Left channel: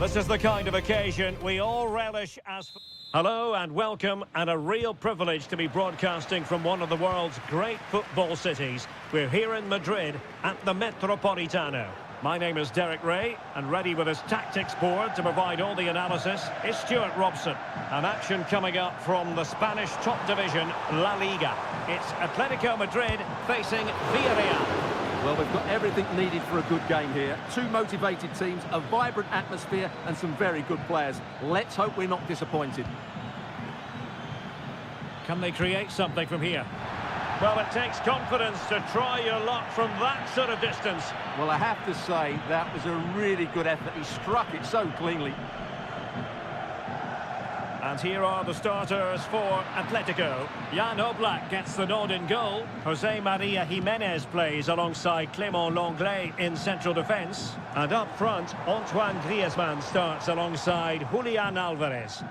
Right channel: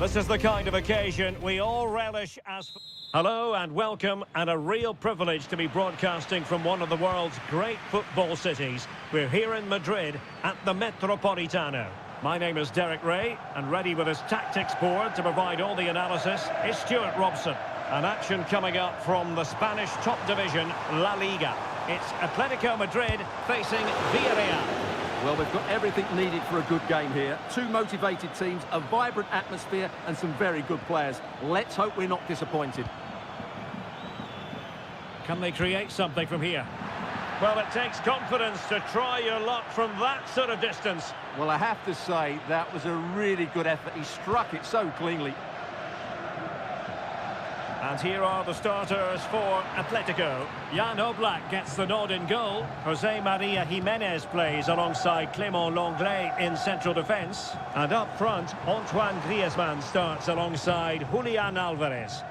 This is the kind of occasion we all relish as... Hello and welcome, and a real privilege to be broadcasting from one of the world's great football cities. We're here in Madrid at the Metropolitano. My name is Derek Ray, and ready with his tactics board to provide all the analysis is Stuart Robson. An action coming up from the Spanish top division, La Liga. It's Atletico Madrid facing Villarreal. Well, they've got everything needed for a good game here. Two motivated teams, a vibrant atmosphere and some very good players. Let's hope we're not disappointed. Can they create something from here? Well, it takes confidence to try your luck from that sort of distance. Well, I have to say, that was a really good effort. He struck it so cleanly. And here are the starters for Atletico. Jan Oblak gets the nod in goal. Jose Maria Jimenez plays alongside Clément Lenglet in central defence. And up front, Antoine Griezmann starts alongside Julian Alvarez.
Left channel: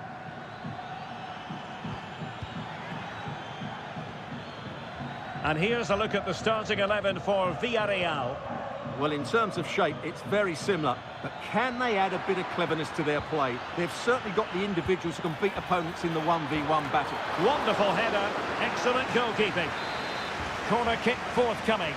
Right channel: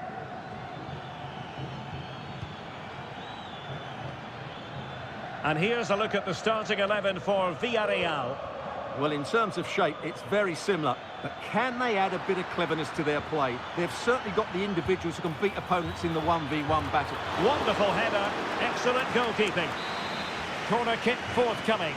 And here's a look at the starting 11 for Villarreal. Well, in terms of shape, it's very similar. But can they add a bit of cleverness to their play? They've certainly got the individuals who can beat opponents in the 1v1 battle. Wonderful header. Excellent goalkeeping. Corner kick forthcoming.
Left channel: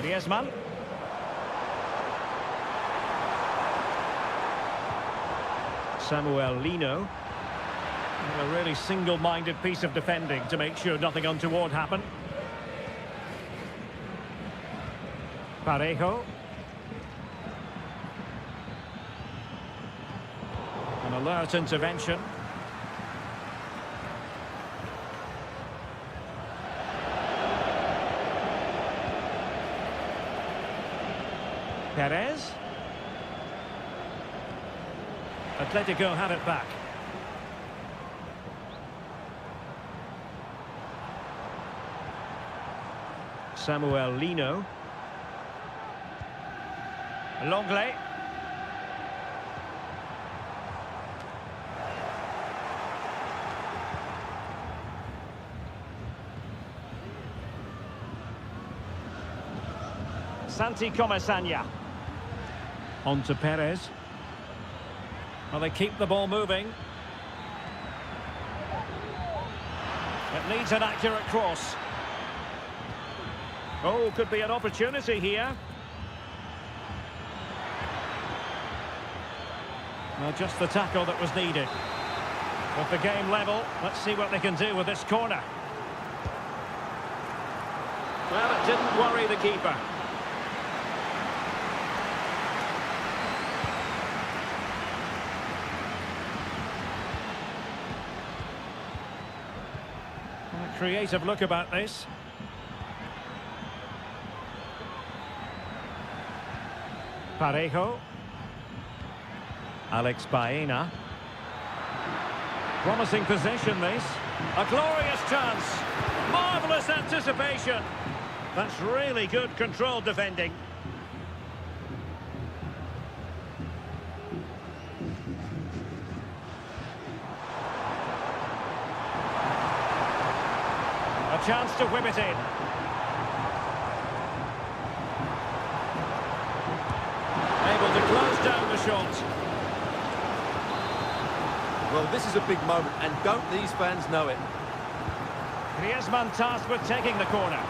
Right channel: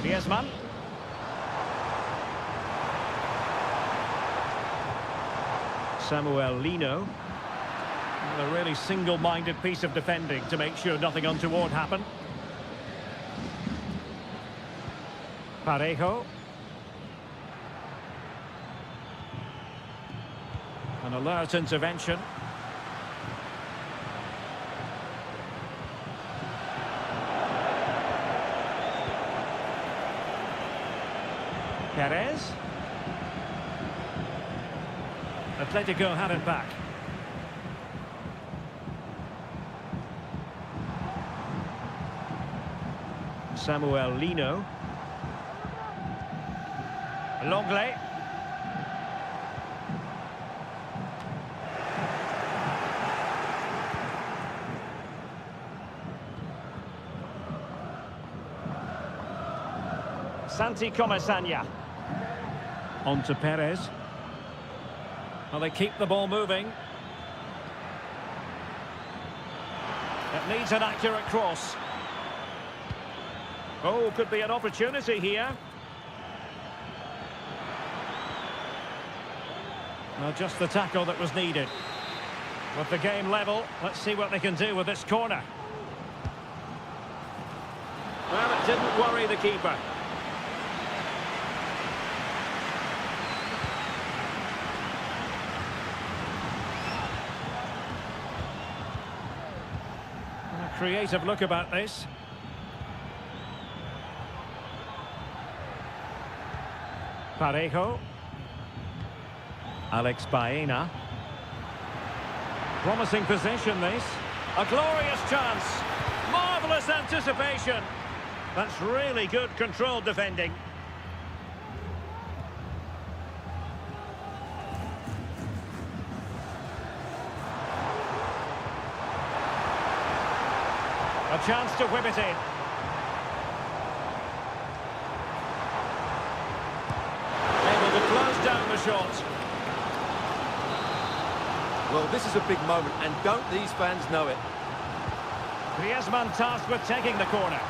Griezmann. Samuel Lino. A really single-minded piece of defending to make sure nothing untoward happened. Parejo. An alert intervention. Perez. Atletico had it back. Samuel Lino. Lenglet. Santi Comesaña. On to Perez. Well, they keep the ball moving. It needs an accurate cross. Oh, could be an opportunity here. Well, just the tackle that was needed. With the game level, let's see what they can do with this corner. Well, it didn't worry the keeper. Creative look about this. Parejo. Alex Baena. Promising possession this. A glorious chance. Marvellous anticipation. That's really good controlled defending. A chance to whip it in. Able to close down the shot. Well, this is a big moment, and don't these fans know it? Griezmann tasked with taking the corner.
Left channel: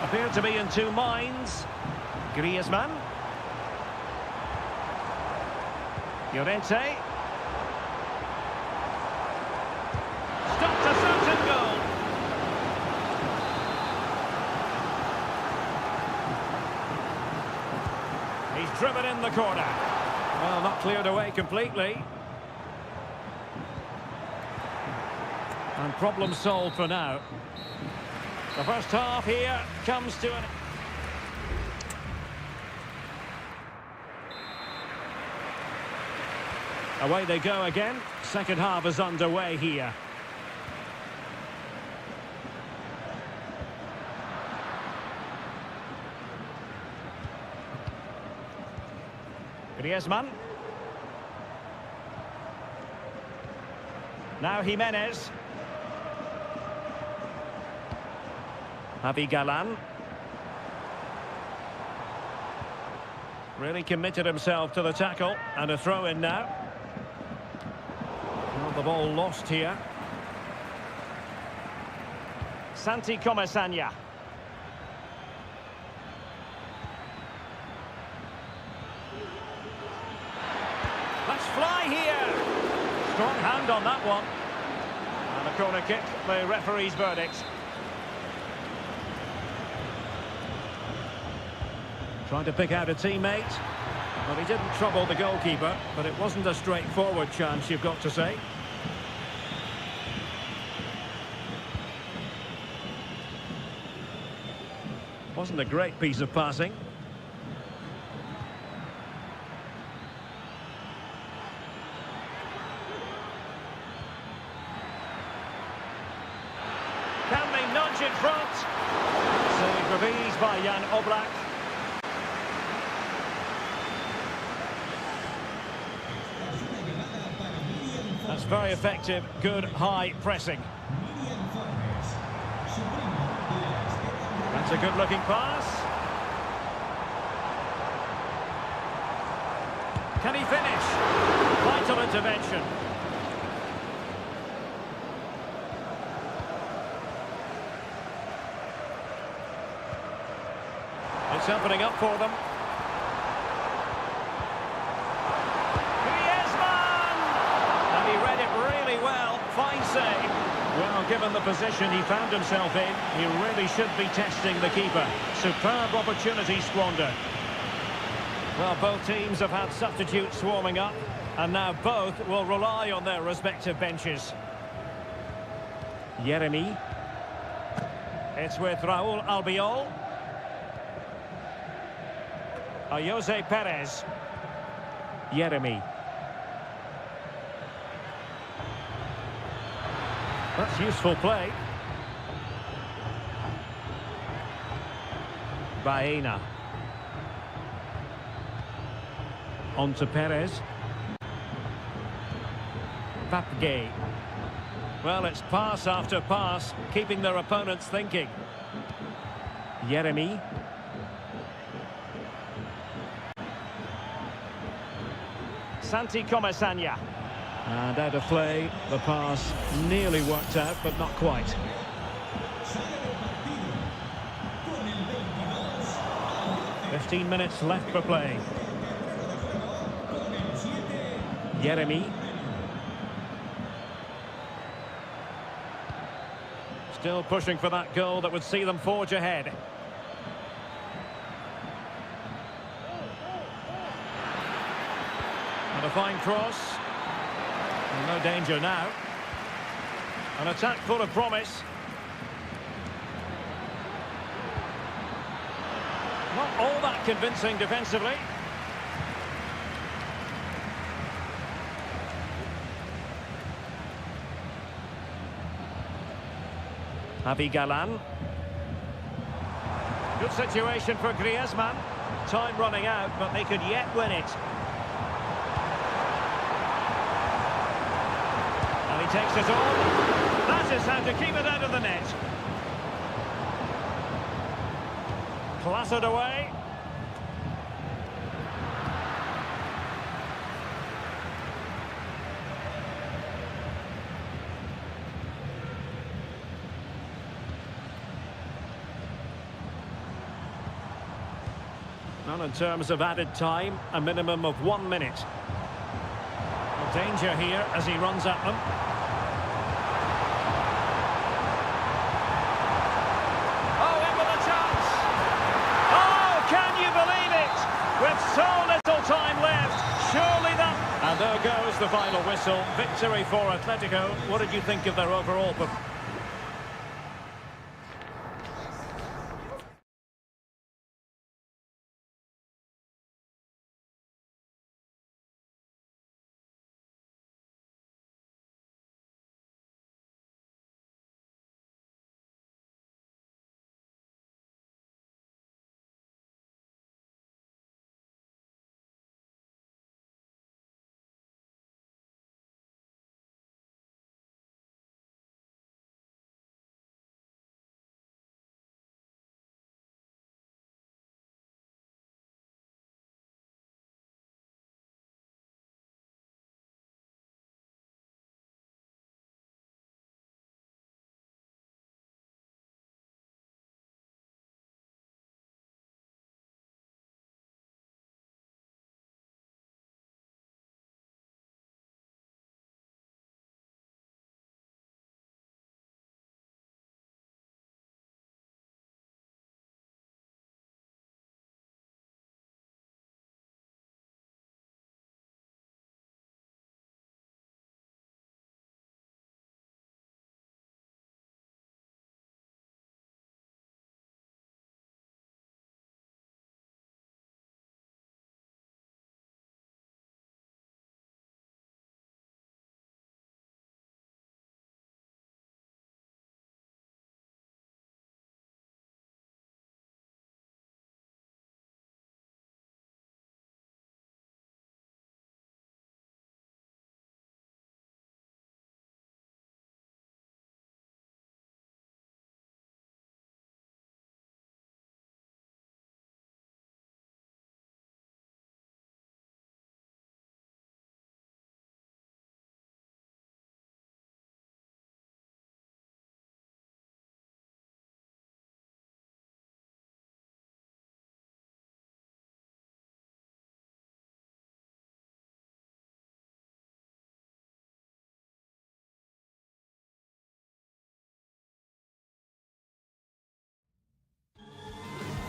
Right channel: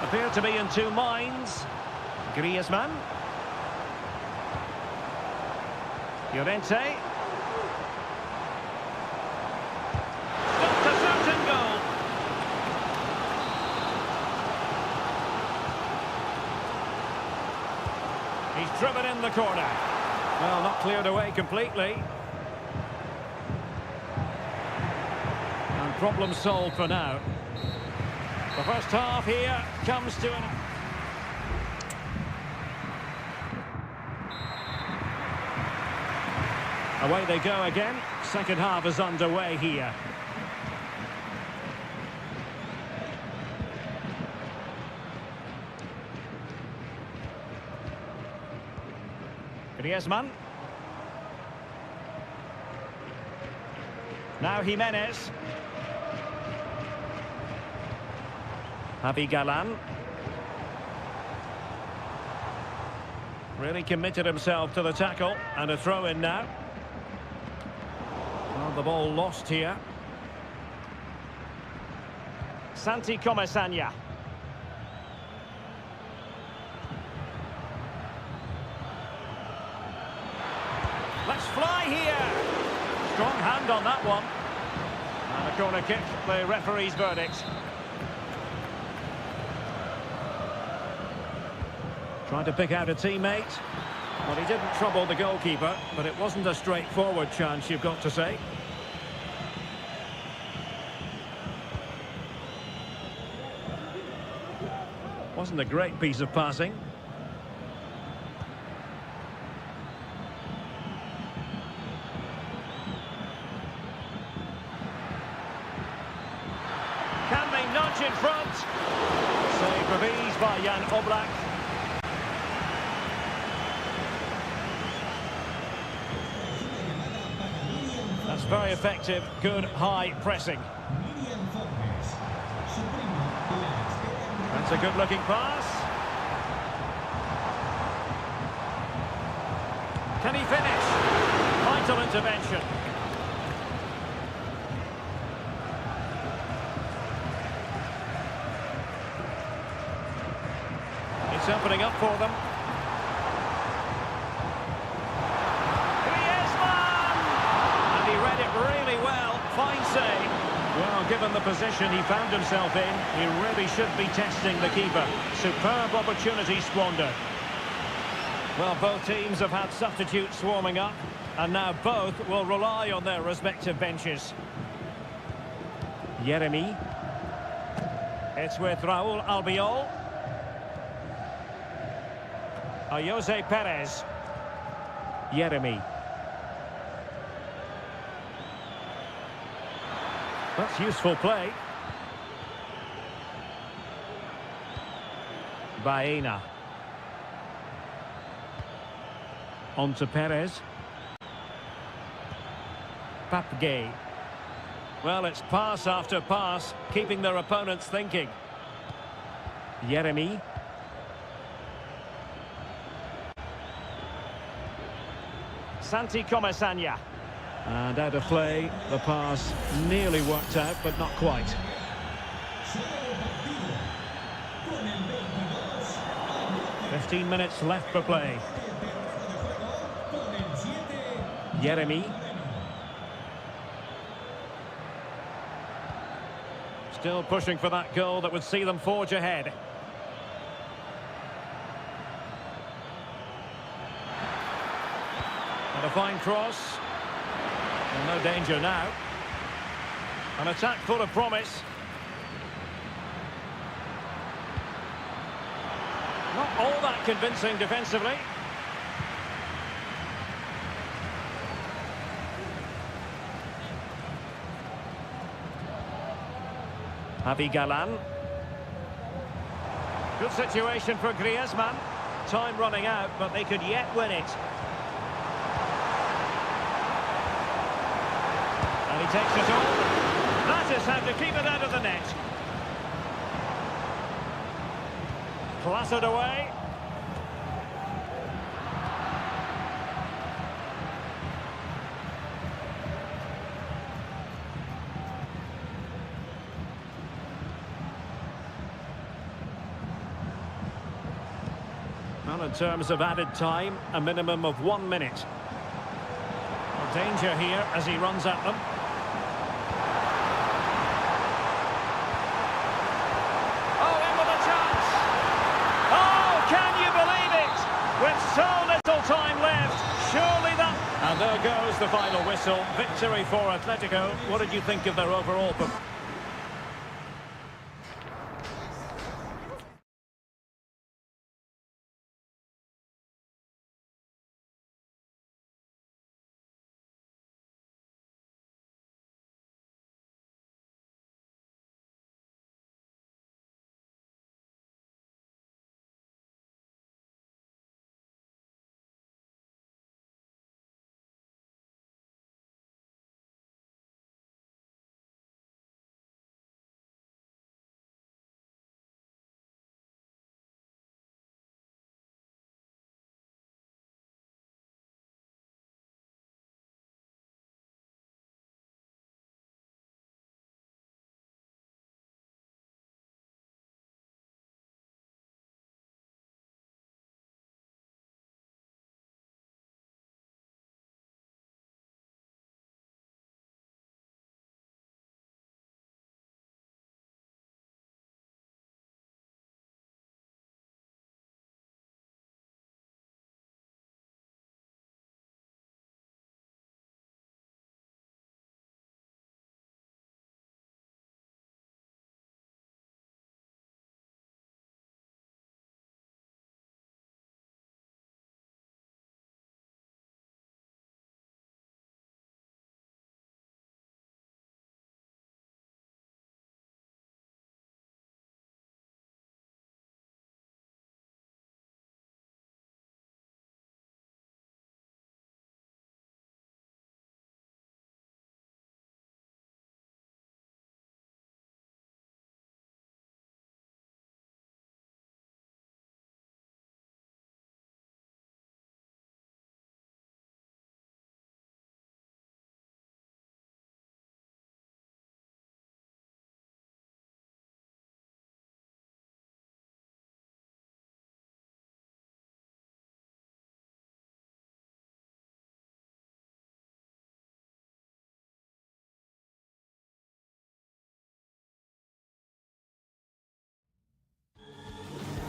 Appeared to be in two minds. Griezmann. Llorente. Stopped a certain goal. He's driven in the corner. Well, not cleared away completely. And problem solved for now. The first half here comes to an... Away they go again. Second half is underway here. Griezmann. Now Jimenez. Javi Galan. Really committed himself to the tackle, and a throw in now. Well, the ball lost here. Santi Comesaña. Let's fly here. Strong hand on that one. And a corner kick, the referee's verdict. Trying to pick out a teammate. Well, he didn't trouble the goalkeeper, but it wasn't a straightforward chance, you've got to say. Wasn't a great piece of passing. Can they nudge in front? Save with ease by Jan Oblak. That's very effective, good high pressing. That's a good-looking pass. Can he finish? Vital intervention. It's opening up for them. And he read it really well. Fine save. Well, given the position he found himself in, he really should be testing the keeper. Superb opportunity squandered. Well, both teams have had substitutes warming up, and now both will rely on their respective benches. Yeremy. It's with Raúl Albiol. Jose Perez. Yeremy. That's useful play. Baena. On to Perez. Papgay. Well, it's pass after pass, keeping their opponents thinking. Yeremy. Santi Comesaña. And out of play, the pass nearly worked out, but not quite. "15 minutes left for play. Yeremy. Still pushing for that goal that would see them forge ahead. And a fine cross. Well, no danger now. An attack full of promise. Not all that convincing defensively. Javi Galan. Good situation for Griezmann. Time running out, but they could yet win it. And he takes it on. That is how to keep it out of the net. Clattered away. Well, in terms of added time, a minimum of 1 minute. Well, danger here as he runs at them. Can you believe it? With so little time left, surely that... And there goes the final whistle. Victory for Atletico. What did you think of their overall performance?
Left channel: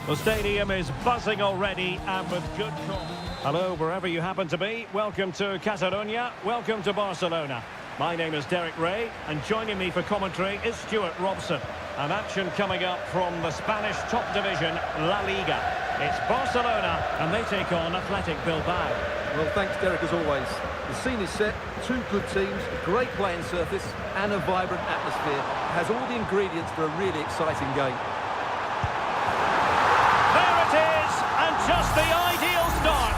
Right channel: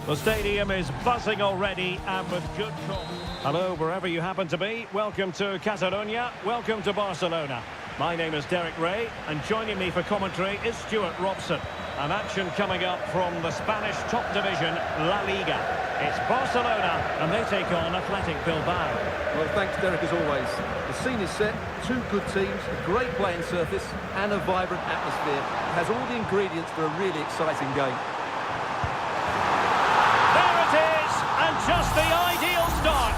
The stadium is buzzing already and with good cause. Hello, wherever you happen to be. Welcome to Catalonia. Welcome to Barcelona. My name is Derek Ray, and joining me for commentary is Stuart Robson. An action coming up from the Spanish top division, La Liga. It's Barcelona, and they take on Athletic Bilbao. Well, thanks, Derek, as always. The scene is set, two good teams, a great playing surface, and a vibrant atmosphere. It has all the ingredients for a really exciting game. There it is, and just the ideal start.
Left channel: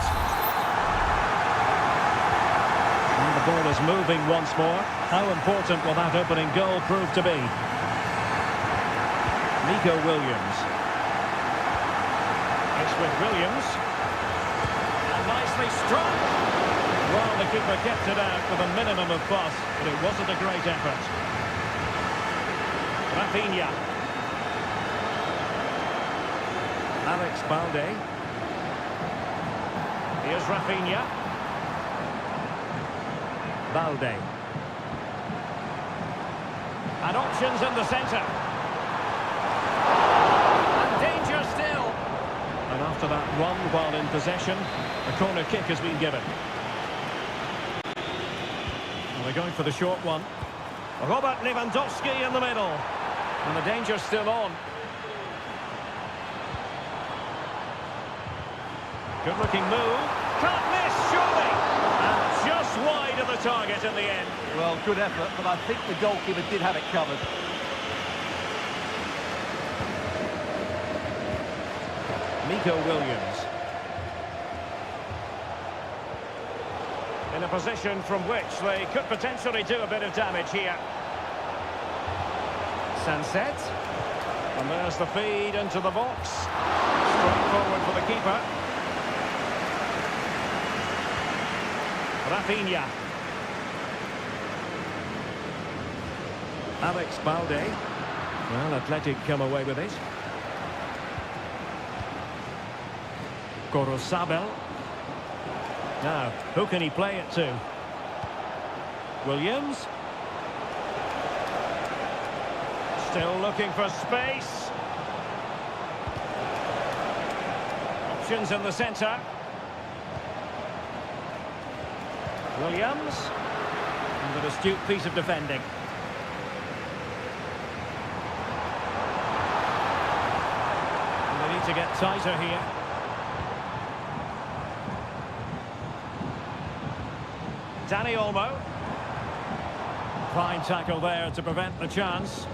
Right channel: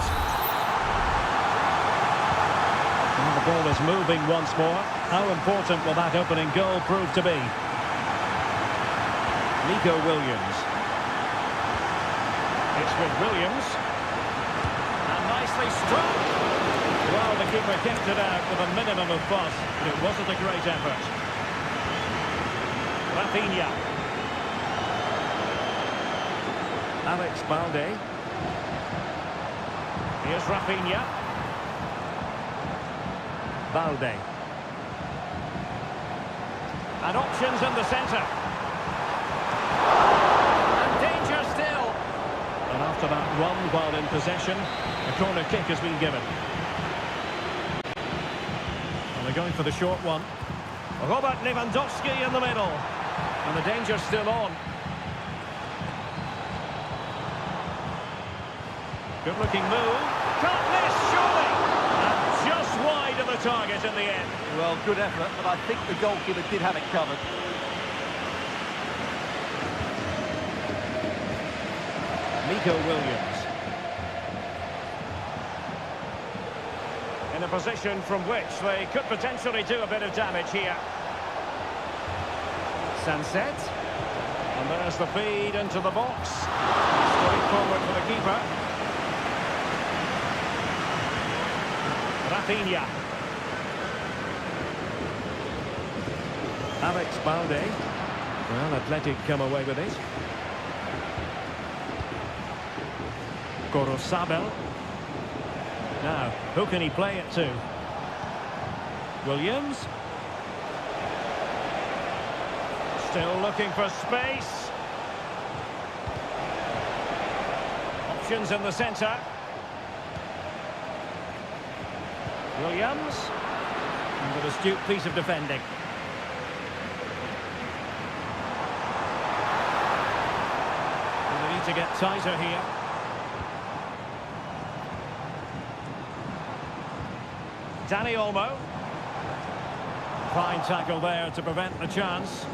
And the ball is moving once more. How important will that opening goal prove to be? Nico Williams. It's with Williams. And nicely struck. Well, the keeper kept it out with a minimum of fuss, but it wasn't a great effort. Rafinha. Alex Balde. Here's Rafinha. Balde. And options in the centre. And danger still. And after that run while in possession, a corner kick has been given. Well, they're going for the short one. Robert Lewandowski in the middle. And the danger's still on. Good looking move. Can't miss, surely. And just wide of the target in the end. Well, good effort, but I think the goalkeeper did have it covered. Nico Williams. In a position from which they could potentially do a bit of damage here. Sunset. And there's the feed into the box. Straight forward for the keeper. Rafinha. Alex Balde. Well, Athletic come away with it. Gorosabel. Now, who can he play it to? Williams. Still looking for space. Options in the centre. Williams. And an astute piece of defending. And they need to get tighter here. Danny Olmo. Fine tackle there to prevent the chance.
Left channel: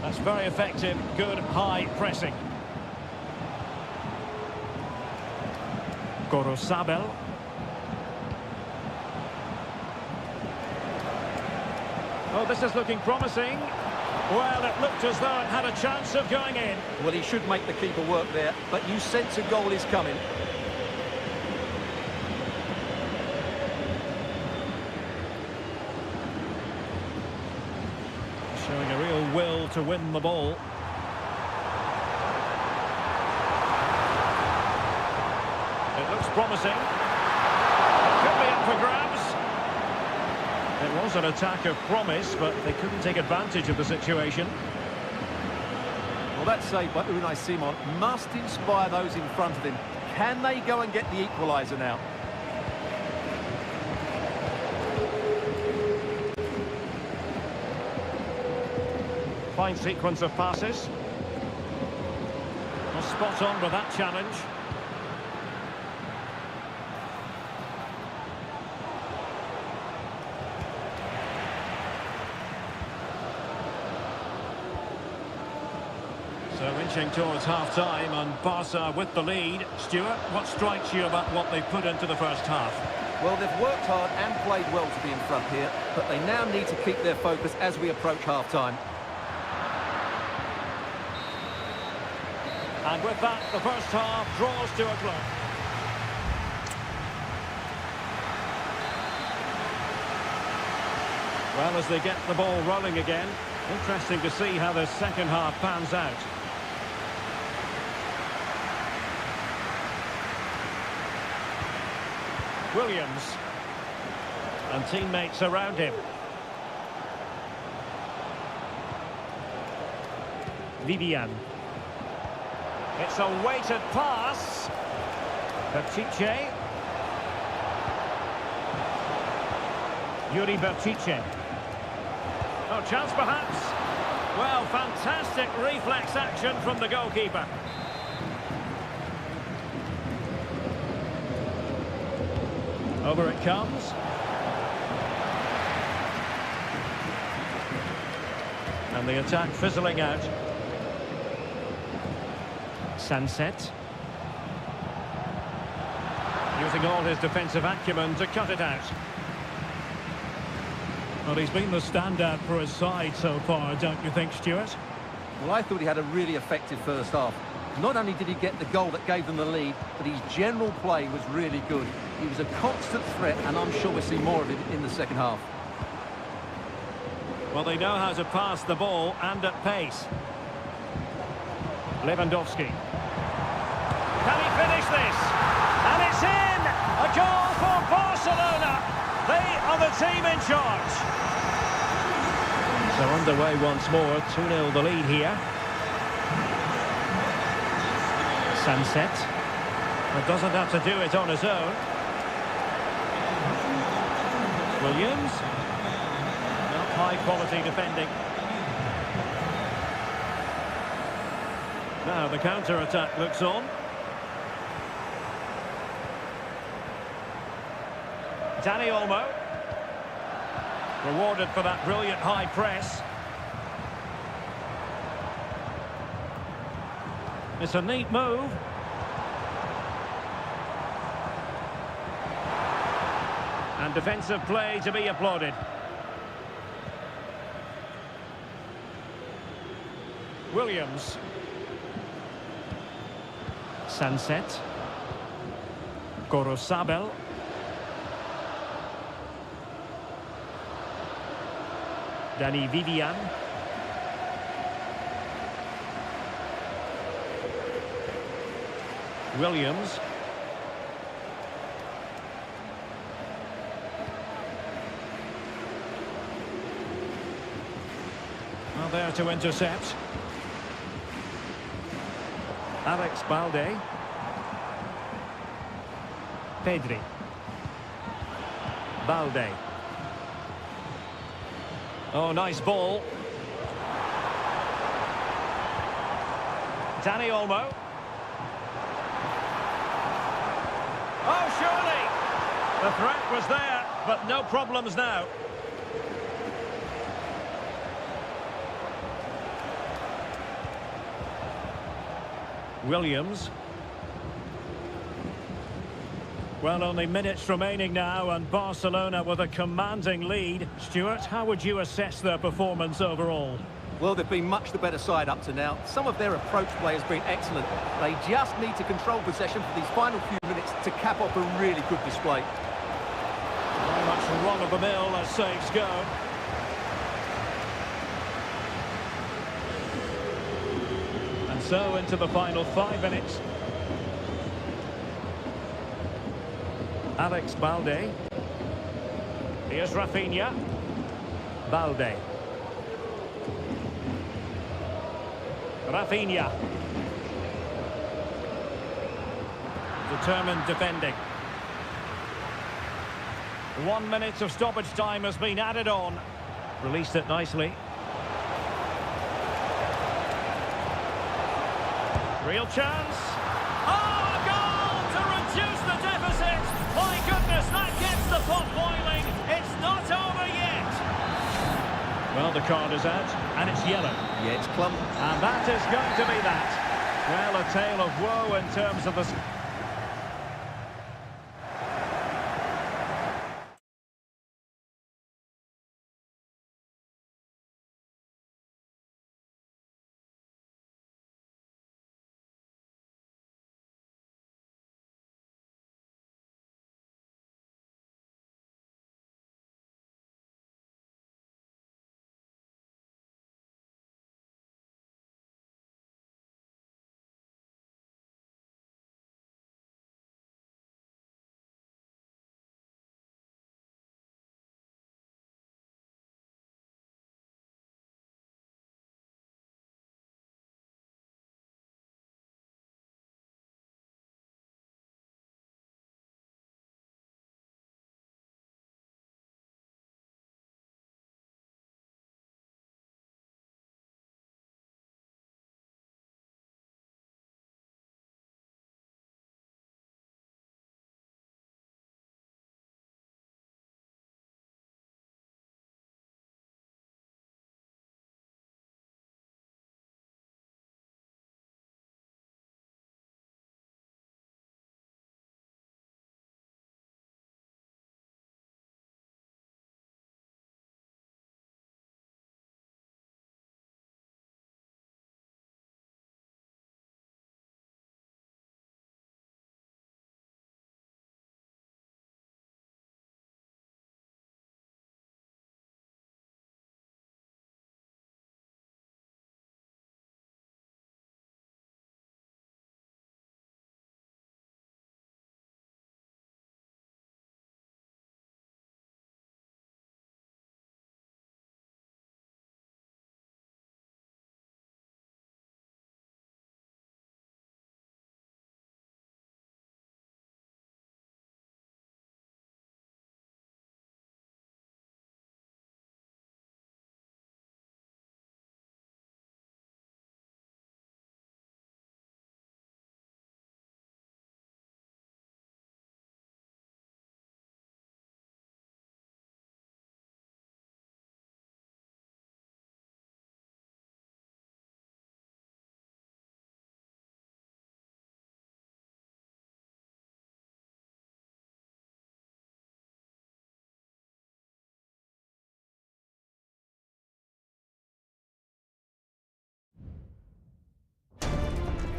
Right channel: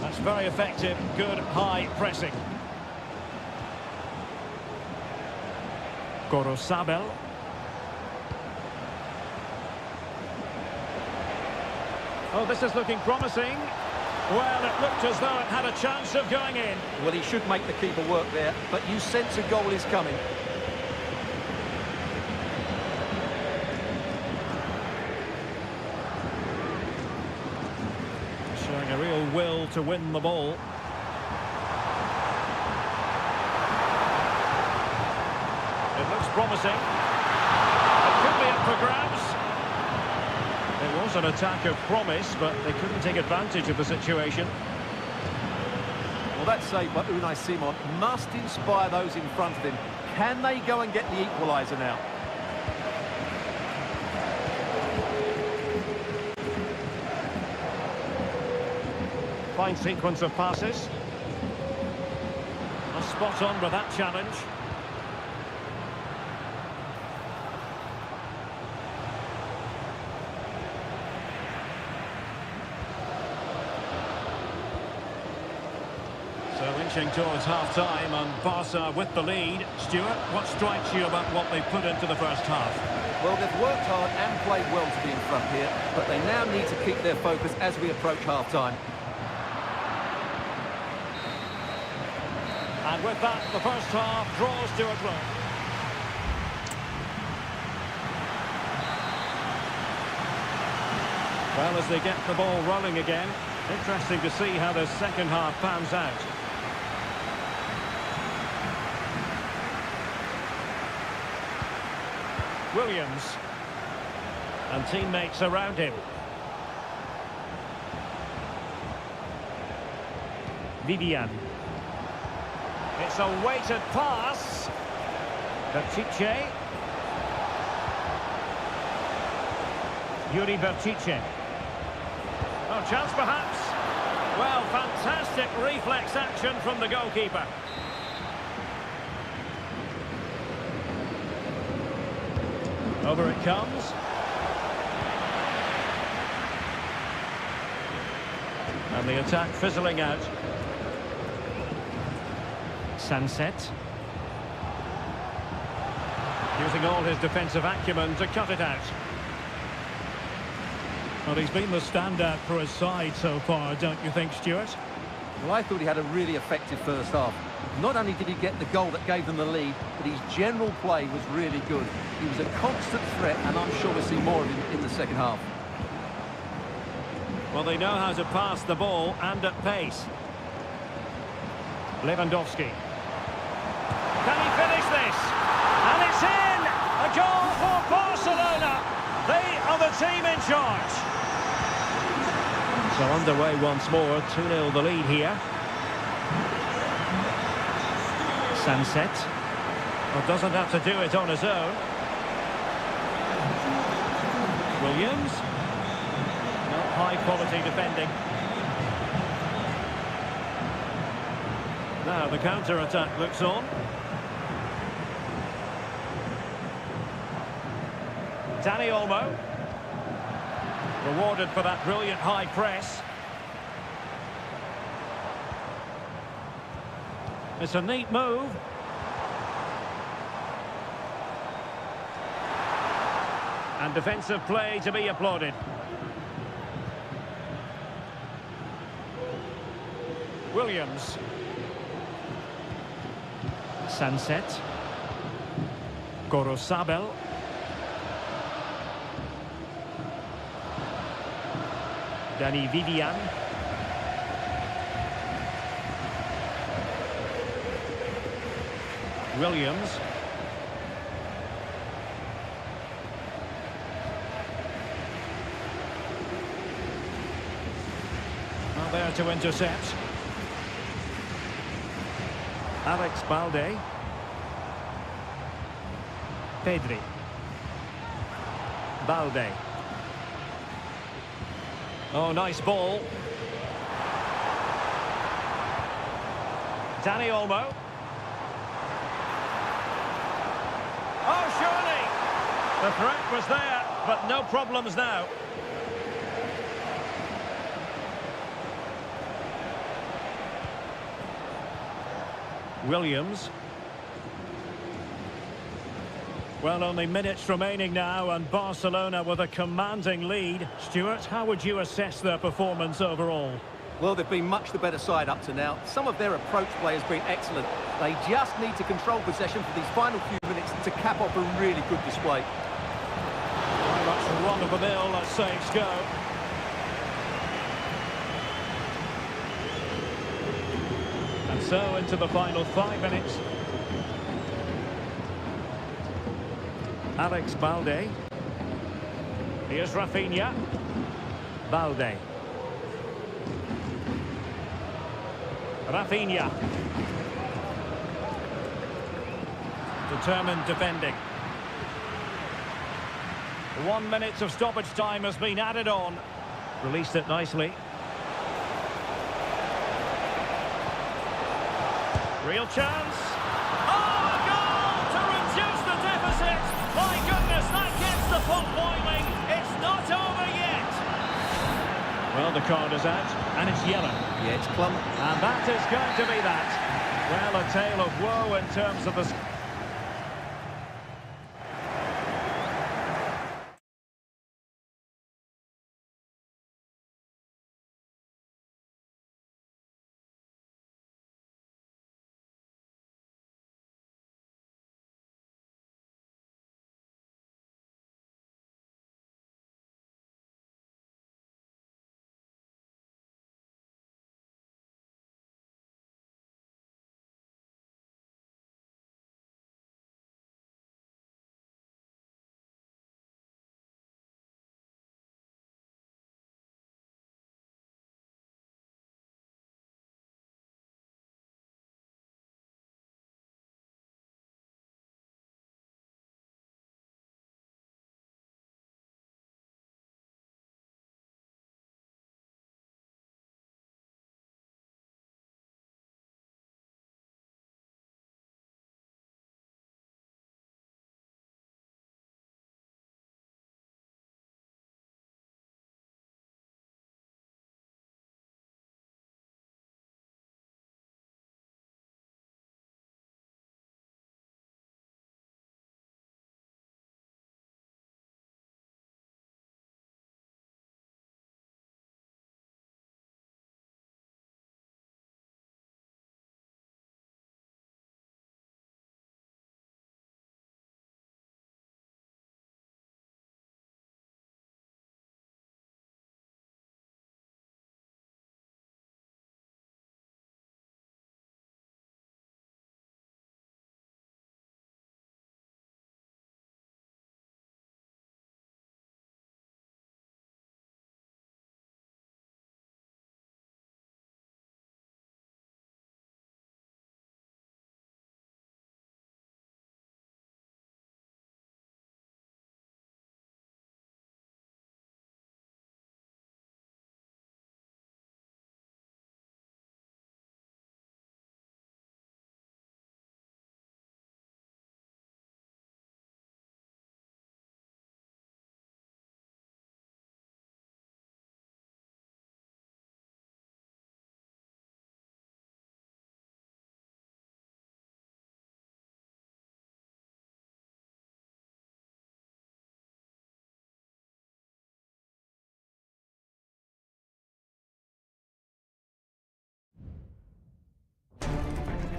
That's very effective, good high pressing. Gorosabel. Oh, this is looking promising. Well, it looked as though it had a chance of going in. Well, he should make the keeper work there, but you sense a goal is coming. Showing a real will to win the ball. It looks promising. It could be up for grabs. It was an attack of promise, but they couldn't take advantage of the situation. Well, that save by Unai Simon must inspire those in front of him. Can they go and get the equaliser now? Fine sequence of passes. Well, spot on with that challenge. So inching towards half-time and Barca with the lead. Stuart, what strikes you about what they put into the first half? Well, they've worked hard and played well to be in front here, but they now need to keep their focus as we approach half-time. And with that, the first half draws to a close. Well, as they get the ball rolling again, interesting to see how the second half pans out. Williams. And teammates around him. Vivian. It's a weighted pass. Pishit. Yuri Pishit. Oh, chance perhaps. Well, fantastic reflex action from the goalkeeper. Over it comes. And the attack fizzling out. Sunset. Using all his defensive acumen to cut it out. Well, he's been the standout for his side so far, don't you think, Stuart? Well, I thought he had a really effective first half. Not only did he get the goal that gave them the lead, but his general play was really good. He was a constant threat, and I'm sure we'll see more of him in the second half. Well, they know how to pass the ball and at pace. Lewandowski. Can he finish this? And it's in! A goal for Barcelona! They are the team in charge. So underway once more, 2-0 the lead here. Sunset. Well, doesn't have to do it on his own. Williams. Not high quality defending. Now the counter-attack looks on. Dani Olmo. Rewarded for that brilliant high press. It's a neat move. And defensive play to be applauded. Williams. Sunset. Gorosabel. Dani Vivian. Williams. Well, there to intercept. Alex Balde. Pedri. Balde. Oh, nice ball. Dani Olmo. Oh, surely! The threat was there, but no problems now. Williams. Well, only minutes remaining now, and Barcelona with a commanding lead. Stuart, how would you assess their performance overall? Well, they've been much the better side up to now. Some of their approach play has been excellent. They just need to control possession for these final few minutes to cap off a really good display. Very much run-of-the-mill as saves go. And so into the final 5 minutes. Alex Balde. Here's Rafinha. Balde. Rafinha. Determined defending. 1 minute of stoppage time has been added on. Released it nicely. Real chance. Oh, a goal to reduce the deficit. My goodness, that gets the pot boiling. It's not over yet. Well, the card is out, and it's yellow. Yeah, it's clumsy. And that is going to be that. Well, a tale of woe in terms of the...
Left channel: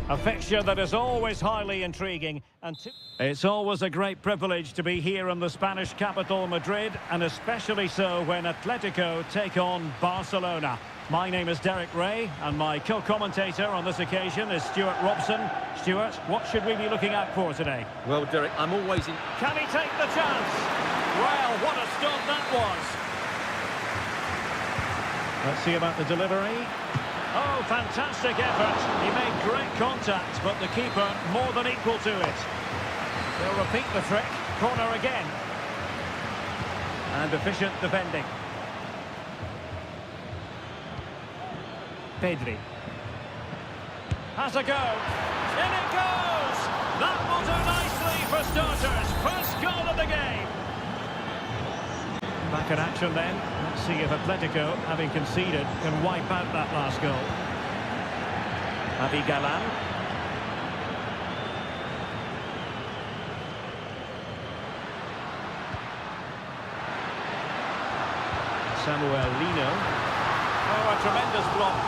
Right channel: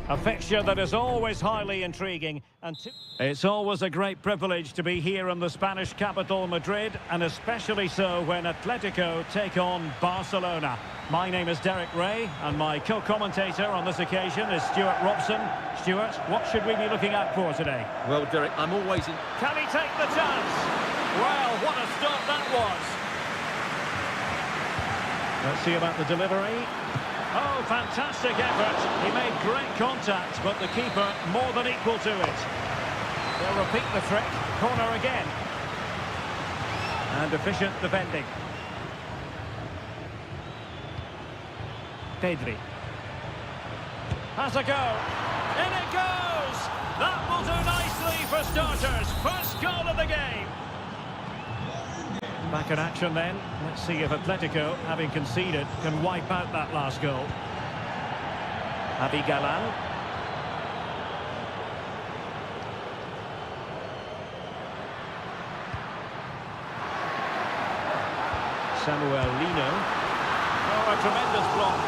A fixture that is always highly intriguing, and it's always a great privilege to be here in the Spanish capital, Madrid, and especially so when Atletico take on Barcelona. My name is Derek Ray, and my co-commentator on this occasion is Stuart Robson. Stuart, what should we be looking out for today? Well, Derek, I'm always in... Can he take the chance? Well, what a stop that was. Let's see about the delivery. Oh, fantastic effort. He made great contact, but the keeper more than equal to it. They'll repeat the trick. Corner again. And efficient defending. Pedri. Has a go. In it goes! That will do nicely for starters. First goal of the game. Back in action then. Let's see if Atletico, having conceded, can wipe out that last goal. Javi Galan. Samuel Lino. Oh, a tremendous block.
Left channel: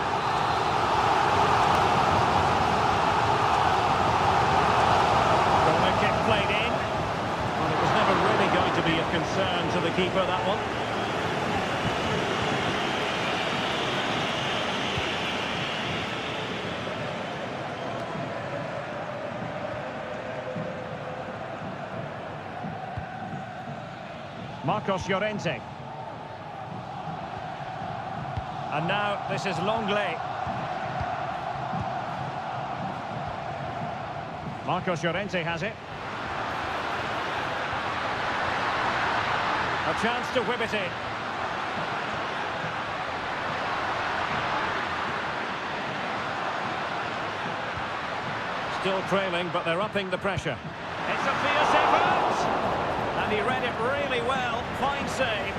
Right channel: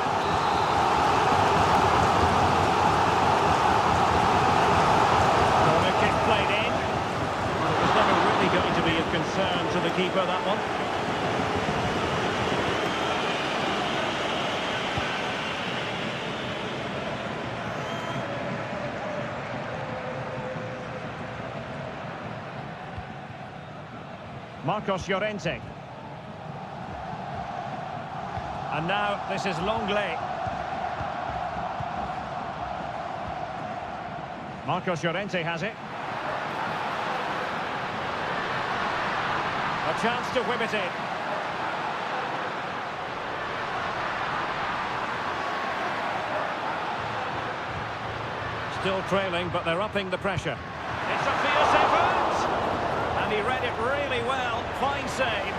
Corner kick played in. Well, it was never really going to be of concern to the keeper, that one. Marcos Llorente. And now this is Longley. Marcos Llorente has it. A chance to whip it in. Still trailing, but they're upping the pressure. It's a fierce effort! And he read it really well. Fine save.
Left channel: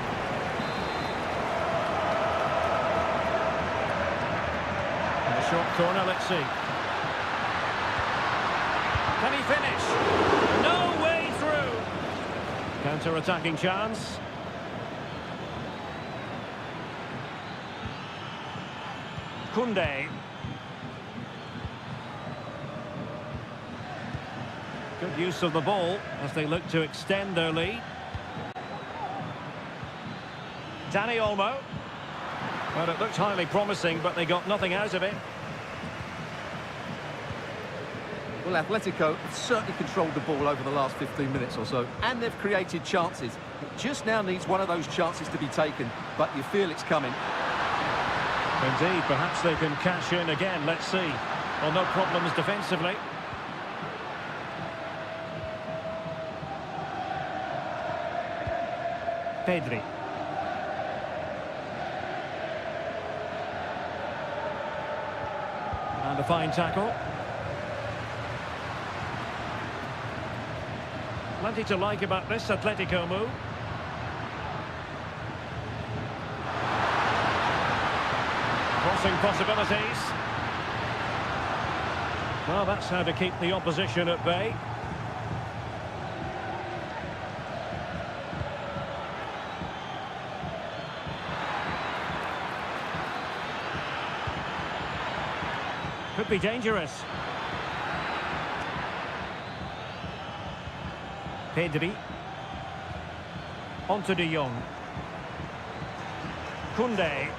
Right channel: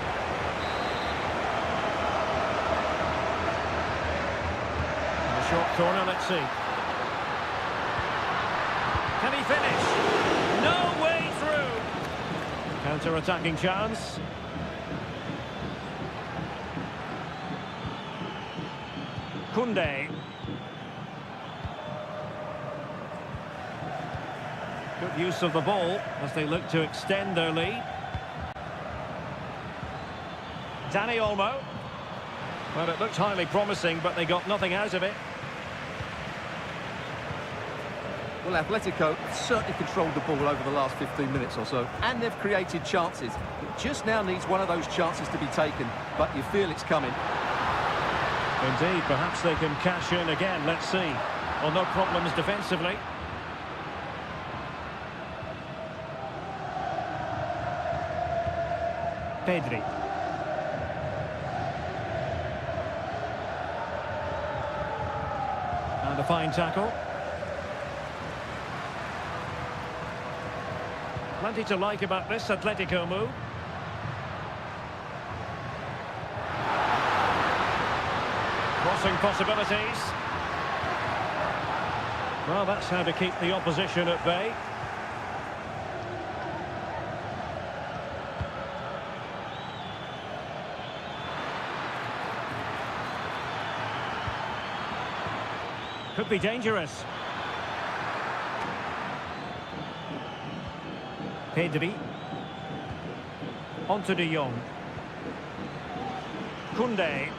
A short corner, let's see. Can he finish? No way through. Counter-attacking chance. Koundé. Good use of the ball as they look to extend their lead. Dani Olmo. Well, it looked highly promising, but they got nothing out of it. Well, Atletico have certainly controlled the ball over the last 15 minutes or so, and they've created chances. It just now needs one of those chances to be taken, but you feel it's coming. Indeed, perhaps they can cash in again, let's see. Well, no problems defensively. Pedri. And a fine tackle. Plenty to like about this Atletico move. Crossing possibilities. Well, that's how to keep the opposition at bay. Could be dangerous. Pedri. On to De Jong. Koundé.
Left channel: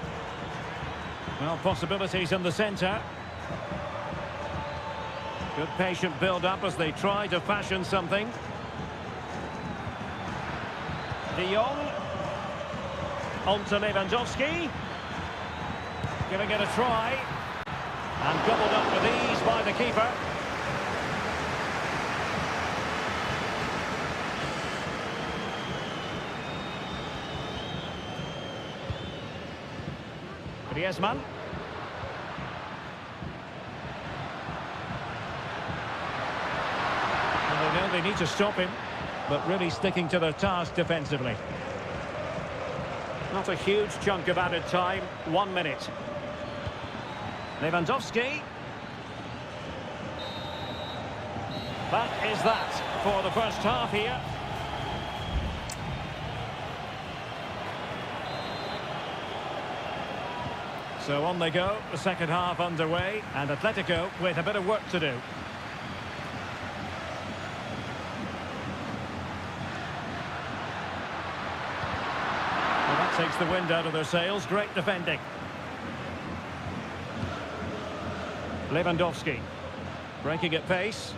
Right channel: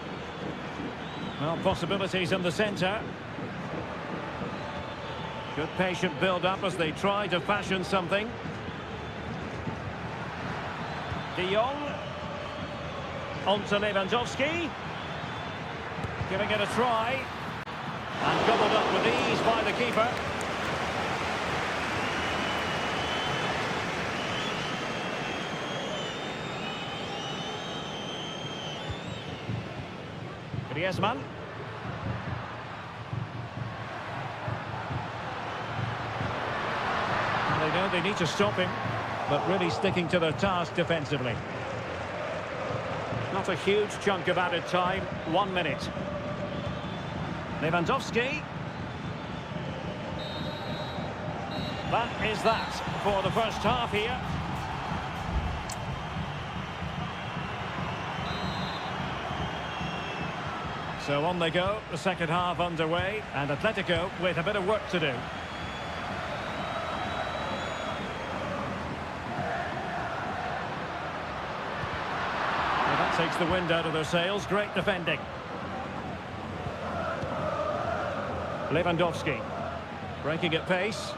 Well, possibilities in the centre. Good patient build-up as they try to fashion something. De Jong. On to Lewandowski. Giving it a try. And gobbled up with ease by the keeper. Griezmann. Well, they know they need to stop him, but really sticking to their task defensively. Not a huge chunk of added time, 1 minute. Lewandowski. That is that for the first half here. So on they go, the second half underway, and Atletico with a bit of work to do. Well, that takes the wind out of their sails. Great defending. Lewandowski breaking at pace.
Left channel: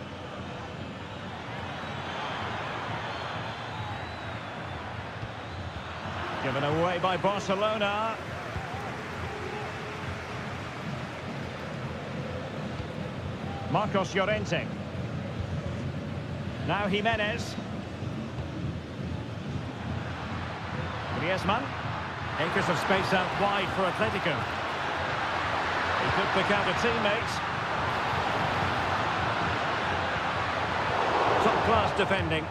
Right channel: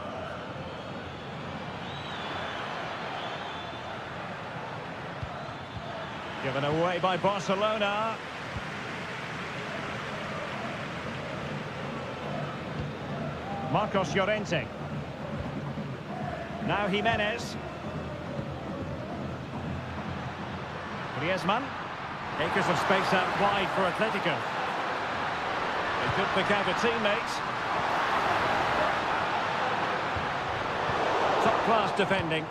Given away by Barcelona. Marcos Llorente. Now Jimenez. Griezmann. Acres of space out wide for Atletico. He could pick out a teammate. Top-class defending.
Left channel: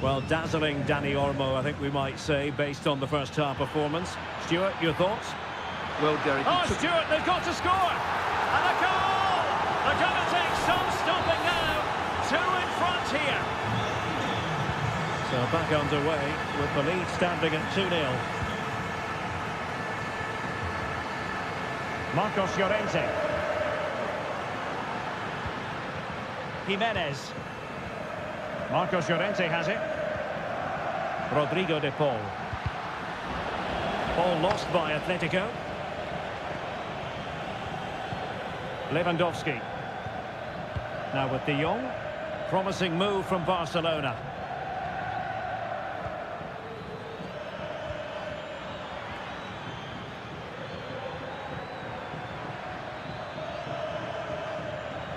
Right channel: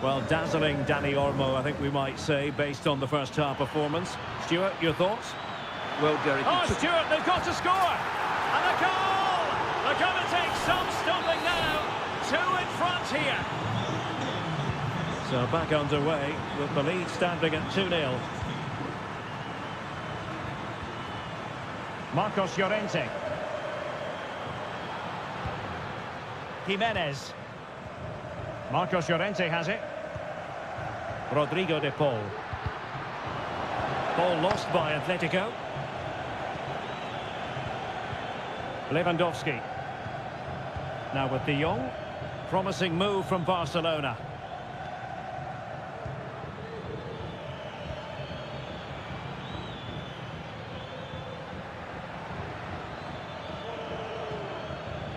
Well, dazzling Danny Olmo, I think we might say, based on the first half performance. Stuart, your thoughts? Well, Derek... Oh, Stuart, they've got to score! And a goal! They're going to take some stopping now. 2 in front here. So back underway with the lead standing at 2-0. Marcos Llorente. Jimenez. Marcos Llorente has it. Rodrigo de Paul. Ball lost by Atletico. Lewandowski. Now with De Jong. Promising move from Barcelona.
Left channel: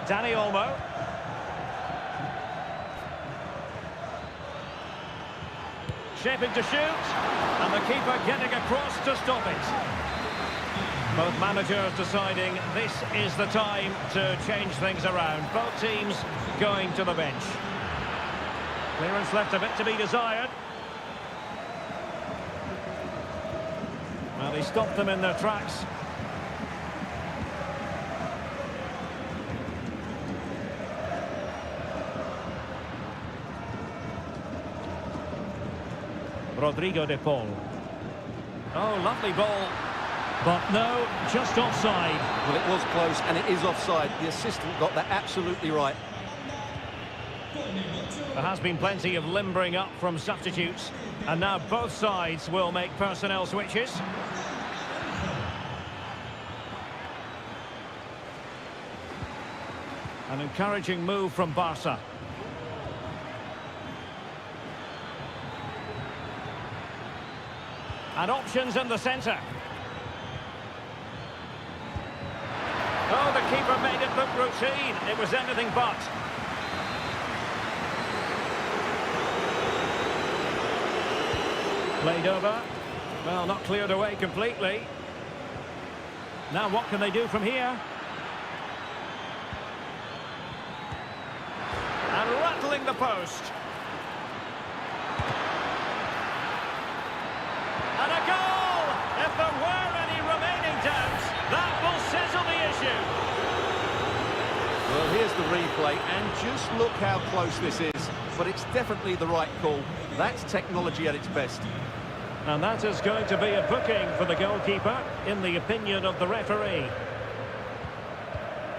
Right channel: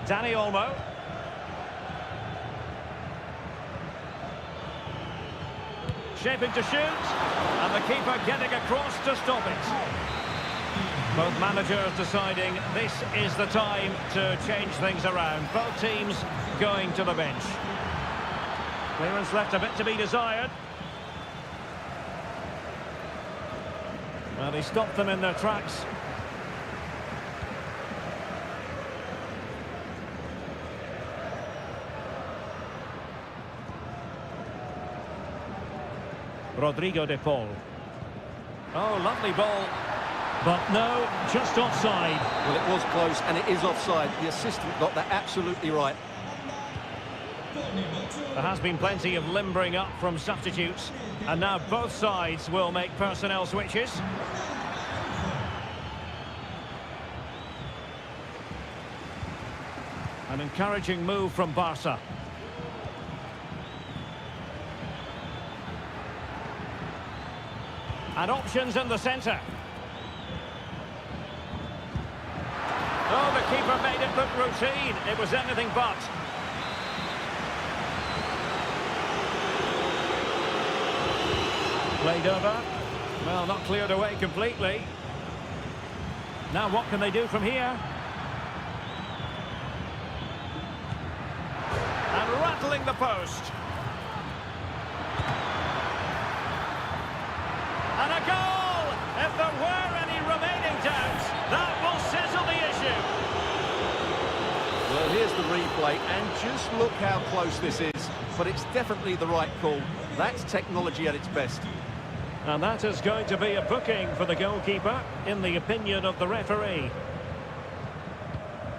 Danny Olmo. Shaping to shoot. And the keeper getting across to stop it. Both managers deciding this is the time to change things around. Both teams going to the bench. Clearance left a bit to be desired. Well, he stopped them in their tracks. Rodrigo de Paul. Oh, lovely ball. But no, just offside. Well, it was close, and it is offside. The assistant got that absolutely right. There has been plenty of limbering up from substitutes. And now both sides will make personnel switches. An encouraging move from Barca. And options in the centre. Oh, the keeper made it look routine. It was anything but. Played over. Well, not cleared away completely. Now what can they do from here? And rattling the post. And a goal! If there were any remaining doubts, that will settle the issue. Well, here's the replay, and just look how close this is. But it's definitely the right call. That's technology at its best. And that is going to be a booking for the goalkeeper, in the opinion of the referee.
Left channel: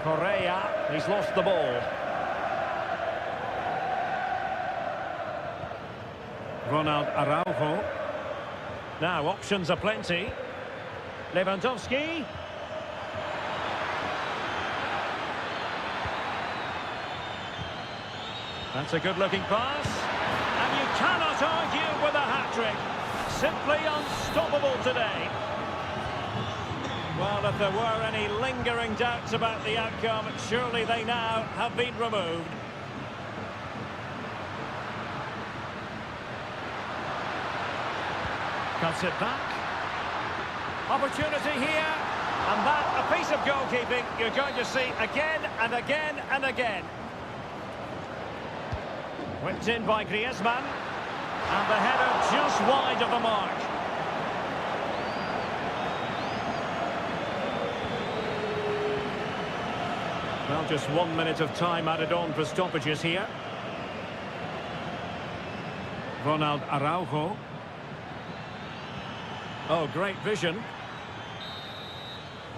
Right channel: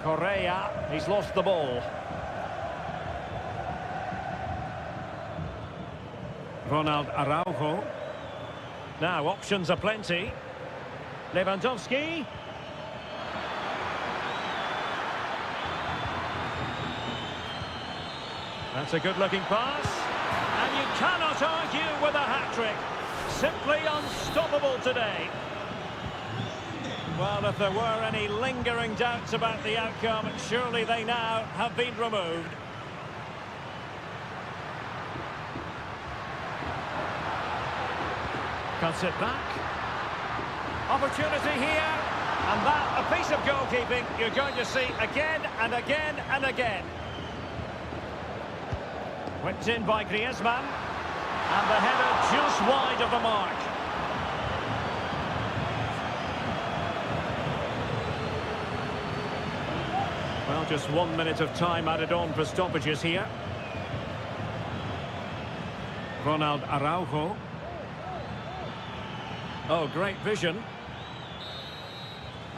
Correa, he's lost the ball. Ronald Araujo. Now, options are plenty. Lewandowski. That's a good-looking pass. And you cannot argue with a hat-trick. Simply unstoppable today. Well, if there were any lingering doubts about the outcome, surely they now have been removed. Cuts it back. Opportunity here. And that, a piece of goalkeeping you're going to see again and again and again. Whipped in by Griezmann. And the header just wide of the mark. Well, just 1 minute of time added on for stoppages here. Ronald Araujo. Oh, great vision.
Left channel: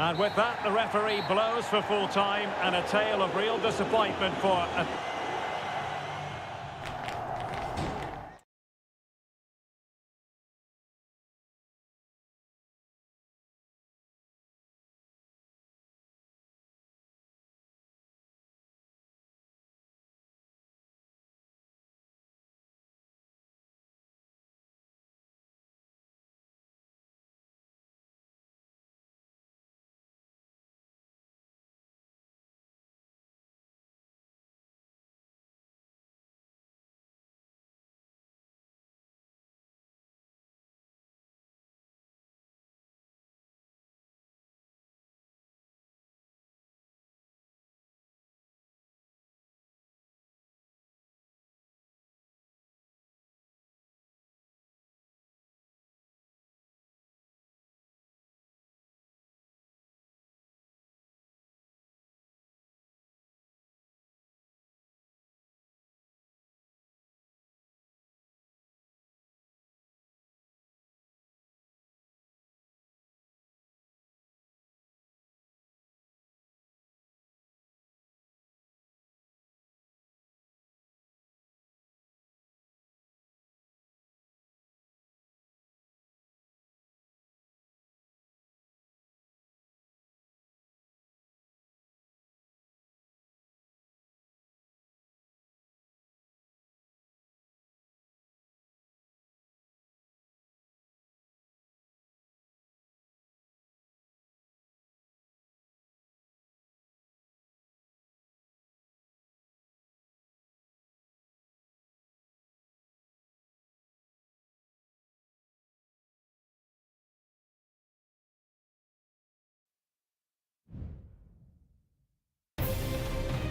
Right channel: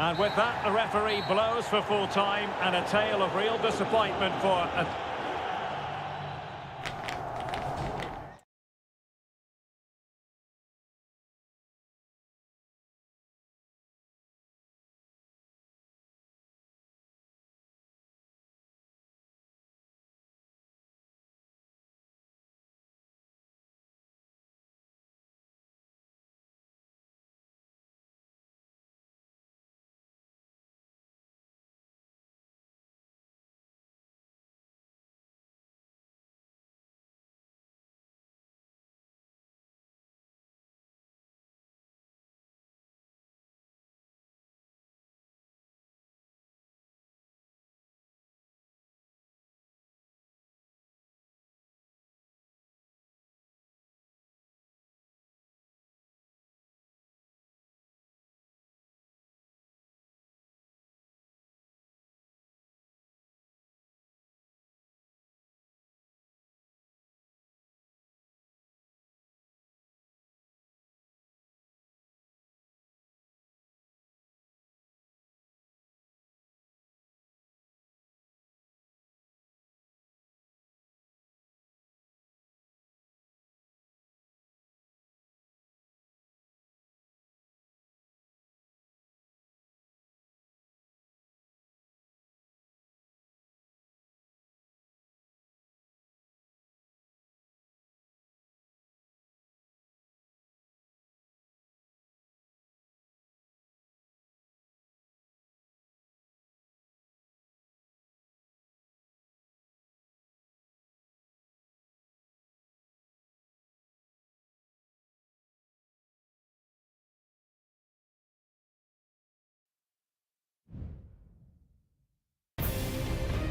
And with that, the referee blows for full time and a tale of real disappointment for a...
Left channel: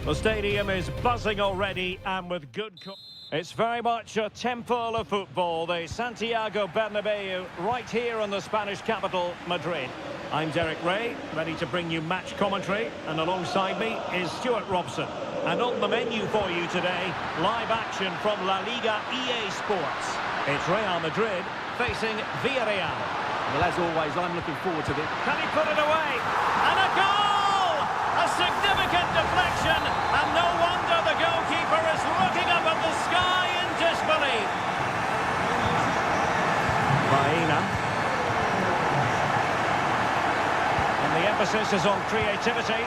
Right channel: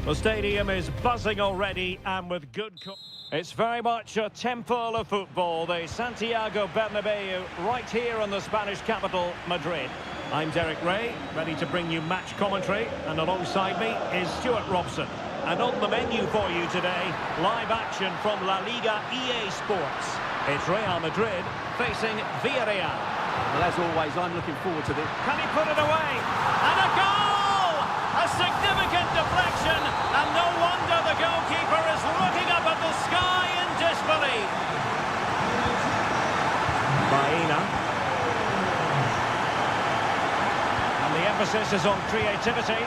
The stadium is buzzing already and with good... It's very much a temple of football, the Santiago Bernabeu, right here in the Spanish capital, Madrid. I'm Derek Ray, ready to bring you match commentary, and alongside me is Stuart Robson. And on the menu for you today, live action from La Liga EA Sports. It's Real Madrid facing Villarreal. Well, as always, I'm looking forward to this. Can he put it away? And a goal! A significant deflection, and no wonder the goalkeeper is looking up at the sky in disbelief. Baena. And the emphasis is on creativity.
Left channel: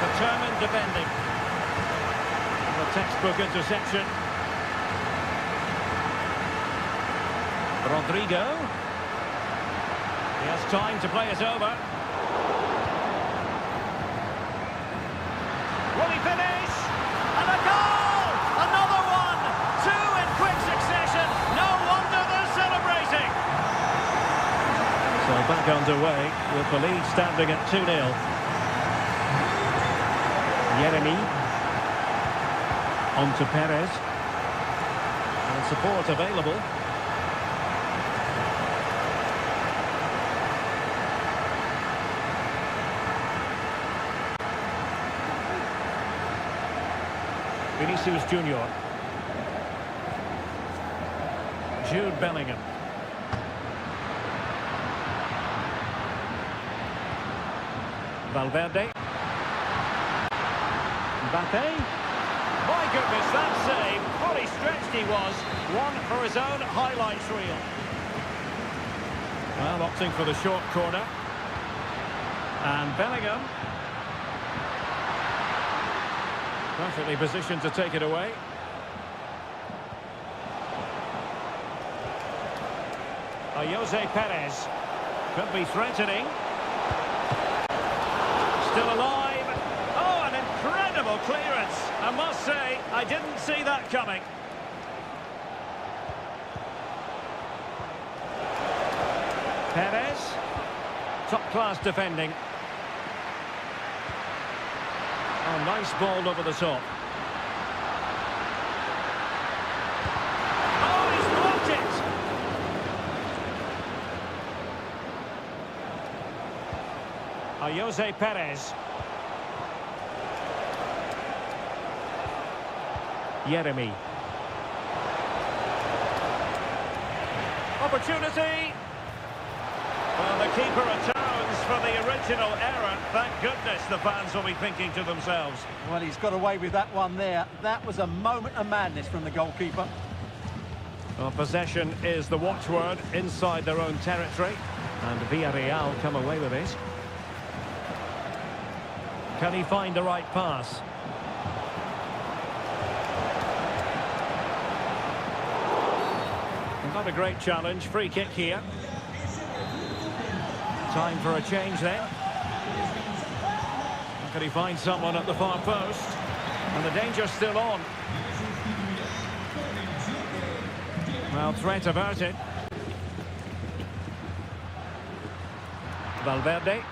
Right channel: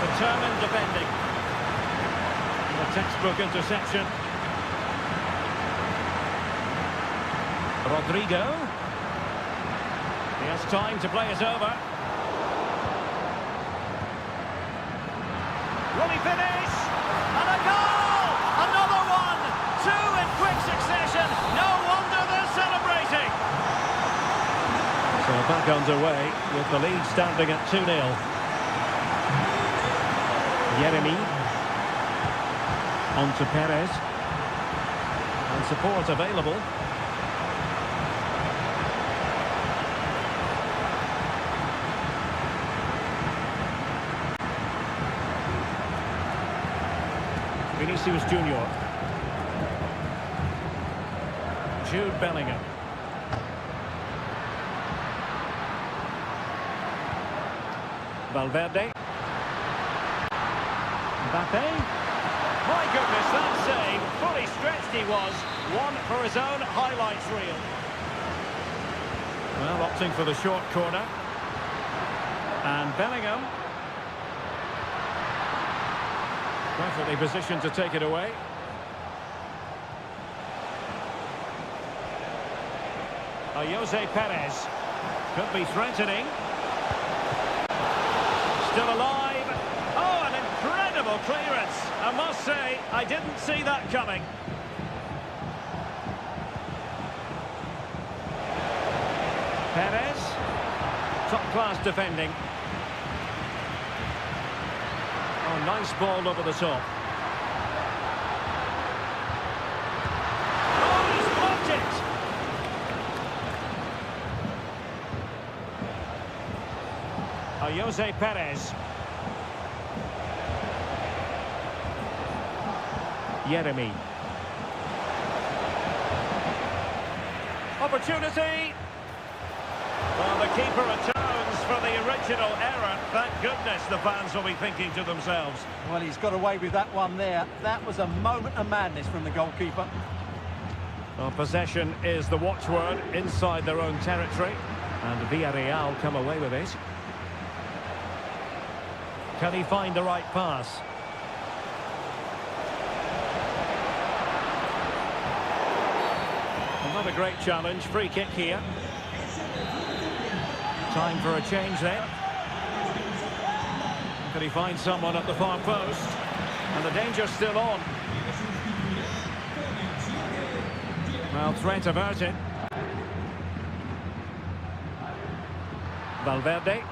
Determined defending. And the textbook interception. Rodrigo. He has time to play it over. Will he finish? And a goal! Another one! Two in quick succession. No wonder they're celebrating. So back underway with the lead standing at 2-0. Yeremy. On to Perez. And support available. Vinicius Junior. Jude Bellingham. Valverde. Mbappe. My goodness, that save. Fully stretched he was. One for his own highlights reel. Well, opting for the short corner. And Bellingham. Perfectly positioned to take it away. Jose Perez. Could be threatening. Still alive. Oh, an incredible clearance. I must say, I didn't see that coming. Perez. Top-class defending. Oh, nice ball over the top. Oh, he's blocked it! Jose Perez. Yeremy. Opportunity! Well, the keeper atones for the original error. Thank goodness the fans will be thinking to themselves. Well, he's got away with that one there. That was a moment of madness from the goalkeeper. Well, possession is the watchword inside their own territory. And Villarreal come away with it. Can he find the right pass? Well, not a great challenge. Free kick here. Time for a change then. Can he find someone at the far post? And the danger's still on. Well, threat averted. Valverde.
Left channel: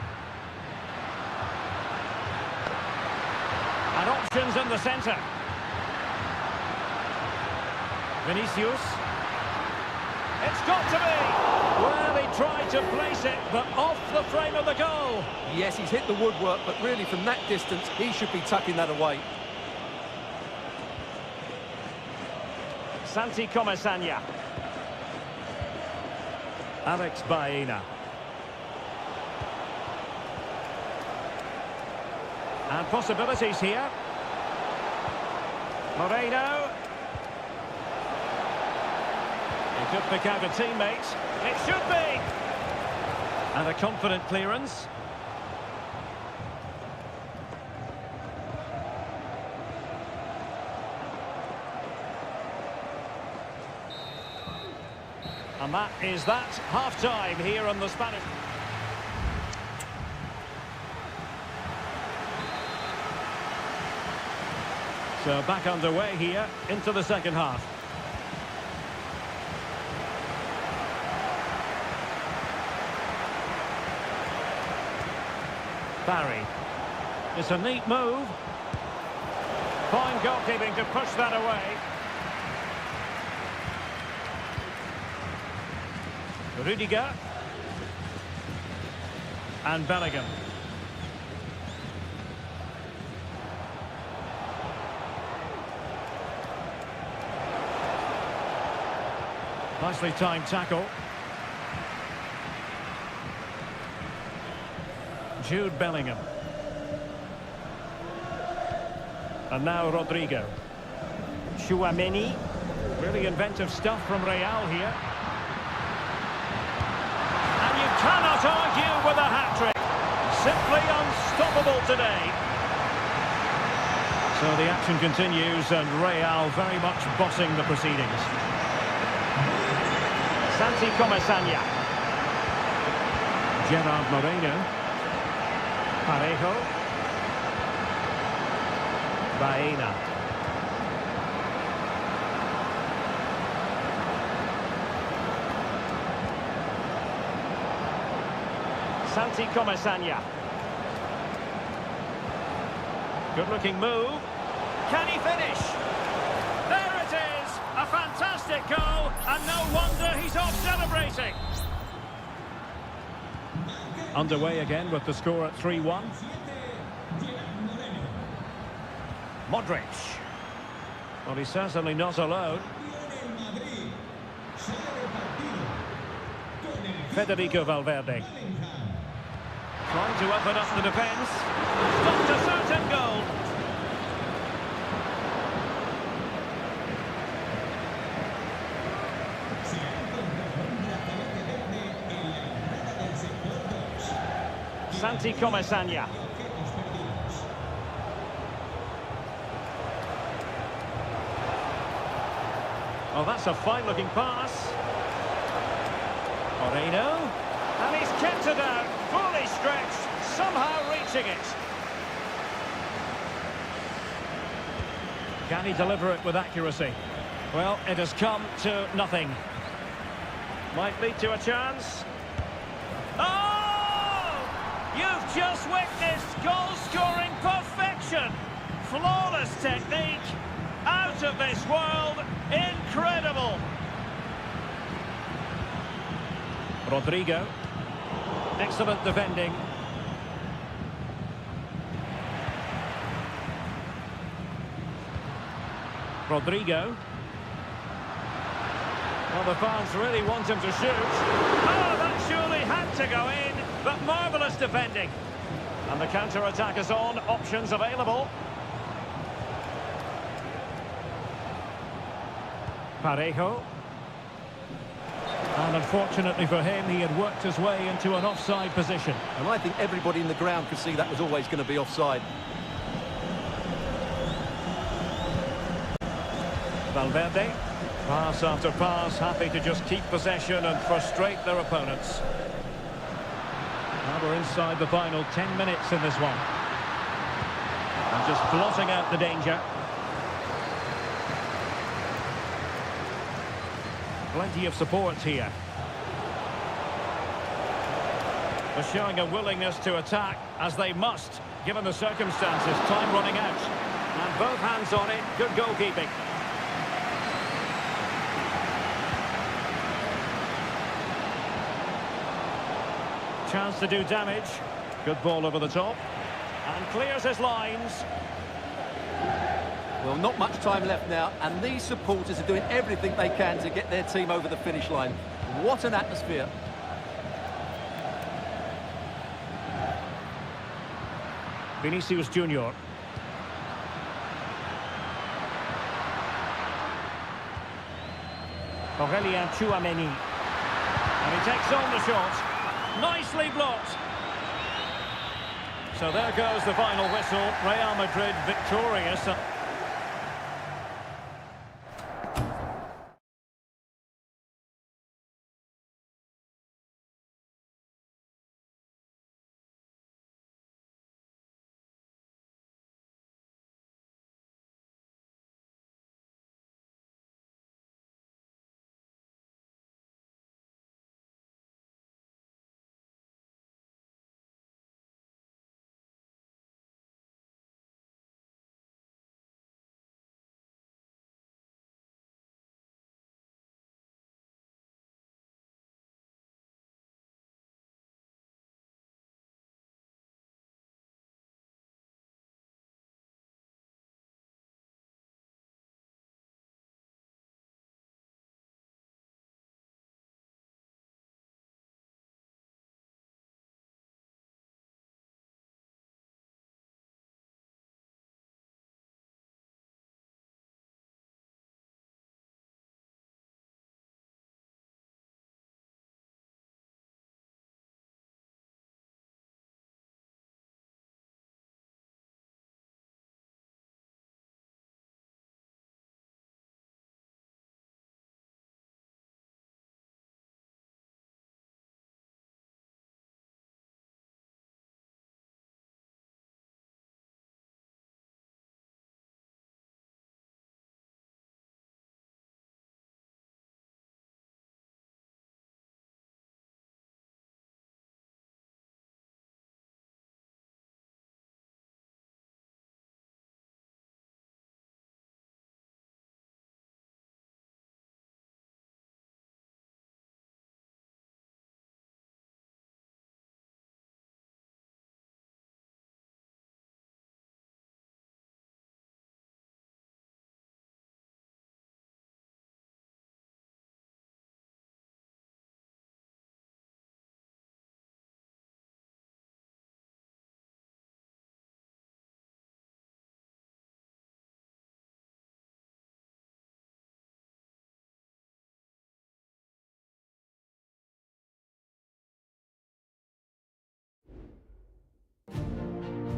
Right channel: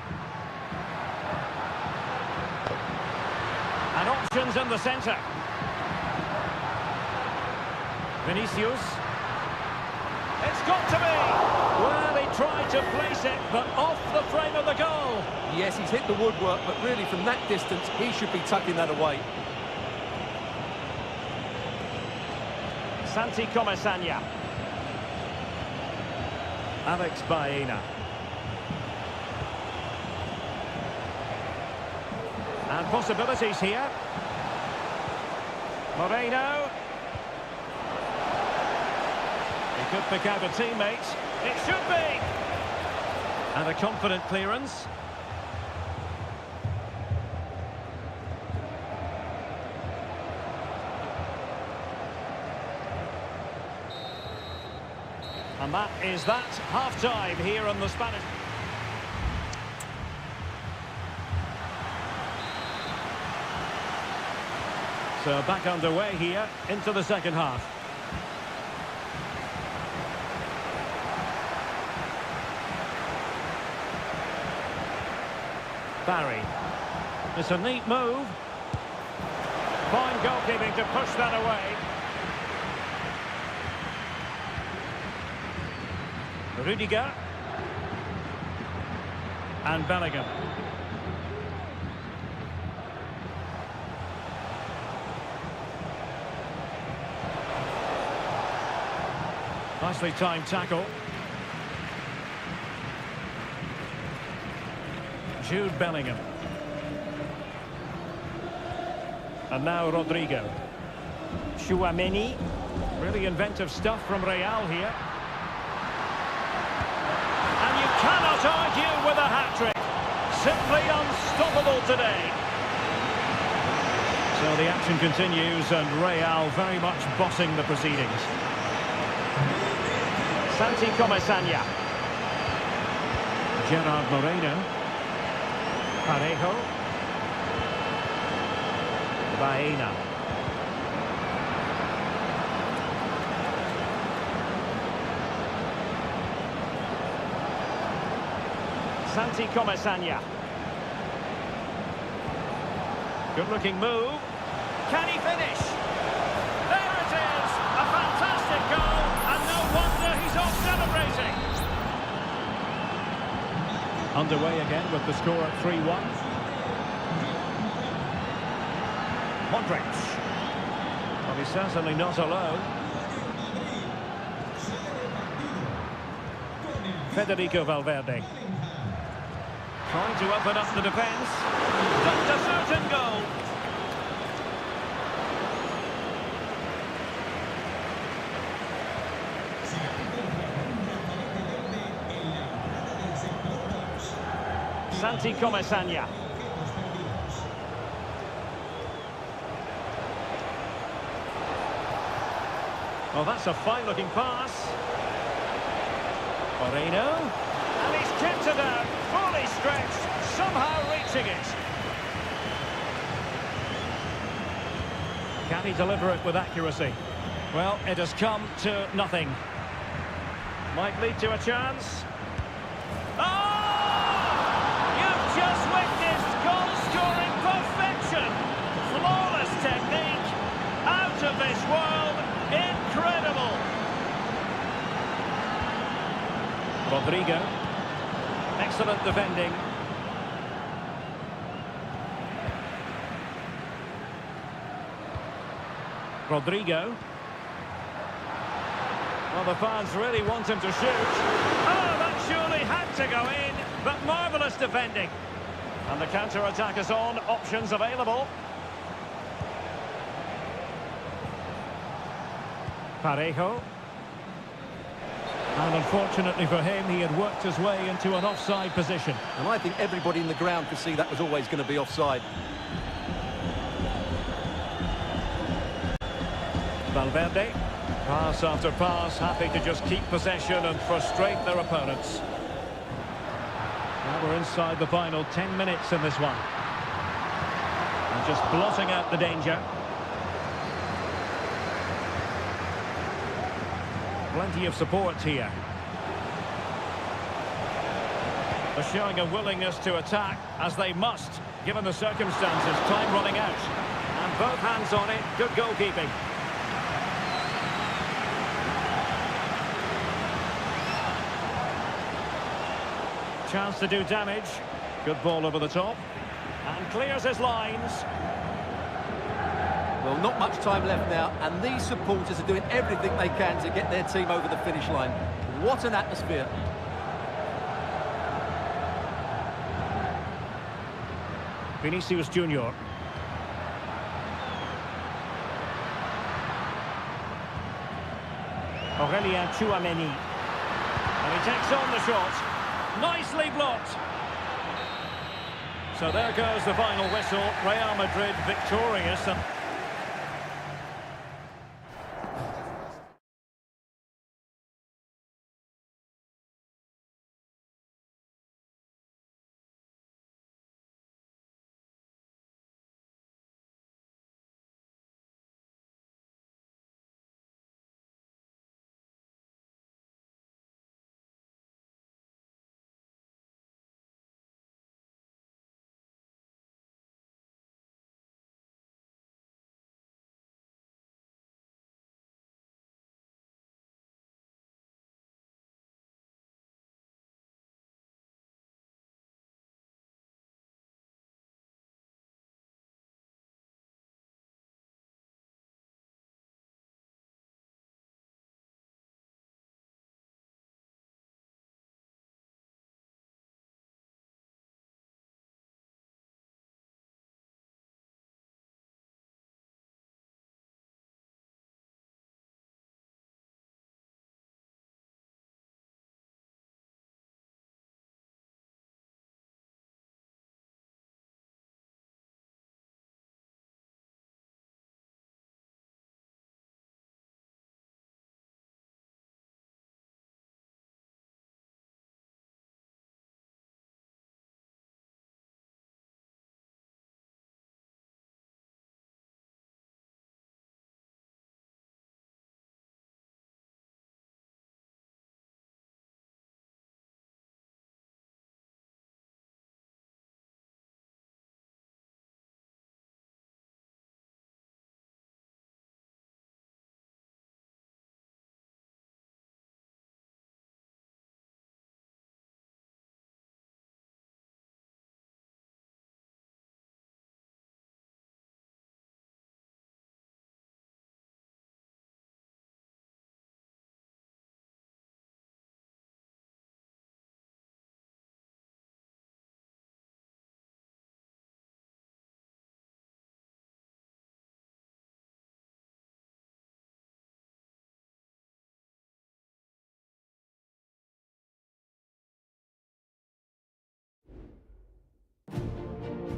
And options in the centre. Vinicius. It's got to be! Well, he tried to place it, but off the frame of the goal. Yes, he's hit the woodwork, but really from that distance, he should be tucking that away. Santi Comesaña. Alex Baena. And possibilities here. Moreno. He could pick out a teammate. It should be! And a confident clearance. And that is that. Half-time here on the Spanish. So back underway here into the second half. Barry. It's a neat move. Fine goalkeeping to push that away. Rudiger. And Bellingham. Nicely timed tackle. Jude Bellingham. And now Rodrigo. Tchouaméni. Really inventive stuff from Real here. And you cannot argue with a hat-trick. Simply unstoppable today. So the action continues and Real very much bossing the proceedings. Santi Comesaña. Gerard Moreno. Parejo. Baena. Santi Comesaña. Good-looking move. Can he finish? There it is! A fantastic goal, and no wonder he's off celebrating. Underway again with the score at 3-1. Modric. Well, he's certainly not alone. Federico Valverde. Trying to open up the defence. Stopped a certain goal. Santi Comesaña. Well, that's a fine-looking pass. Moreno. And he's kept it out, fully stretched, somehow reaching it. Can he deliver it with accuracy? Well, it has come to nothing. Might lead to a chance. Oh! You've just witnessed goal-scoring perfection. Flawless technique. Out of this world. Incredible. Rodrigo. Excellent defending. Rodrigo. Well, the fans really want him to shoot. Oh, that surely had to go in, but marvellous defending. And the counter-attack is on, options available. Parejo. And unfortunately for him, he had worked his way into an offside position. And I think everybody in the ground could see that was always going to be offside. Valverde. Pass after pass, happy to just keep possession and frustrate their opponents. Now we're inside the final 10 minutes in this one. And just blotting out the danger. Plenty of support here. They're showing a willingness to attack, as they must, given the circumstances. Time running out. And both hands on it. Good goalkeeping. Chance to do damage. Good ball over the top. And clears his lines. Well, not much time left now, and these supporters are doing everything they can to get their team over the finish line. What an atmosphere. Vinicius Junior. Aurelien Tchouameni. And he takes on the shot. Nicely blocked. So there goes the final whistle. Real Madrid victorious.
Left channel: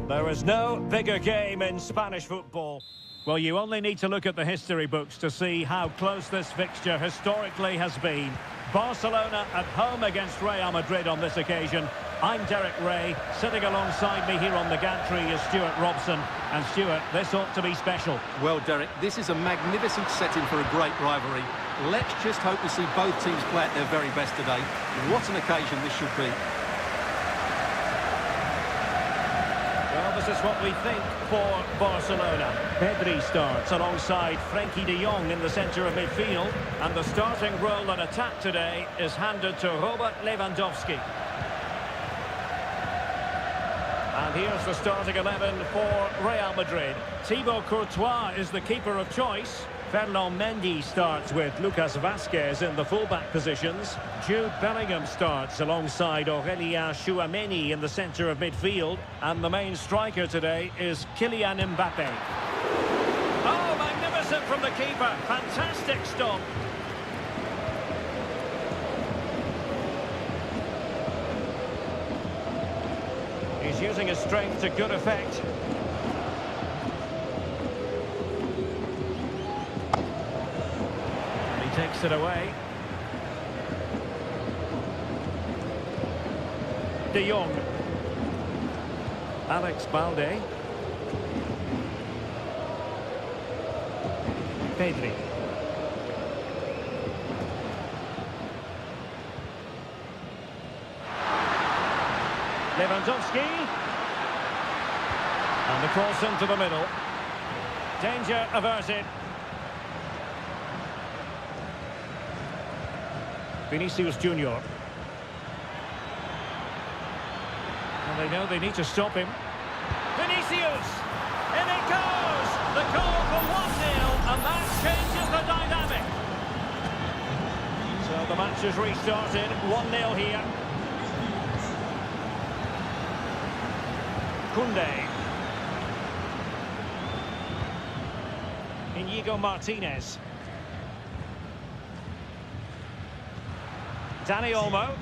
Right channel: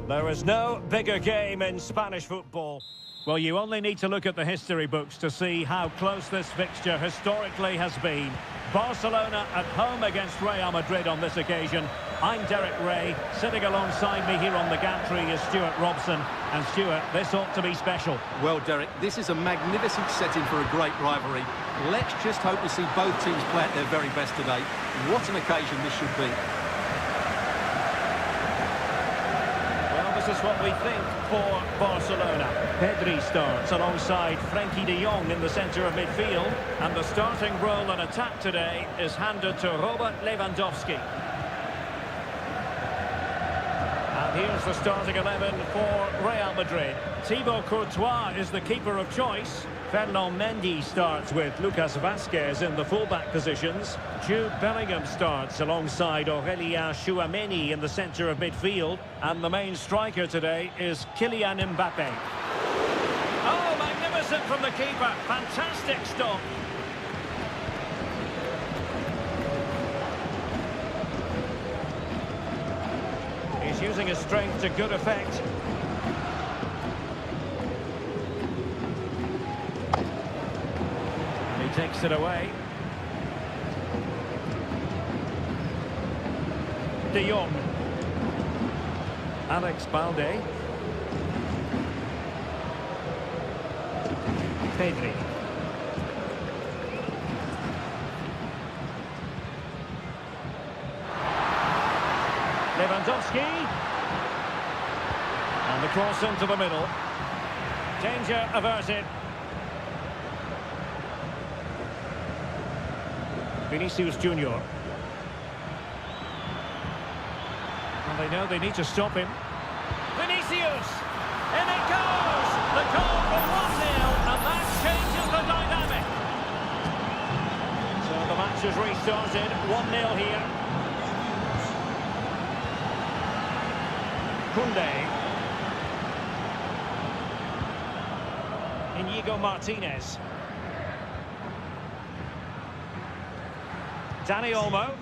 There is no bigger game in Spanish football. Well, you only need to look at the history books to see how close this fixture historically has been. Barcelona at home against Real Madrid on this occasion. I'm Derek Ray. Sitting alongside me here on the gantry is Stuart Robson. And Stuart, this ought to be special. Well, Derek, this is a magnificent setting for a great rivalry. Let's just hope we see both teams play at their very best today. What an occasion this should be. Well, this is what we think for Barcelona. Pedri starts alongside Frenkie de Jong in the centre of midfield. And the starting role in attack today is handed to Robert Lewandowski. And here's the starting 11 for Real Madrid. Thibaut Courtois is the keeper of choice. Fernand Mendy starts with Lucas Vazquez in the fullback positions. Jude Bellingham starts alongside Aurélien Tchouameni in the centre of midfield. And the main striker today is Kylian Mbappe. Oh, magnificent from the keeper. Fantastic stop. He's using his strength to good effect. And he takes it away. De Jong. Alex Balde. Pedri. Lewandowski. And the cross into the middle. Danger averted. Vinicius Junior. And they know they need to stop him. Vinicius! In it goes! The goal for 1-0, and that changes the dynamic. So the match has restarted. 1-0 here. Koundé. Inigo Martinez. Dani Olmo.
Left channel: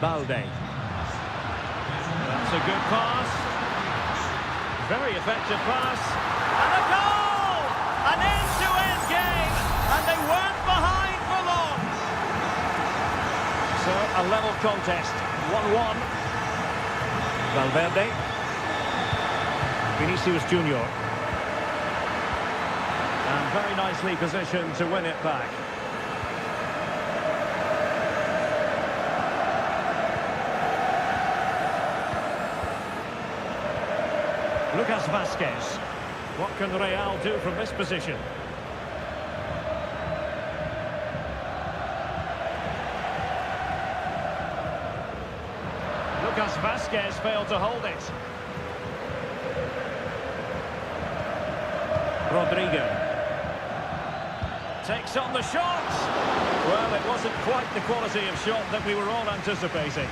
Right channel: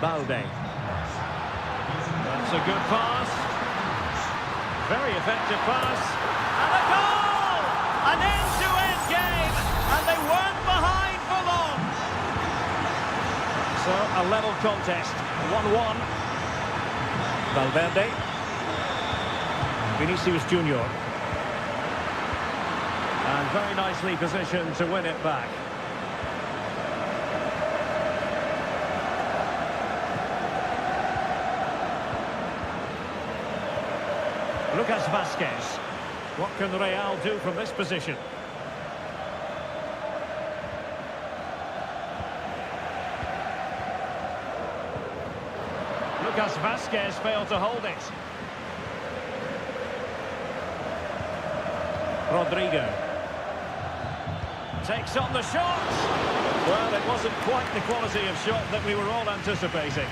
Balde. That's a good pass. Very effective pass. And a goal! An end-to-end game, and they weren't behind for long. So a level contest, 1-1. Valverde. Vinicius Junior. And very nicely positioned to win it back. Lucas Vazquez. What can Real do from this position? Lucas Vazquez failed to hold it. Rodrigo. Takes on the shot. Well, it wasn't quite the quality of shot that we were all anticipating.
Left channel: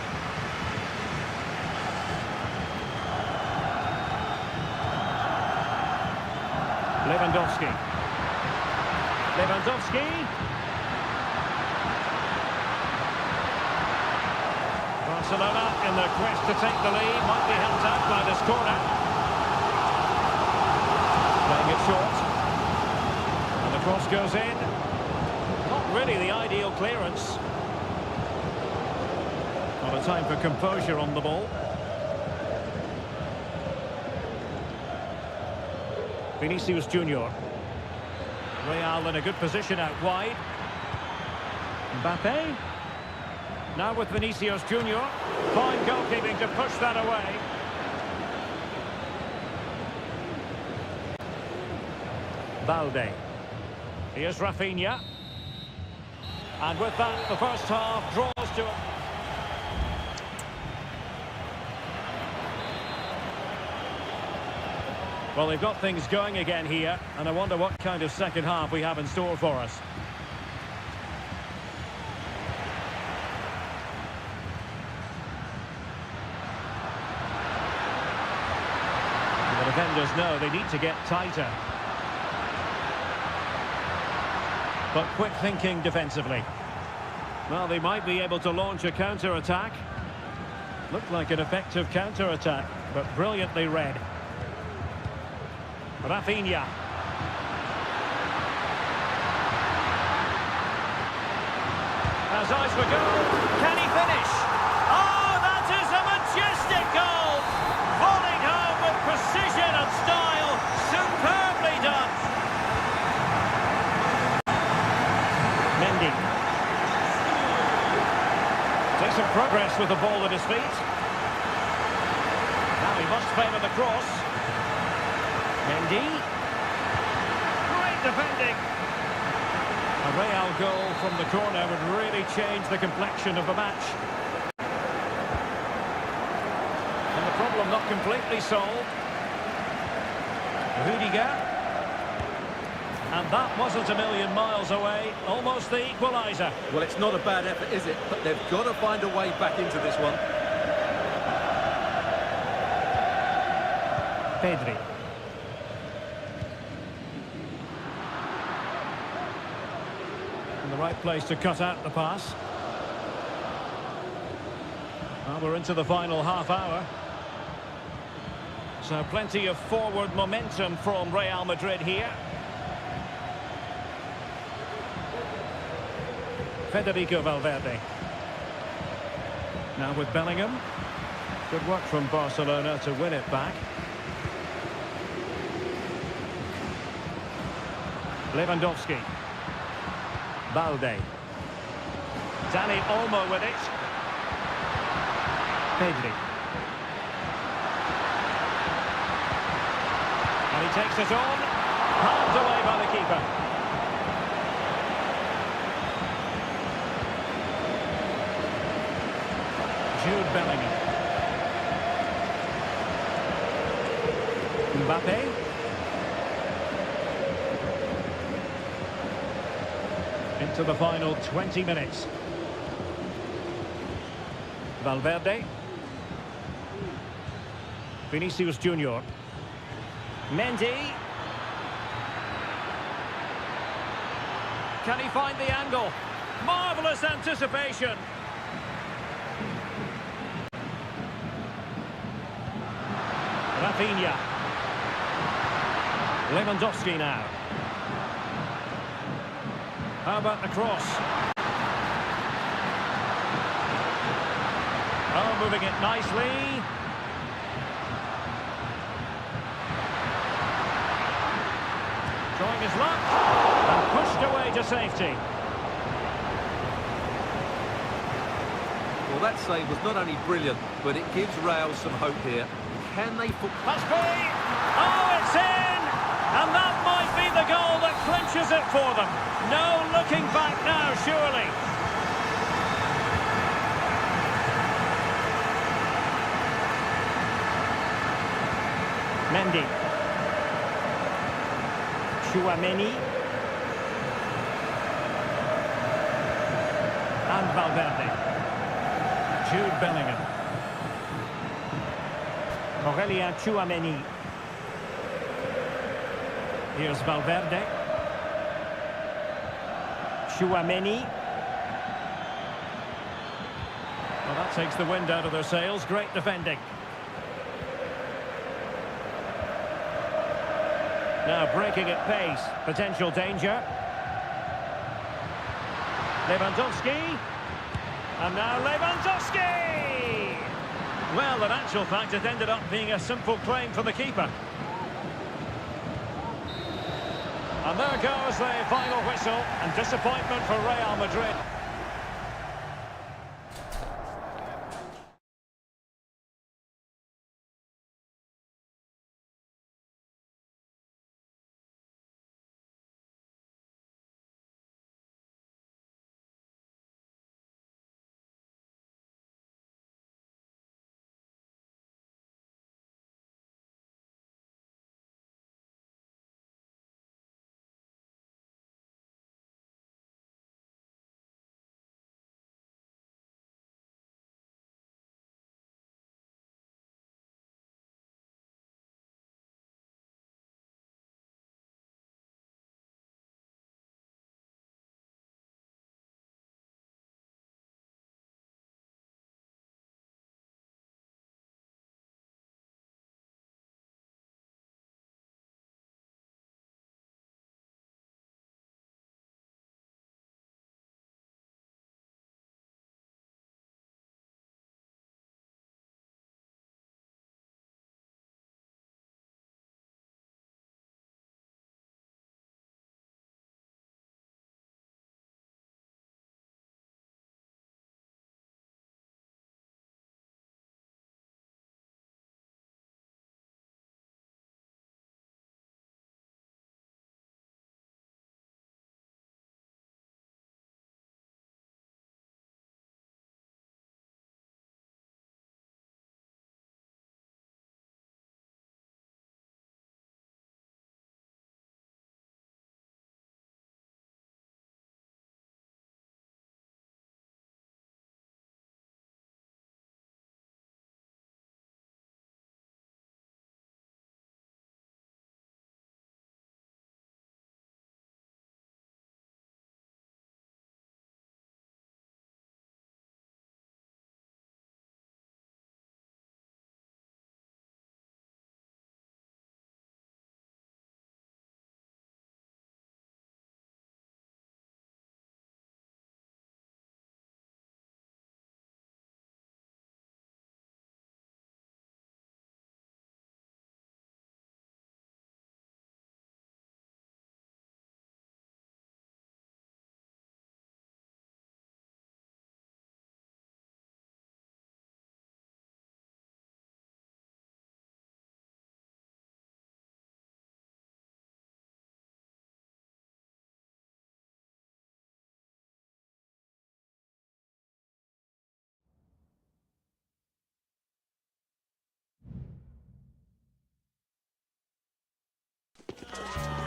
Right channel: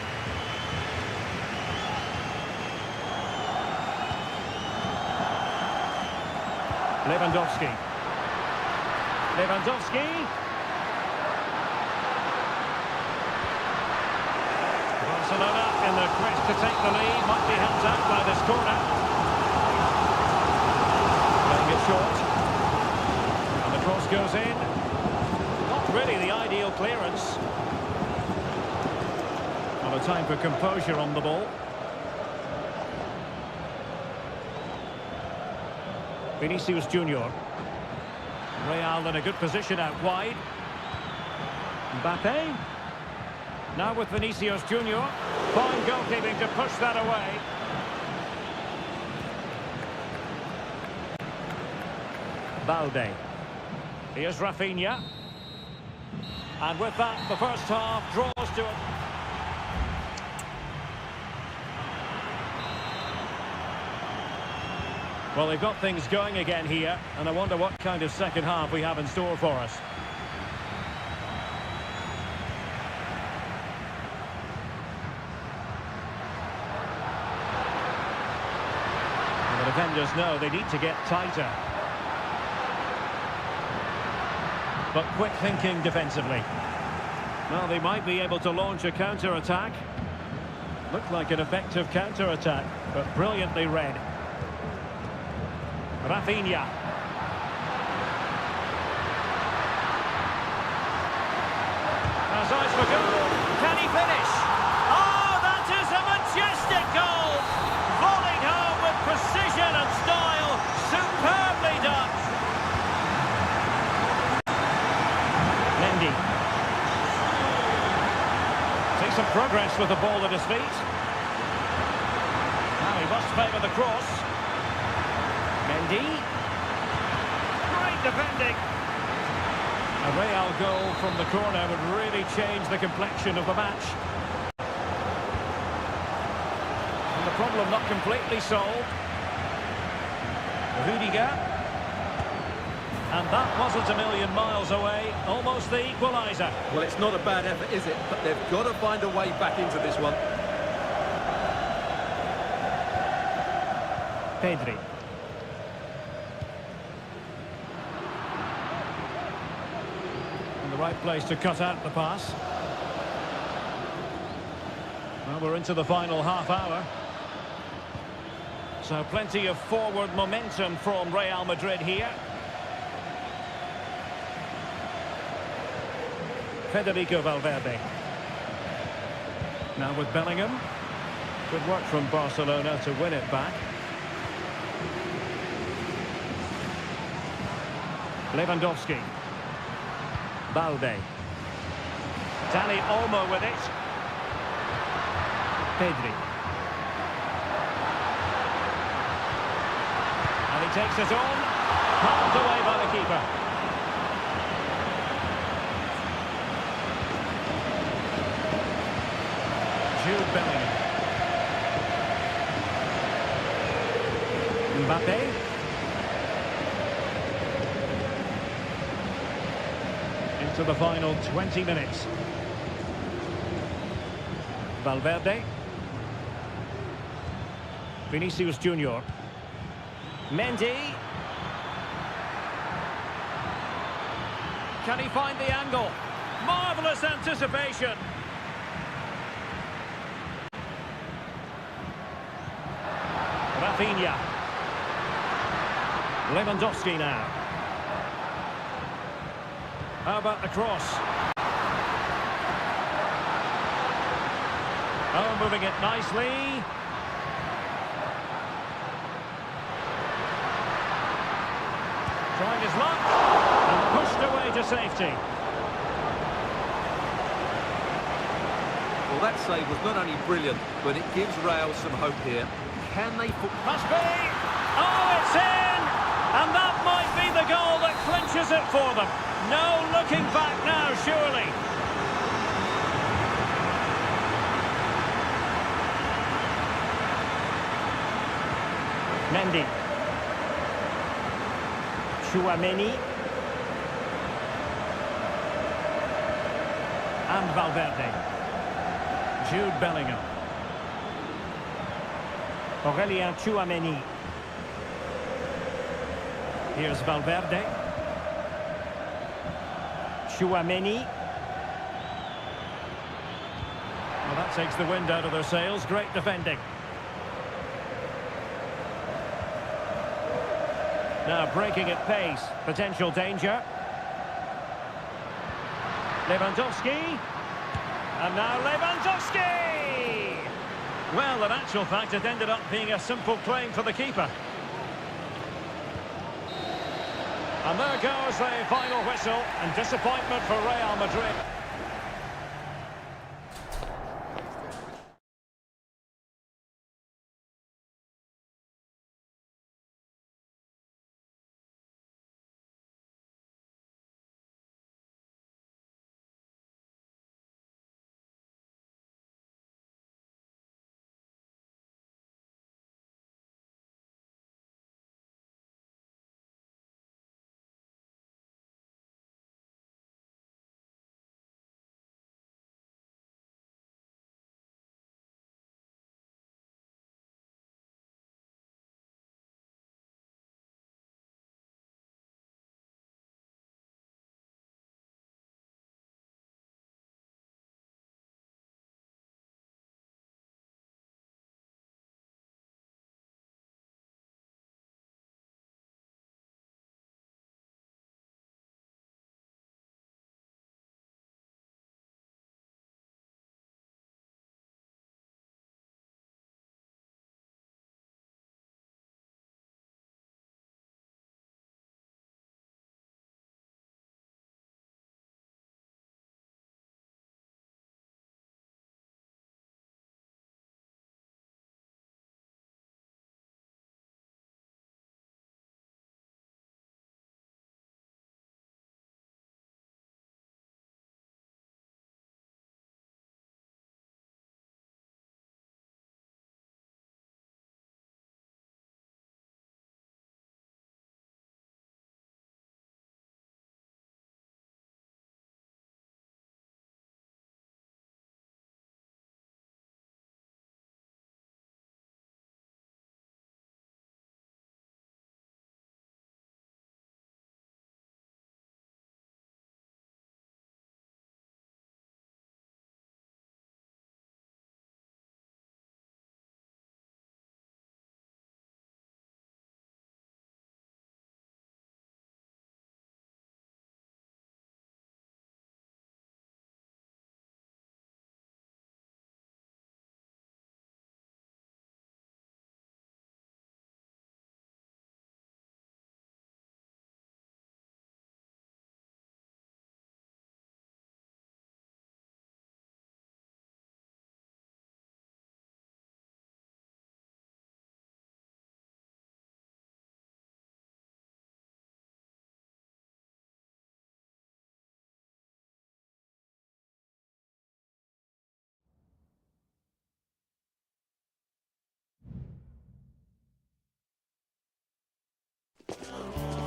Lewandowski. Lewandowski. Barcelona in their quest to take the lead. Might be held out by this corner. Playing it short. And the cross goes in. Not really the ideal clearance. Not a time for composure on the ball. Vinicius Junior. Real in a good position out wide. Mbappe. Now with Vinicius Junior. Fine goalkeeping to push that away. Balde. Here's Rafinha. And with that, the first half draws to a... Well, they've got things going again here, and I wonder what kind of second half we have in store for us. And the defenders know they need to get tighter. But quick thinking defensively. Well, they might be able to launch a counter-attack. Looked like an effective counter-attack, but brilliantly read. Rafinha. Has eyes for goal. Can he finish? Oh, that is a majestic goal! Volleyed home with precision and style. Superbly done. Mendy. Takes some progress with the ball at his feet. Now he must favour the cross. Mendy. Great defending. A Real goal from the corner would really change the complexion of the match. And the problem not completely solved. Rudiger. And that wasn't a million miles away, almost the equaliser. Well, it's not a bad effort, is it? But they've got to find a way back into this one. Pedri. In the right place to cut out the pass. Well, we're into the final half hour. So plenty of forward momentum from Real Madrid here. Federico Valverde. Now with Bellingham. Good work from Barcelona to win it back. Lewandowski. Balde. Dani Olmo with it. Pedri. And he takes it on. Palmed away by the keeper. Jude Bellingham. Mbappe. Into the final 20 minutes. Valverde. Vinicius Junior. Mendy. Can he find the angle? Marvellous anticipation. Rafinha. Lewandowski now. How about the cross? Oh, moving it nicely. Trying his luck. And pushed away to safety. Well, that save was not only brilliant, but it gives Real some hope here. Can they... Must be! Oh, it's in! And that might be the goal that clinches it for them. No looking back now, surely. Mendy. Tchouaméni. And Valverde. Jude Bellingham. Aurélien Tchouaméni. Here's Valverde. Tchouaméni. Well, that takes the wind out of their sails. Great defending. Now breaking at pace. Potential danger. Lewandowski. And now Lewandowski! Well, in actual fact, it ended up being a simple claim for the keeper. And there goes the final whistle, and disappointment for Real Madrid.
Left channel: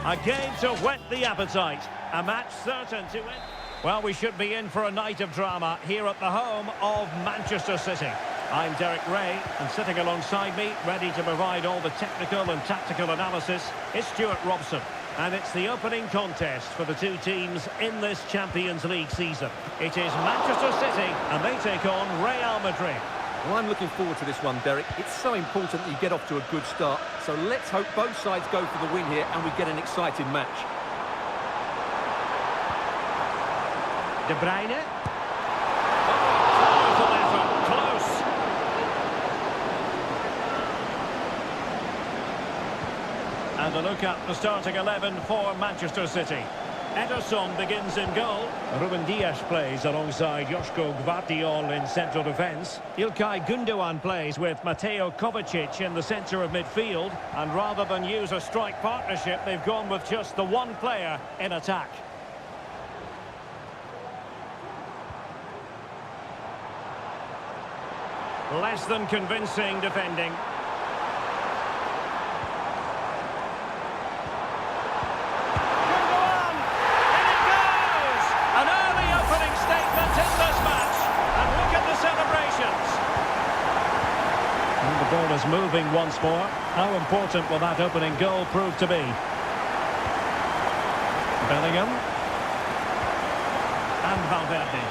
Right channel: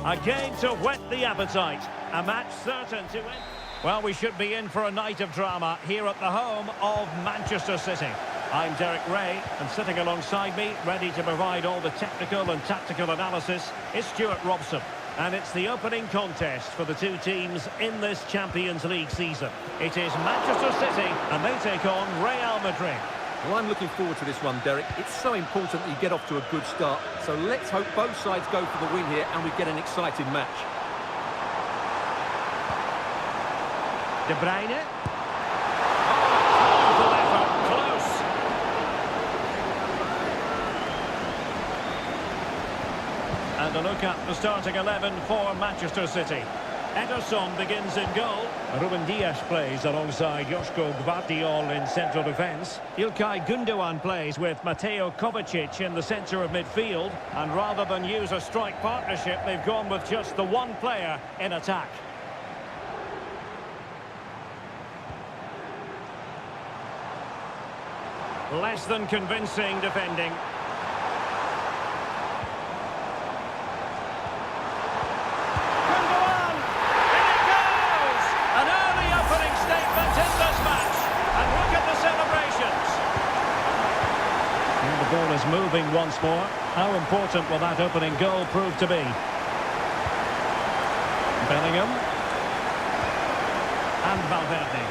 A game to whet the appetite. A match certain to end. Well, we should be in for a night of drama here at the home of Manchester City. I'm Derek Ray, and sitting alongside me, ready to provide all the technical and tactical analysis, is Stuart Robson. And it's the opening contest for the two teams in this Champions League season. It is Manchester City, and they take on Real Madrid. Well, I'm looking forward to this one, Derek. It's so important that you get off to a good start. So let's hope both sides go for the win here and we get an exciting match. De Bruyne. Oh, powerful effort. Close. And a look at the starting 11 for Manchester City. Ederson begins in goal. Ruben Dias plays alongside Joško Gvardiol in central defence. Ilkay Gundogan plays with Mateo Kovacic in the centre of midfield. And rather than use a strike partnership, they've gone with just the one player in attack. Less than convincing defending. An early opening statement in this match. And look at the celebrations. And the ball is moving once more. How important will that opening goal prove to be? Bellingham. And Valverde.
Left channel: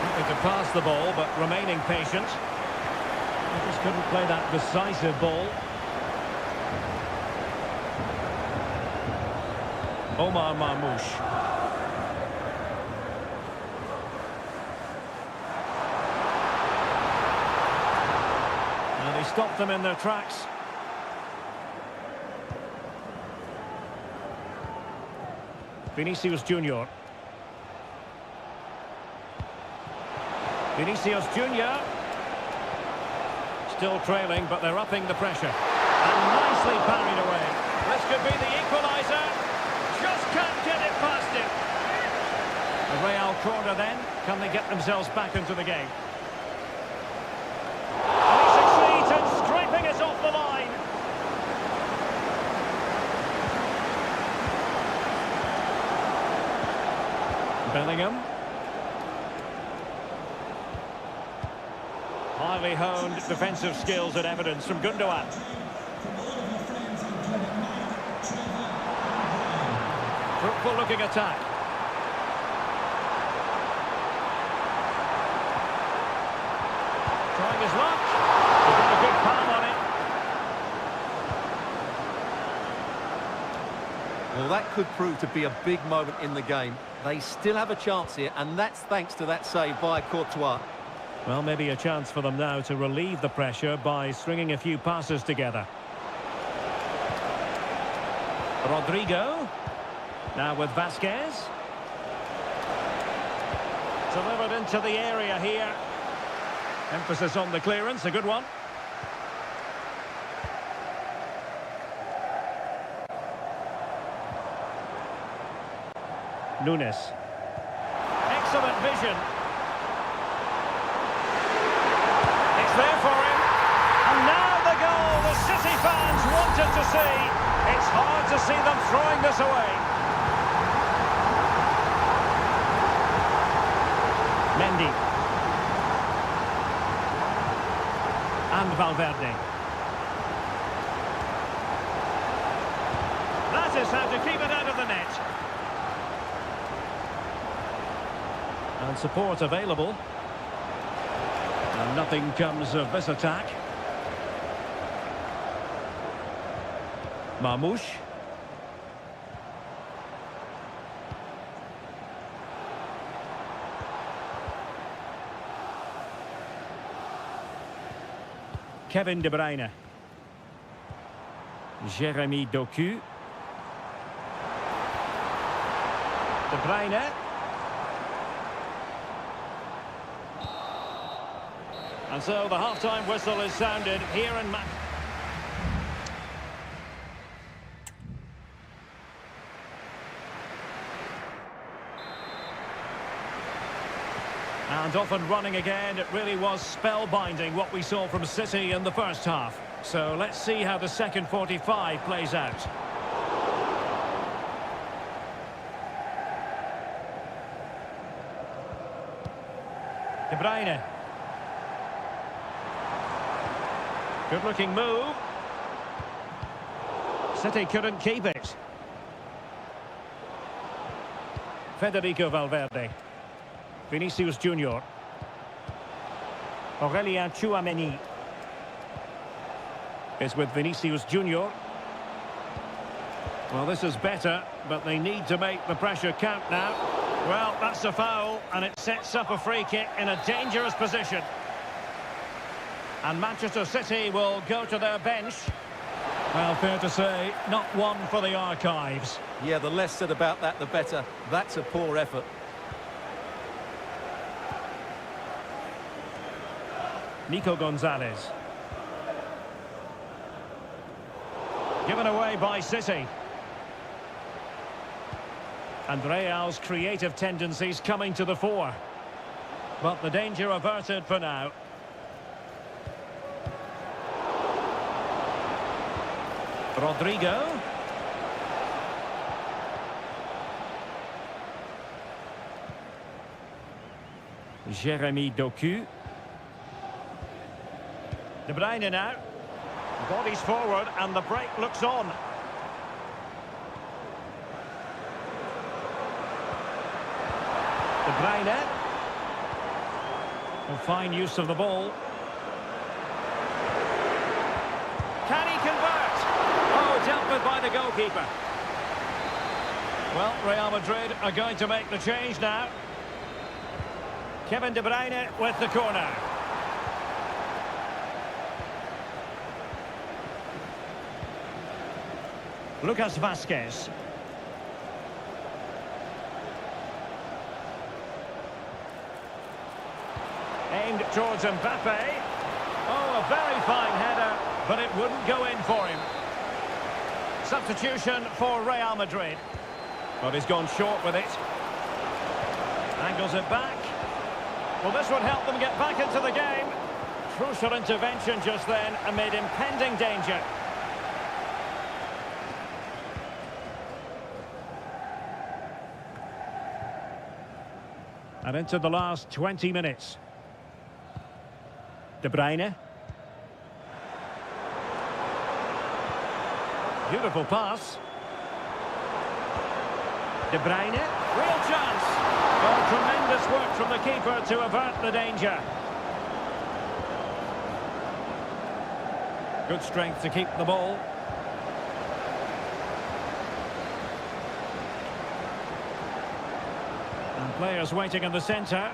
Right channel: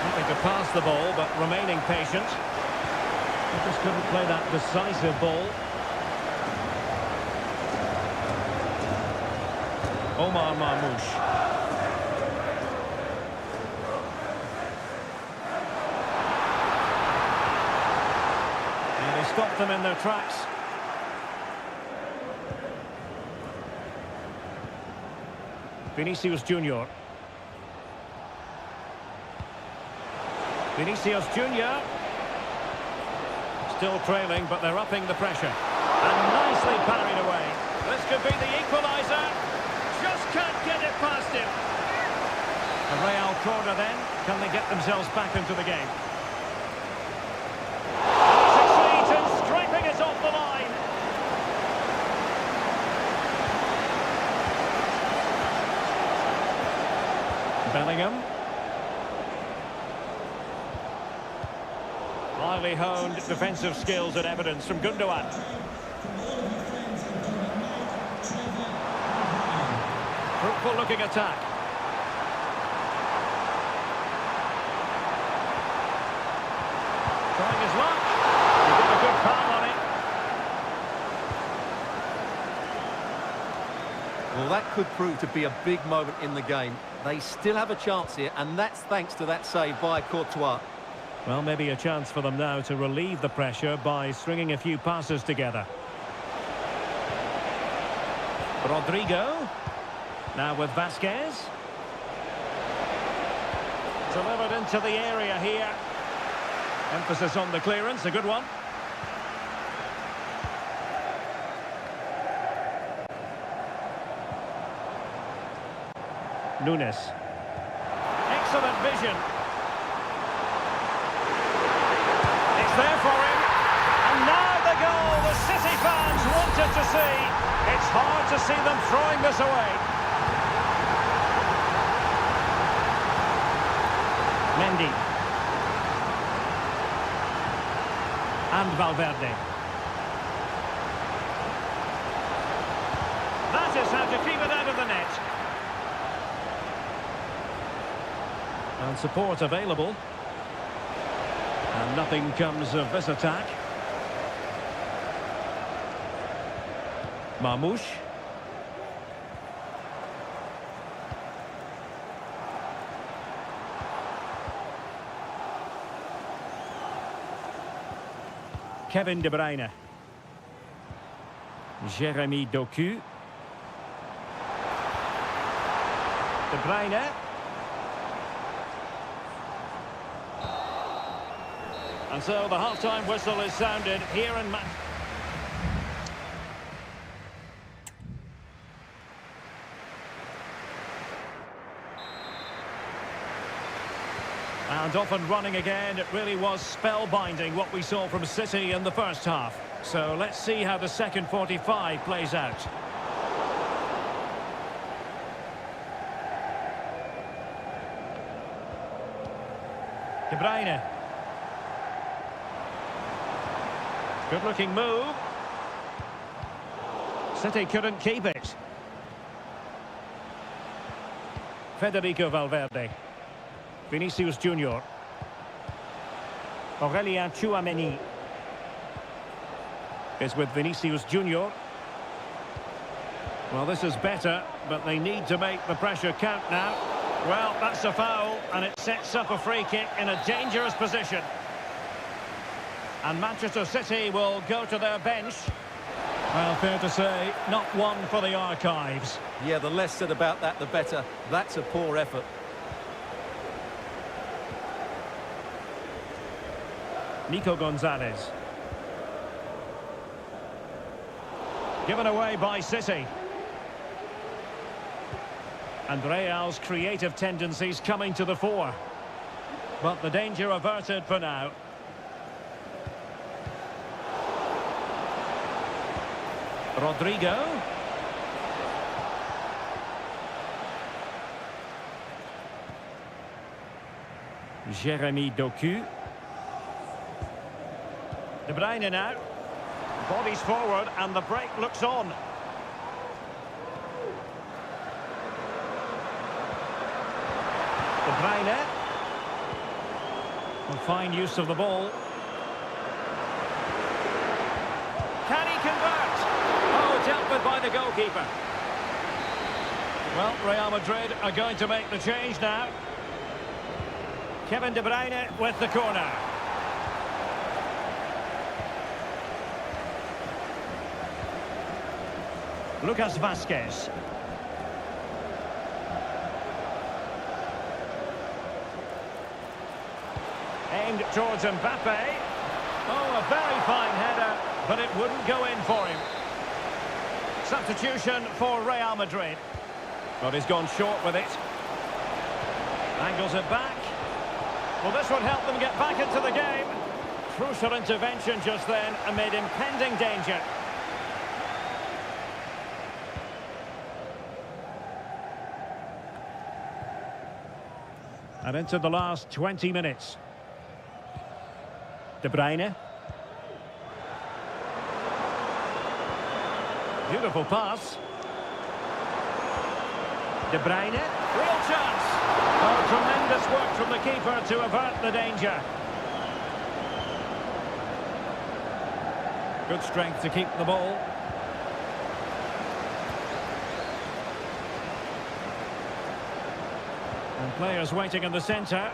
Happy to pass the ball, but remaining patient. They just couldn't play that decisive ball. Omar Marmoush. And he stopped them in their tracks. Vinicius Junior. Vinicius Junior. Still trailing, but they're upping the pressure. And nicely parried away. This could be the equaliser. Just can't get it past him. A Real corner then. Can they get themselves back into the game? Scraping it off the line. Bellingham. Highly honed defensive skills and evidence from Gundogan. Fruitful looking attack. Trying his luck. He got a good palm on it. Well, that could prove to be a big moment in the game. They still have a chance here, and that's thanks to that save by Courtois. Well, maybe a chance for them now to relieve the pressure by stringing a few passes together. Rodrigo. Now with Vasquez. Delivered into the area here. Emphasis on the clearance, a good one. Nunes. Excellent vision. It's there for him. And now the goal the City fans wanted to see. It's hard to see them throwing this away. Mendy. And Valverde. That is how to keep it out of the net. And support available. And nothing comes of this attack. Marmoush. Kevin De Bruyne. Jeremy Doku. De Bruyne. And so the half-time whistle is sounded here in Manchester. And off and running again. It really was spellbinding what we saw from City in the first half. So let's see how the second 45 plays out. De Bruyne. Good-looking move. City couldn't keep it. Federico Valverde. Vinicius Junior. Aurelien Tchouameni is with Vinicius Junior. Well, this is better, but they need to make the pressure count now. Well, that's a foul, and it sets up a free kick in a dangerous position. And Manchester City will go to their bench. Well, fair to say, not one for the archives. Yeah, the less said about that, the better. That's a poor effort. Nico Gonzalez. Given away by City. And Real's creative tendencies coming to the fore. But the danger averted for now. Rodrigo. Jeremy Doku. De Bruyne now. Bodies forward and the break looks on. De Bruyne. Well, fine use of the ball. Can he convert? Oh, dealt with by the goalkeeper. Well, Real Madrid are going to make the change now. Kevin De Bruyne with the corner. Lucas Vazquez. Aimed towards Mbappe. Oh, a very fine header, but it wouldn't go in for him. Substitution for Real Madrid. But he's gone short with it. Angles it back. Well, this would help them get back into the game. Crucial intervention just then amid impending danger. And into the last 20 minutes. De Bruyne. Beautiful pass. De Bruyne. Real chance. Oh, tremendous work from the keeper to avert the danger. Good strength to keep the ball. And players waiting in the centre.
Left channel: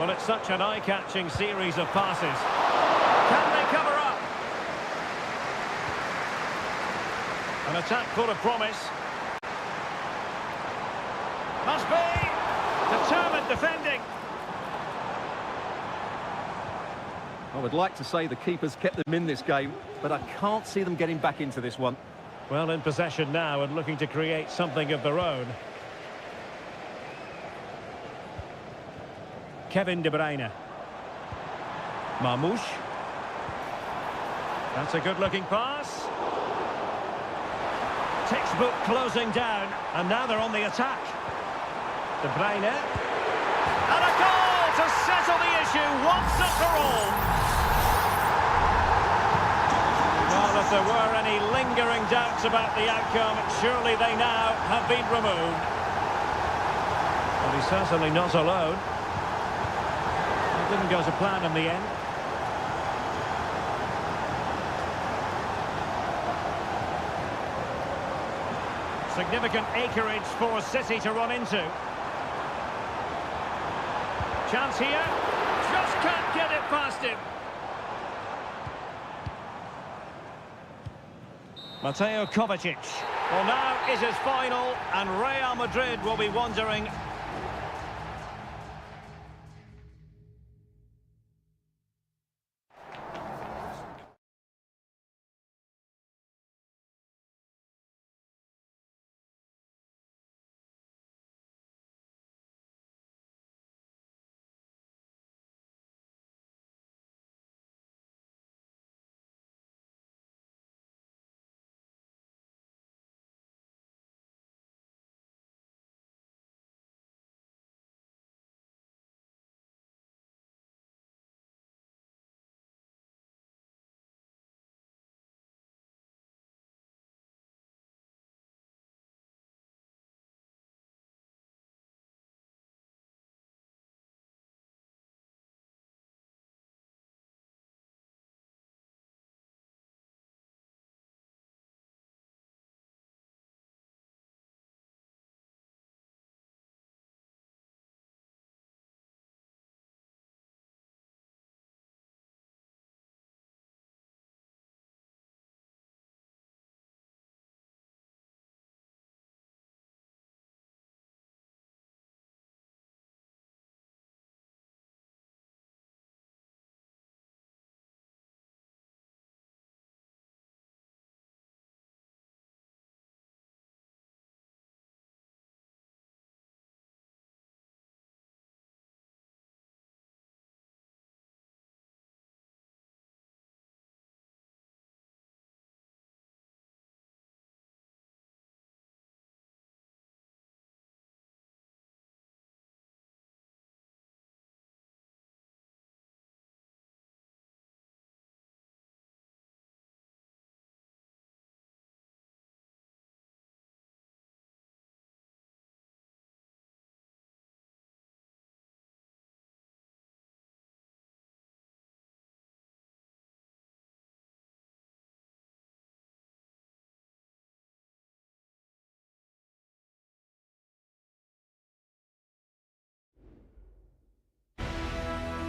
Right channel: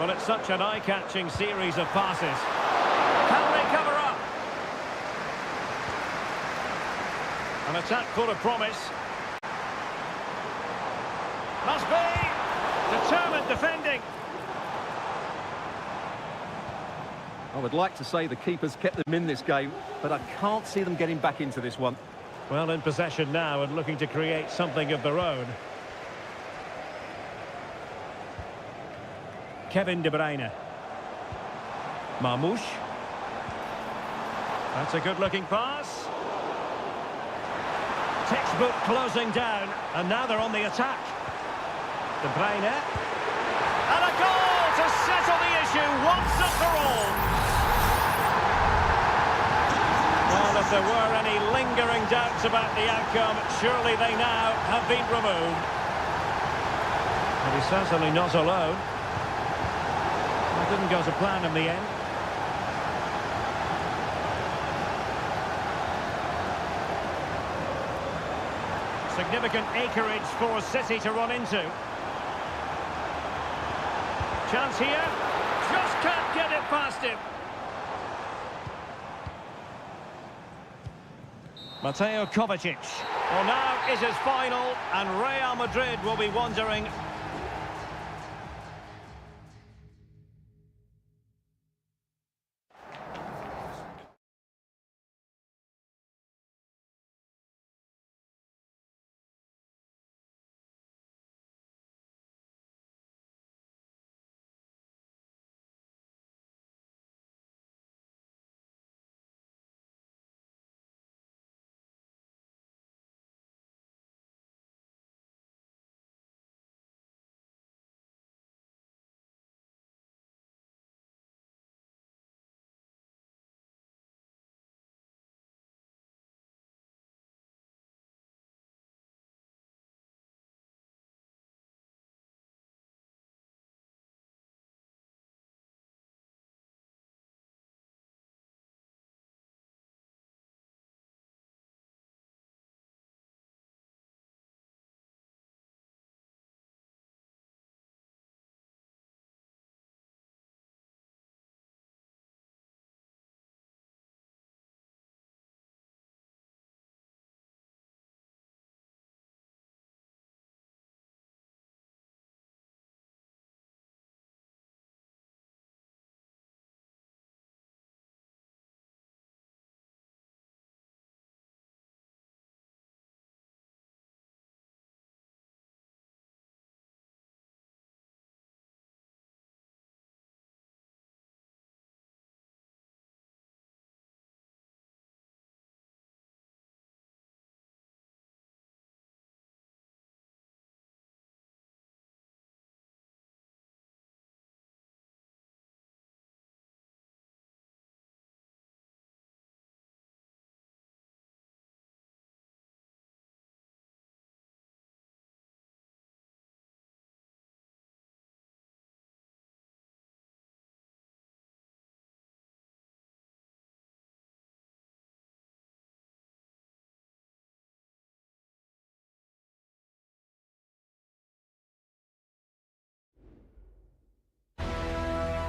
Well, it's such an eye-catching series of passes. Can they cover up? An attack full of promise. Must be. Determined defending. I would like to say the keeper's kept them in this game, but I can't see them getting back into this one. Well, in possession now and looking to create something of their own. Kevin De Bruyne. Marmoush. That's a good-looking pass. Textbook closing down, and now they're on the attack. De Bruyne. And a goal to settle the issue once and for all. Well, if there were any lingering doubts about the outcome, surely they now have been removed. But he's certainly not alone. It didn't go to plan in the end. Significant acreage for City to run into. Chance here. Just can't get it past him. Mateo Kovacic. Well, now it is final, and Real Madrid will be wondering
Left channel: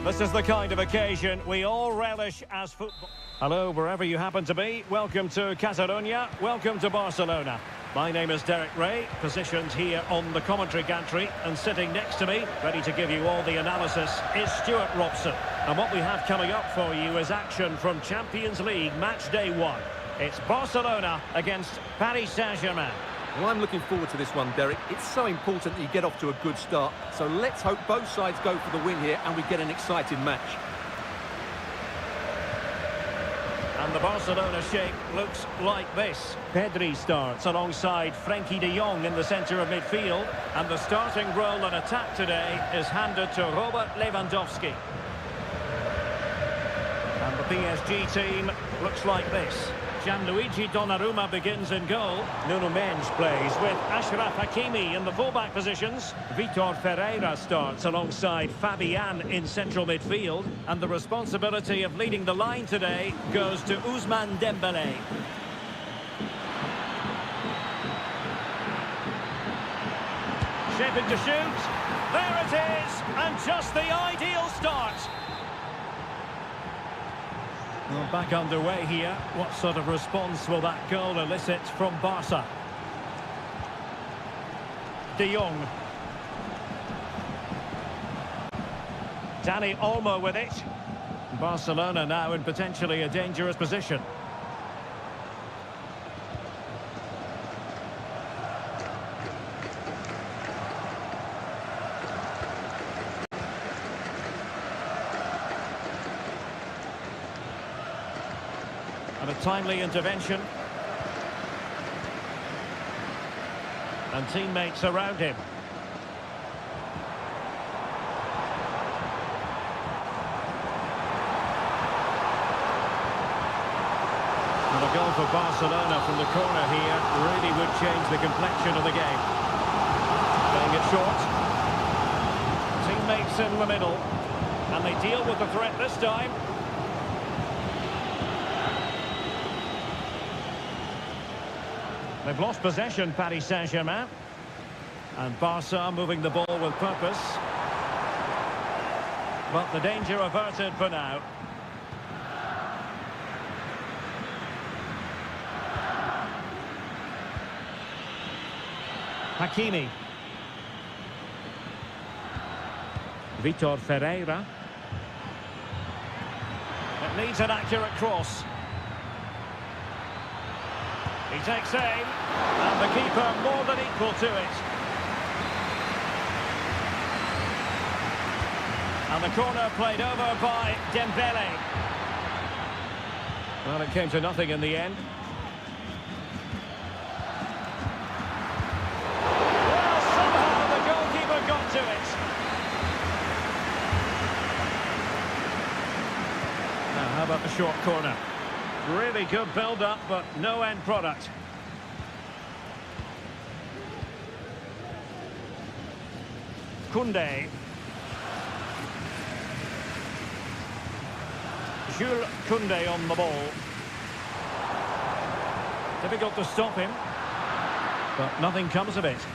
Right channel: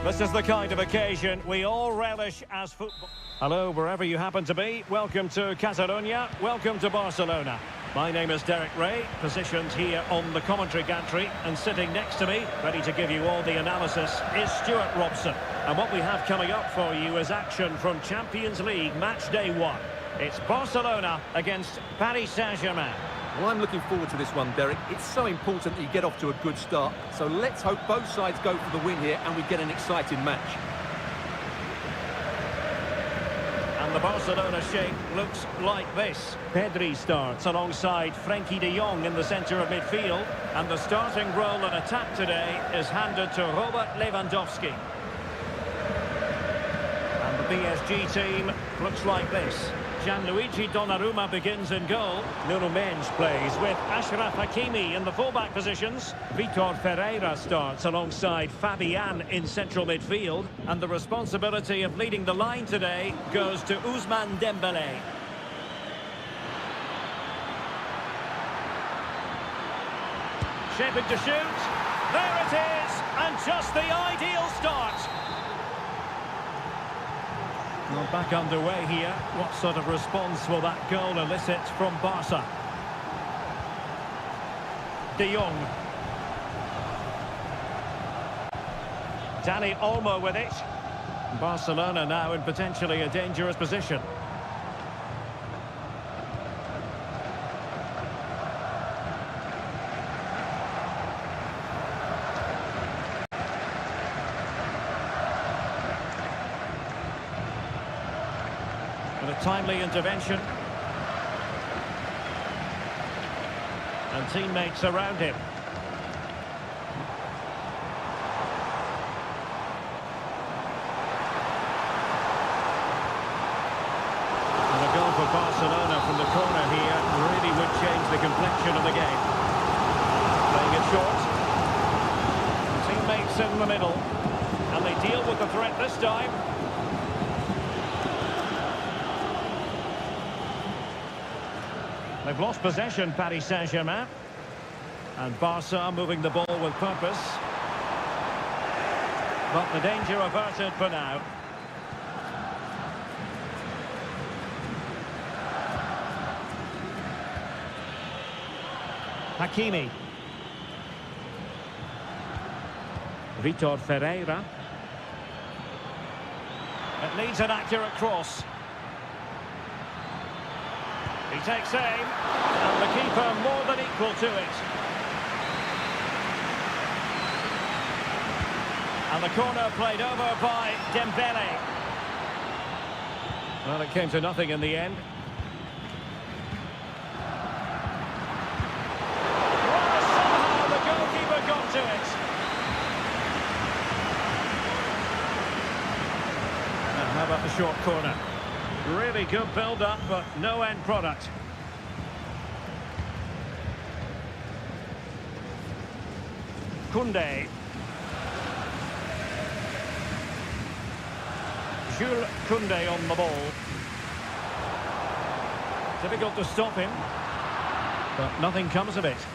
This is the kind of occasion we all relish as football. Hello, wherever you happen to be. Welcome to Catalonia. Welcome to Barcelona. My name is Derek Ray, positioned here on the commentary gantry, and sitting next to me, ready to give you all the analysis, is Stuart Robson. And what we have coming up for you is action from Champions League match day 1. It's Barcelona against Paris Saint-Germain. Well, I'm looking forward to this one, Derek. It's so important that you get off to a good start. So let's hope both sides go for the win here and we get an exciting match. And the Barcelona shape looks like this. Pedri starts alongside Frenkie de Jong in the centre of midfield. And the starting role in attack today is handed to Robert Lewandowski. And the PSG team looks like this. Gianluigi Donnarumma begins in goal. Nuno Mendes plays with Achraf Hakimi in the fullback positions. Vitor Ferreira starts alongside Fabian in central midfield. And the responsibility of leading the line today goes to Ousmane Dembélé. Shaping to shoot. There it is! And just the ideal start. Well, back underway here. What sort of response will that goal elicit from Barca? De Jong. Dani Olmo with it. Barcelona now in potentially a dangerous position. And a timely intervention. And teammates around him. And a goal for Barcelona from the corner here really would change the complexion of the game. Playing it short. Teammates in the middle. And they deal with the threat this time. They've lost possession, Paris Saint-Germain. And Barca moving the ball with purpose. But the danger averted for now. Hakimi. Vitor Ferreira. It needs an accurate cross. He takes aim, and the keeper more than equal to it. And the corner played over by Dembélé. Well, it came to nothing in the end. Well, somehow the goalkeeper got to it. Now, how about the short corner? Really good build-up, but no end product. Koundé. Jules Koundé on the ball. Difficult to stop him, but nothing comes of it.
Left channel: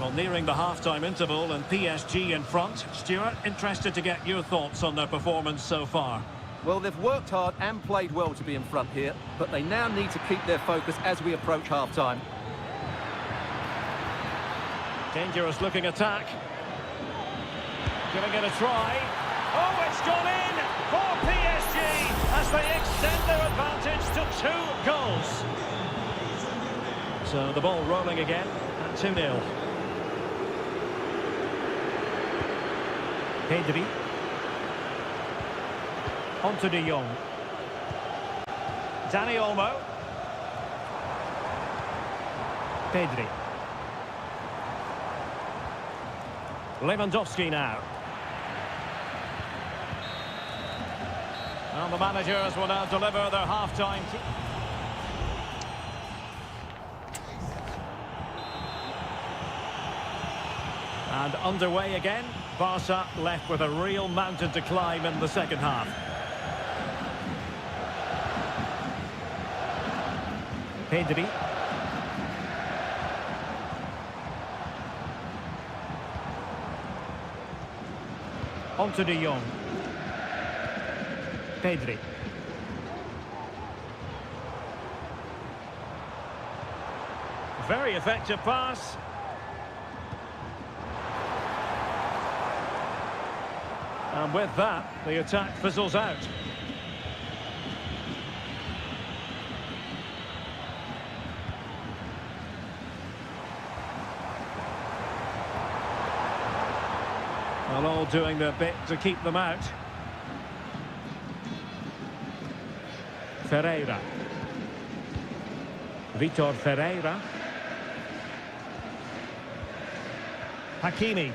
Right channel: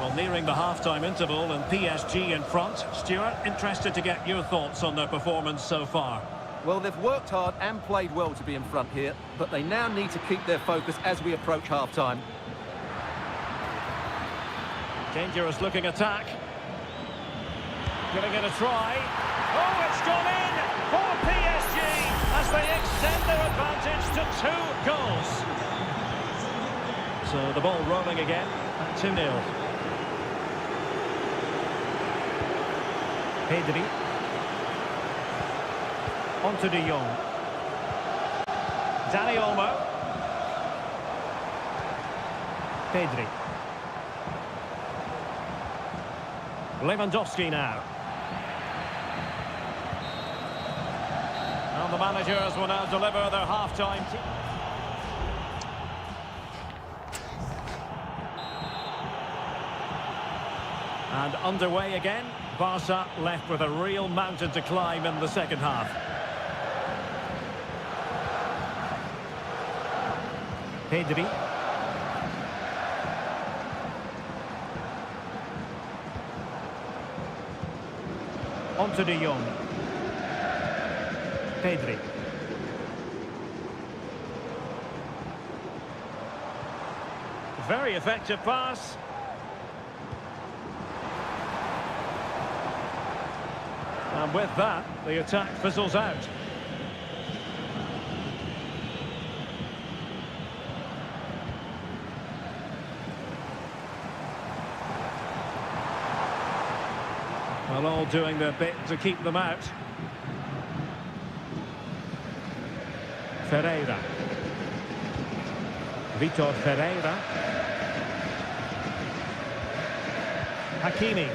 Well, nearing the half-time interval and PSG in front. Stuart, interested to get your thoughts on their performance so far. Well, they've worked hard and played well to be in front here, but they now need to keep their focus as we approach half-time. Dangerous looking attack. Giving it a try. Oh, it's gone in for PSG as they extend their advantage to 2 goals. So the ball rolling again at 2-0. Pedri. On to de Jong. Dani Olmo. Pedri. Lewandowski now. And the managers will now deliver their half-time team. And underway again. Barca left with a real mountain to climb in the second half. Pedri. On to De Jong. Pedri. Very effective pass. And with that, the attack fizzles out. Well, all doing their bit to keep them out. Ferreira. Vitor Ferreira. Hakimi.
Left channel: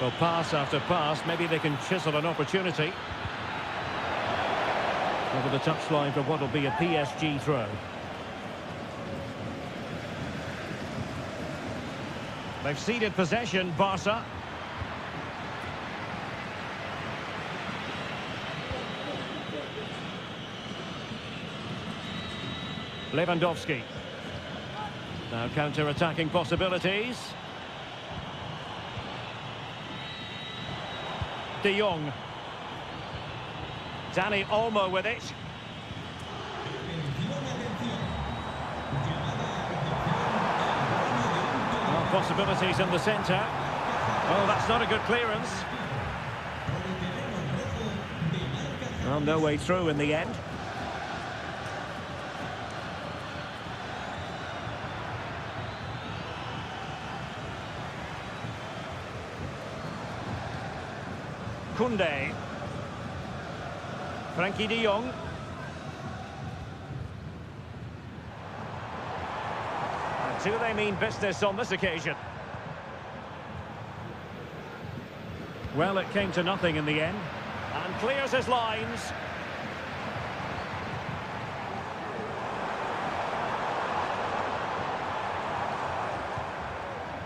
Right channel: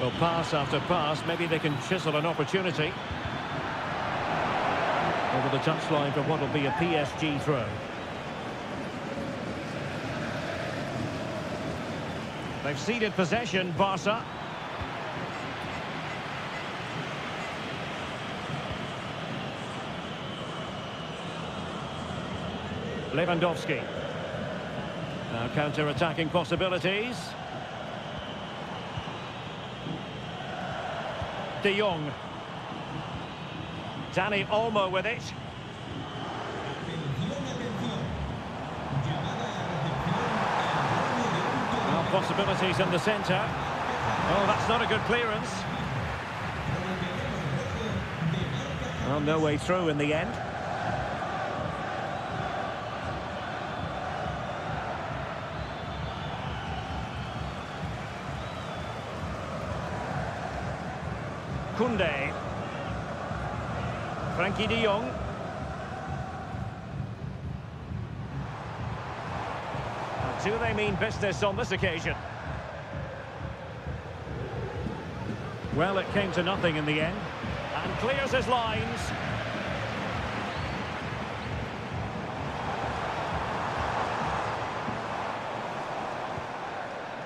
Well, pass after pass, maybe they can chisel an opportunity. Over the touchline for what will be a PSG throw. They've ceded possession, Barca. Lewandowski. Now counter-attacking possibilities. De Jong. Dani Olmo with it. Well, possibilities in the centre. Oh, that's not a good clearance. Well, no way through in the end. Koundé. Frankie de Jong. Do they mean business on this occasion? Well, it came to nothing in the end. And clears his lines.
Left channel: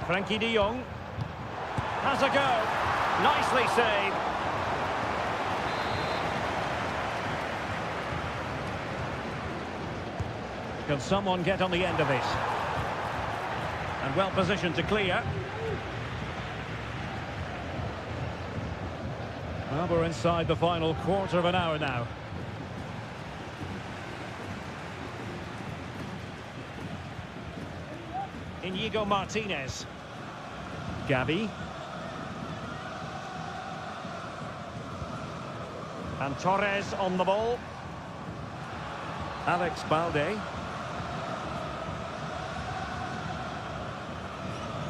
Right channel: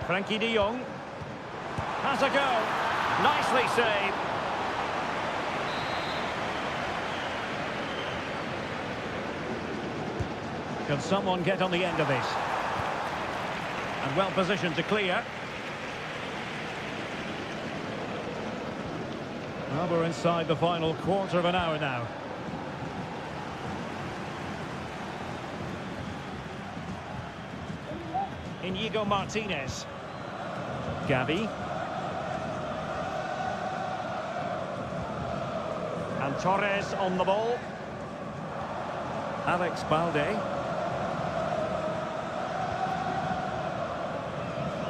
Frankie de Jong. Has a go. Nicely saved. Can someone get on the end of this? And well positioned to clear. Well, we're inside the final quarter of an hour now. Inigo Martinez. Gavi. And Torres on the ball. Alex Balde.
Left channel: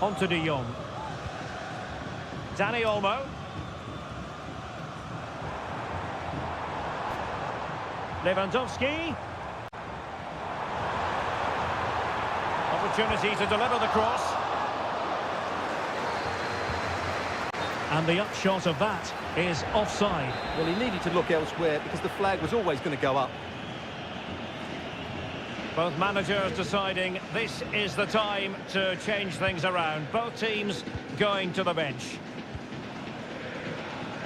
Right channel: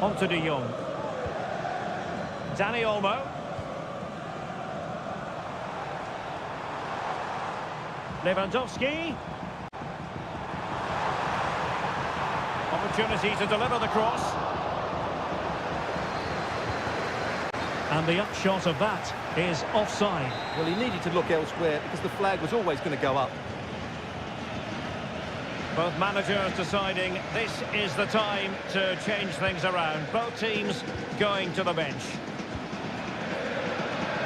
On to De Jong. Dani Olmo. Lewandowski. Opportunity to deliver the cross. And the upshot of that is offside. Well, he needed to look elsewhere because the flag was always going to go up. Both managers deciding this is the time to change things around. Both teams going to the bench.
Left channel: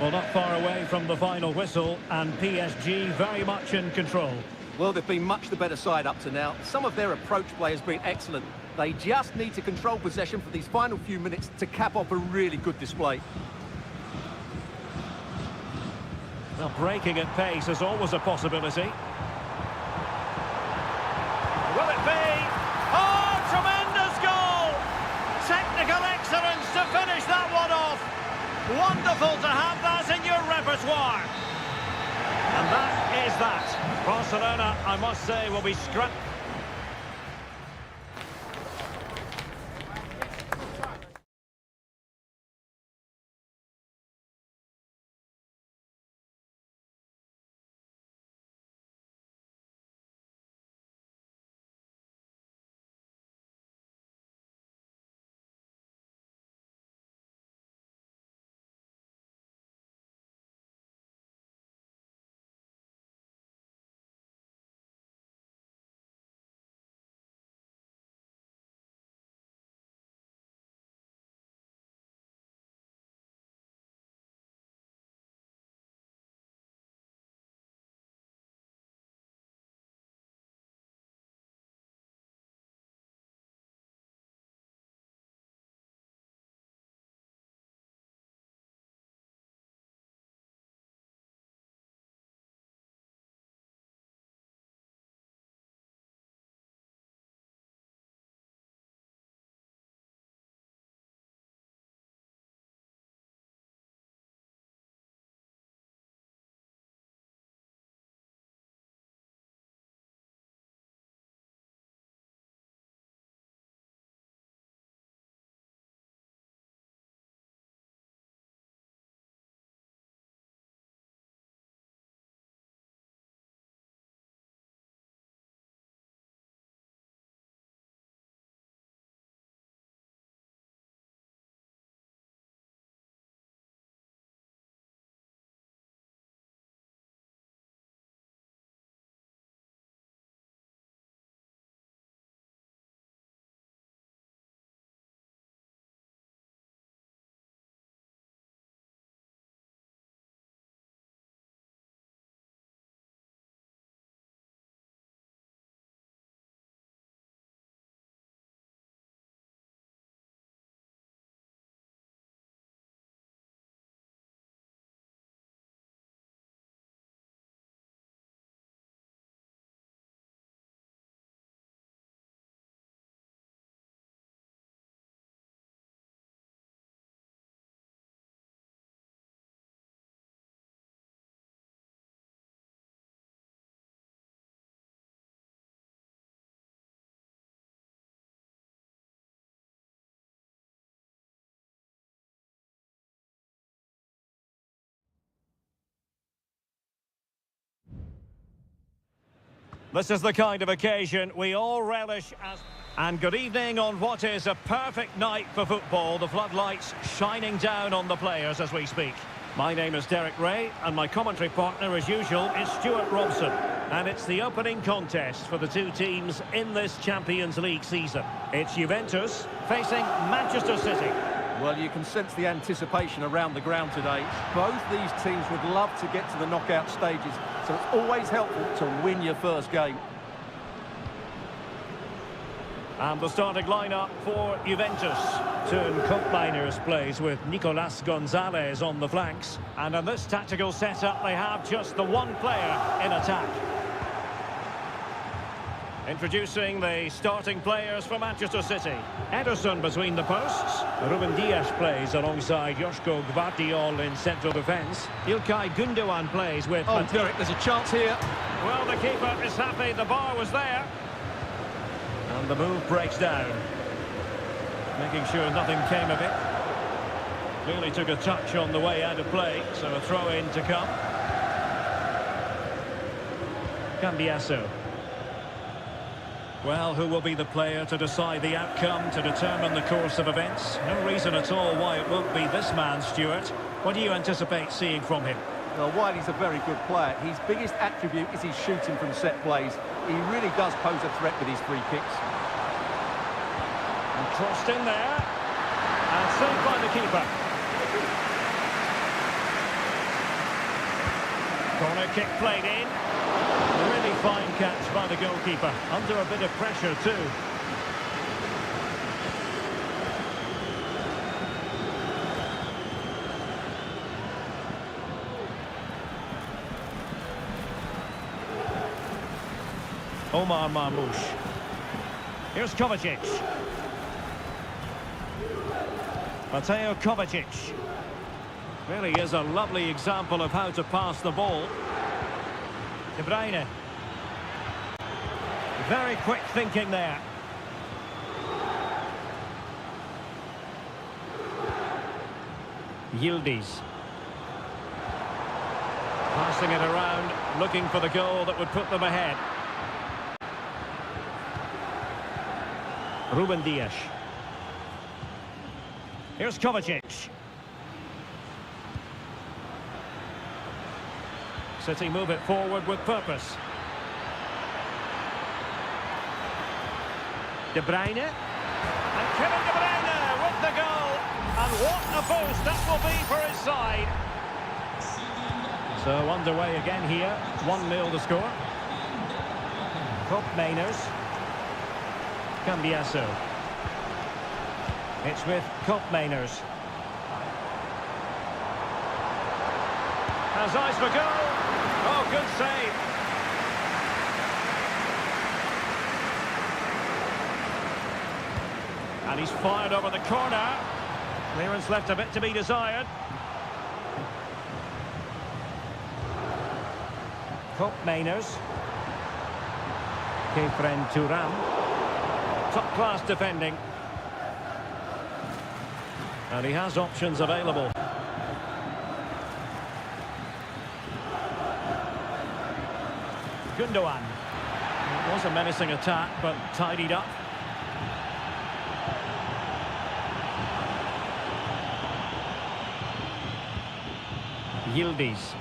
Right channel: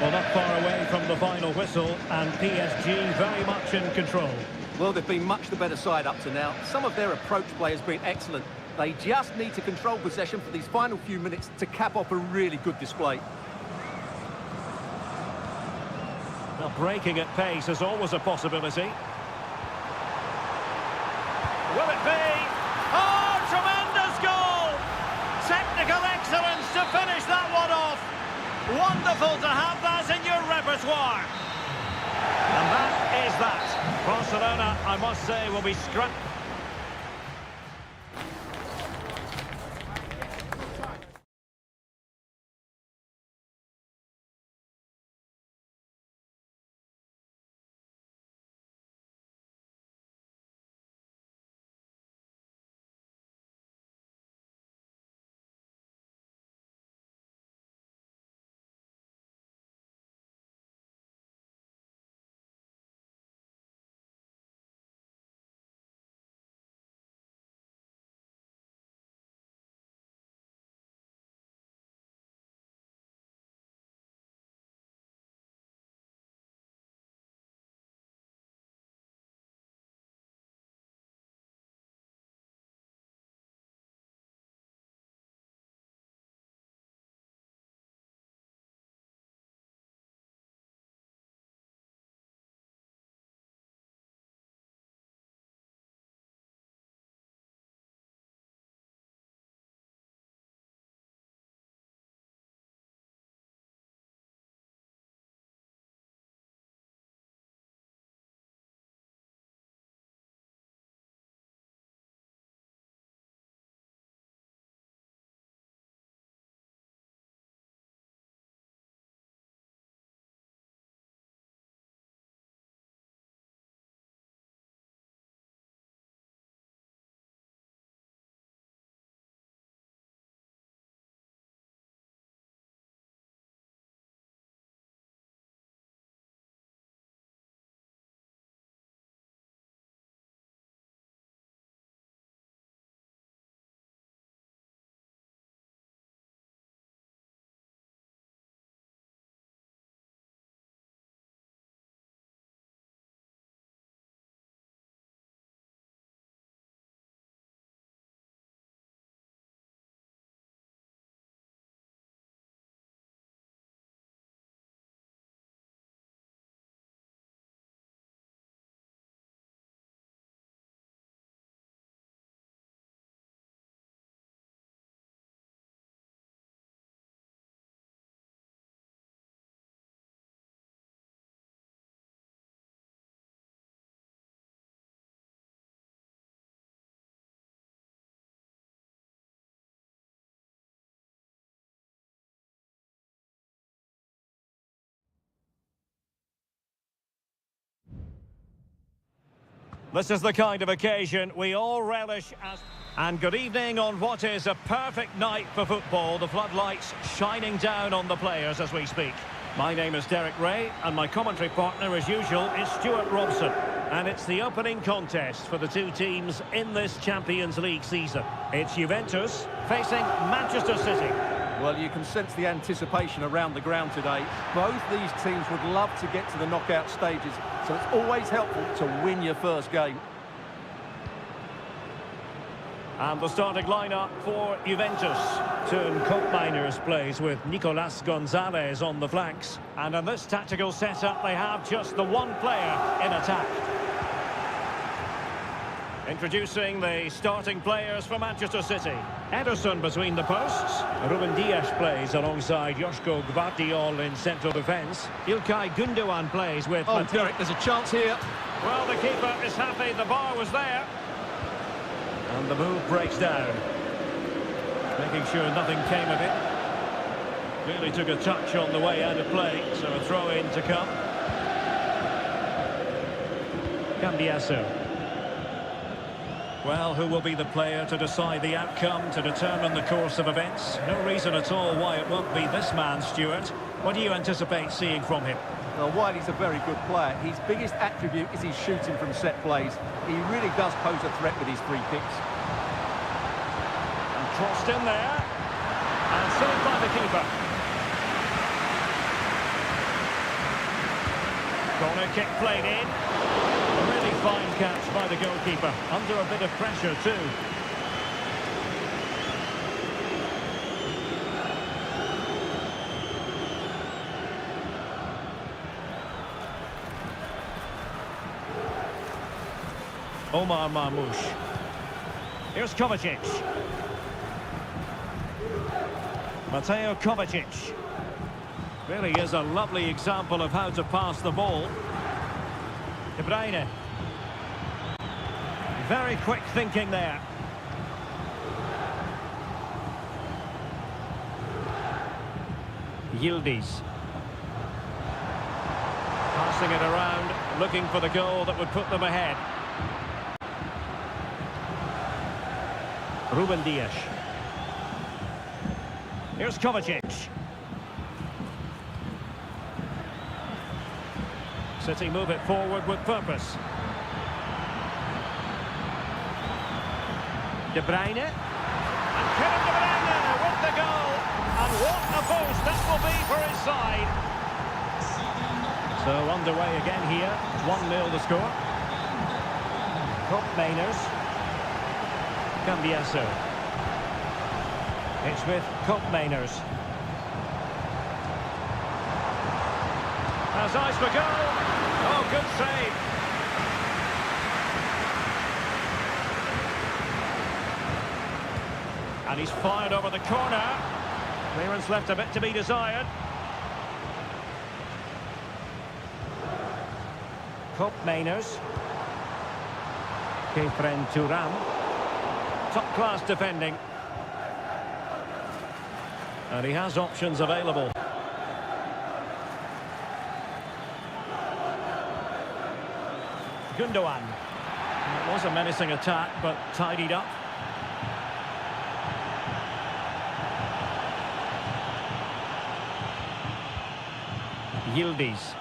Well, not far away from the final whistle, and PSG very much in control. Well, they've been much the better side up to now. Some of their approach play has been excellent. They just need to control possession for these final few minutes to cap off a really good display. Well, breaking at pace is always a possibility. Will it be? Oh, tremendous goal! Technical excellence to finish that one off. Wonderful to have that in your repertoire. And that is that. Barcelona, I must say, will be scrapped. This is the kind of occasion we all relish as... And good evening on what is a perfect night for football. The floodlights shining down on the players as we speak. My name is Derek Ray, and my commentary partner, as usual, is Stuart Robson. And it's the opening contest for the two teams in this Champions League season. It's Juventus facing Manchester City. Well, you can sense the anticipation around the ground today. Both these teams would love to get to the knockout stages, so it's always helpful to win your first game. And the starting lineup for Juventus. Turn Koopmeiners plays with Nicolas Gonzalez on the flanks. And in this tactical setup, they have just the one player in attack. Introducing the starting players for Manchester City. Ederson between the posts. Ruben Dias plays alongside Joško Gvardiol in central defence. İlkay Gündoğan plays with... Oh, Derek, there's a chance here. Well, the keeper is happy the bar was there. And the move breaks down. Making sure nothing came of it. Clearly took a touch on the way out of play, so a throw-in to come. Cambiasso. Well, who will be the player to decide the outcome, to determine the course of events? No reason at all why it won't be this man, Stuart. What do you anticipate seeing from him? Well, while he's a very good player, his biggest attribute is his shooting from set plays. He really does pose a threat with his free kicks. And crossed in there. And saved by the keeper. Corner kick played in. A really fine catch by the goalkeeper. Under a bit of pressure too. Omar Marmoush. Here's Kovacic. Mateo Kovacic. Really is a lovely example of how to pass the ball. De Bruyne. Very quick thinking there. Yildiz. Passing it around, looking for the goal that would put them ahead. Ruben Dias. Here's Kovacic. City move it forward with purpose. De Bruyne. And Kevin De Bruyne with the goal. And what a boost that will be for his side. So underway again here. 1-0 the score. Koopmeiners. Cambiasso. It's with Koopmeiners. Has eyes for goal. Oh, good save. And he's fired over the corner. Clearance left a bit to be desired. Koopmeiners. Kefren Turam. Top-class defending. And he has options available. Gündoğan. It was a menacing attack, but tidied up. Yildiz.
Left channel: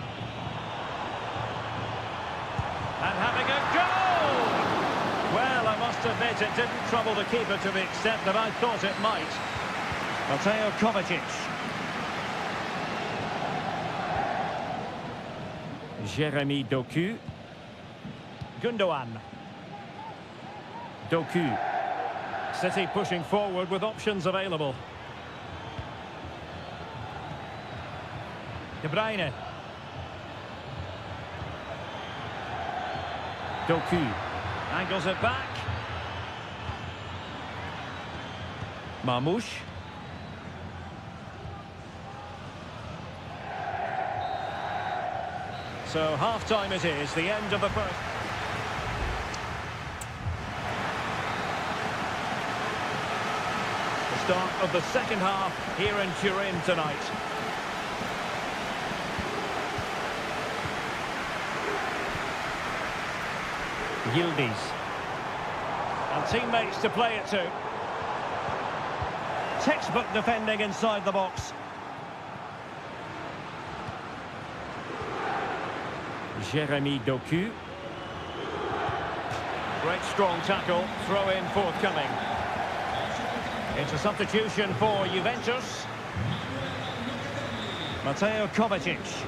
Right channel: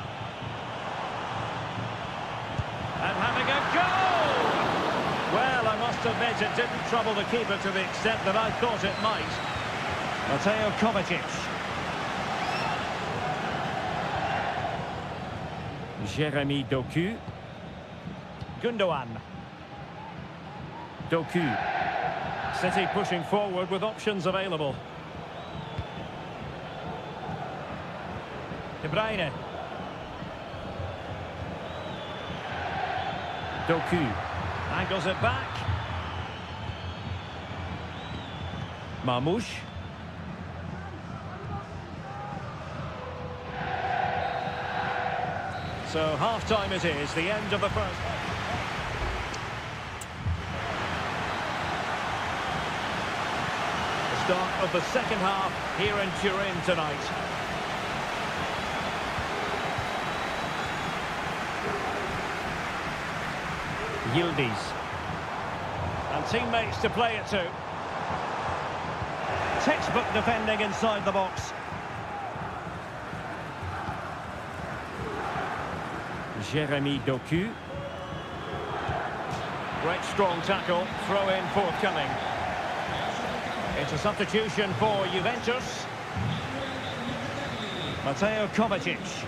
And having a goal! Well, I must admit it didn't trouble the keeper to the extent that I thought it might. Mateo Kovacic. Jeremy Doku. Gündoğan. Doku. City pushing forward with options available. De Bruyne. Doku. Angles it back. Marmoush. So half-time it is, the end of the first. The start of the second half here in Turin tonight. Yildiz. And teammates to play it to. Textbook defending inside the box. Jeremy Doku. Great strong tackle, throw in forthcoming. It's a substitution for Juventus. Mateo Kovacic.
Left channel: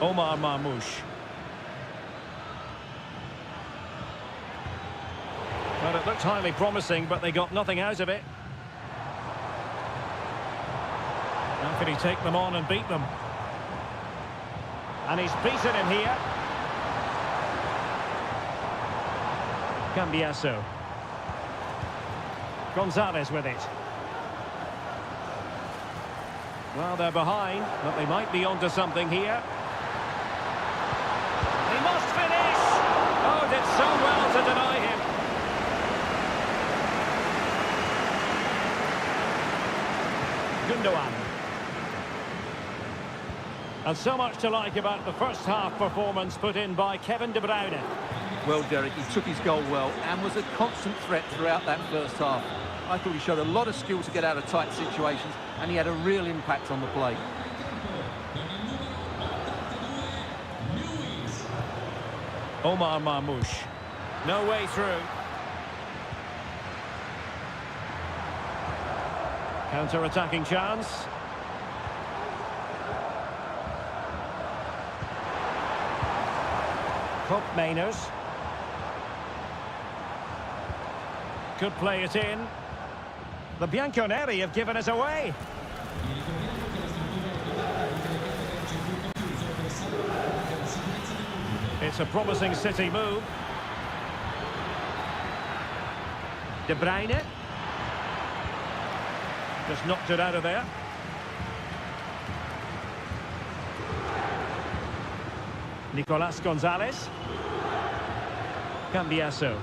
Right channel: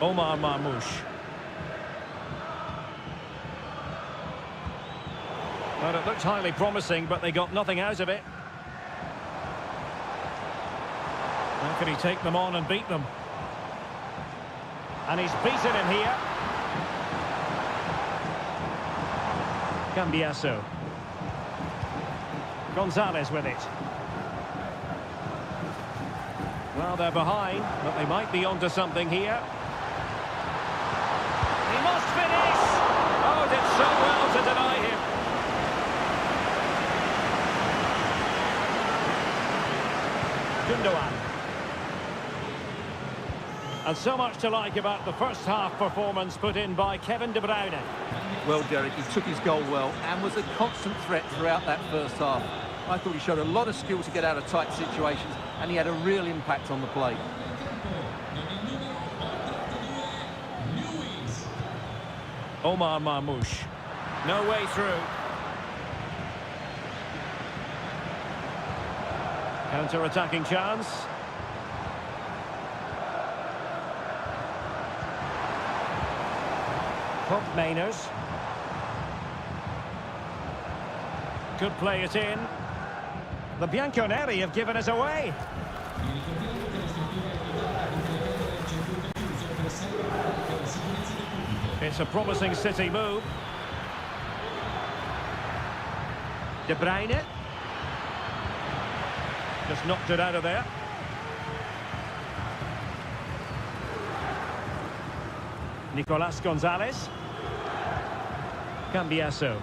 Omar Marmoush. Well, it looked highly promising, but they got nothing out of it. How can he take them on and beat them? And he's beaten him here. Cambiasso. Gonzalez with it. Well, they're behind, but they might be onto something here. He must finish! Oh, did so well to deny him. Gundogan. And so much to like about the first half performance put in by Kevin De Bruyne. Well, Derek, he took his goal well and was a constant threat throughout that first half. I thought he showed a lot of skill to get out of tight situations, and he had a real impact on the play. Omar Marmoush. No way through. Counter-attacking chance. Cup Mainers. Could play it in. The Bianconeri have given us away. It's a promising City move. De Bruyne. Just knocked it out of there. Nicolas Gonzalez. Cambiasso.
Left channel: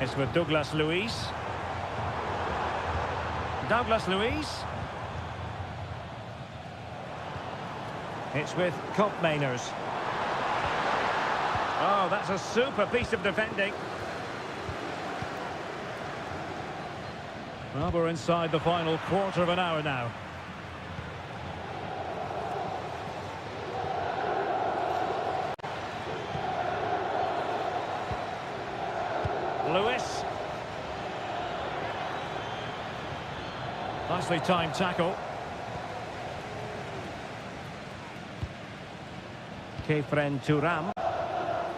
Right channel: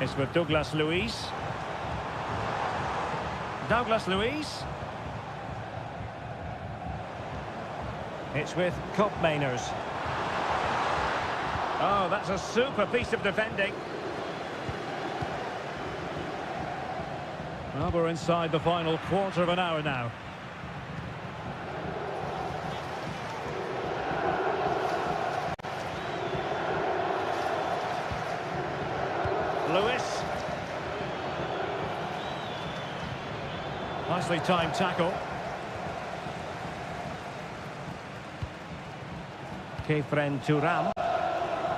It's with Douglas Luiz. Douglas Luiz. It's with Cup Mainers. Oh, that's a super piece of defending. Well, we're inside the final quarter of an hour now. Lewis. Nicely timed tackle. Kefren Turam.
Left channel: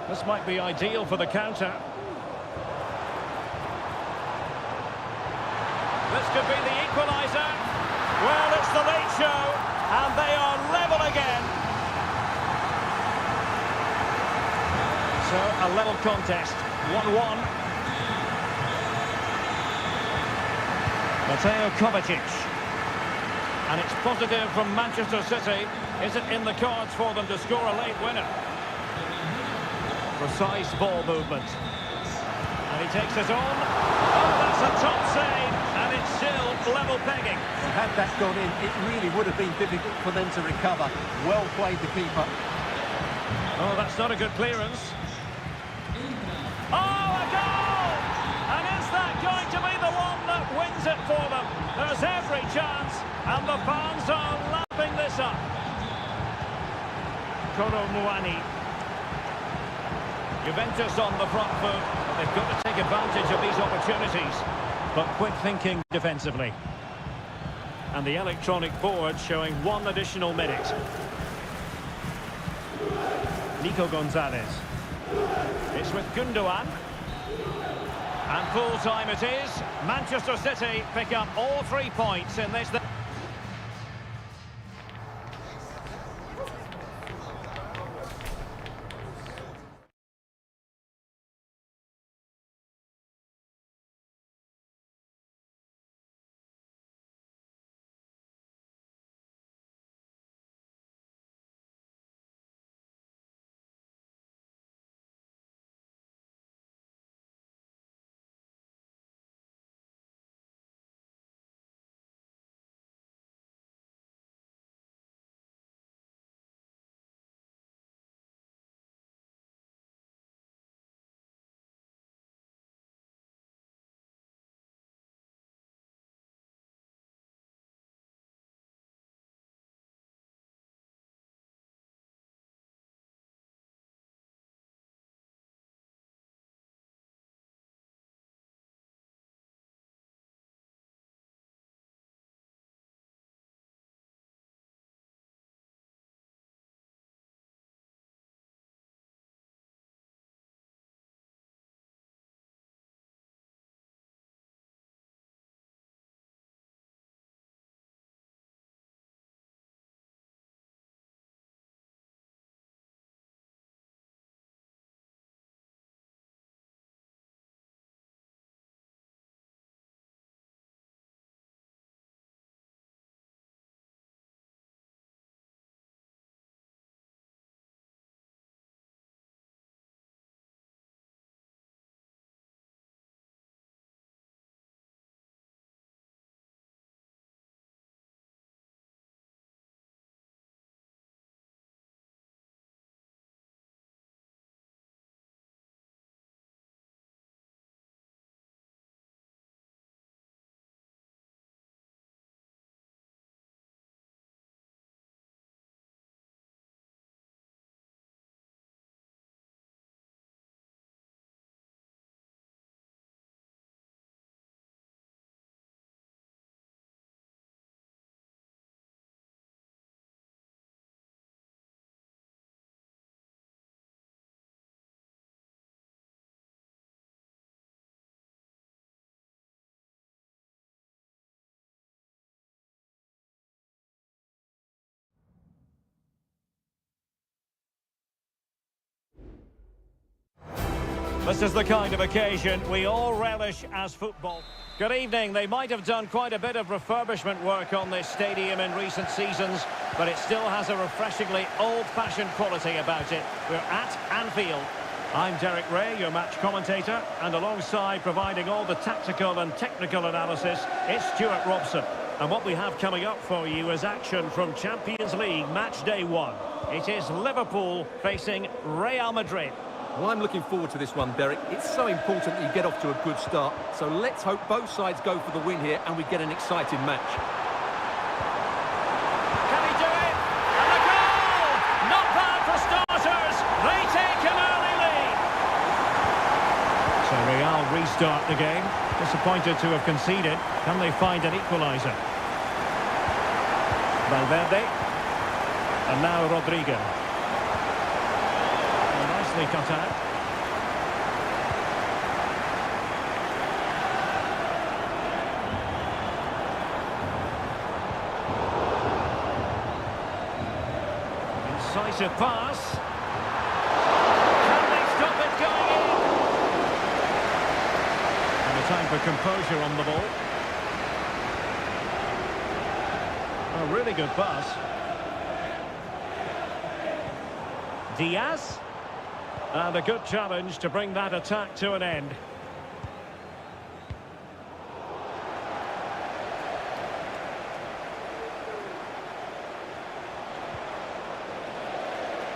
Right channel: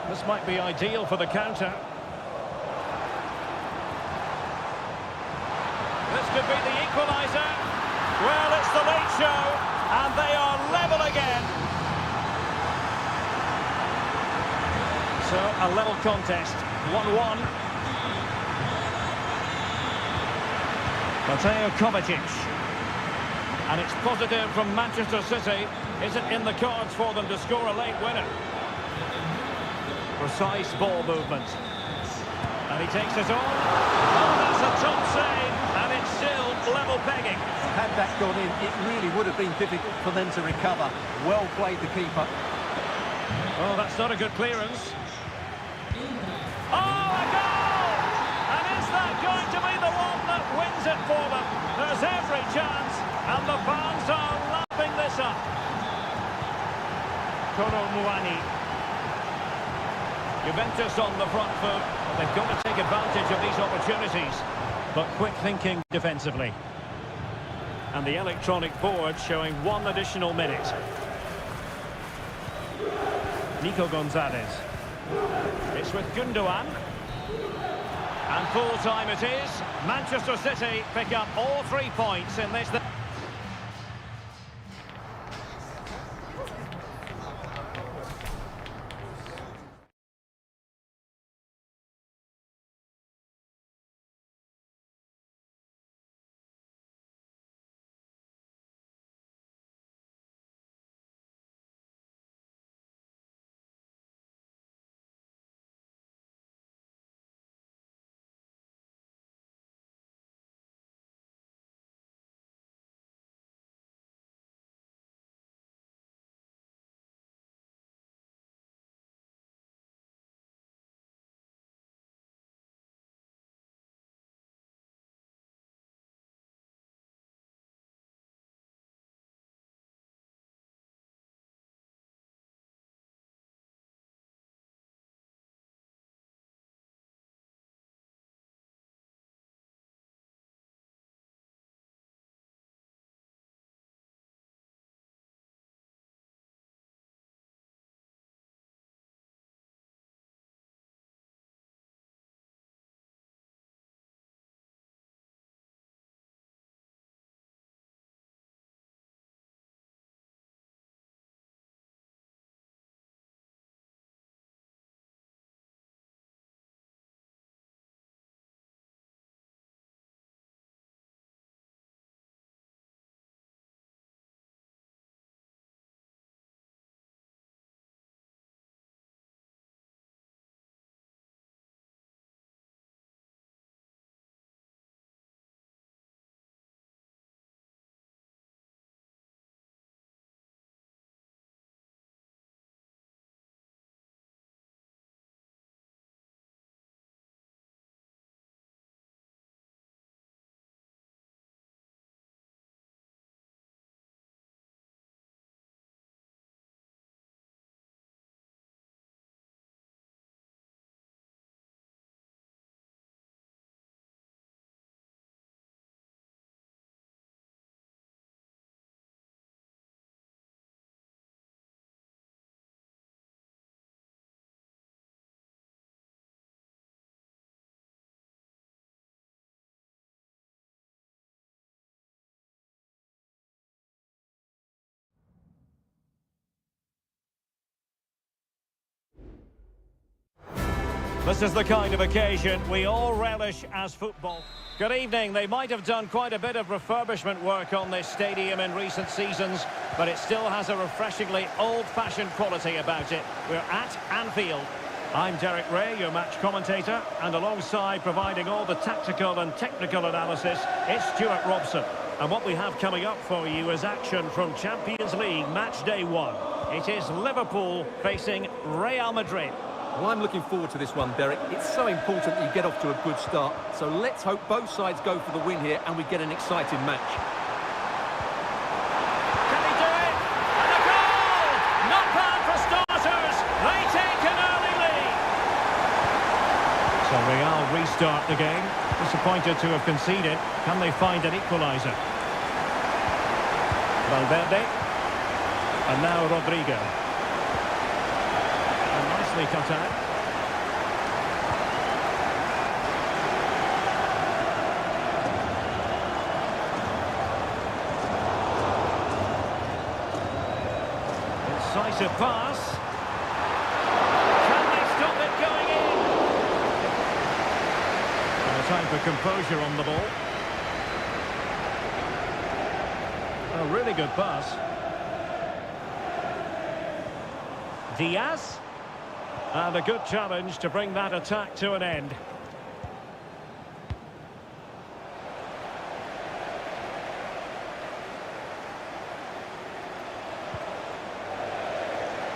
This might be ideal for the counter. This could be the equaliser. Well, it's the late show, and they are level again. So, a level contest, 1-1. Mateo Kovacic. And it's positive from Manchester City. Is it in the cards for them to score a late winner? Precise ball movement. And he takes it on. Oh, that's a top save. And it's still level pegging. Well, had that gone in, it really would have been difficult for them to recover. Well played, the keeper. Oh, that's not a good clearance. Oh, a goal! And is that going to be the one that wins it for them? There's every chance, and the fans are lapping this up. Kolo Muani. Juventus on the front foot, but they've got to take advantage of these opportunities. But quick thinking defensively. And the electronic board showing one additional minute. Nico Gonzalez. It's with Gundogan. And full time it is. Manchester City pick up all 3 points in this. This is the kind of occasion we all relish as football. Good evening. They might have done quite a bit of refurbishment work on this stadium in recent seasons, but it still has a refreshingly old-fashioned quality about it. We're at Anfield. I'm Derek Ray, your match commentator, and alongside providing all the tactical and technical analysis, it's Stuart Robson. And what we have coming up for you is action from Champions League match day 1. It is Liverpool facing Real Madrid. Well, I'm looking forward to this one, Derek. It's so important that you get off to a good start. So let's hope both sides go for the win here and we get an exciting match. Can he do it? And a goal! Not bad for starters. They take an early lead. So Real restart the game. Disappointed to have conceded. Can they find an equaliser? Valverde. And now Rodrigo. Nicely cut out. Incisive pass. Can they stop it going in? And a time for composure on the ball. A really good pass. Diaz. And a good challenge to bring that attack to an end.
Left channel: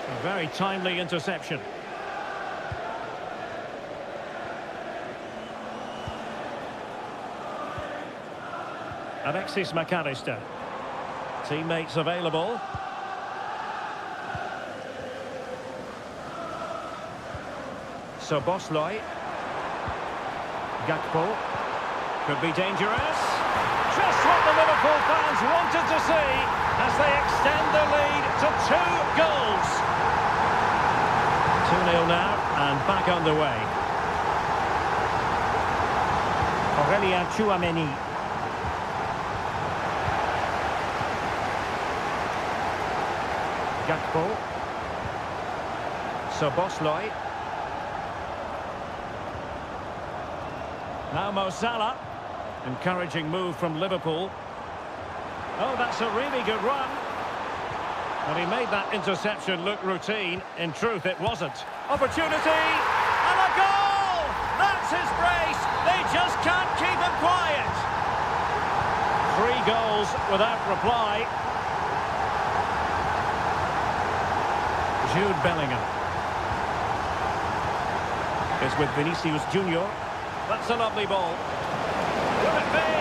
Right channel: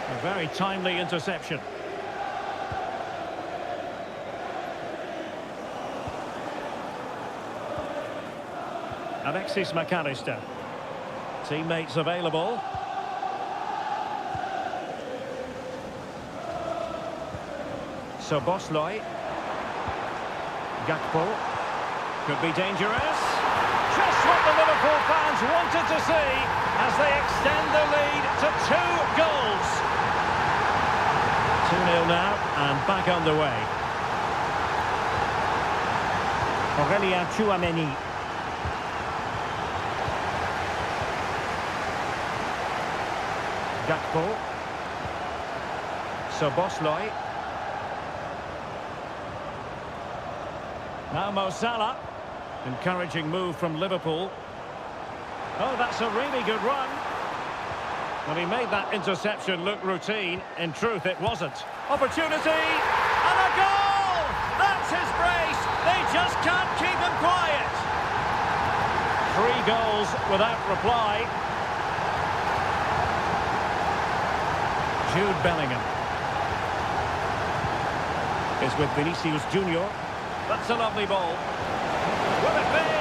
A very timely interception. Alexis McAllister. Teammates available. So Bosley. Gakpo. Could be dangerous. Just what the Liverpool fans wanted to see as they extend the lead to 2 goals. 2-0 now and back underway. Aurélien Tchouameni. Gakpo. So Bosley. Now Mo Salah. Encouraging move from Liverpool. Oh, that's a really good run. Well, he made that interception look routine. In truth, it wasn't. Opportunity! And a goal! That's his brace! They just can't keep him quiet. 3 goals without reply. Jude Bellingham is with Vinicius Junior. That's a lovely ball. Will it be?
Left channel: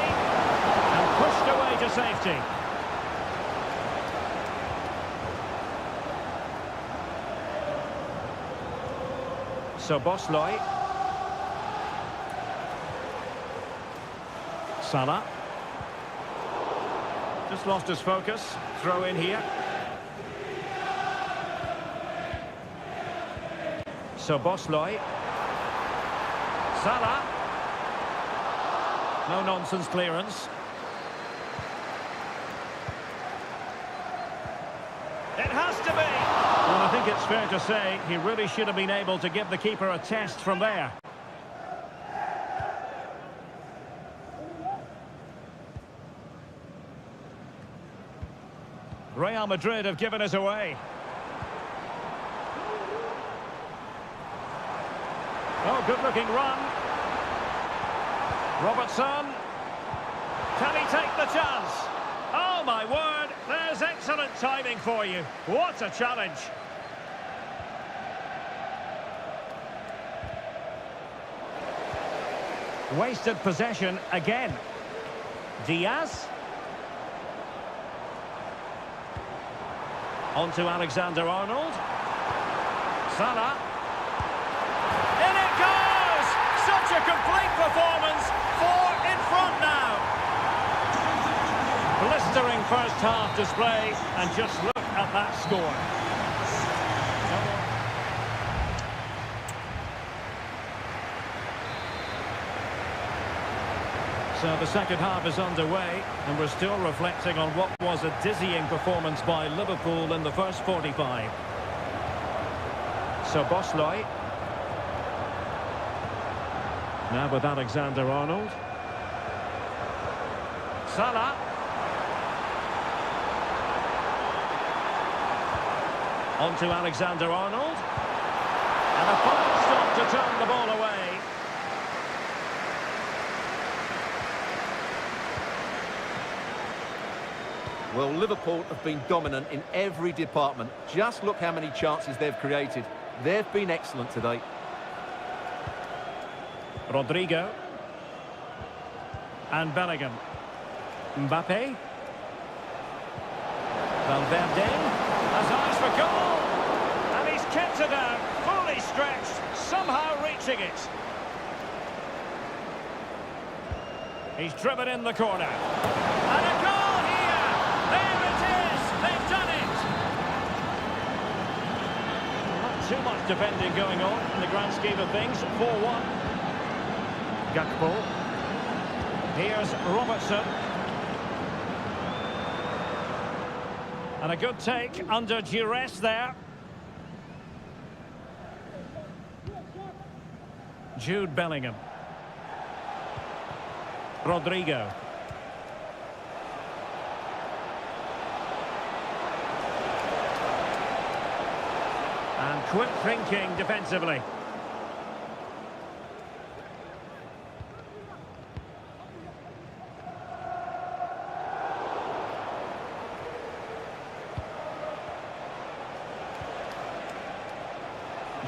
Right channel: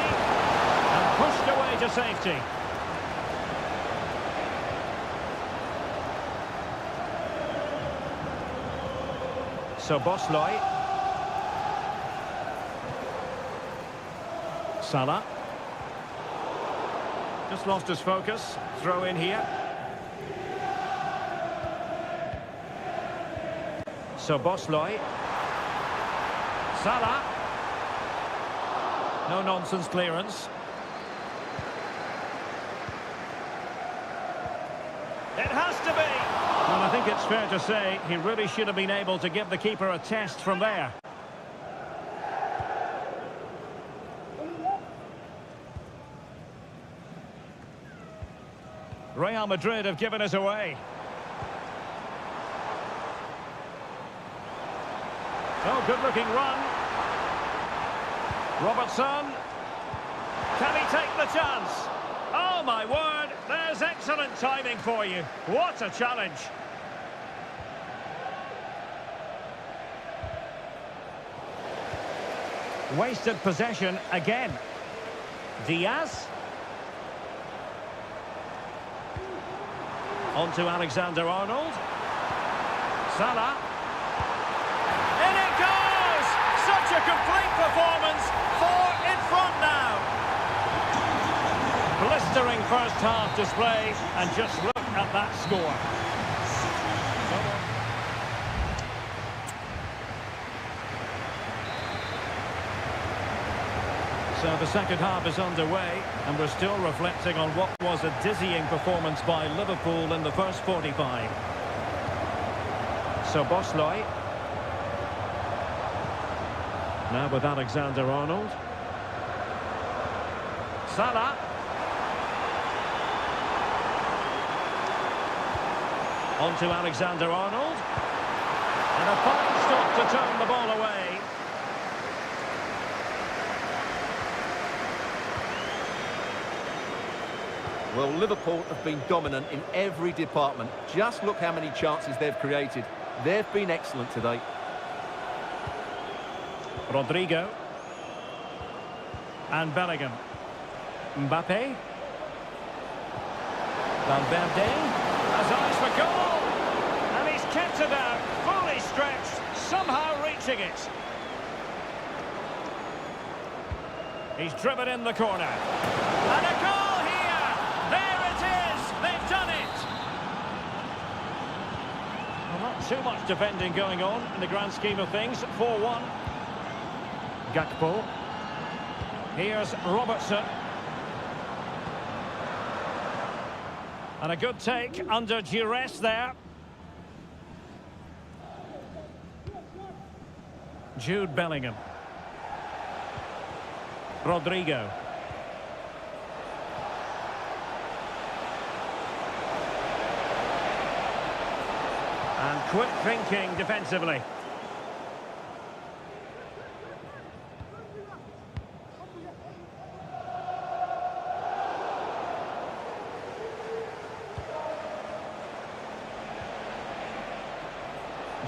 And pushed away to safety. So Bosley. Salah. Just lost his focus. Throw in here. So Bosley. Salah. No nonsense clearance. It has to be. Well, I think it's fair to say he really should have been able to give the keeper a test from there. Real Madrid have given us away. Oh, good-looking run. Robertson. Can he take the chance? Oh, my word. There's excellent timing for you. What a challenge. Wasted possession again. Diaz. On to Alexander-Arnold. Salah. In it goes! Such a complete performance. 4 in front now. Blistering first half display, and just look at that score. So the second half is underway, and we're still reflecting on what was a dizzying performance by Liverpool in the first 45. So Bosley. Now with Alexander-Arnold. Salah. On to Alexander-Arnold. And a fine stop to turn the ball away. Well, Liverpool have been dominant in every department. Just look how many chances they've created. They've been excellent today. Rodrigo. And Bellingham. Mbappe. Valverde has eyes for goal. And he's kept it out, fully stretched, somehow reaching it. He's driven in the corner. And a goal here! There it is! They've done it! Well, not too much defending going on in the grand scheme of things. 4-1. Gakpo. Here's Robertson. And a good take under duress there. Jude Bellingham. Rodrigo. And quick thinking defensively.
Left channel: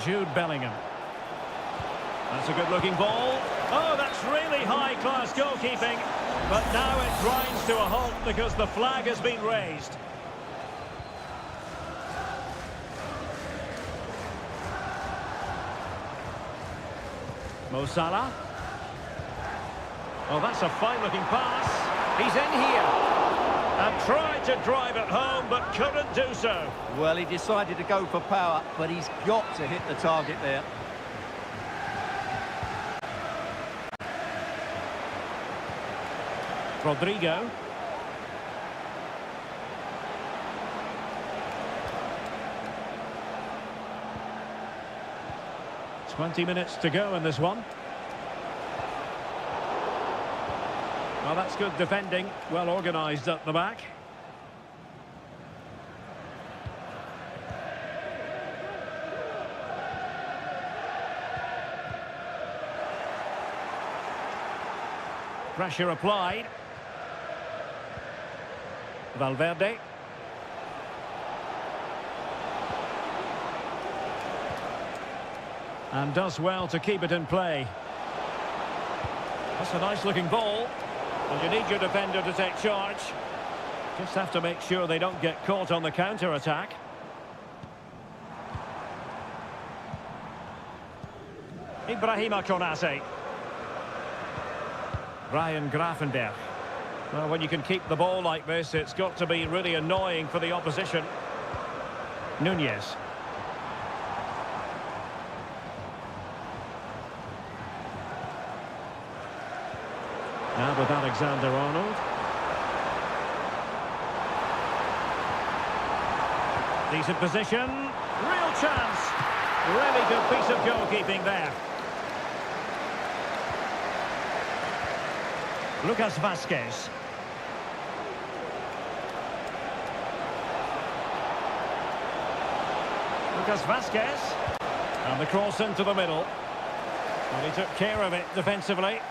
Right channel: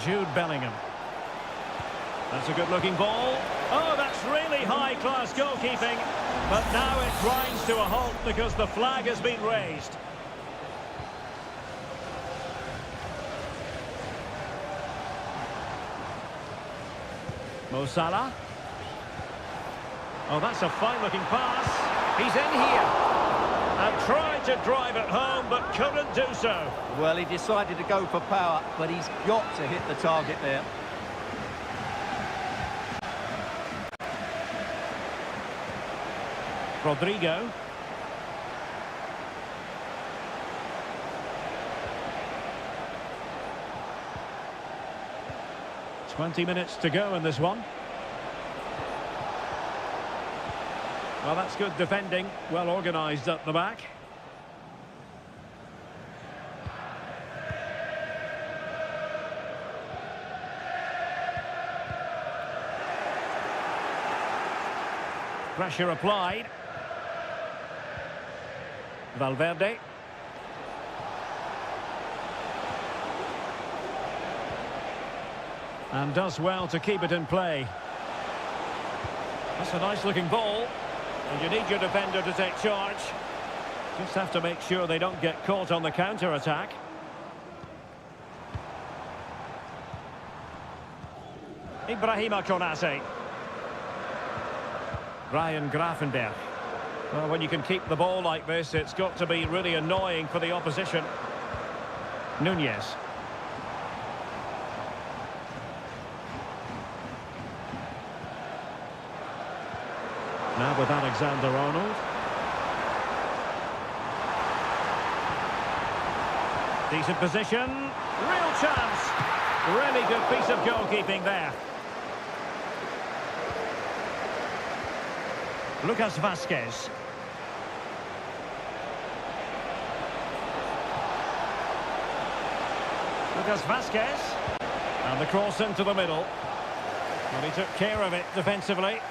Jude Bellingham. That's a good-looking ball. Oh, that's really high-class goalkeeping. But now it grinds to a halt because the flag has been raised. Mo Salah. Oh, that's a fine-looking pass. He's in here. And tried to drive it home, but couldn't do so. Well, he decided to go for power, but he's got to hit the target there. Rodrigo. "20 minutes to go in this one. Well, that's good defending. Well organised at the back. Pressure applied. Valverde. And does well to keep it in play. That's a nice-looking ball. And you need your defender to take charge. Just have to make sure they don't get caught on the counter-attack. Ibrahima Konate. Ryan Gravenberch. Well, when you can keep the ball like this, it's got to be really annoying for the opposition. Nunez. Now with Alexander-Arnold. Decent position. Real chance. Really good piece of goalkeeping there. Lucas Vazquez. Lucas Vazquez. And the cross into the middle. Well, he took care of it defensively.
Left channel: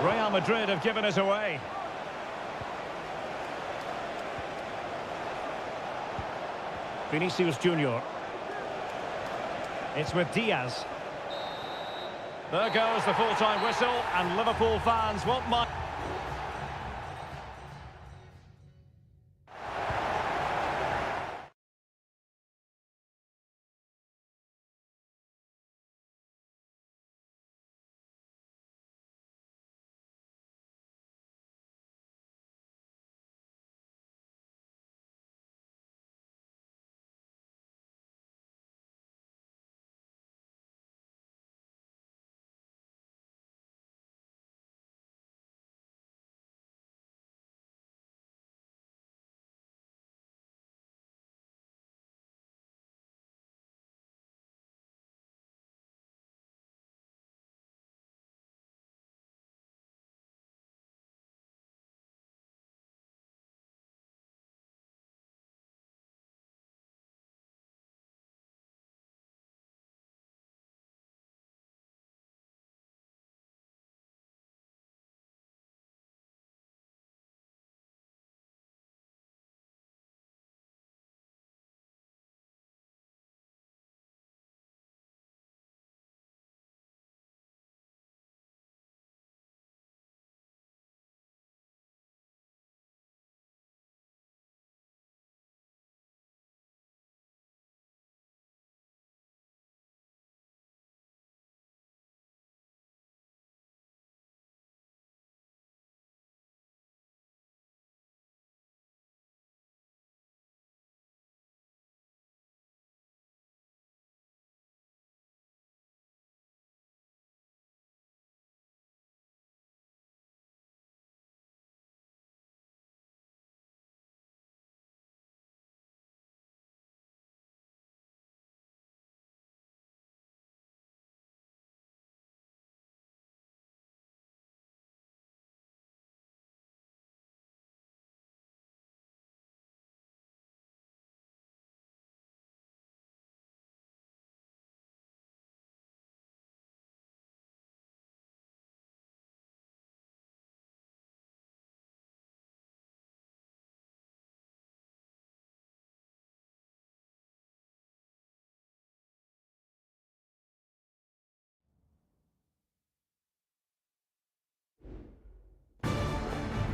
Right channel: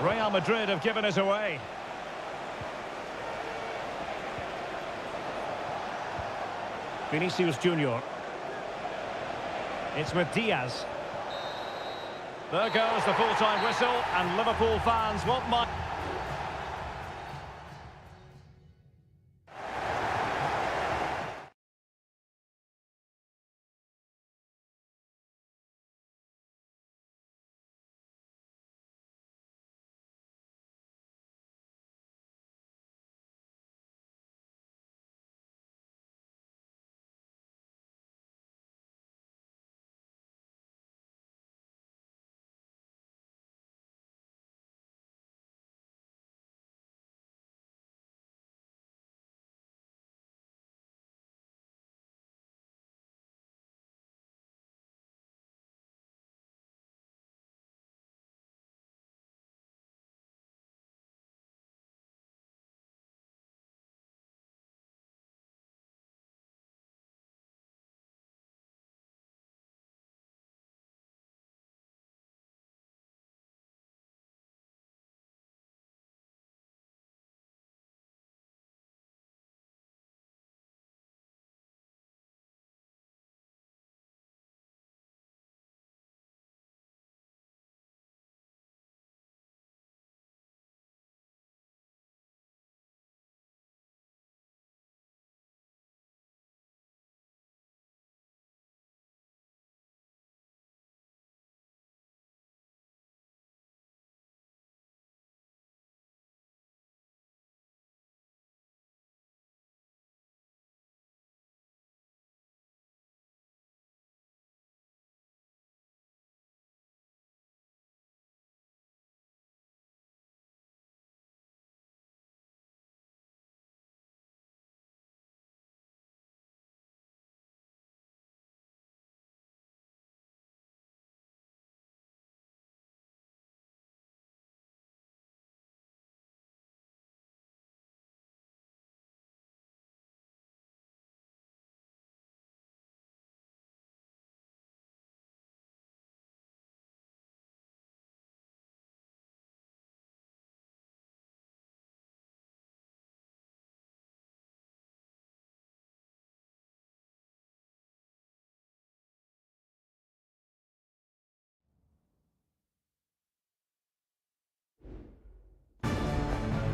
Real Madrid have given us away. Vinicius Junior. It's with Diaz. There goes the full-time whistle, and Liverpool fans won't mind.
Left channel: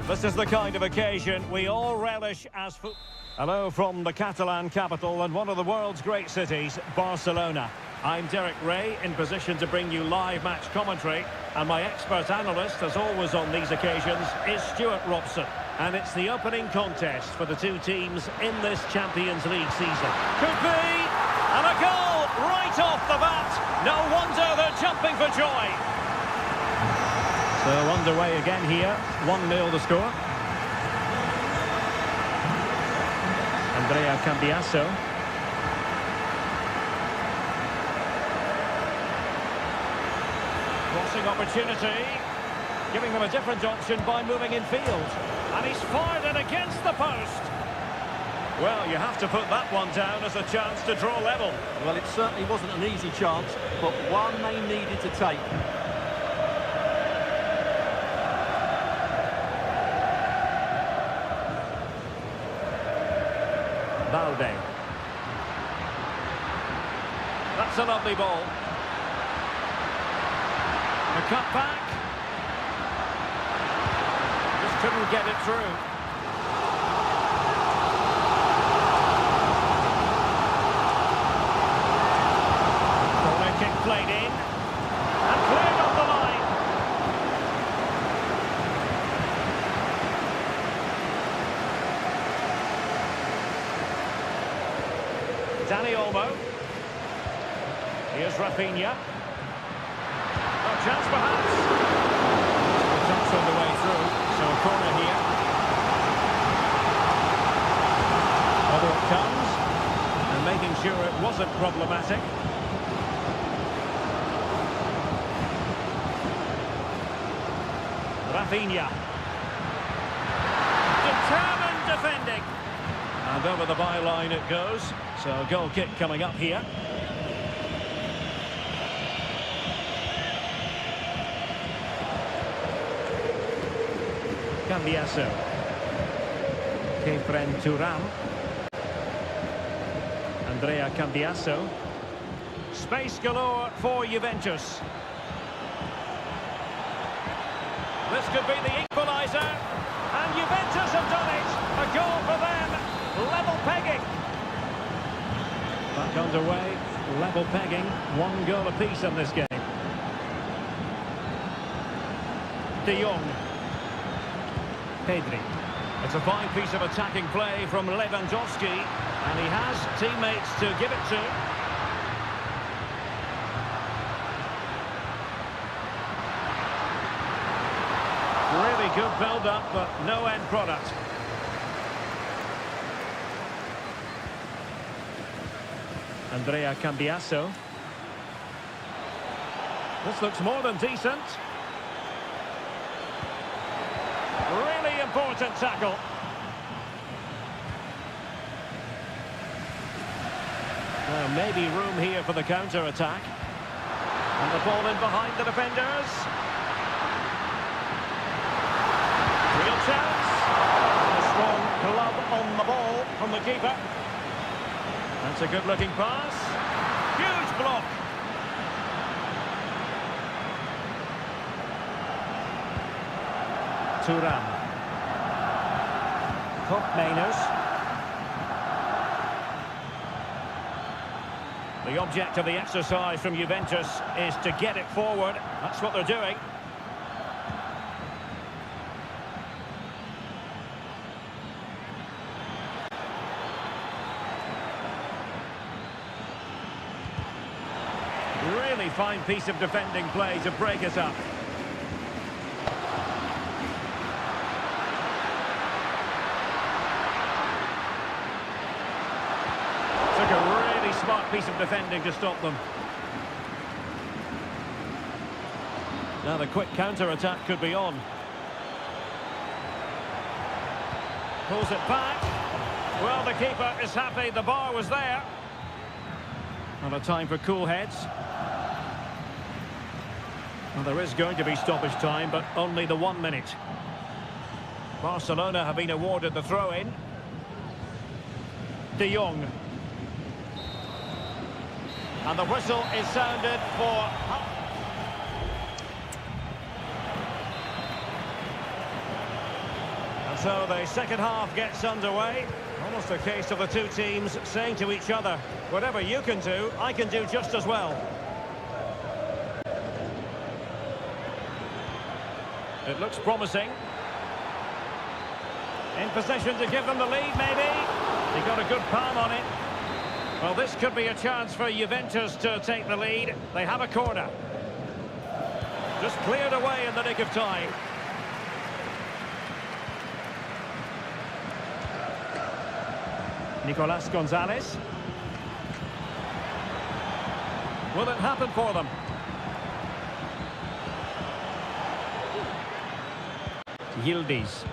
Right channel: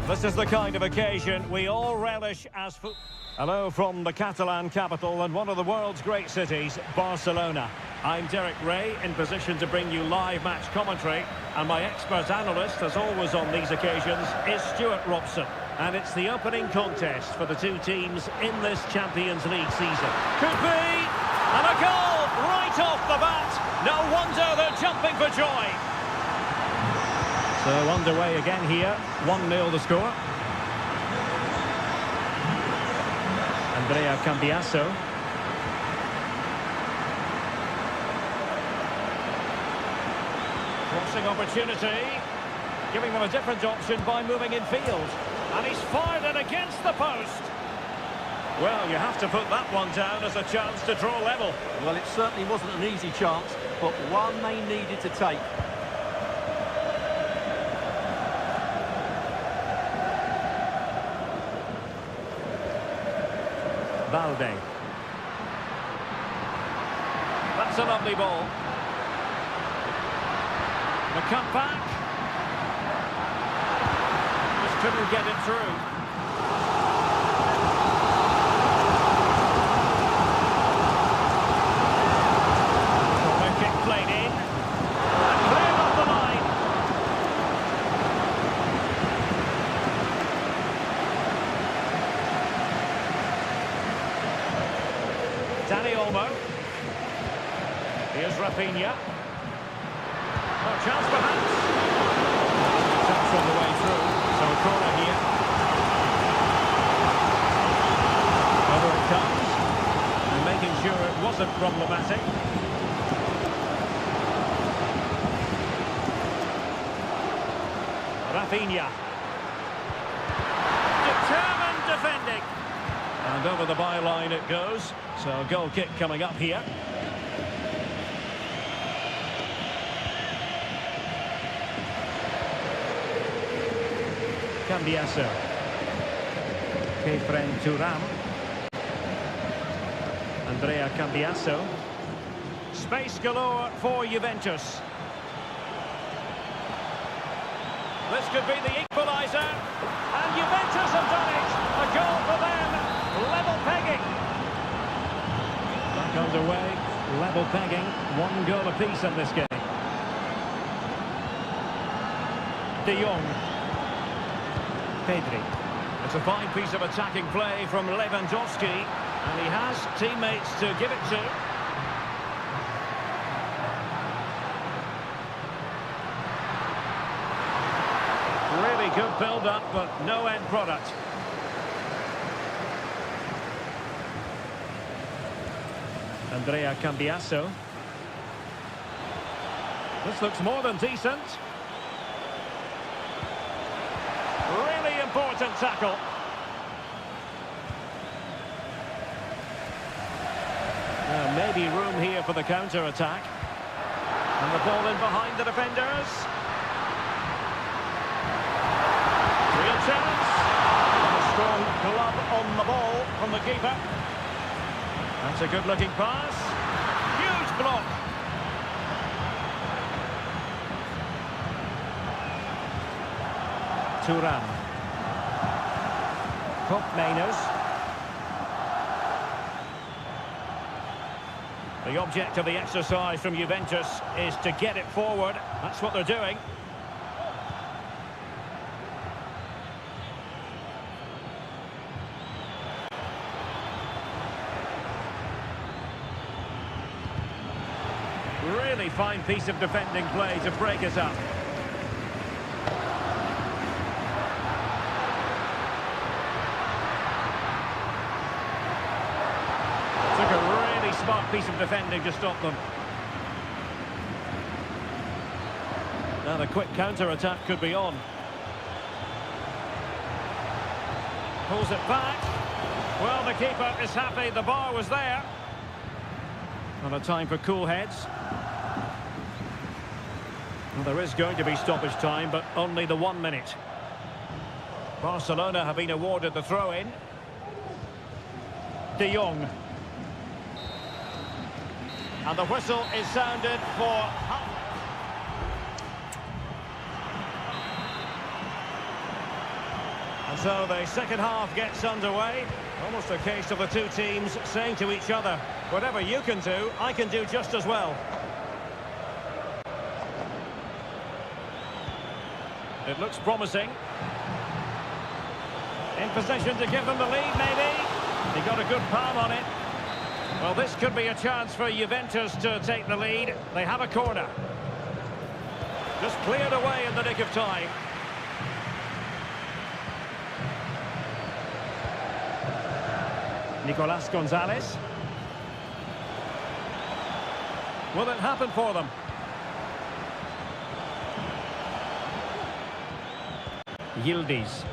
This is the kind of occasion we all relish as football. Hello from the Catalan capital and one of the world's great cities, Barcelona. I'm Derek Ray, in position to bring you live match commentary, and my expert analyst, as always on these occasions, is Stuart Robson. And it's the opening contest for the two teams in this Champions League season. Could be! And a goal right off the bat! No wonder they're jumping for joy! So underway again here, 1-0 the score. Andrea Cambiasso. Crossing opportunity, giving them a different option by moving in field. And he's fired it against the post. Well, you have to put that one down as a chance to draw level. Well, it certainly wasn't an easy chance, but one they needed to take. Balde. That's a lovely ball. The cut back. Just couldn't get it through. Corner kick played in. And cleared off the line. Dani Olmo. Here's Rafinha. Oh, chance perhaps. A touch on the way through, so a corner here. Over it comes, and making sure it wasn't problematic. Rafinha. Determined defending. And over the byline it goes, so a goal kick coming up here. Cambiasso. Kefren Turam. Andrea Cambiasso. Space galore for Juventus. This could be the equaliser. And Juventus have done it. A goal for them. Level pegging. Back underway. Level pegging. 1 goal apiece in this game. De Jong. Pedri. It's a fine piece of attacking play from Lewandowski, and he has teammates to give it to. Really good build-up, but no end product. Andrea Cambiasso. This looks more than decent. Really important tackle. Now maybe room here for the counter-attack. And the ball in behind the defenders. Real chance. And a strong glove on the ball from the keeper. That's a good-looking pass. Huge block. Turam. Koopmeiners. The object of the exercise from Juventus is to get it forward. That's what they're doing. Really fine piece of defending play to break us up. Took a really smart piece of defending to stop them. Now the quick counter-attack could be on. Pulls it back. Well, the keeper is happy the bar was there. Not a time for cool heads. Well, there is going to be stoppage time, but only the 1 minute. Barcelona have been awarded the throw-in. De Jong. And the whistle is sounded for... And so the second half gets underway. Almost a case of the two teams saying to each other, whatever you can do, I can do just as well. It looks promising. In position to give them the lead, maybe. He got a good palm on it. Well, this could be a chance for Juventus to take the lead. They have a corner. Just cleared away in the nick of time. Nicolas Gonzalez. Will it happen for them? Yildiz.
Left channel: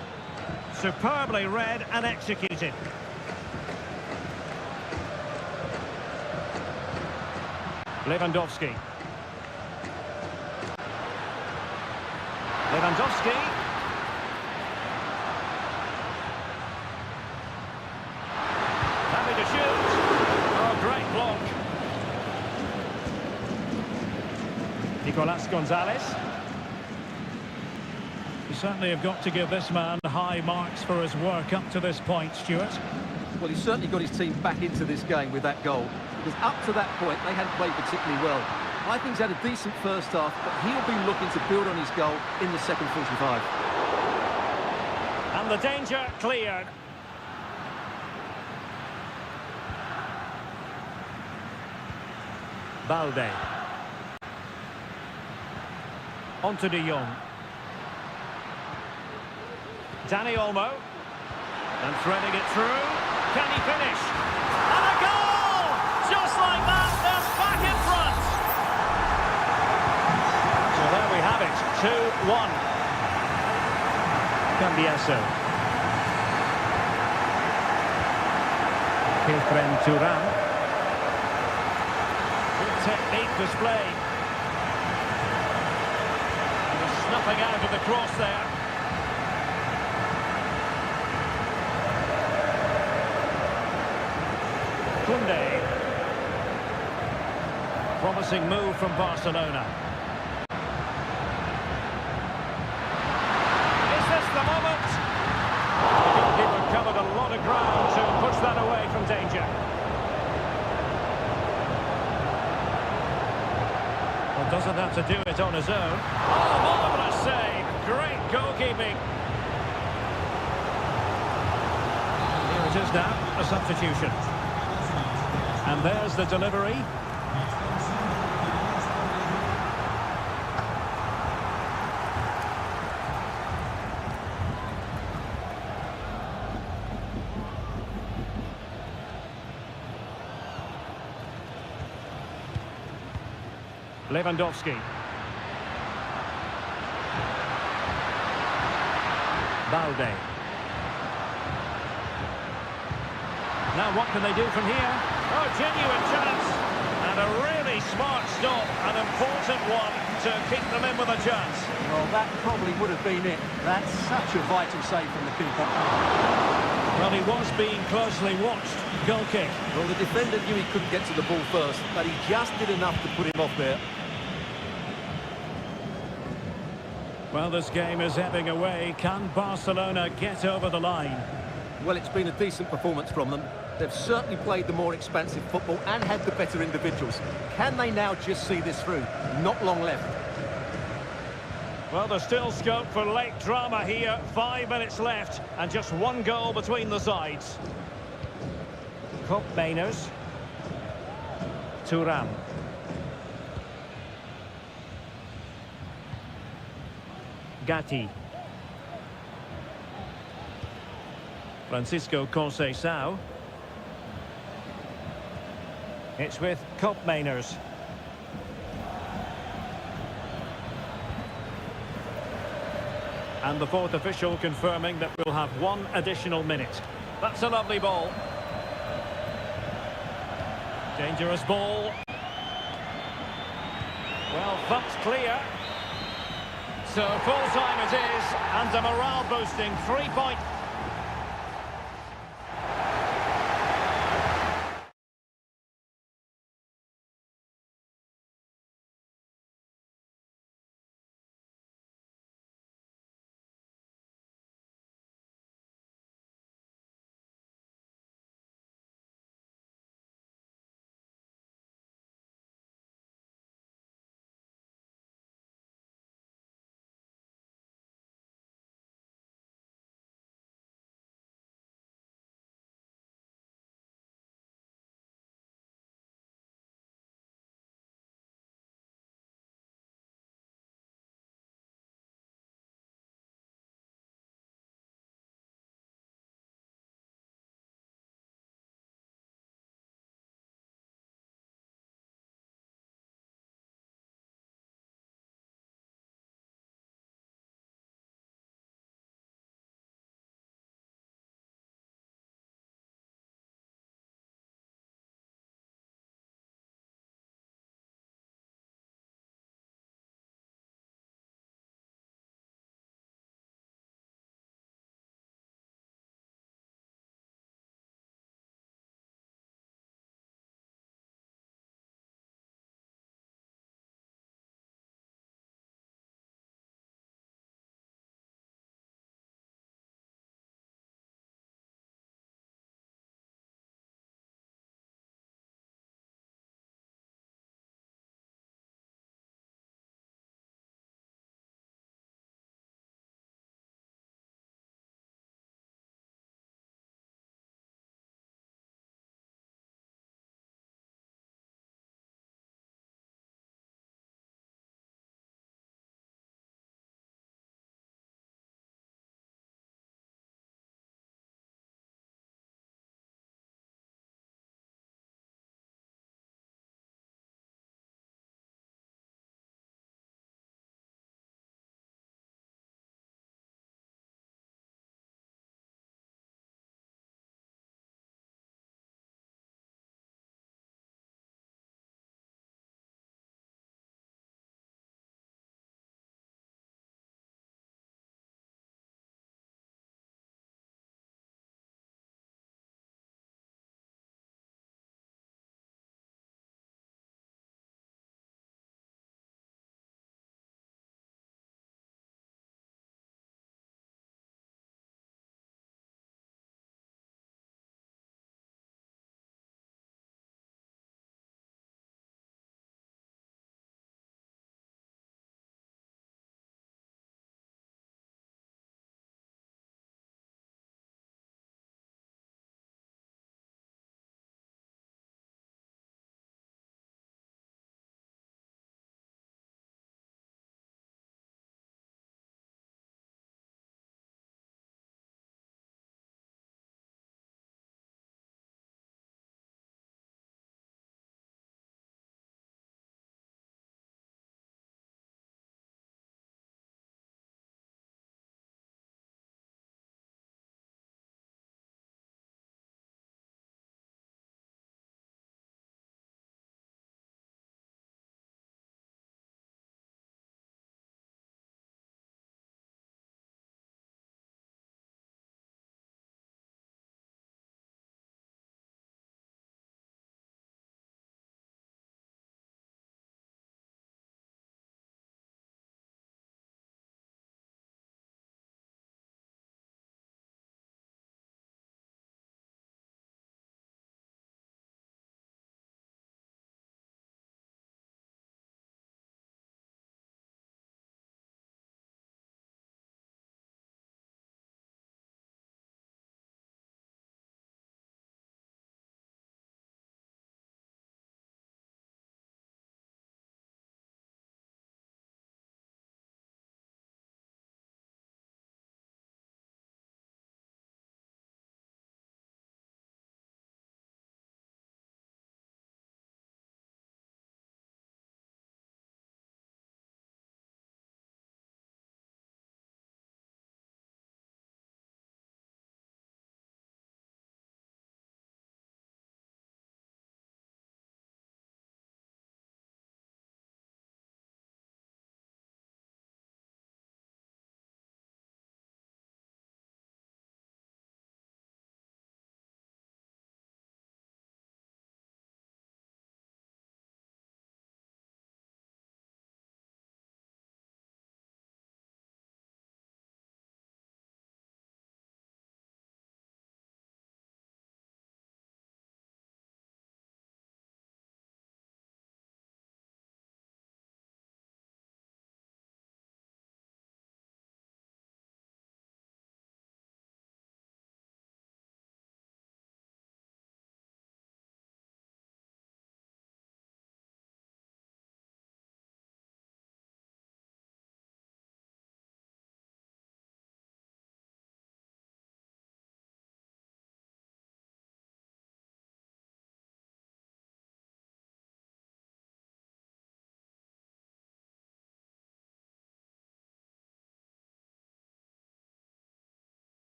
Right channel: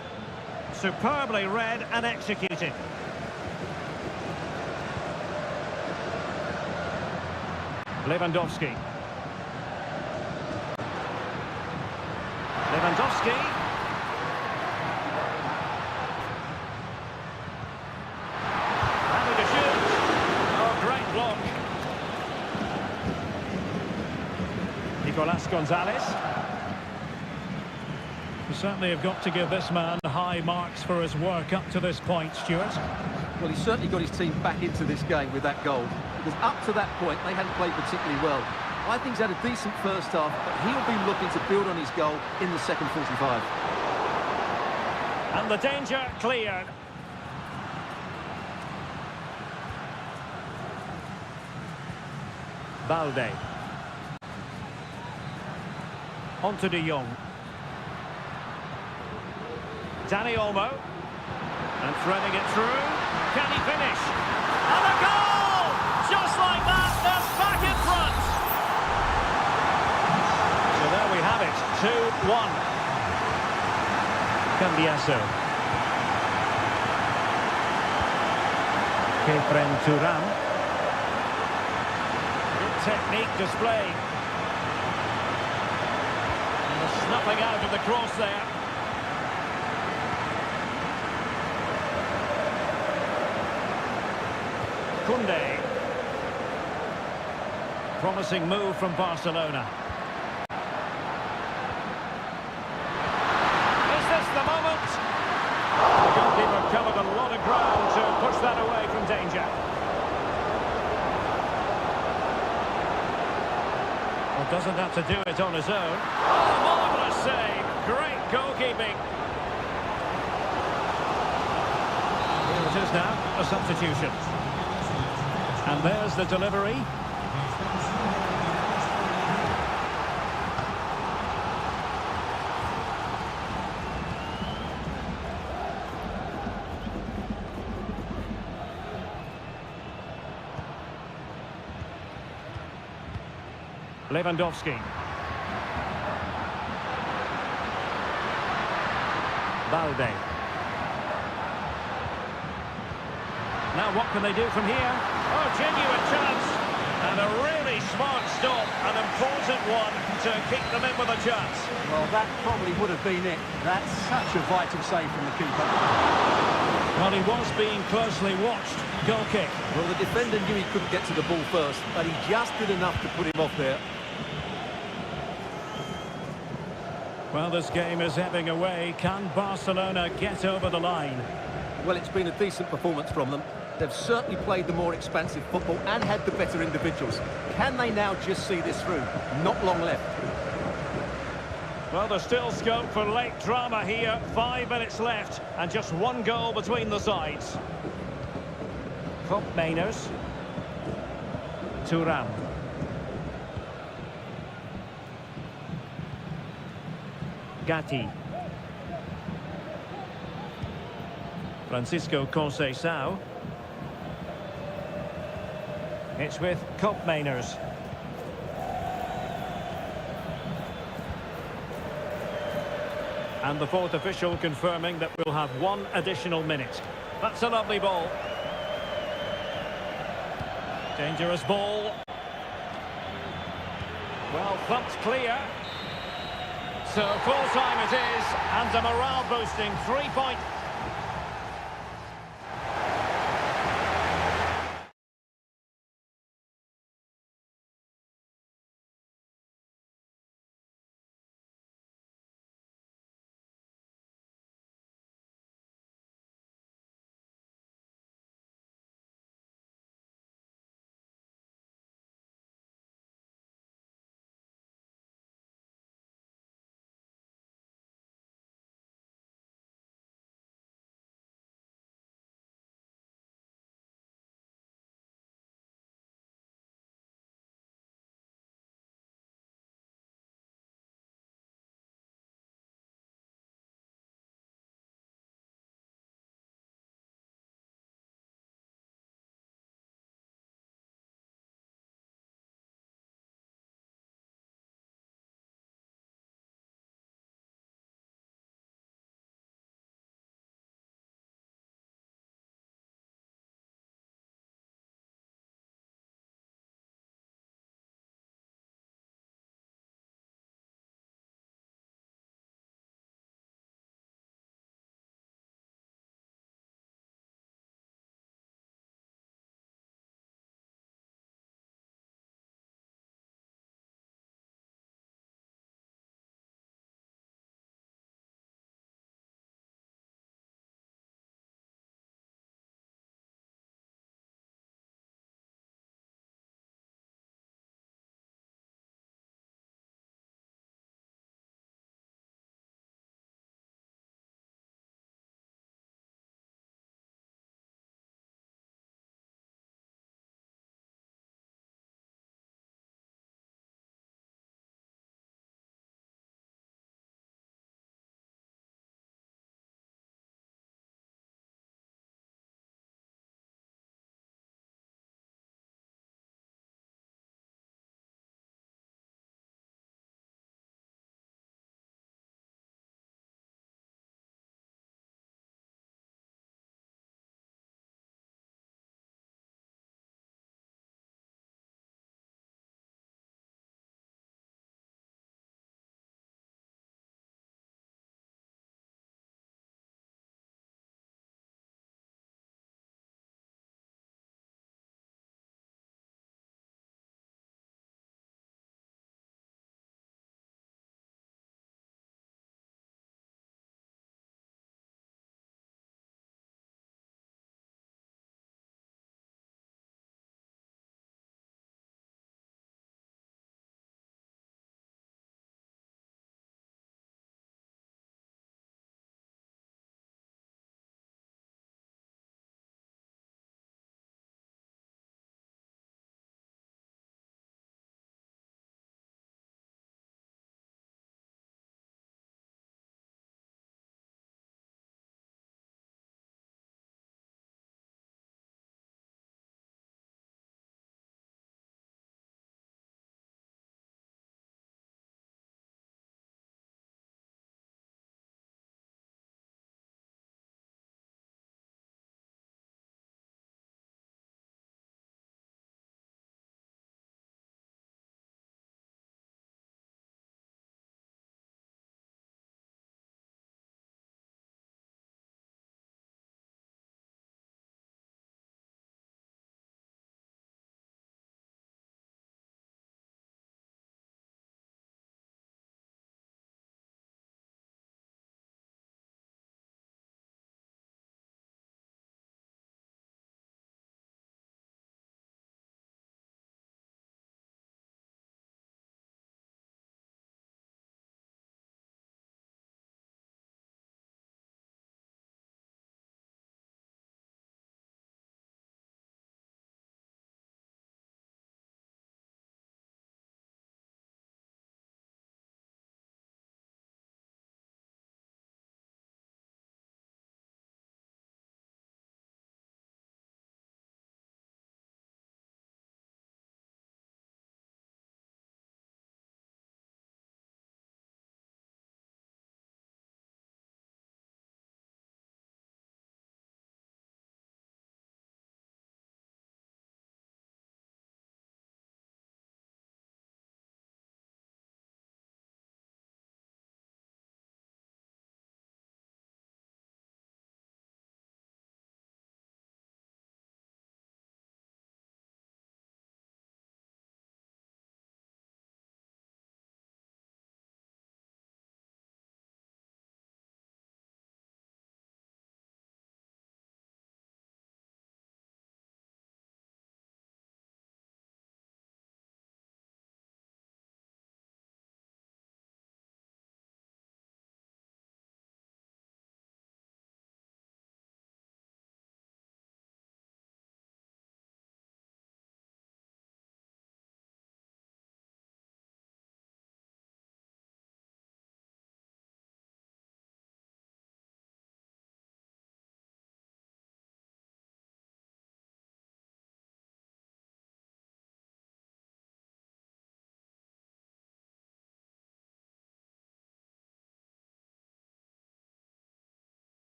Superbly read and executed. Lewandowski. Lewandowski. Happy to shoot. Oh, great block. Nicolas Gonzalez. We certainly have got to give this man high marks for his work up to this point, Stuart. Well, he certainly got his team back into this game with that goal. Because up to that point, they hadn't played particularly well. I think he's had a decent first half, but he'll be looking to build on his goal in the second 45. And the danger cleared. Balde. On to De Jong. Danny Olmo. And threading it through. Can he finish? And a goal! Just like that, they're back in front. So there we have it, 2-1. Cambiaso. Kefren Turam. Good technique displayed. And the snuffing out of the cross there. Koundé. Promising move from Barcelona. Is this the moment? The goalkeeper covered a lot of ground to push that away from danger. Well, doesn't have to do it on his own. Oh, marvellous save. Great goalkeeping. Here it is now, a substitution. And there's the delivery. Lewandowski. Balde. Now what can they do from here? Oh, genuine chance. And a really smart stop, an important one to keep them in with a chance. Well, that probably would have been it. That's such a vital save from the keeper. Well, he was being closely watched. Goal kick. Well, the defender knew he couldn't get to the ball first, but he just did enough to put him off there. Well, this game is ebbing away. Can Barcelona get over the line? Well, it's been a decent performance from them. They've certainly played the more expansive football and had the better individuals. Can they now just see this through? Not long left. Well, there's still scope for late drama here. 5 minutes left and just one goal between the sides. Mainers. Turam. Gatti. Francisco Conceição. It's with Mainers. And the fourth official confirming that we'll have one additional minute. That's a lovely ball. Dangerous ball. Well, thumped clear. So full time it is, and a morale boosting 3-point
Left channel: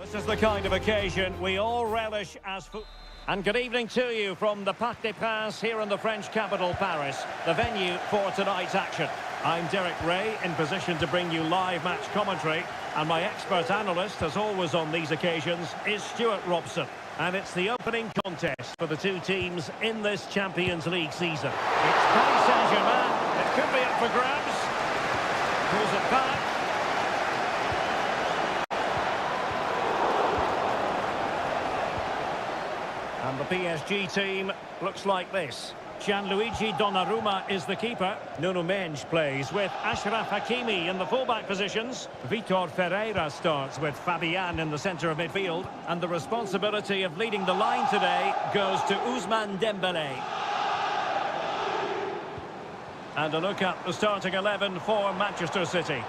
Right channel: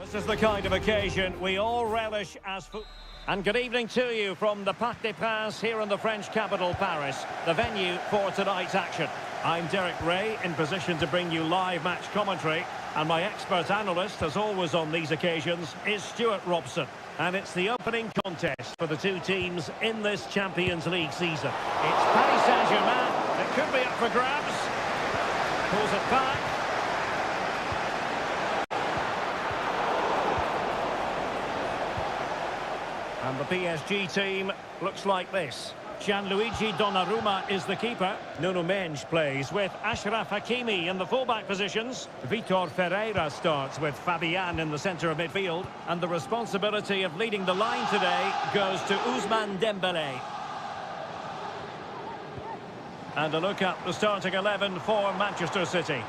This is the kind of occasion we all relish as football. And good evening to you from the Parc des Princes here in the French capital, Paris, the venue for tonight's action. I'm Derek Ray, in position to bring you live match commentary, and my expert analyst, as always on these occasions, is Stuart Robson. And it's the opening contest for the two teams in this Champions League season. It's Paris Saint-Germain. It could be up for grabs. Pulls it back. And the PSG team looks like this. Gianluigi Donnarumma is the keeper. Nuno Mendes plays with Achraf Hakimi in the fullback positions. Vitor Ferreira starts with Fabian in the centre of midfield. And the responsibility of leading the line today goes to Ousmane Dembélé. And a look at the starting 11 for Manchester City.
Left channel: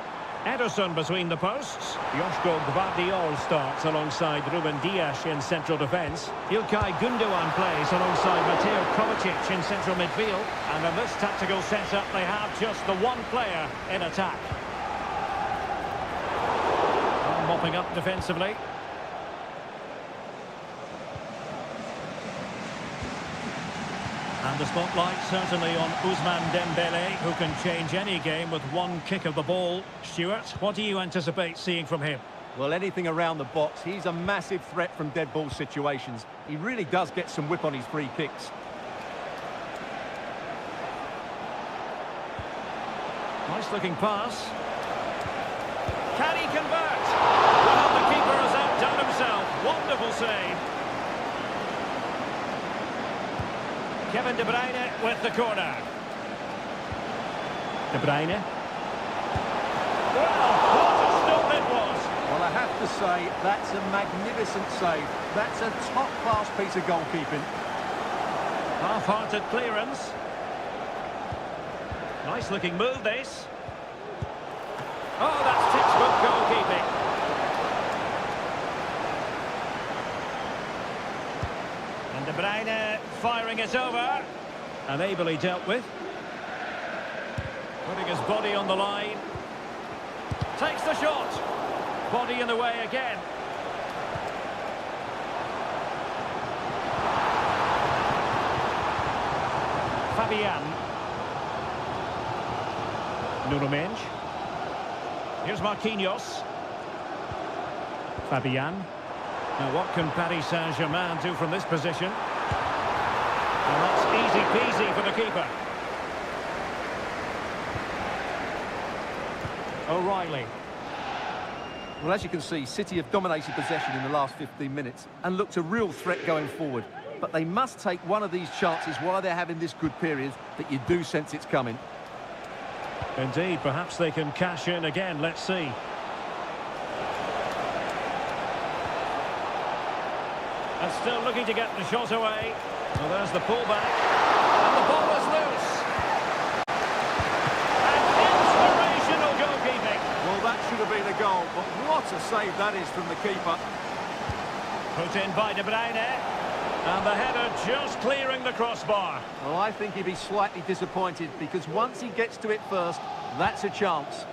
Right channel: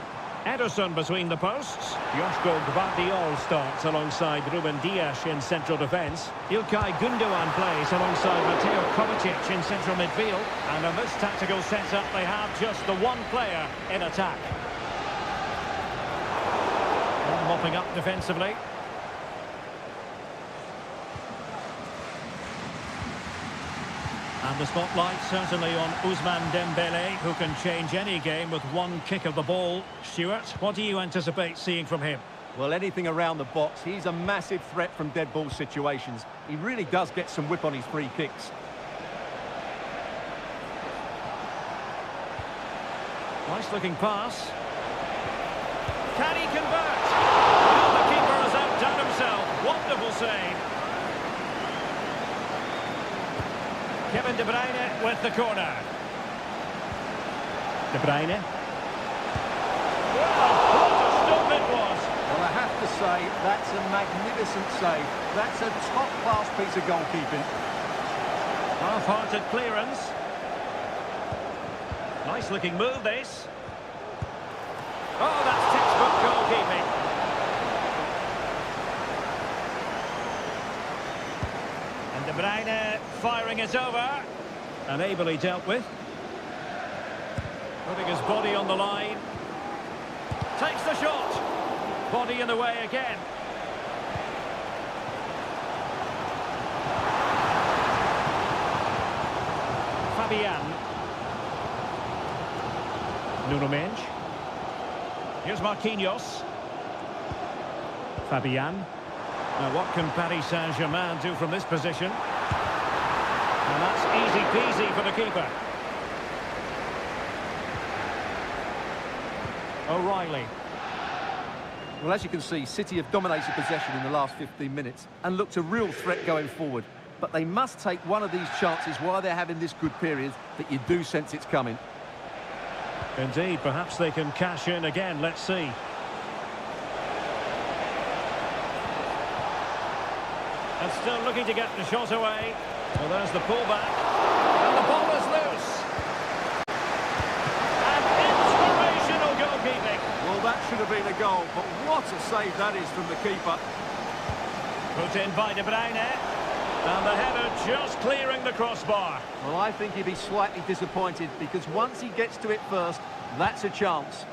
Ederson between the posts. Joško Gvardiol starts alongside Ruben Dias in central defence. İlkay Gündoğan plays alongside Mateo Kovacic in central midfield. And in this tactical setup, they have just the one player in attack. And mopping up defensively. And the spotlight certainly on Ousmane Dembélé, who can change any game with one kick of the ball. Stuart, what do you anticipate seeing from him? Well, anything around the box. He's a massive threat from dead ball situations. He really does get some whip on his free kicks. Nice looking pass. Can he convert? Well, the keeper has outdone himself. Wonderful save. Kevin De Bruyne with the corner. De Bruyne. Well, what a stop it was. Well, I have to say, that's a magnificent save. That's a top-class piece of goalkeeping. Half-hearted clearance. Nice-looking move, this. Oh, that's textbook goalkeeping. And De Bruyne firing it over. And ably dealt with. Putting his body on the line. Takes the shot. Body in the way again. Fabian. Nuno Mendes. Here's Marquinhos. Fabian. Now what can Paris Saint-Germain do from this position? And that's easy peasy for the keeper. O'Reilly. Well, as you can see, City have dominated possession in the last 15 minutes and looked a real threat going forward. But they must take one of these chances while they're having this good period that you do sense it's coming. Indeed, perhaps they can cash in again. Let's see. And still looking to get the shot away. Well, there's the pullback. And the ball is loose. And inspirational goalkeeping. Well, that should have been a goal, but what a save that is from the keeper. Put in by De Bruyne. And the header just clearing the crossbar. Well, I think he'd be slightly disappointed because once he gets to it first, that's a chance.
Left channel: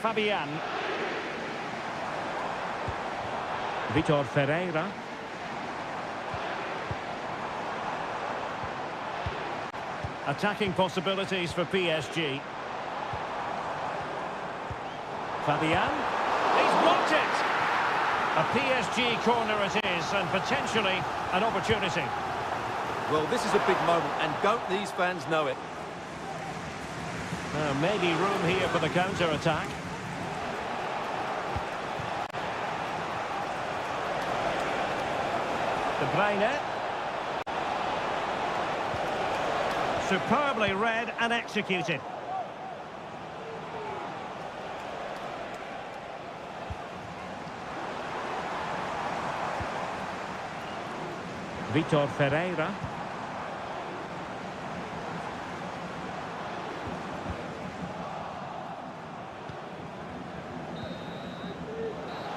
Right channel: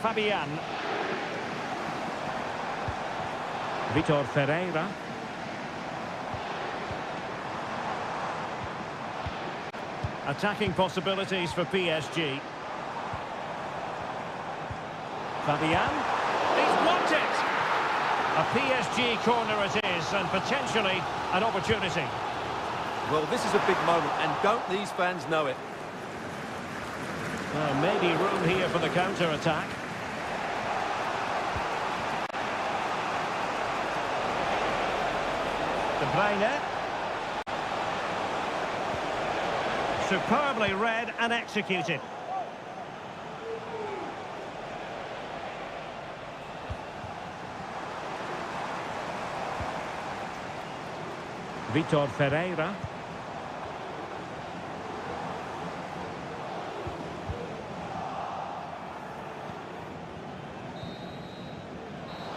Fabian. Vitor Ferreira. Attacking possibilities for PSG. Fabian. He's blocked it. A PSG corner it is, and potentially an opportunity. Well, this is a big moment, and don't these fans know it? Maybe room here for the counter-attack. De Bruyne. Superbly read and executed. Vitor Ferreira.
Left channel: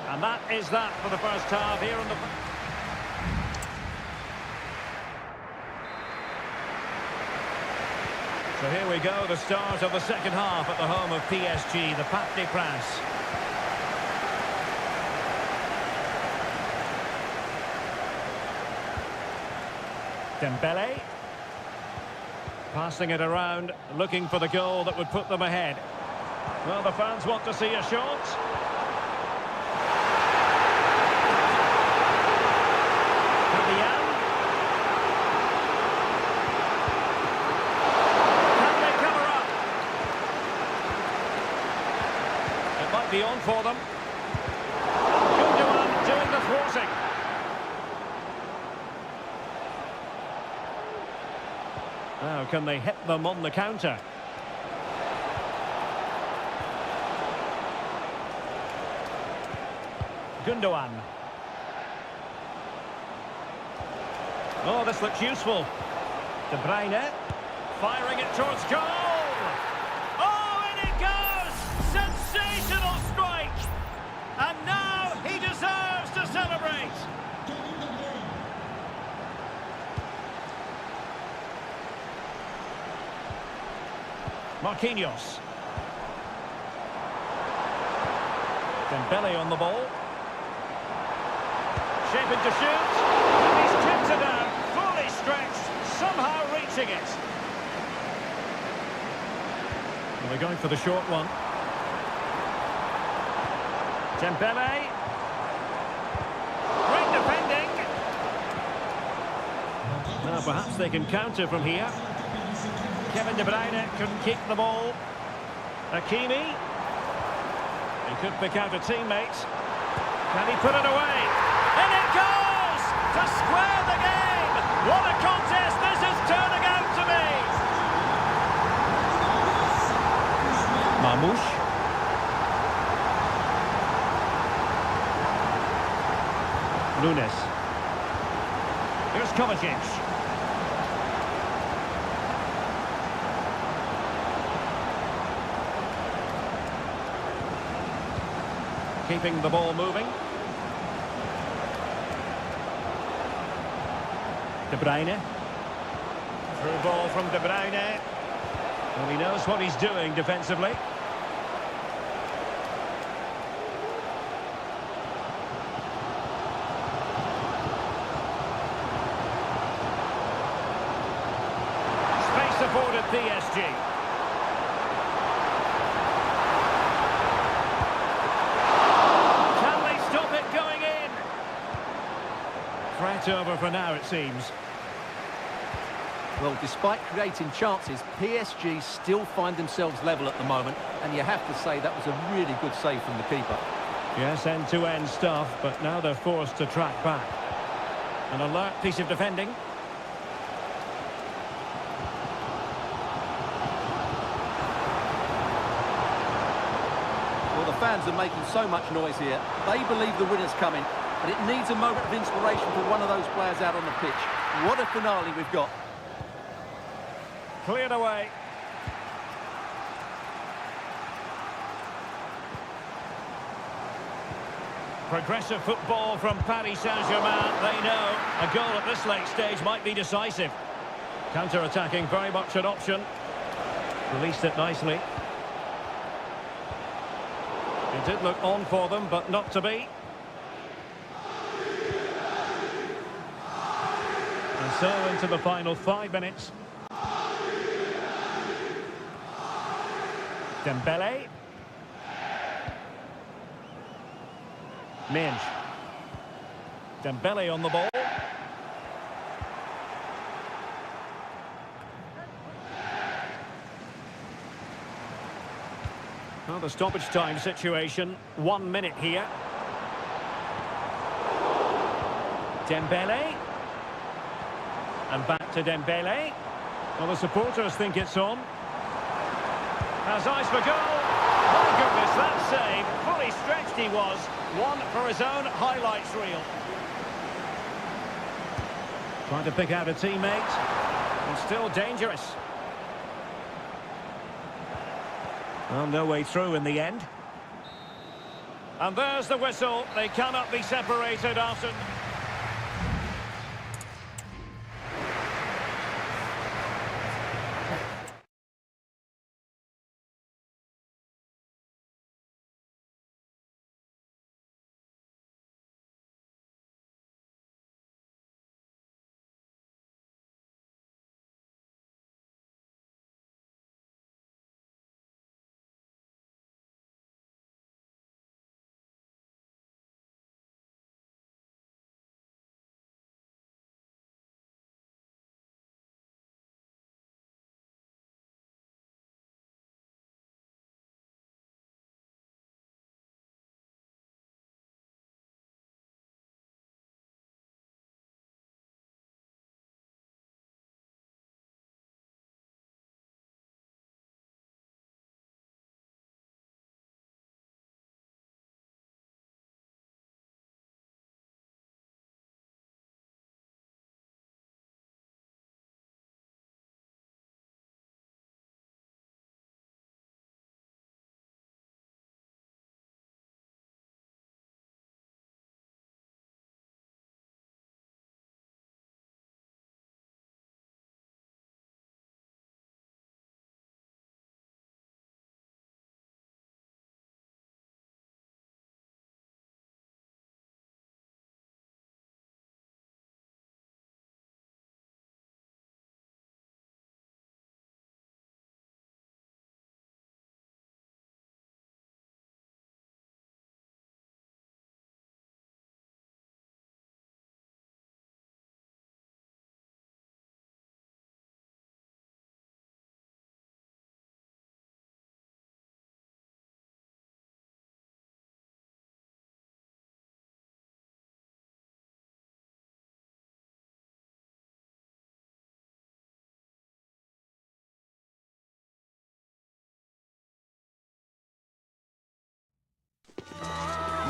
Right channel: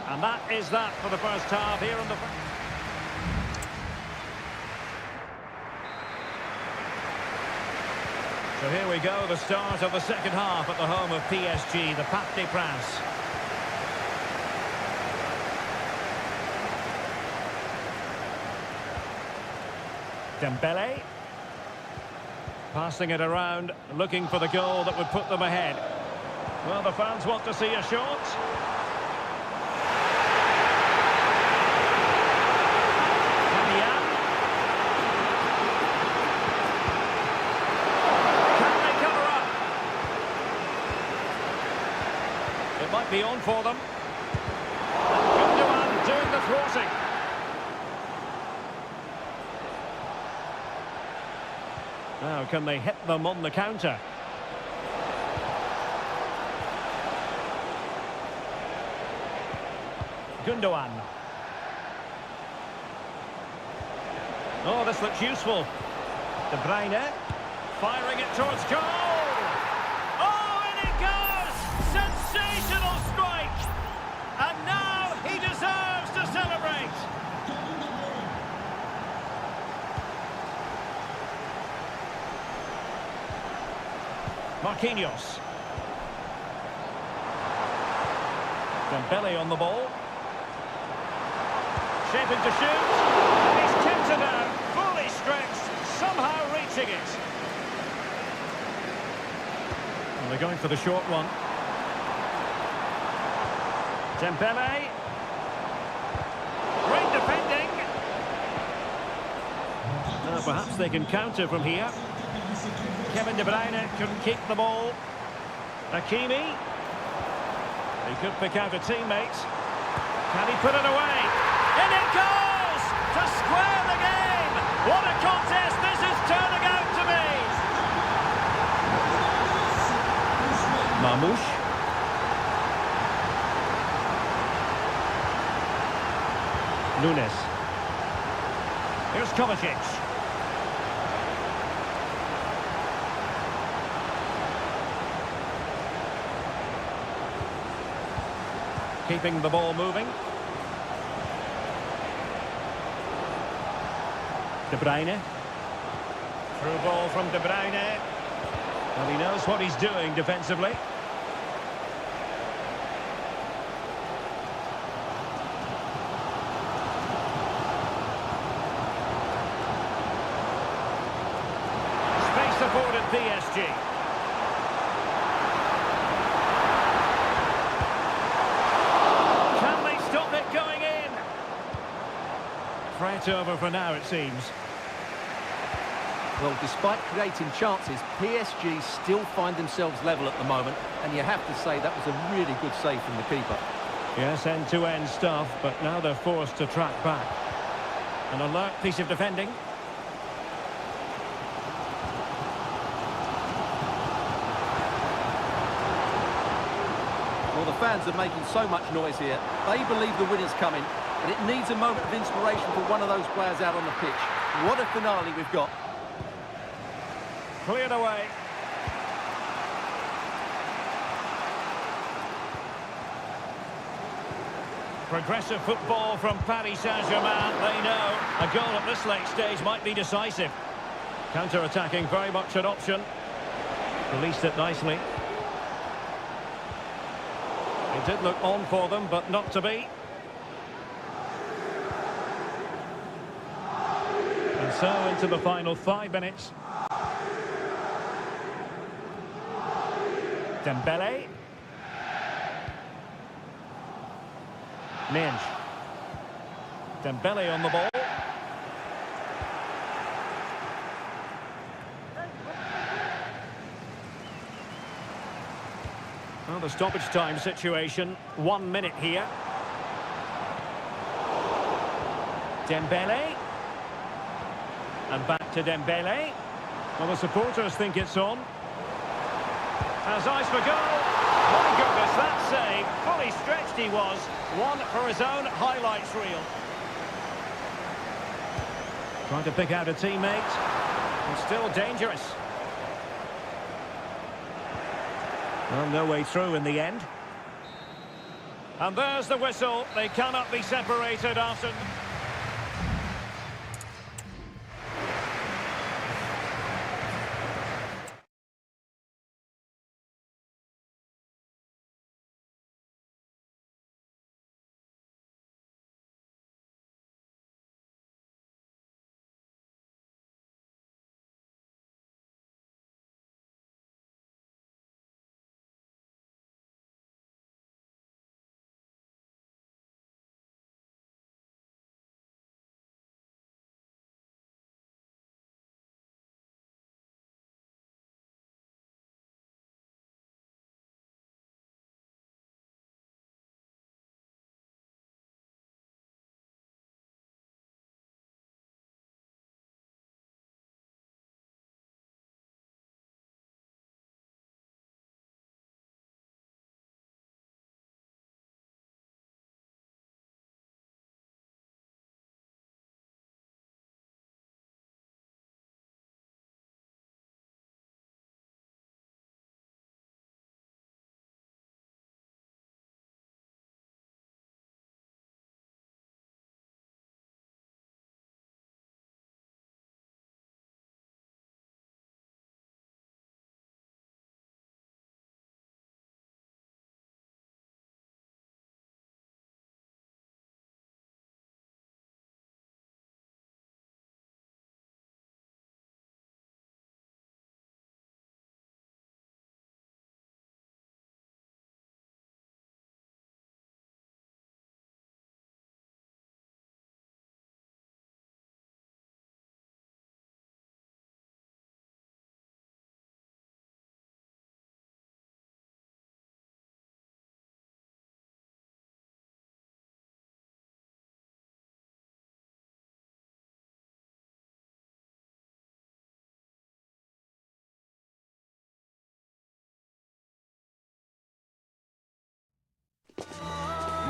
And that is that for the first half here on the... So here we go, the start of the second half at the home of PSG, the Parc des Princes. Dembele. Passing it around, looking for the goal that would put them ahead. Well, the fans want to see a shot. Fabian. Can they cover up? It might be on for them. And Gundogan doing the thwarting. Now, can they hit them on the counter? Gundogan. Oh, this looks useful. De Bruyne firing it towards goal. Oh, and it goes! Sensational strike! And now he deserves to celebrate. Marquinhos. Dembele on the ball. Shaping to shoot. And he's kept it out. Fully stretched. Somehow reaching it. Well, they're going for the short one. Dembele. Great defending. Now perhaps they can counter from here. Kevin De Bruyne couldn't keep the ball. Hakimi. He could pick out a teammate. Can he put it away? In it goes! To square the game! What a contest this is turning out to be! Marmoush. Nunes. Here's Kovacic. Keeping the ball moving. De Bruyne. Through ball from De Bruyne. Well, he knows what he's doing defensively. Space afforded PSG. Stop it going in. Threat over for now, it seems. Well, despite creating chances, PSG still find themselves level at the moment, and you have to say that was a really good save from the keeper. Yes, end-to-end stuff, but now they're forced to track back. An alert piece of defending. Well, the fans are making so much noise here. They believe the winner's coming, but it needs a moment of inspiration for one of those players out on the pitch. What a finale we've got. Cleared away. Progressive football from Paris Saint-Germain. They know a goal at this late stage might be decisive. Counter-attacking, very much an option. Released it nicely. It did look on for them, but not to be. And so into the final 5 minutes. Dembele. Minge. Dembele on the ball. Well, the stoppage time situation, 1 minute here. Dembele. And back to Dembele. Well, the supporters think it's on. Has eyes for goal. My goodness, that save. Fully stretched he was. One for his own highlights reel. Trying to pick out a teammate. And still dangerous. Well, no way through in the end. And there's the whistle. They cannot be separated after...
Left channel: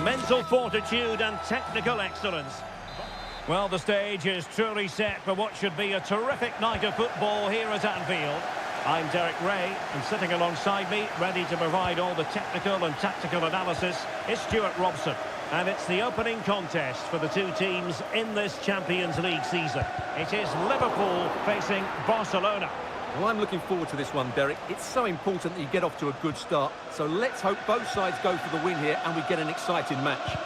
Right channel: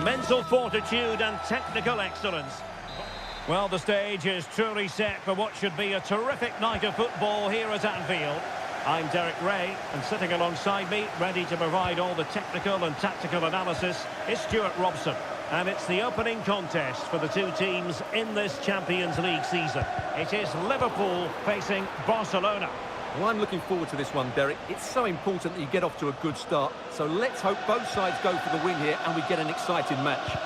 mental fortitude and technical excellence. Well, the stage is truly set for what should be a terrific night of football here at Anfield. I'm Derek Ray, and sitting alongside me, ready to provide all the technical and tactical analysis, is Stuart Robson. And it's the opening contest for the two teams in this Champions League season. It is Liverpool facing Barcelona. Well, I'm looking forward to this one, Derek. It's so important that you get off to a good start. So let's hope both sides go for the win here and we get an exciting match.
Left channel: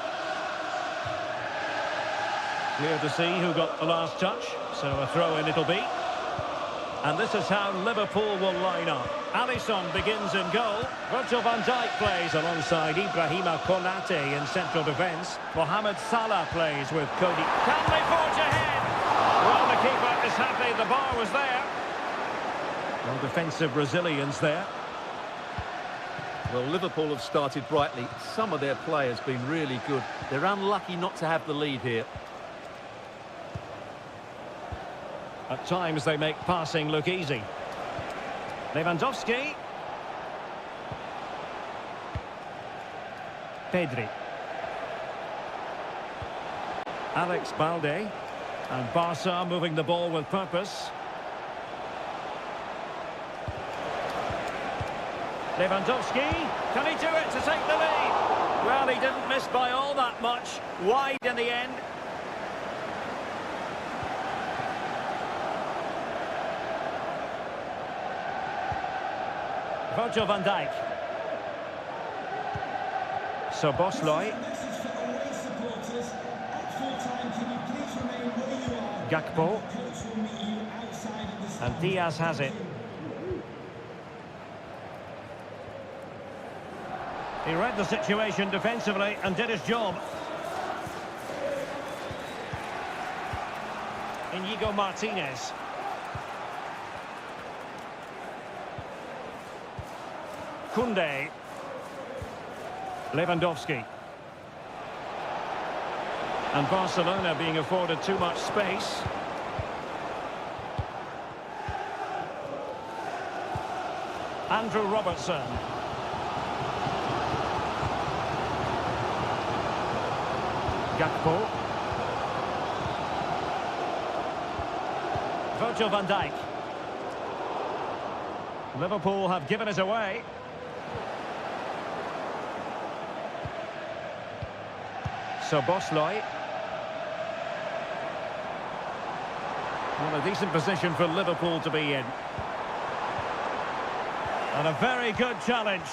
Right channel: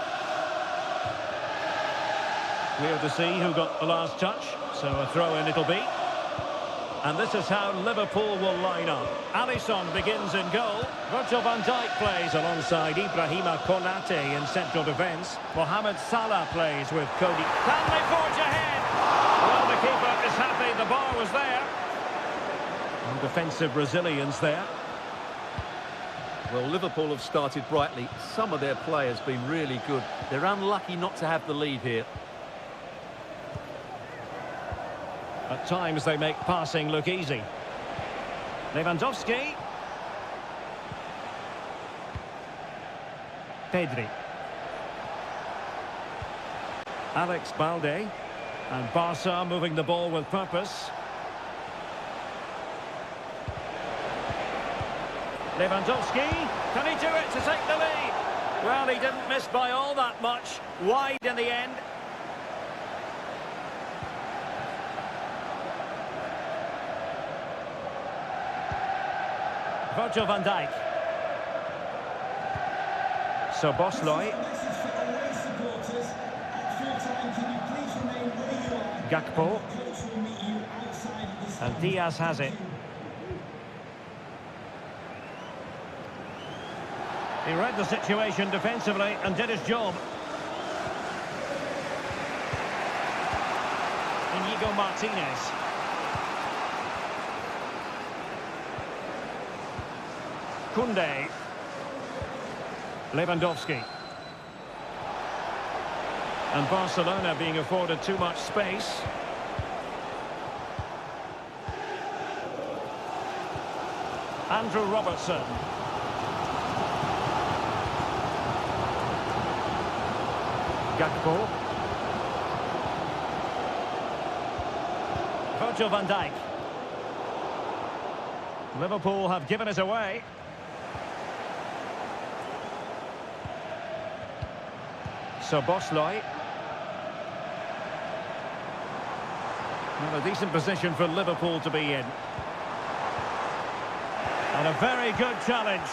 Clear to see who got the last touch, so a throw-in it'll be. And this is how Liverpool will line up. Alisson begins in goal. Virgil van Dijk plays alongside Ibrahima Konate in central defence. Mohamed Salah plays with Cody. Can they forge ahead? Well, the keeper is happy the bar was there. No defensive resilience there. Well, Liverpool have started brightly. Some of their players have been really good. They're unlucky not to have the lead here. At times they make passing look easy. Lewandowski. Pedri. Alex Balde. And Barca moving the ball with purpose. Lewandowski. Can he do it to take the lead? Well, he didn't miss by all that much. Wide in the end. Virgil van Dijk. So Bosloy. Gakpo. And Diaz has it. He read the situation defensively and did his job. Inigo Martinez. Koundé. Lewandowski. And Barcelona being afforded too much space. Andrew Robertson. Gakpo. Virgil van Dijk. Liverpool have given it away. So Bosloy. Well, a decent position for Liverpool to be in. And a very good challenge.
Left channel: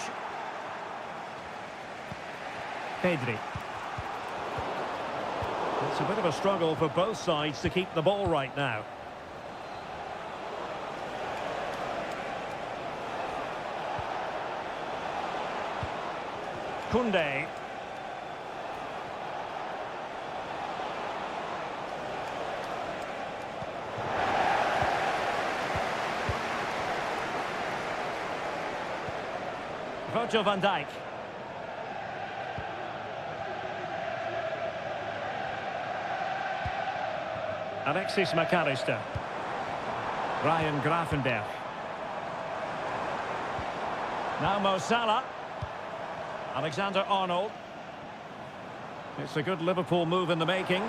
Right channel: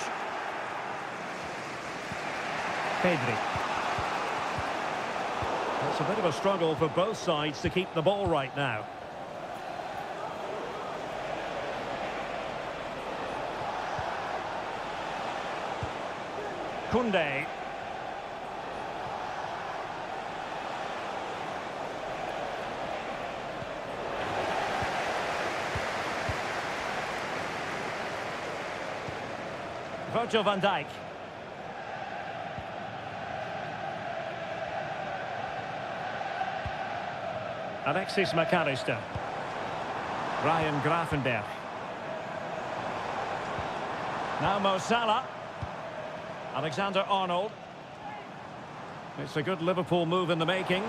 Pedri. It's a bit of a struggle for both sides to keep the ball right now. Koundé. Virgil van Dijk. Alexis McAllister. Ryan Gravenberch. Now Mo Salah. Alexander-Arnold. It's a good Liverpool move in the making.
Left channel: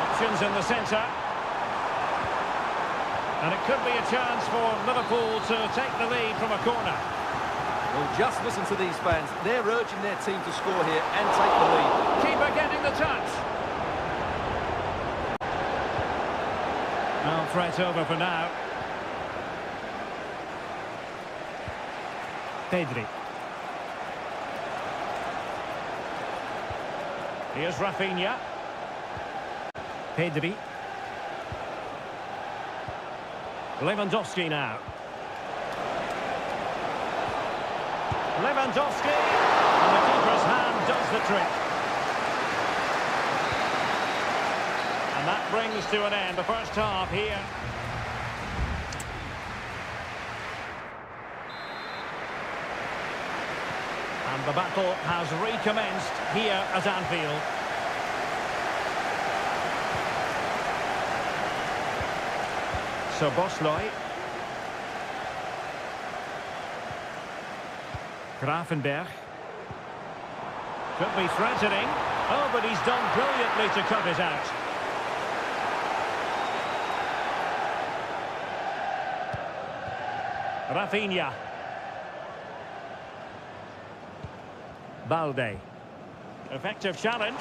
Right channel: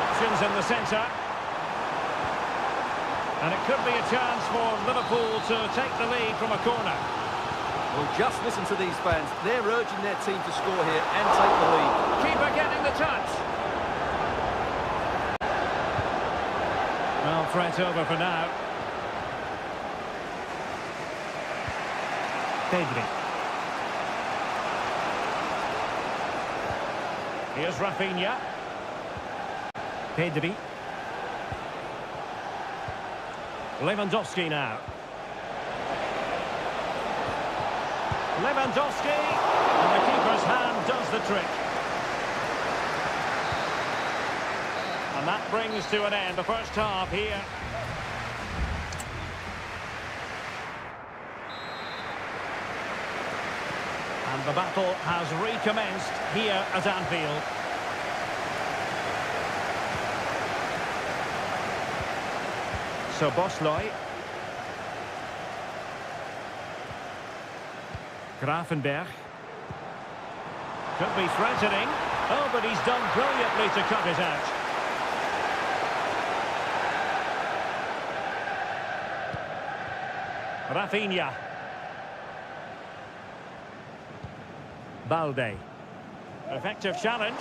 Options in the centre. And it could be a chance for Liverpool to take the lead from a corner. Well, just listen to these fans. They're urging their team to score here and take the lead. Keeper getting the touch. Well, threat over for now. Pedri. Here's Rafinha. Pedri. Lewandowski now. Lewandowski, and the keeper's hand does the trick. And that brings to an end the first half here. And the battle has recommenced here at Anfield. So Bosloy. Gravenberch. Could be threatening. Oh, but he's done brilliantly to cut it out. Rafinha. Balde. Effective challenge.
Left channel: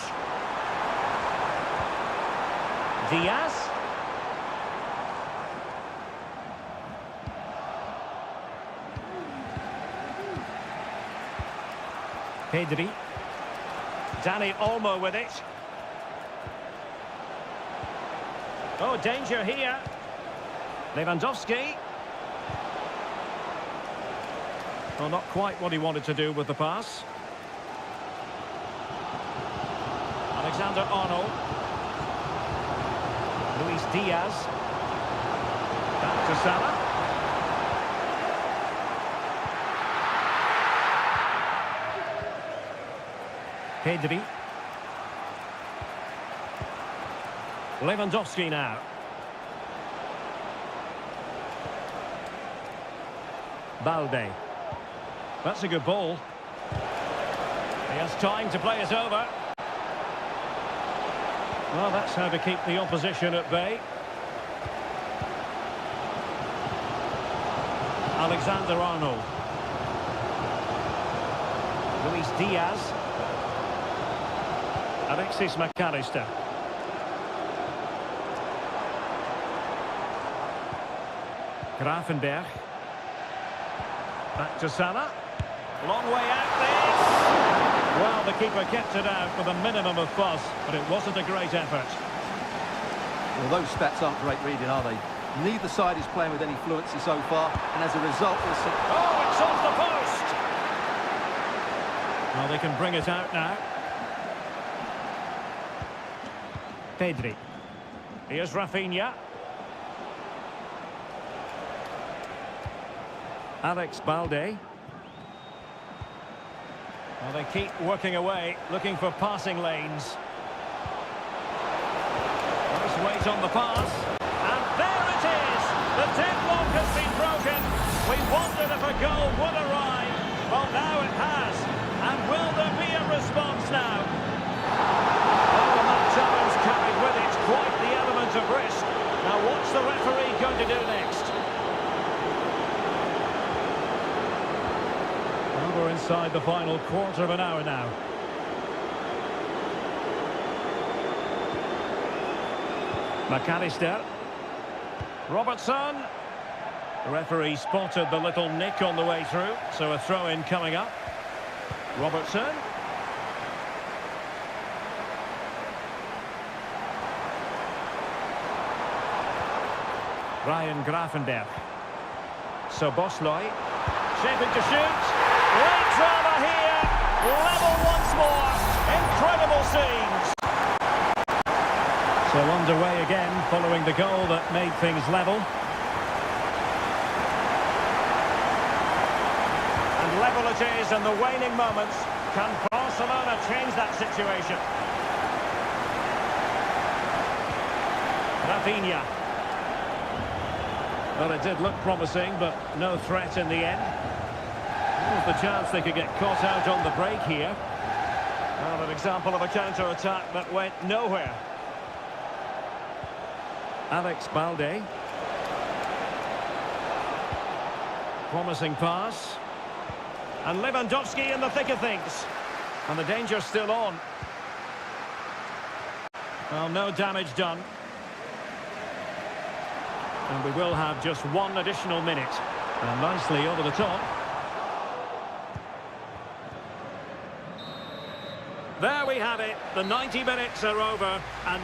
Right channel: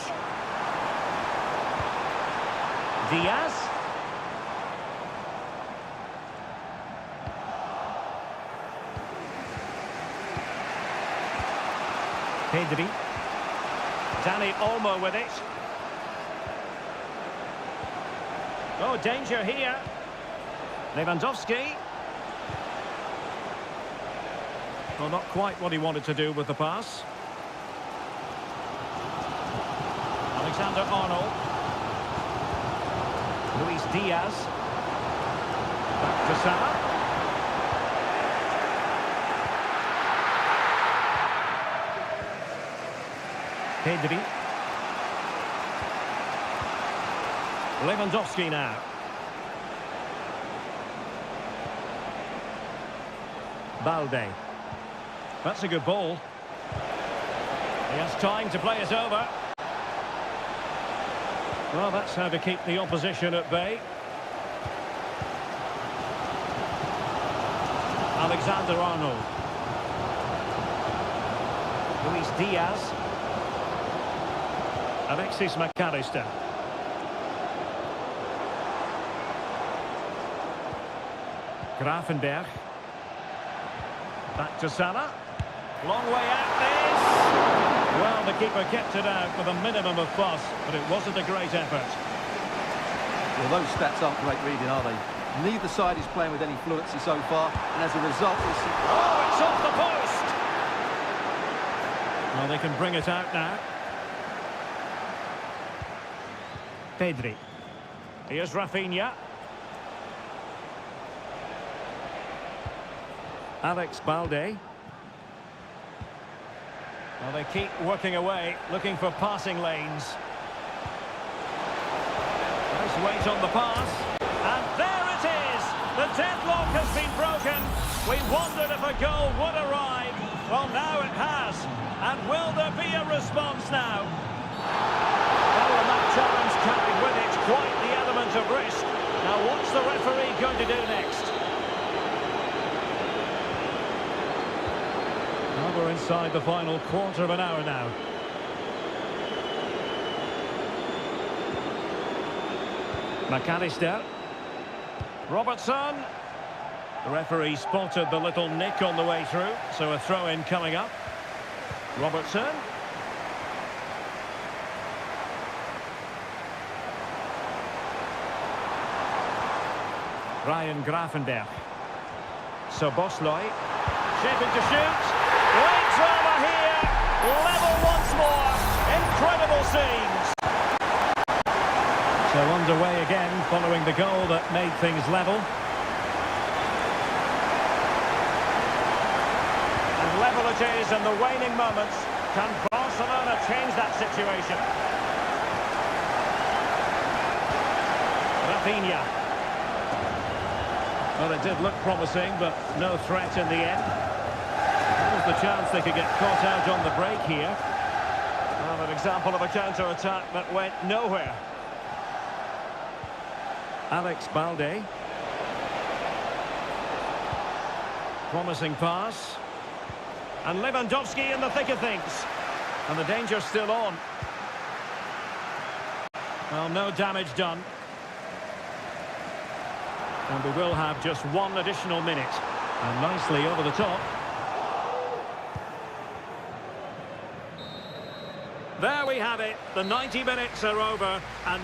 Diaz. Pedri. Dani Olmo with it. Oh, danger here. Lewandowski. Well, not quite what he wanted to do with the pass. Alexander-Arnold. Luis Diaz. Back to Salah. Pedri. Lewandowski now. Balde. That's a good ball. He has time to play it over. Well, that's how to keep the opposition at bay. Alexander-Arnold. Luis Diaz. Alexis McAllister. Grafenberg. Back to Salah. Long way out this. Well, the keeper kept it out with a minimum of fuss, but it wasn't a great effort. Well, those stats aren't great reading, are they? Neither side is playing with any fluency so far, and as a result, we'll see... Oh, it's off the post! Well, they can bring it out now. Pedri. Here's Rafinha. Alex Balde. Well, they keep working away, looking for passing lanes. Nice weight on the pass. And there it is! The deadlock has been broken. We wondered if a goal would arrive. Well, now it has. And will there be a response now? Oh, and that challenge carried with it quite the element of risk. Now, what's the referee going to do next? Well, we're inside the final quarter of an hour now. McAllister. Robertson. The referee spotted the little nick on the way through, so a throw-in coming up. Robertson. Ryan Grafenberg. Soboslai. Shaping to shoot. Great drama here. Level once more. Incredible scenes. So underway again following the goal that made things level. And level it is in the waning moments. Can Barcelona change that situation? Rafinha. Well, it did look promising, but no threat in the end. What was the chance they could get caught out on the break here? Well, an example of a counter-attack that went nowhere. Alex Balde. Promising pass. And Lewandowski in the thick of things. And the danger's still on. Well, no damage done. And we will have just one additional minute. And nicely over the top. There we have it. The 90 minutes are over. And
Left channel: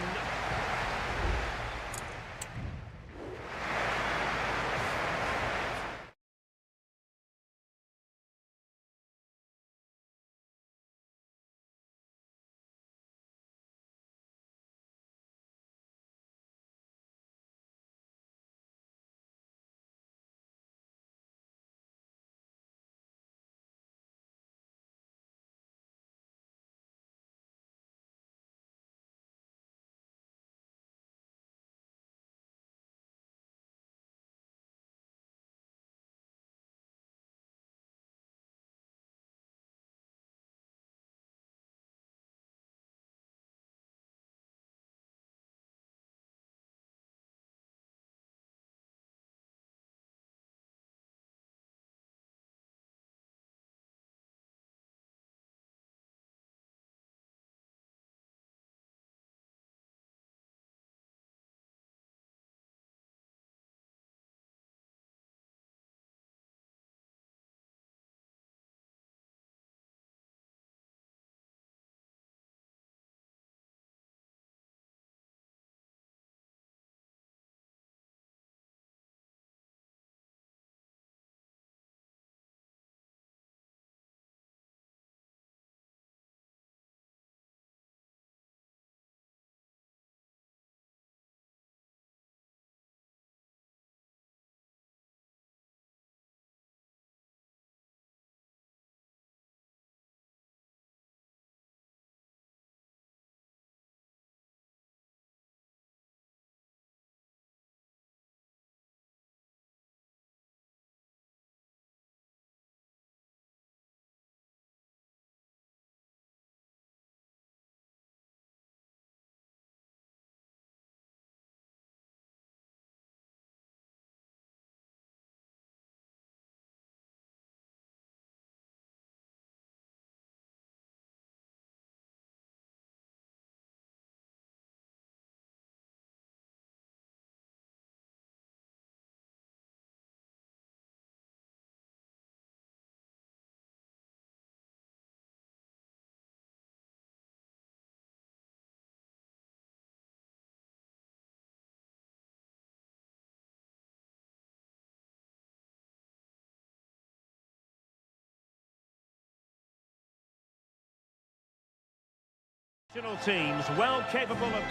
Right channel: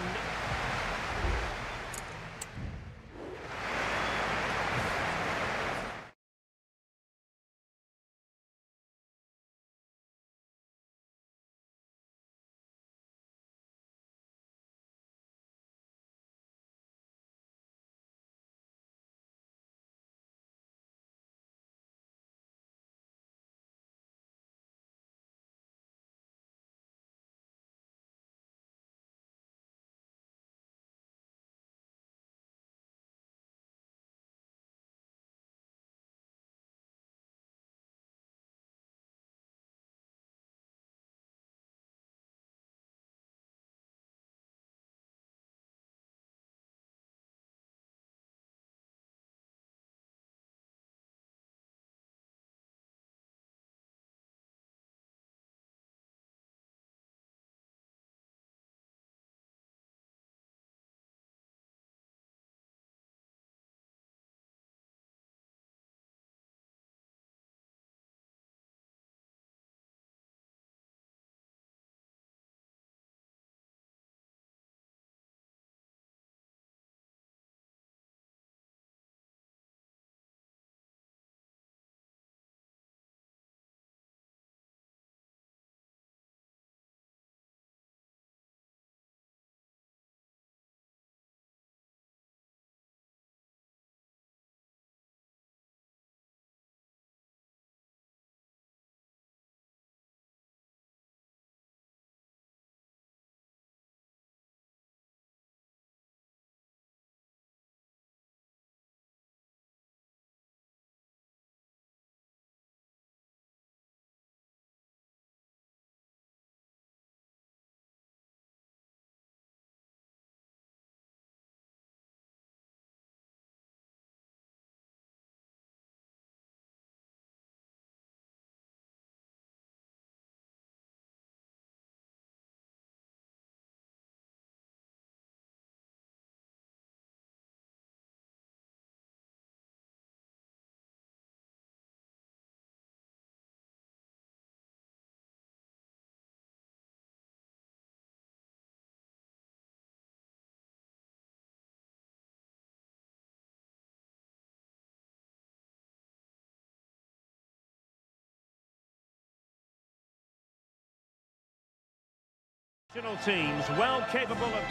Teams well capable of...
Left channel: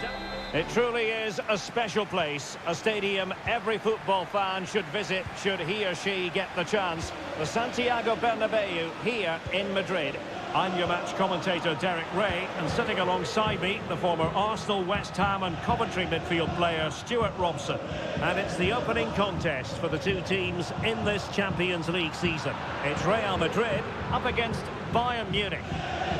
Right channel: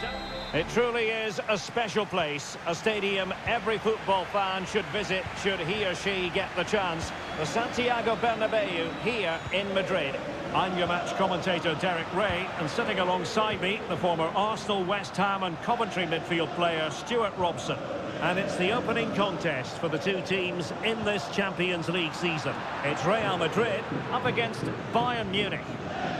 It truly is a special place, a stadium every football fan should visit should he or she get the chance. The Santiago Bernabeu here in Madrid. I'm your match commentator Derek Ray, and sitting alongside me, the former Arsenal, West Ham and Coventry midfield player Stuart Robson. And it's the opening contest for the two teams in this Champions League season. It's Real Madrid up against Bayern Munich.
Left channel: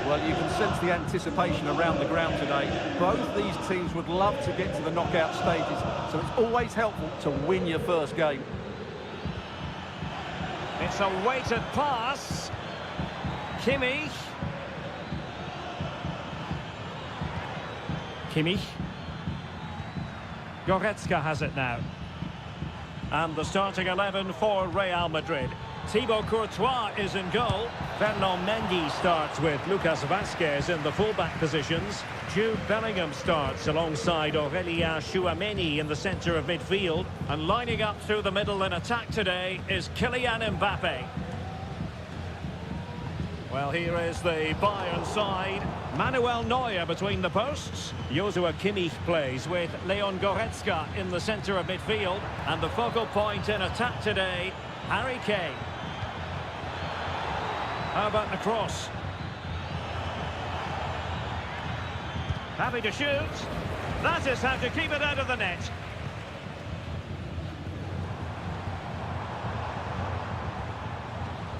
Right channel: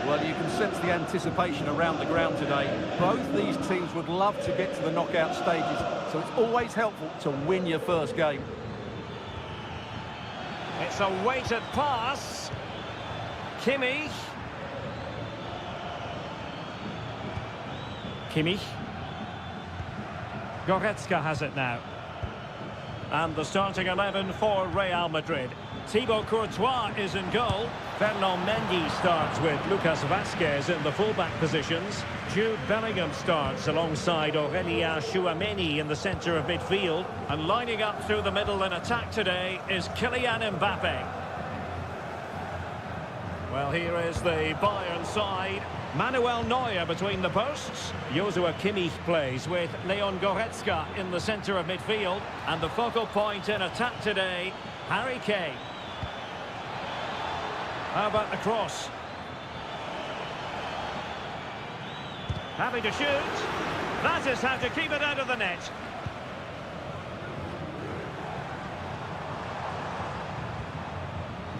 Well, you can sense the anticipation around the ground today. Both these teams would love to get to the knockout stages, so it's always helpful to win your first game. It's a weighted pass. Kimmich. Goretzka has it now. And the starting 11 for Real Madrid. Thibaut Courtois is in goal. Fernand Mendy starts with Lucas Vazquez in the fullback positions. Jude Bellingham starts alongside Aurélien Tchouameni in the centre of midfield. And lining up through the middle in attack today is Kylian Mbappe. Well, here is the Bayern side. Manuel Neuer between the posts. Joshua Kimmich plays with Leon Goretzka in the centre of midfield. And the focal point in attack today, Harry Kane. How about the cross? Happy to shoot. That is how to keep it out of the net.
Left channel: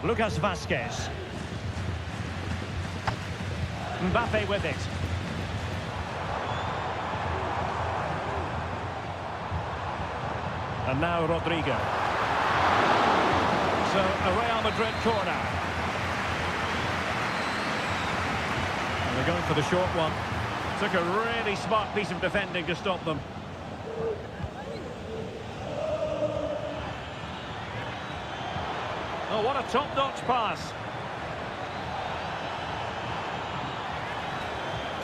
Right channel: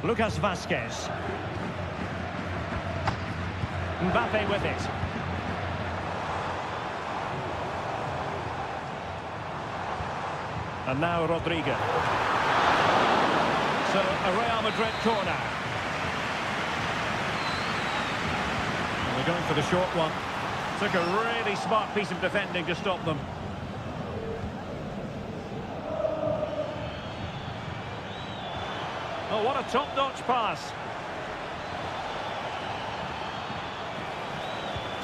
Lucas Vazquez. Mbappe with it. And now Rodrigo. So a Real Madrid corner. And they're going for the short one. Took a really smart piece of defending to stop them. Oh, what a top-notch pass.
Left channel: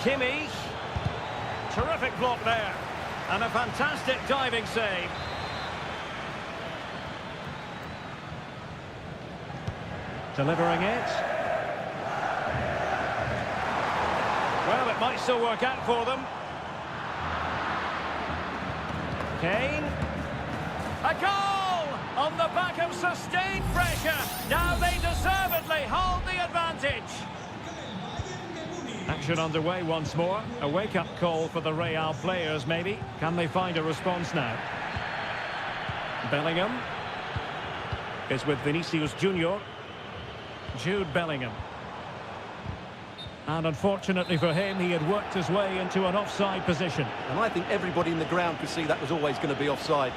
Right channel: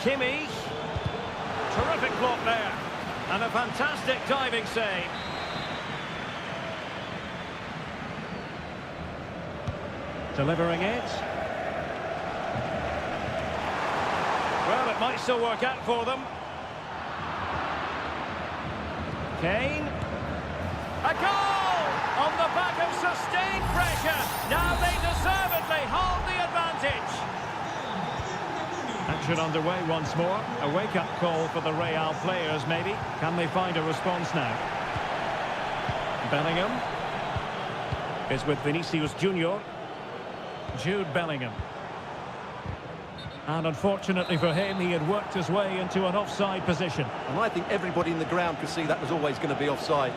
Kimmich. Terrific block there. And a fantastic diving save. Delivering it. Well, it might still work out for them. Kane. A goal! On the back of sustained pressure. Now they deservedly hold the advantage. Action underway once more. A wake-up call for the Real players, maybe. Can they find a response now? Bellingham is with Vinicius Junior. Jude Bellingham. And unfortunately for him, he had worked his way into an offside position. And I think everybody in the ground could see that was always going to be offside.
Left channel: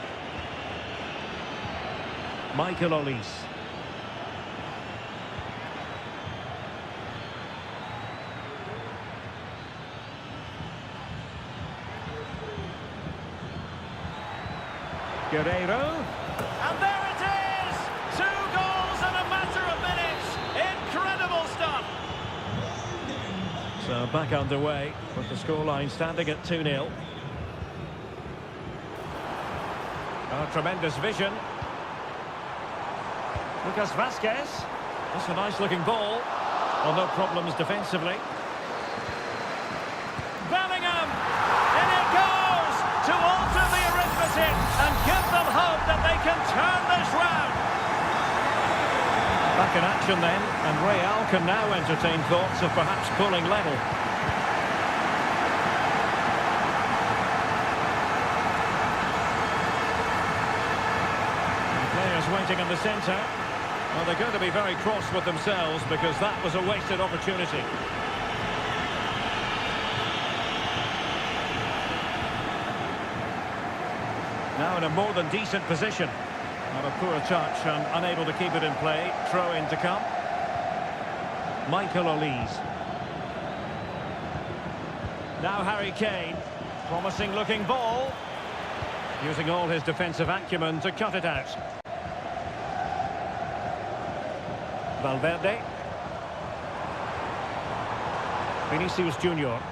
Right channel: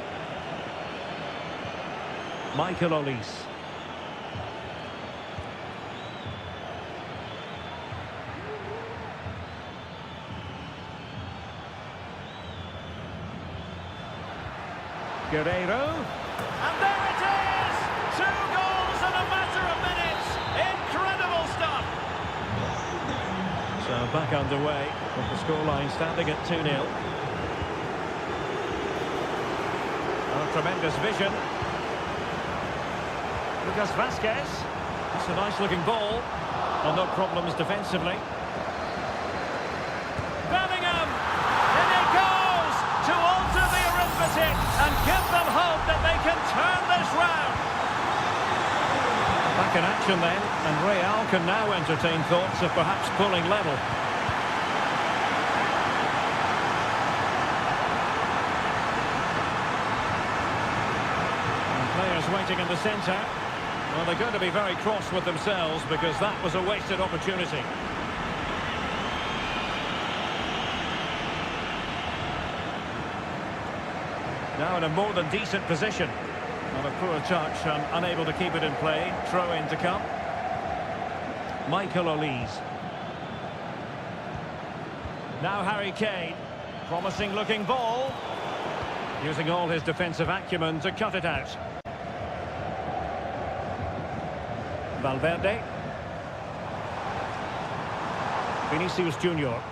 Michael Olise. Guerreiro. And there it is! 2 goals in a matter of minutes. Incredible stuff. So back underway with the scoreline standing at 2-0. Oh, tremendous vision. Lucas Vazquez. That's a nice looking ball. Oh, no problems defensively. Bellingham! In it goes! To alter the arithmetic and give them hope that they can turn this round. Back in action then, and Real can now entertain thoughts of perhaps pulling level. And players waiting in the centre. Well, they're going to be very cross with themselves because that was a wasted opportunity. Now in a more than decent position. Not a poor touch and unable to keep it in play. Throw in to come. Michael Olise. Now Harry Kane. Promising looking ball. Using all his defensive acumen to cut it out. Valverde. Vinicius Junior.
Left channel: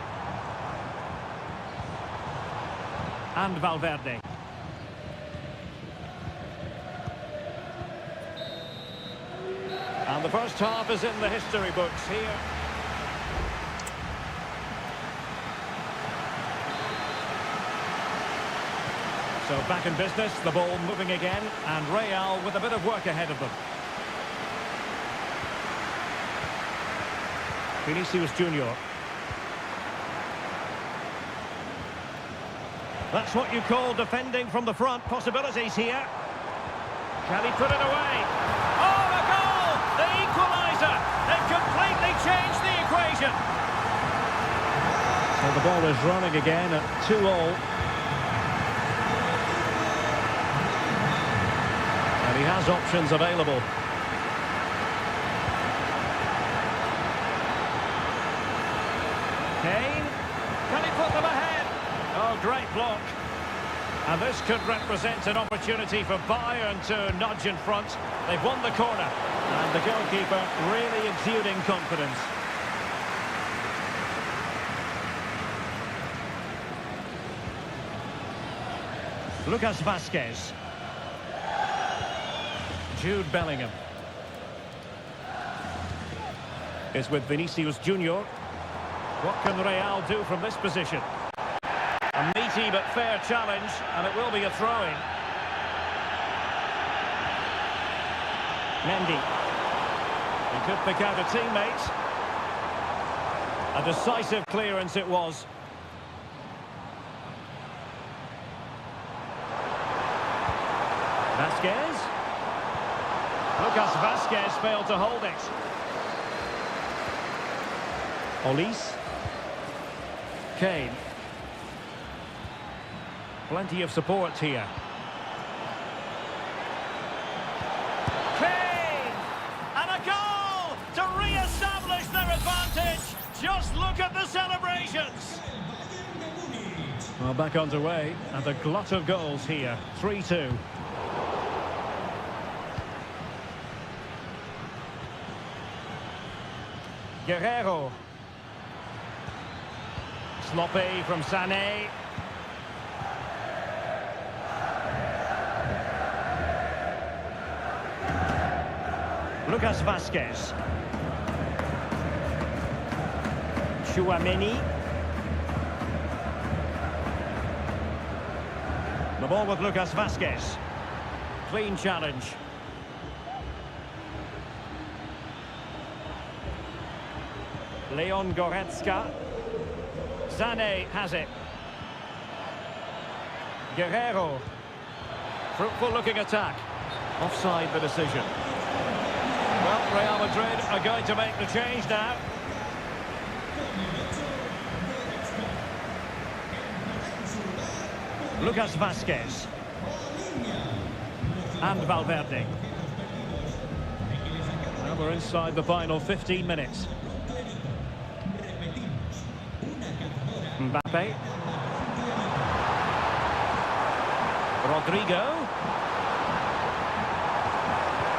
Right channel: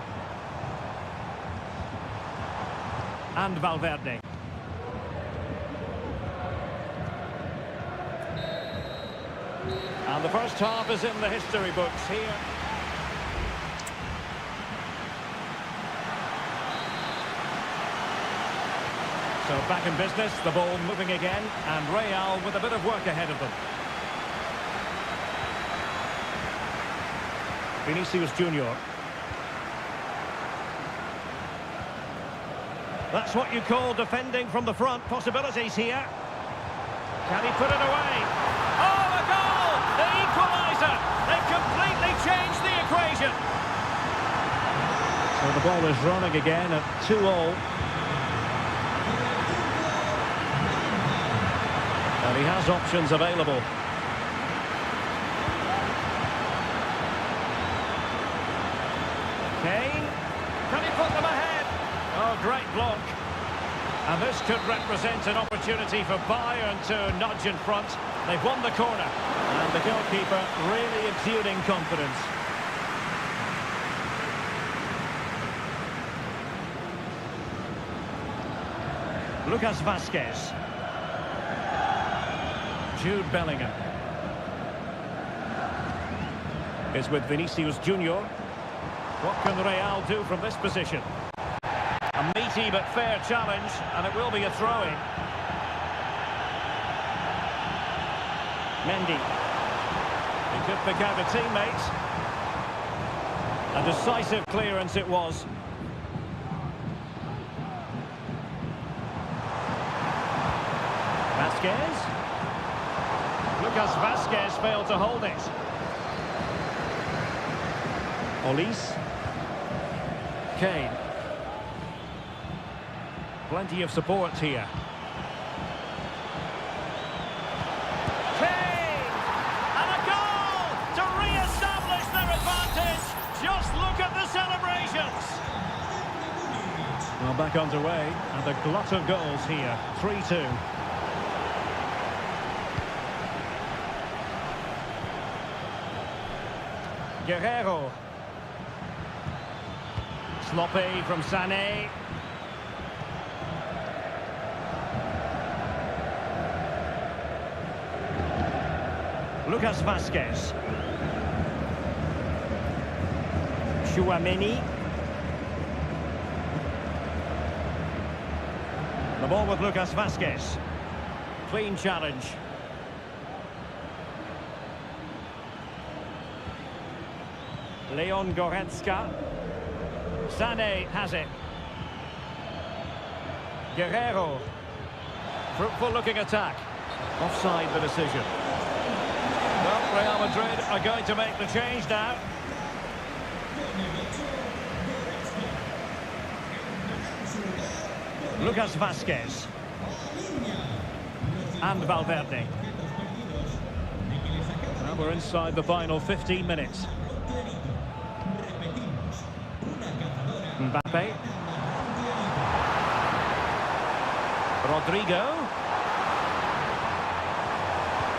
And Valverde. And the first half is in the history books here. So back in business, the ball moving again, and Real with a bit of work ahead of them. Vinicius Junior. That's what you call defending from the front. Possibilities here. Can he put it away? Oh, a goal! The equaliser! They've completely changed the equation. So the ball is running again at 2-2. And he has options available. Kane, can he put them ahead? Oh, great block. And this could represent an opportunity for Bayern to nudge in front. They've won the corner. And the goalkeeper really exuding confidence. Lucas Vazquez. Jude Bellingham is with Vinicius Junior. What can Real do from this position? A meaty but fair challenge, and it will be a throw-in. Mendy. He could pick out a teammate. A decisive clearance it was. Vazquez. Lucas Vazquez failed to hold it. Olise. Kane. Plenty of support here. Kane! And a goal to re-establish their advantage. Just look at the celebrations. Well, back underway, and a glut of goals here. 3-2. Guerrero. Sloppy from Sané. Lucas Vazquez. Chouameni. The ball with Lucas Vazquez. Clean challenge. Leon Goretzka. Sané has it. Guerrero. Fruitful looking attack. Offside the decision. Well, Real Madrid are going to make the change now. Lucas Vazquez. And Valverde. Well, we're inside the final 15 minutes. Mbappe. Rodrigo.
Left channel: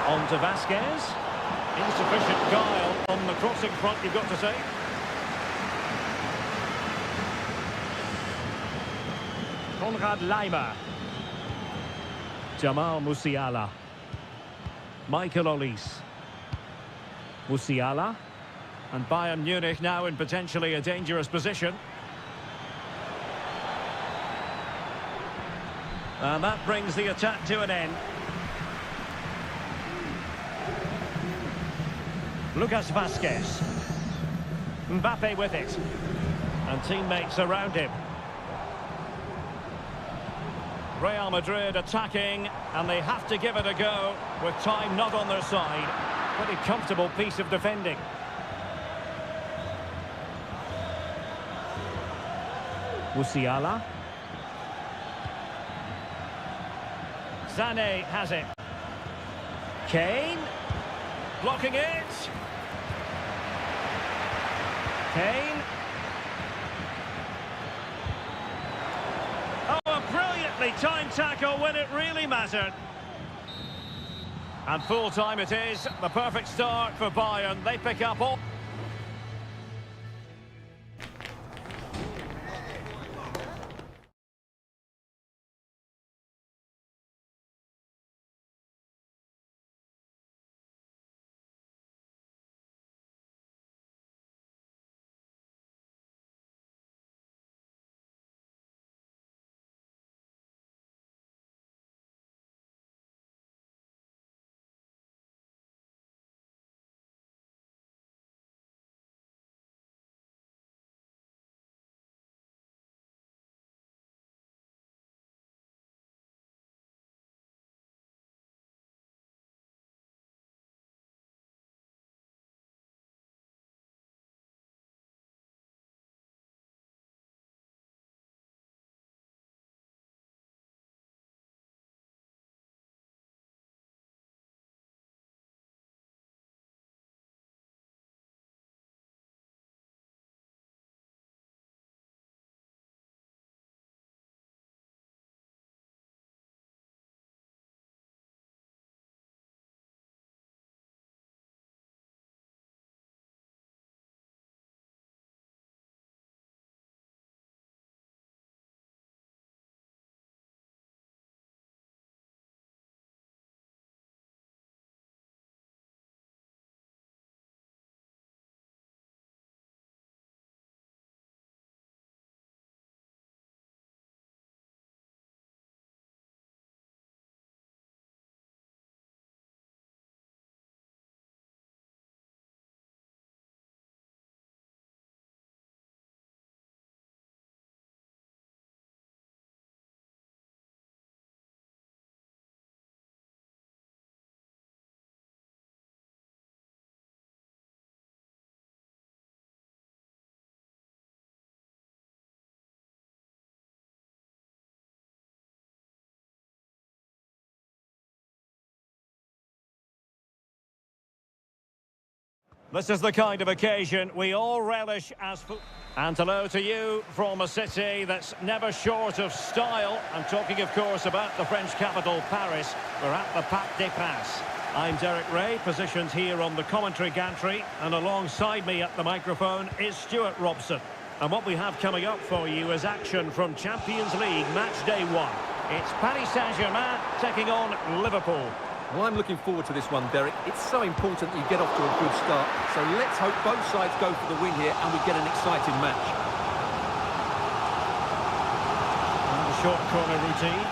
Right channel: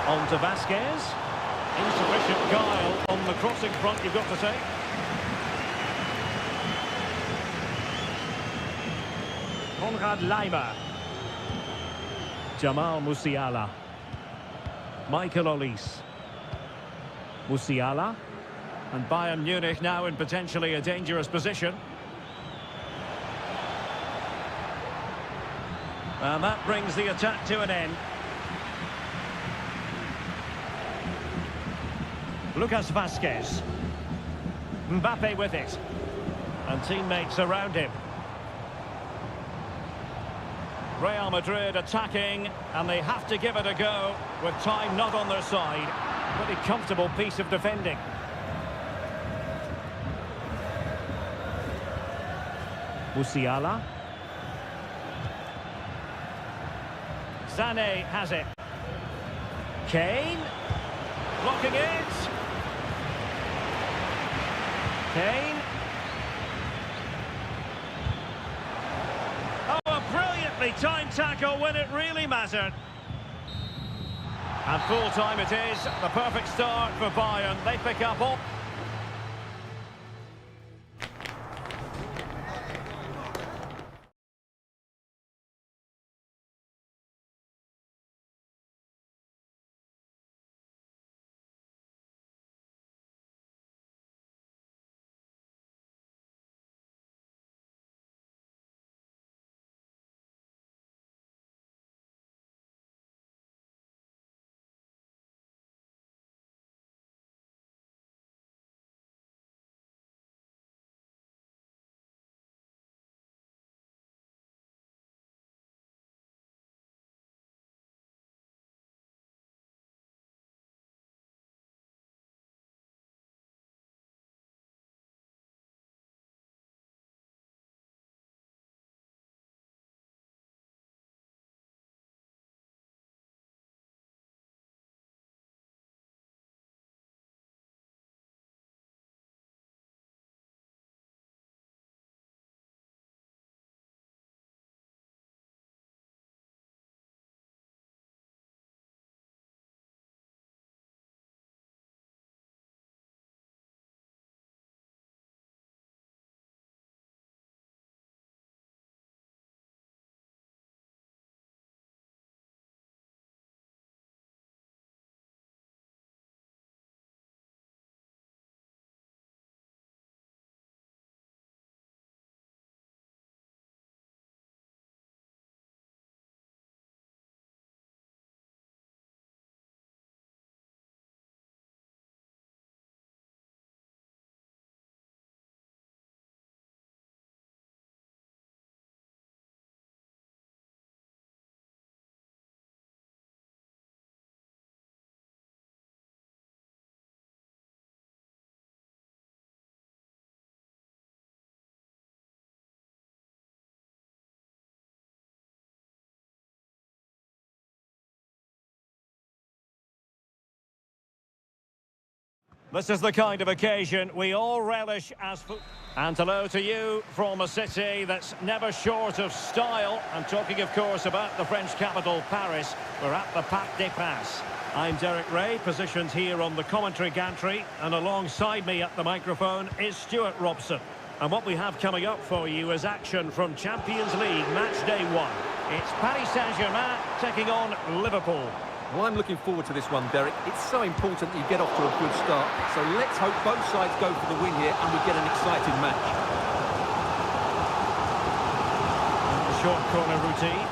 On to Vazquez. Insufficient guile on the crossing front, you've got to say. Konrad Laimer. Jamal Musiala. Michael Olise. Musiala. And Bayern Munich now in potentially a dangerous position. And that brings the attack to an end. Lucas Vazquez. Mbappe with it. And teammates around him. Real Madrid attacking, and they have to give it a go with time not on their side. Pretty comfortable piece of defending. Musiala. Sané has it. Kane. Blocking it. Kane. Oh, a brilliantly timed tackle when it really mattered. And full time it is. The perfect start for Bayern. They pick up all... This is the kind of occasion we all relish as And hello to you from a city that's never short of style. I'm talking, of course, about the French capital, Paris. We're at the Parc des Princes. I'm Derek Ray, positioned here on the commentary gantry, and alongside me at the microphone is Stuart Robson. And what we have coming up for you is action from Champions League match day 1. It's Paris Saint-Germain taking on Liverpool. Well, I'm looking forward to this one, Derek. It's so important that you get off to a good start. So let's hope both sides go for the win here and we get an exciting match. And the short corner routine.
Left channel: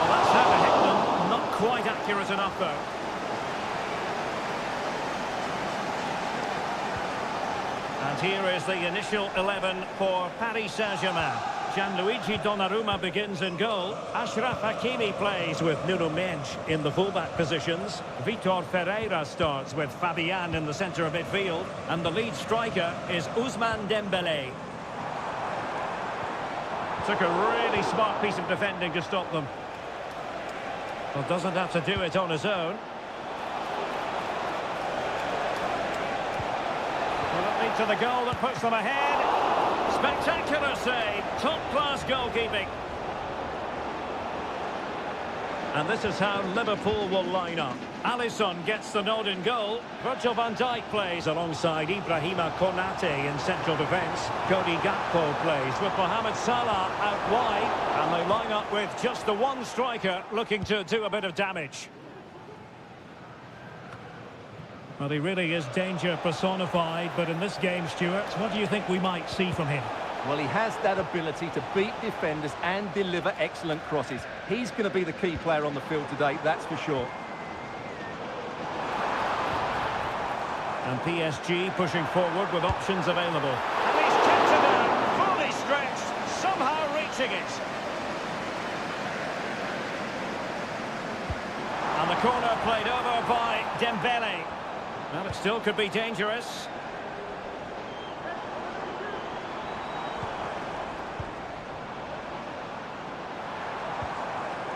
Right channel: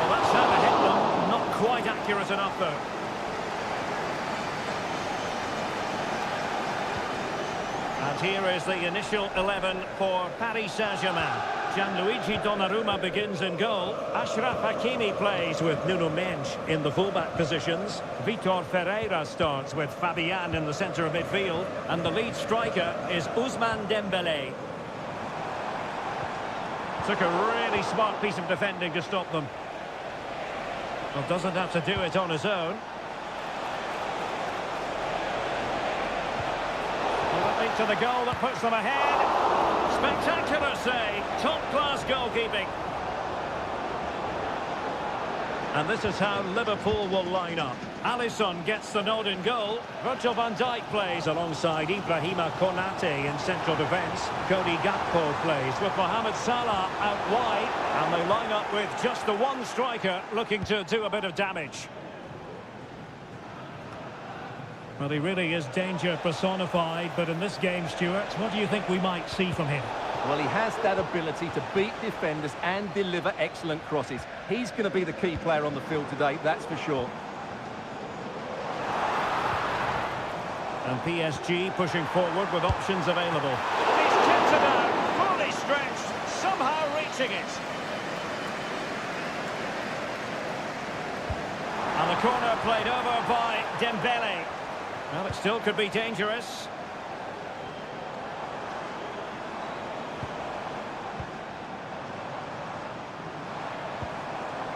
Well, that's how to hit them. Not quite accurate enough, though. And here is the initial 11 for Paris Saint-Germain. Gianluigi Donnarumma begins in goal. Achraf Hakimi plays with Nuno Mendes in the fullback positions. Vitor Ferreira starts with Fabian in the centre of midfield. And the lead striker is Ousmane Dembélé. Took a really smart piece of defending to stop them. Well, doesn't have to do it on his own. Will it lead to the goal that puts them ahead? Spectacular save, top-class goalkeeping. And this is how Liverpool will line up. Alisson gets the nod in goal. Virgil van Dijk plays alongside Ibrahima Konate in central defence. Cody Gakpo plays with Mohamed Salah out wide. And they line up with just the one striker looking to do a bit of damage. Well, he really is danger personified, but in this game, Stuart, what do you think we might see from him? Well, he has that ability to beat defenders and deliver excellent crosses. He's going to be the key player on the field today, that's for sure. And PSG pushing forward with options available. And he's kept it out, fully stretched, somehow reaching it. And the corner played over by Dembélé. Well, it still could be dangerous.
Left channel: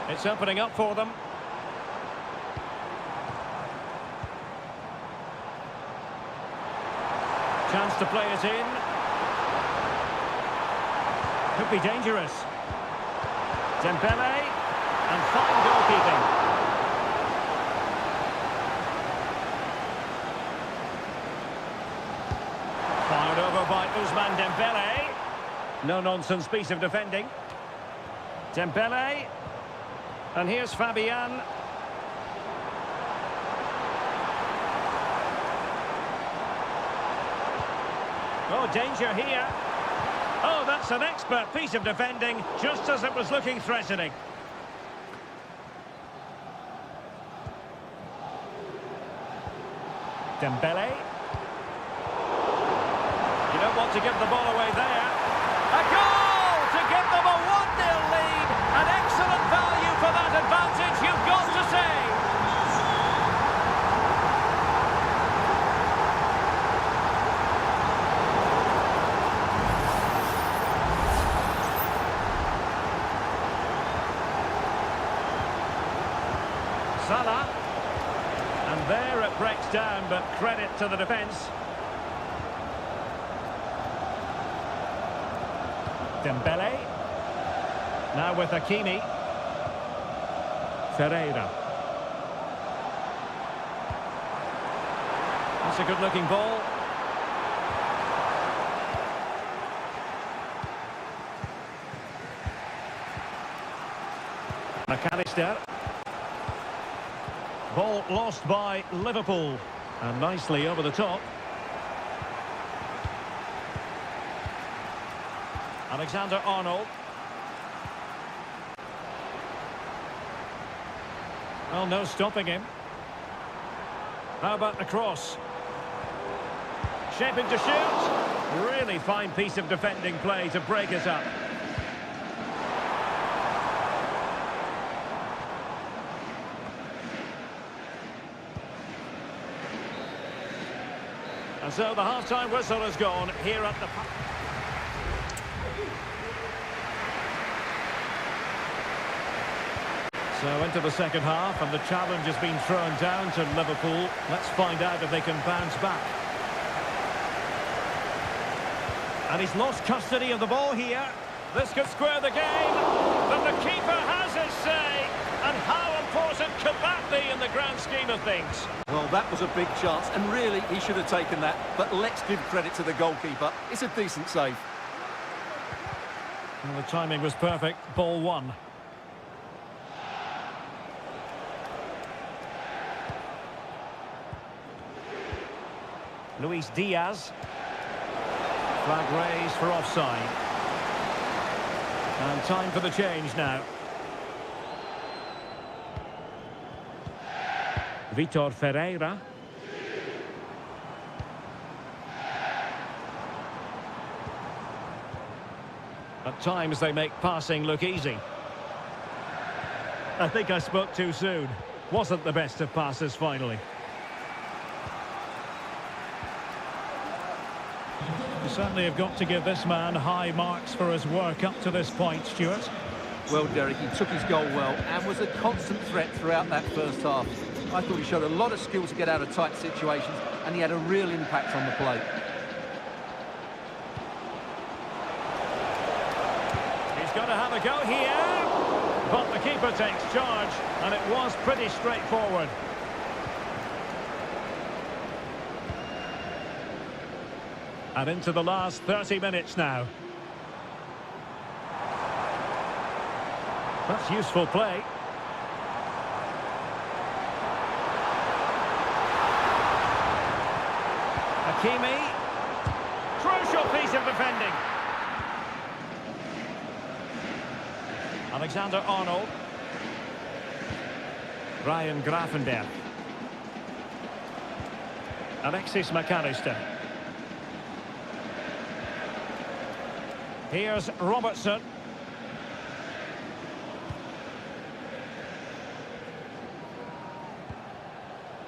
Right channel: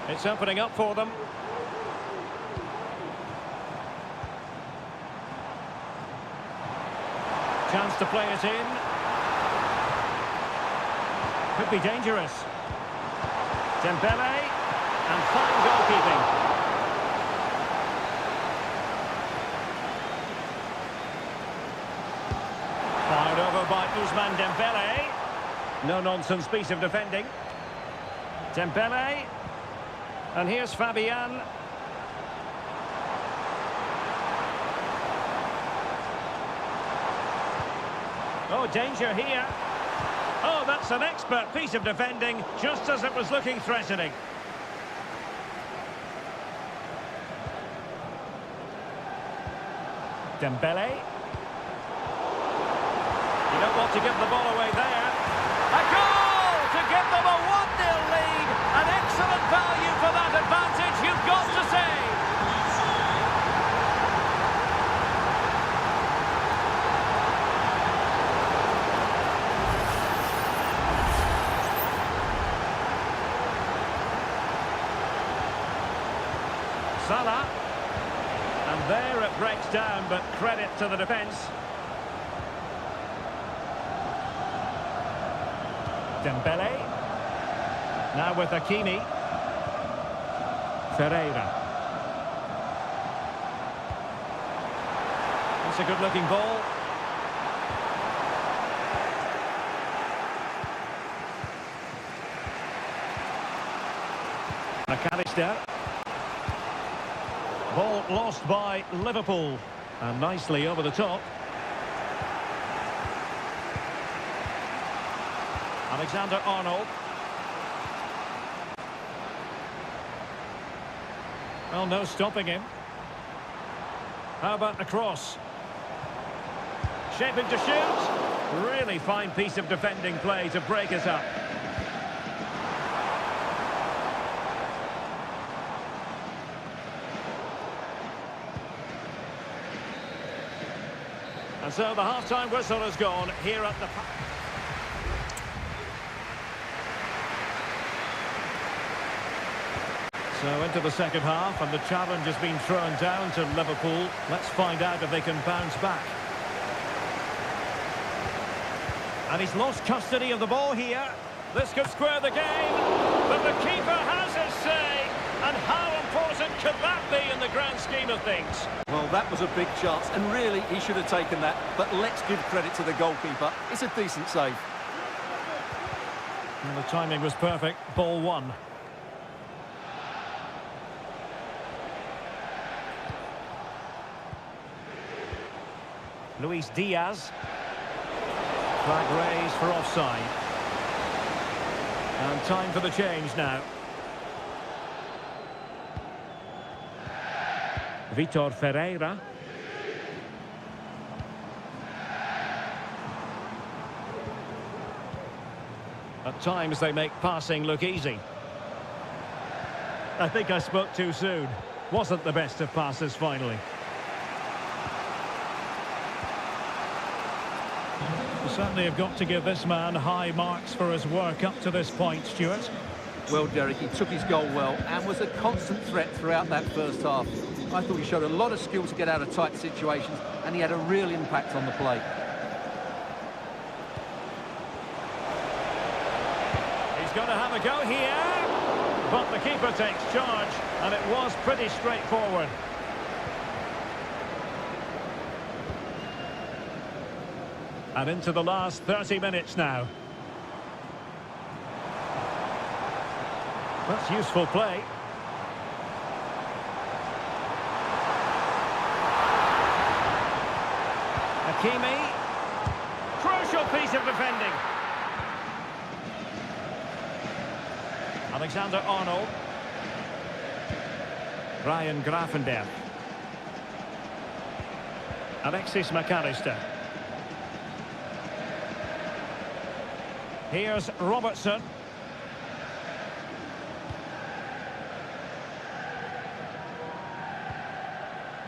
It's opening up for them. Chance to play it in. Could be dangerous. Dembélé, and fine goalkeeping. Fired over by Ousmane Dembélé. No-nonsense piece of defending. Dembélé. And here's Fabian. Oh, danger here. Oh, that's an expert piece of defending, just as it was looking threatening. Dembélé. You don't want to give the ball away there. A goal to give them a 1-0 lead. An excellent value for that advantage, you've got to say. Salah. And there it breaks down, but credit to the defence. Dembélé. Now with Hakimi. Ferreira. That's a good-looking ball. McAllister. Ball lost by Liverpool. And nicely over the top. Alexander-Arnold. Well, no stopping him. How about the cross? Shaping to shoot. Really fine piece of defending play to break it up. And so the half-time whistle has gone here at the... So into the second half, and the challenge has been thrown down to Liverpool. Let's find out if they can bounce back. And he's lost custody of the ball here. This could square the game, but the keeper has his say. And how important could that be in the grand scheme of things? Well, that was a big chance, and really, he should have taken that. But let's give credit to the goalkeeper. It's a decent save. Well, the timing was perfect. Ball one. Luis Diaz. Flag raised for offside. And time for the change now. Vitor Ferreira. At times they make passing look easy. I think I spoke too soon. Wasn't the best of passes finally. You certainly have got to give this man high marks for his work up to this point, Stuart. Well, Derek, he took his goal well and was a constant threat throughout that first half. I thought he showed a lot of skill to get out of tight situations, and he had a real impact on the play. He's going to have a go here, but the keeper takes charge, and it was pretty straightforward. And into the last 30 minutes now. That's useful play. Hakimi. Crucial piece of defending. Alexander-Arnold. Ryan Gravenberch. Alexis McAllister. Here's Robertson.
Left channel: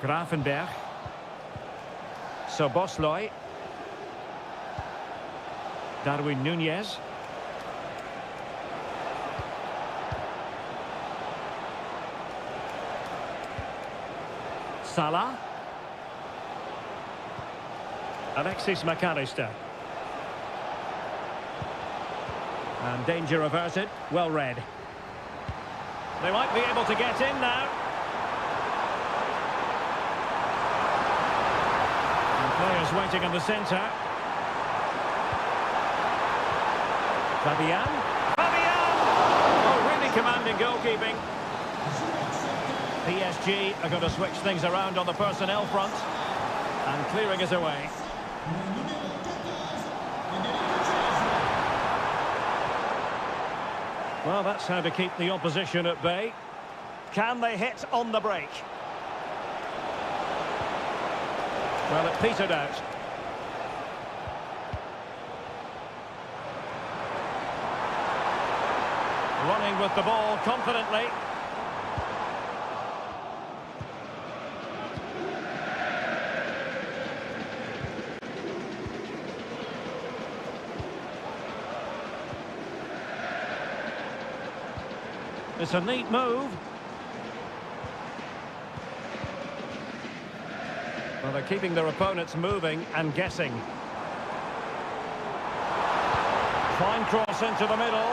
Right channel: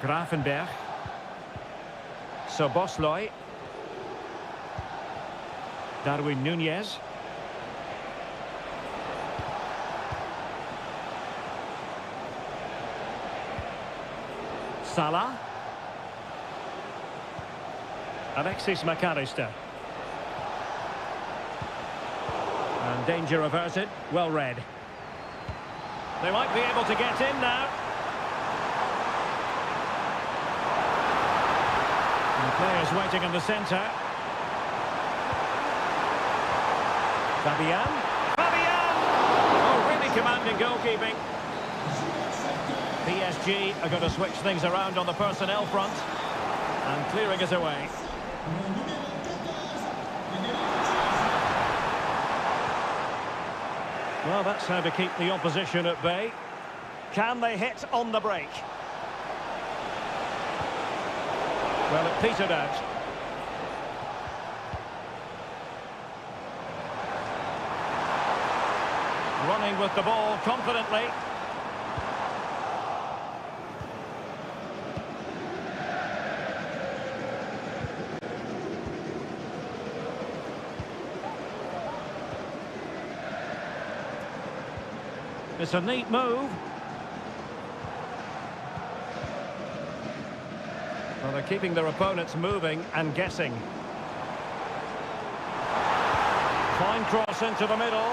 Gravenberch. Soboslai. Darwin Núñez. Salah. Alexis McAllister. And danger averted. Well read. They might be able to get in now. And players waiting in the centre. Fabian. Fabian! Oh, really commanding goalkeeping. PSG are going to switch things around on the personnel front. And clearing us away. Well, that's how to keep the opposition at bay. Can they hit on the break? Well, it petered out. Running with the ball confidently. It's a neat move. Well, they're keeping their opponents moving and guessing. Fine cross into the middle.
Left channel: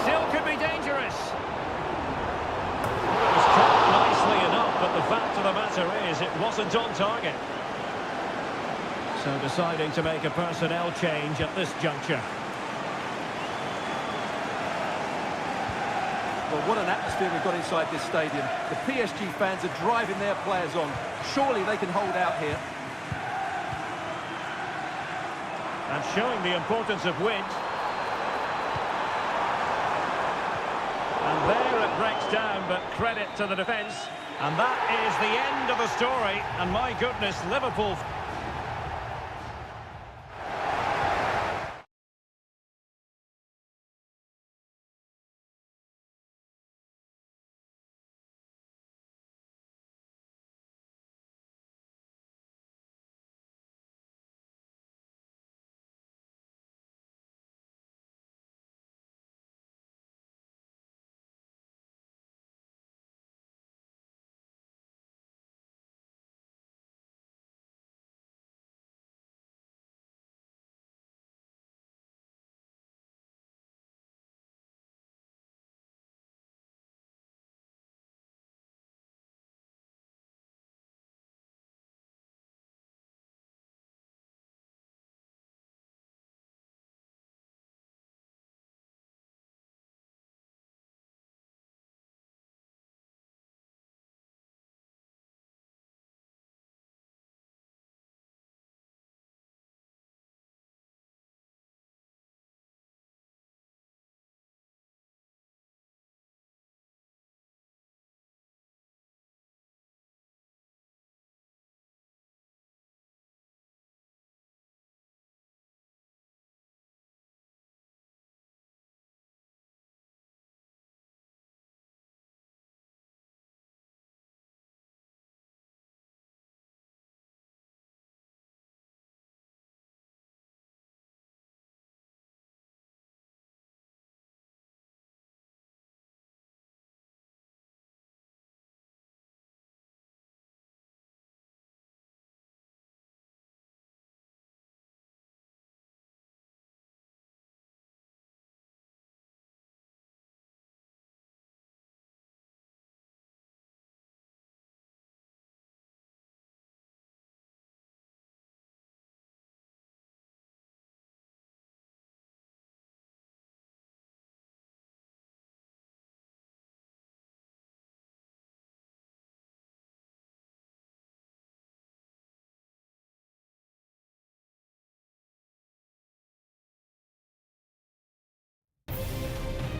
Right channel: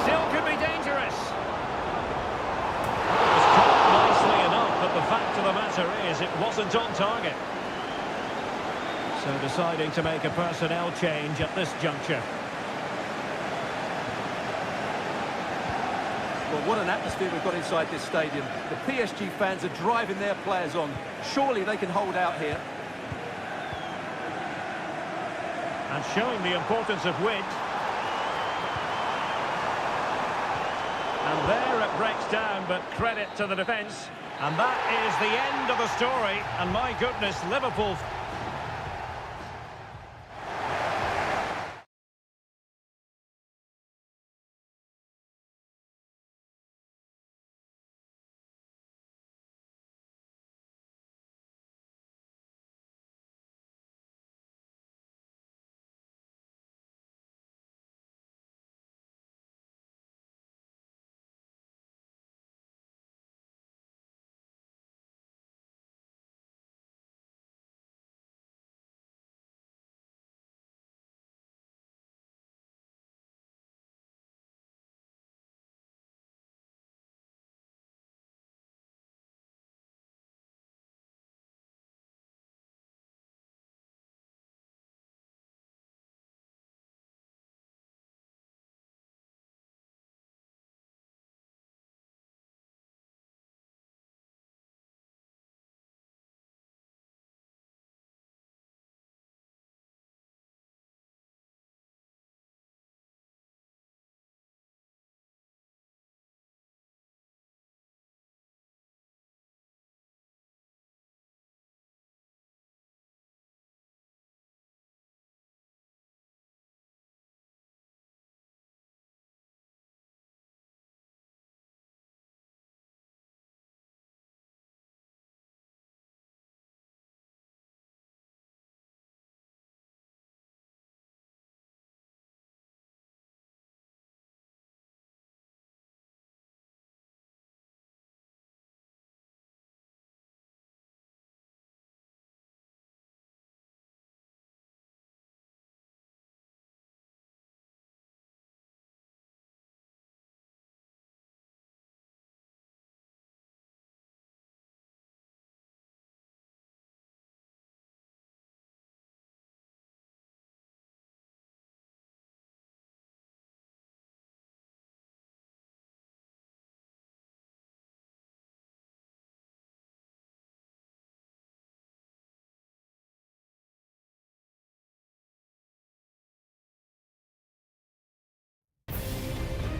Still could be dangerous. Well, it was caught nicely enough, but the fact of the matter is it wasn't on target. So deciding to make a personnel change at this juncture. Well, what an atmosphere we've got inside this stadium. The PSG fans are driving their players on. Surely they can hold out here. And showing the importance of width. And there it breaks down, but credit to the defence. And that is the end of the story. And my goodness, Liverpool...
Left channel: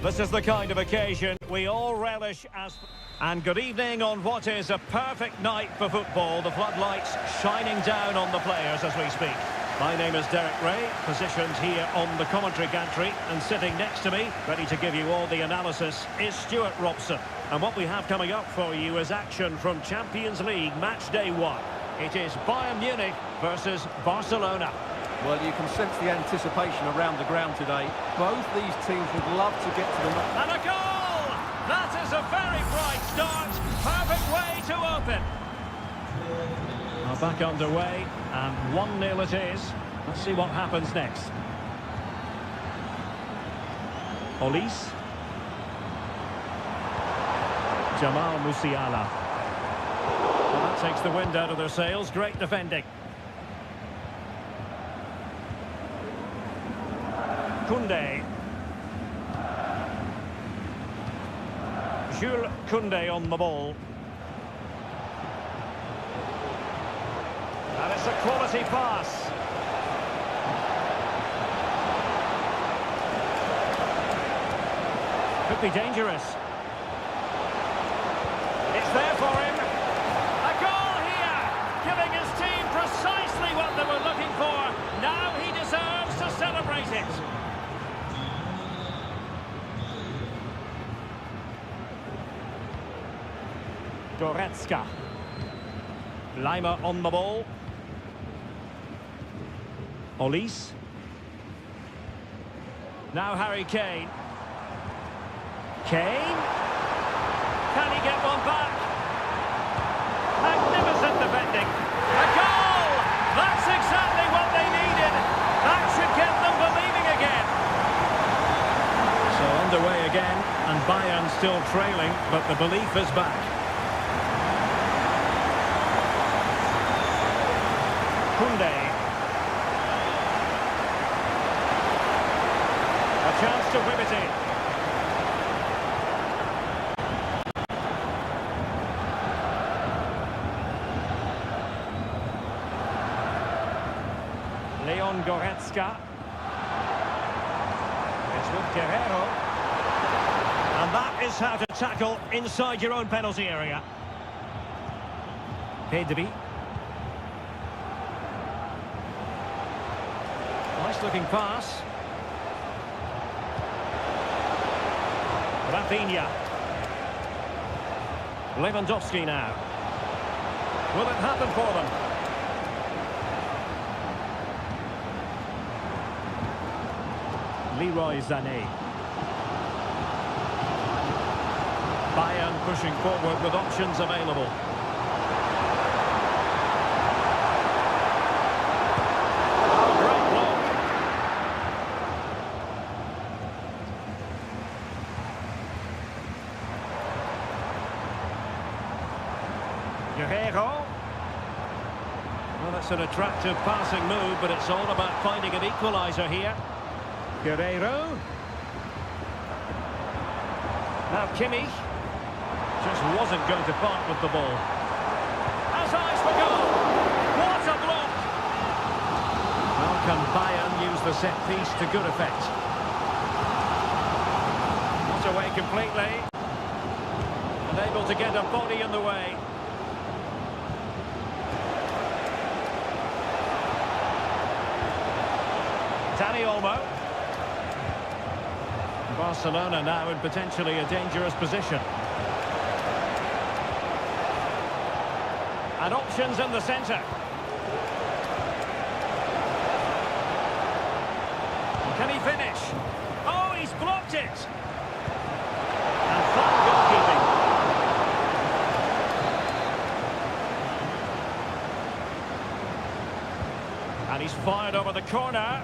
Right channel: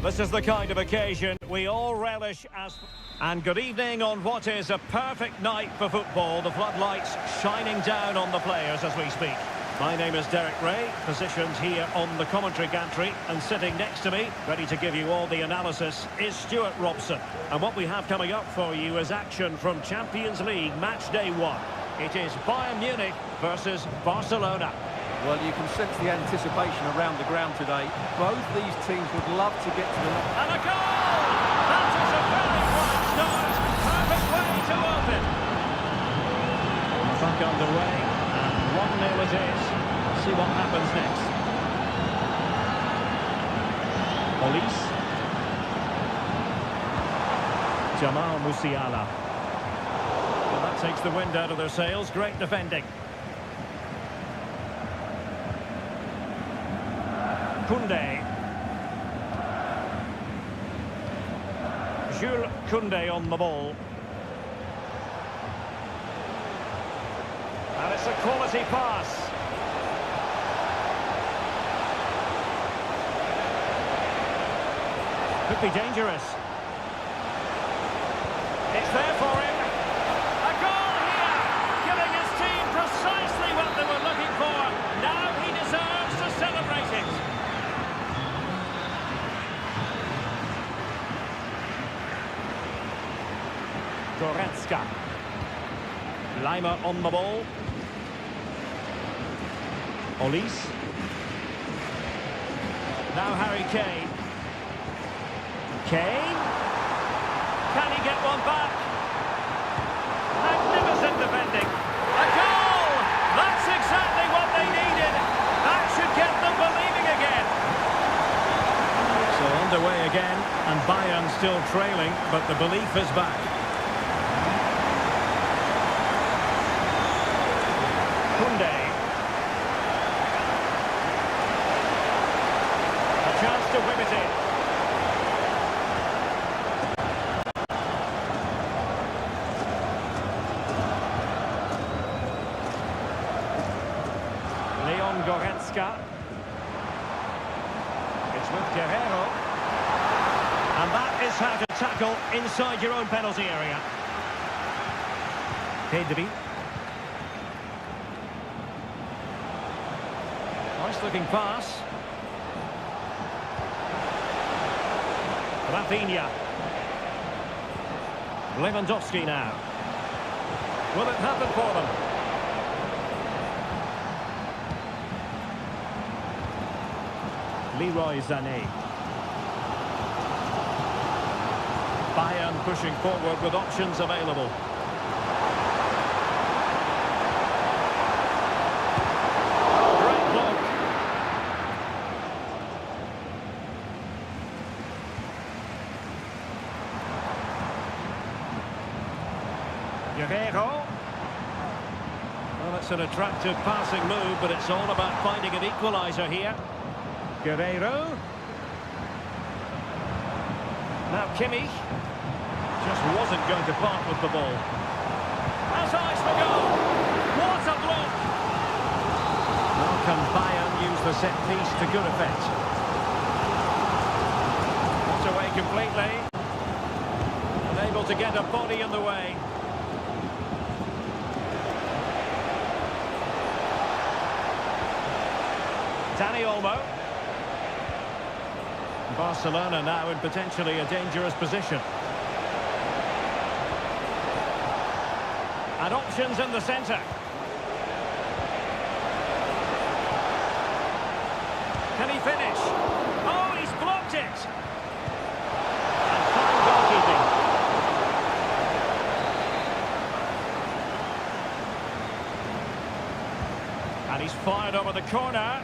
This is the kind of occasion we all relish as... And good evening on what is a perfect night for football. The floodlights shining down on the players as we speak. My name is Derek Ray, positioned here on the commentary gantry, and sitting next to me, ready to give you all the analysis, is Stuart Robson. And what we have coming up for you is action from Champions League match day 1. It is Bayern Munich versus Barcelona. Well, you can sense the anticipation around the ground today. Both these teams would love to get to the knock. And a goal! That is a very bright start. Perfect way to open. We're back underway, and 1-0 it is. Let's see what happens next. Olise. Jamal Musiala. Well, that takes the wind out of their sails. Great defending. Koundé. Jules Koundé on the ball. And it's a quality pass. Could be dangerous. It's there for him. A goal here, giving his team precisely what they were looking for. Now he deserves to celebrate it. Goretzka. Lima on the ball. Olise. Now Harry Kane. Kane. Can he get one back? Magnificent defending. A goal! That's exactly what they needed. That should get them believing again. So underway again, and Bayern still trailing, but the belief is back. Koundé. A chance to whip it in. Leon Goretzka. It's with Guerrero. And that is how to tackle inside your own penalty area. Pedri. Nice looking pass. Rafinha. Lewandowski now. Will it happen for them? Leroy Sané. Bayern pushing forward with options available. Oh, great block. Guerrero. Well, it's an attractive passing move, but it's all about finding an equaliser here. Guerrero. Now Kimmich. Just wasn't going to part with the ball. Has eyes for goal. What a block. Well, can Bayern use the set piece to good effect? Not away completely. Unable to get a body in the way. Dani Olmo. Barcelona now in potentially a dangerous position. And options in the centre. Can he finish? Oh, he's blocked it! And fine goalkeeping. And he's fired over the corner.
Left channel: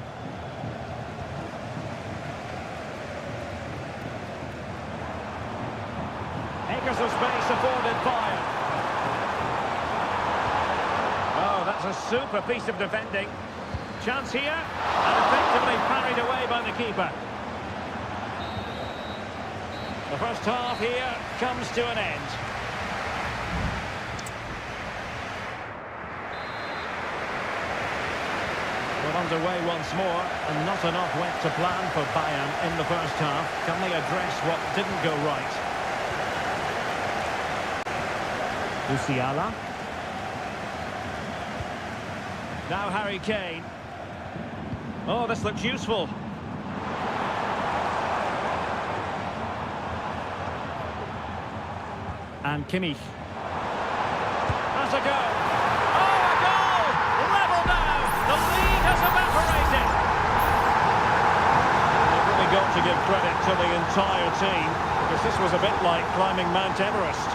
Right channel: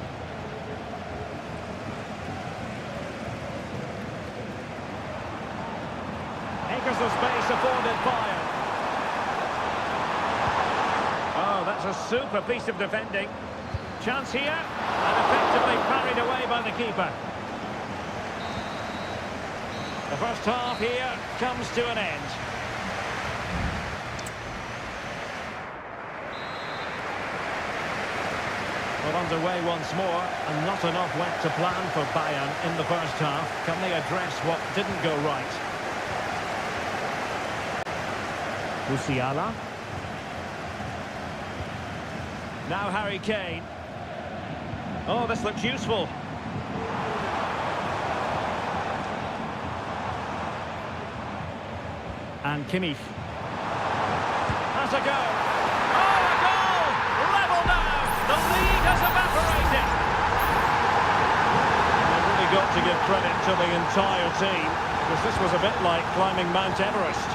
Acres of space afforded Bayern. Oh, that's a super piece of defending. Chance here, and effectively parried away by the keeper. The first half here comes to an end. Well, underway once more, and not enough went to plan for Bayern in the first half. Can they address what didn't go right? Musiala. Now Harry Kane. Oh, this looks useful. And Kimmich. Has a go. Oh, a goal! Level now! The lead has evaporated. They've really got to give credit to the entire team, because this was a bit like climbing Mount Everest.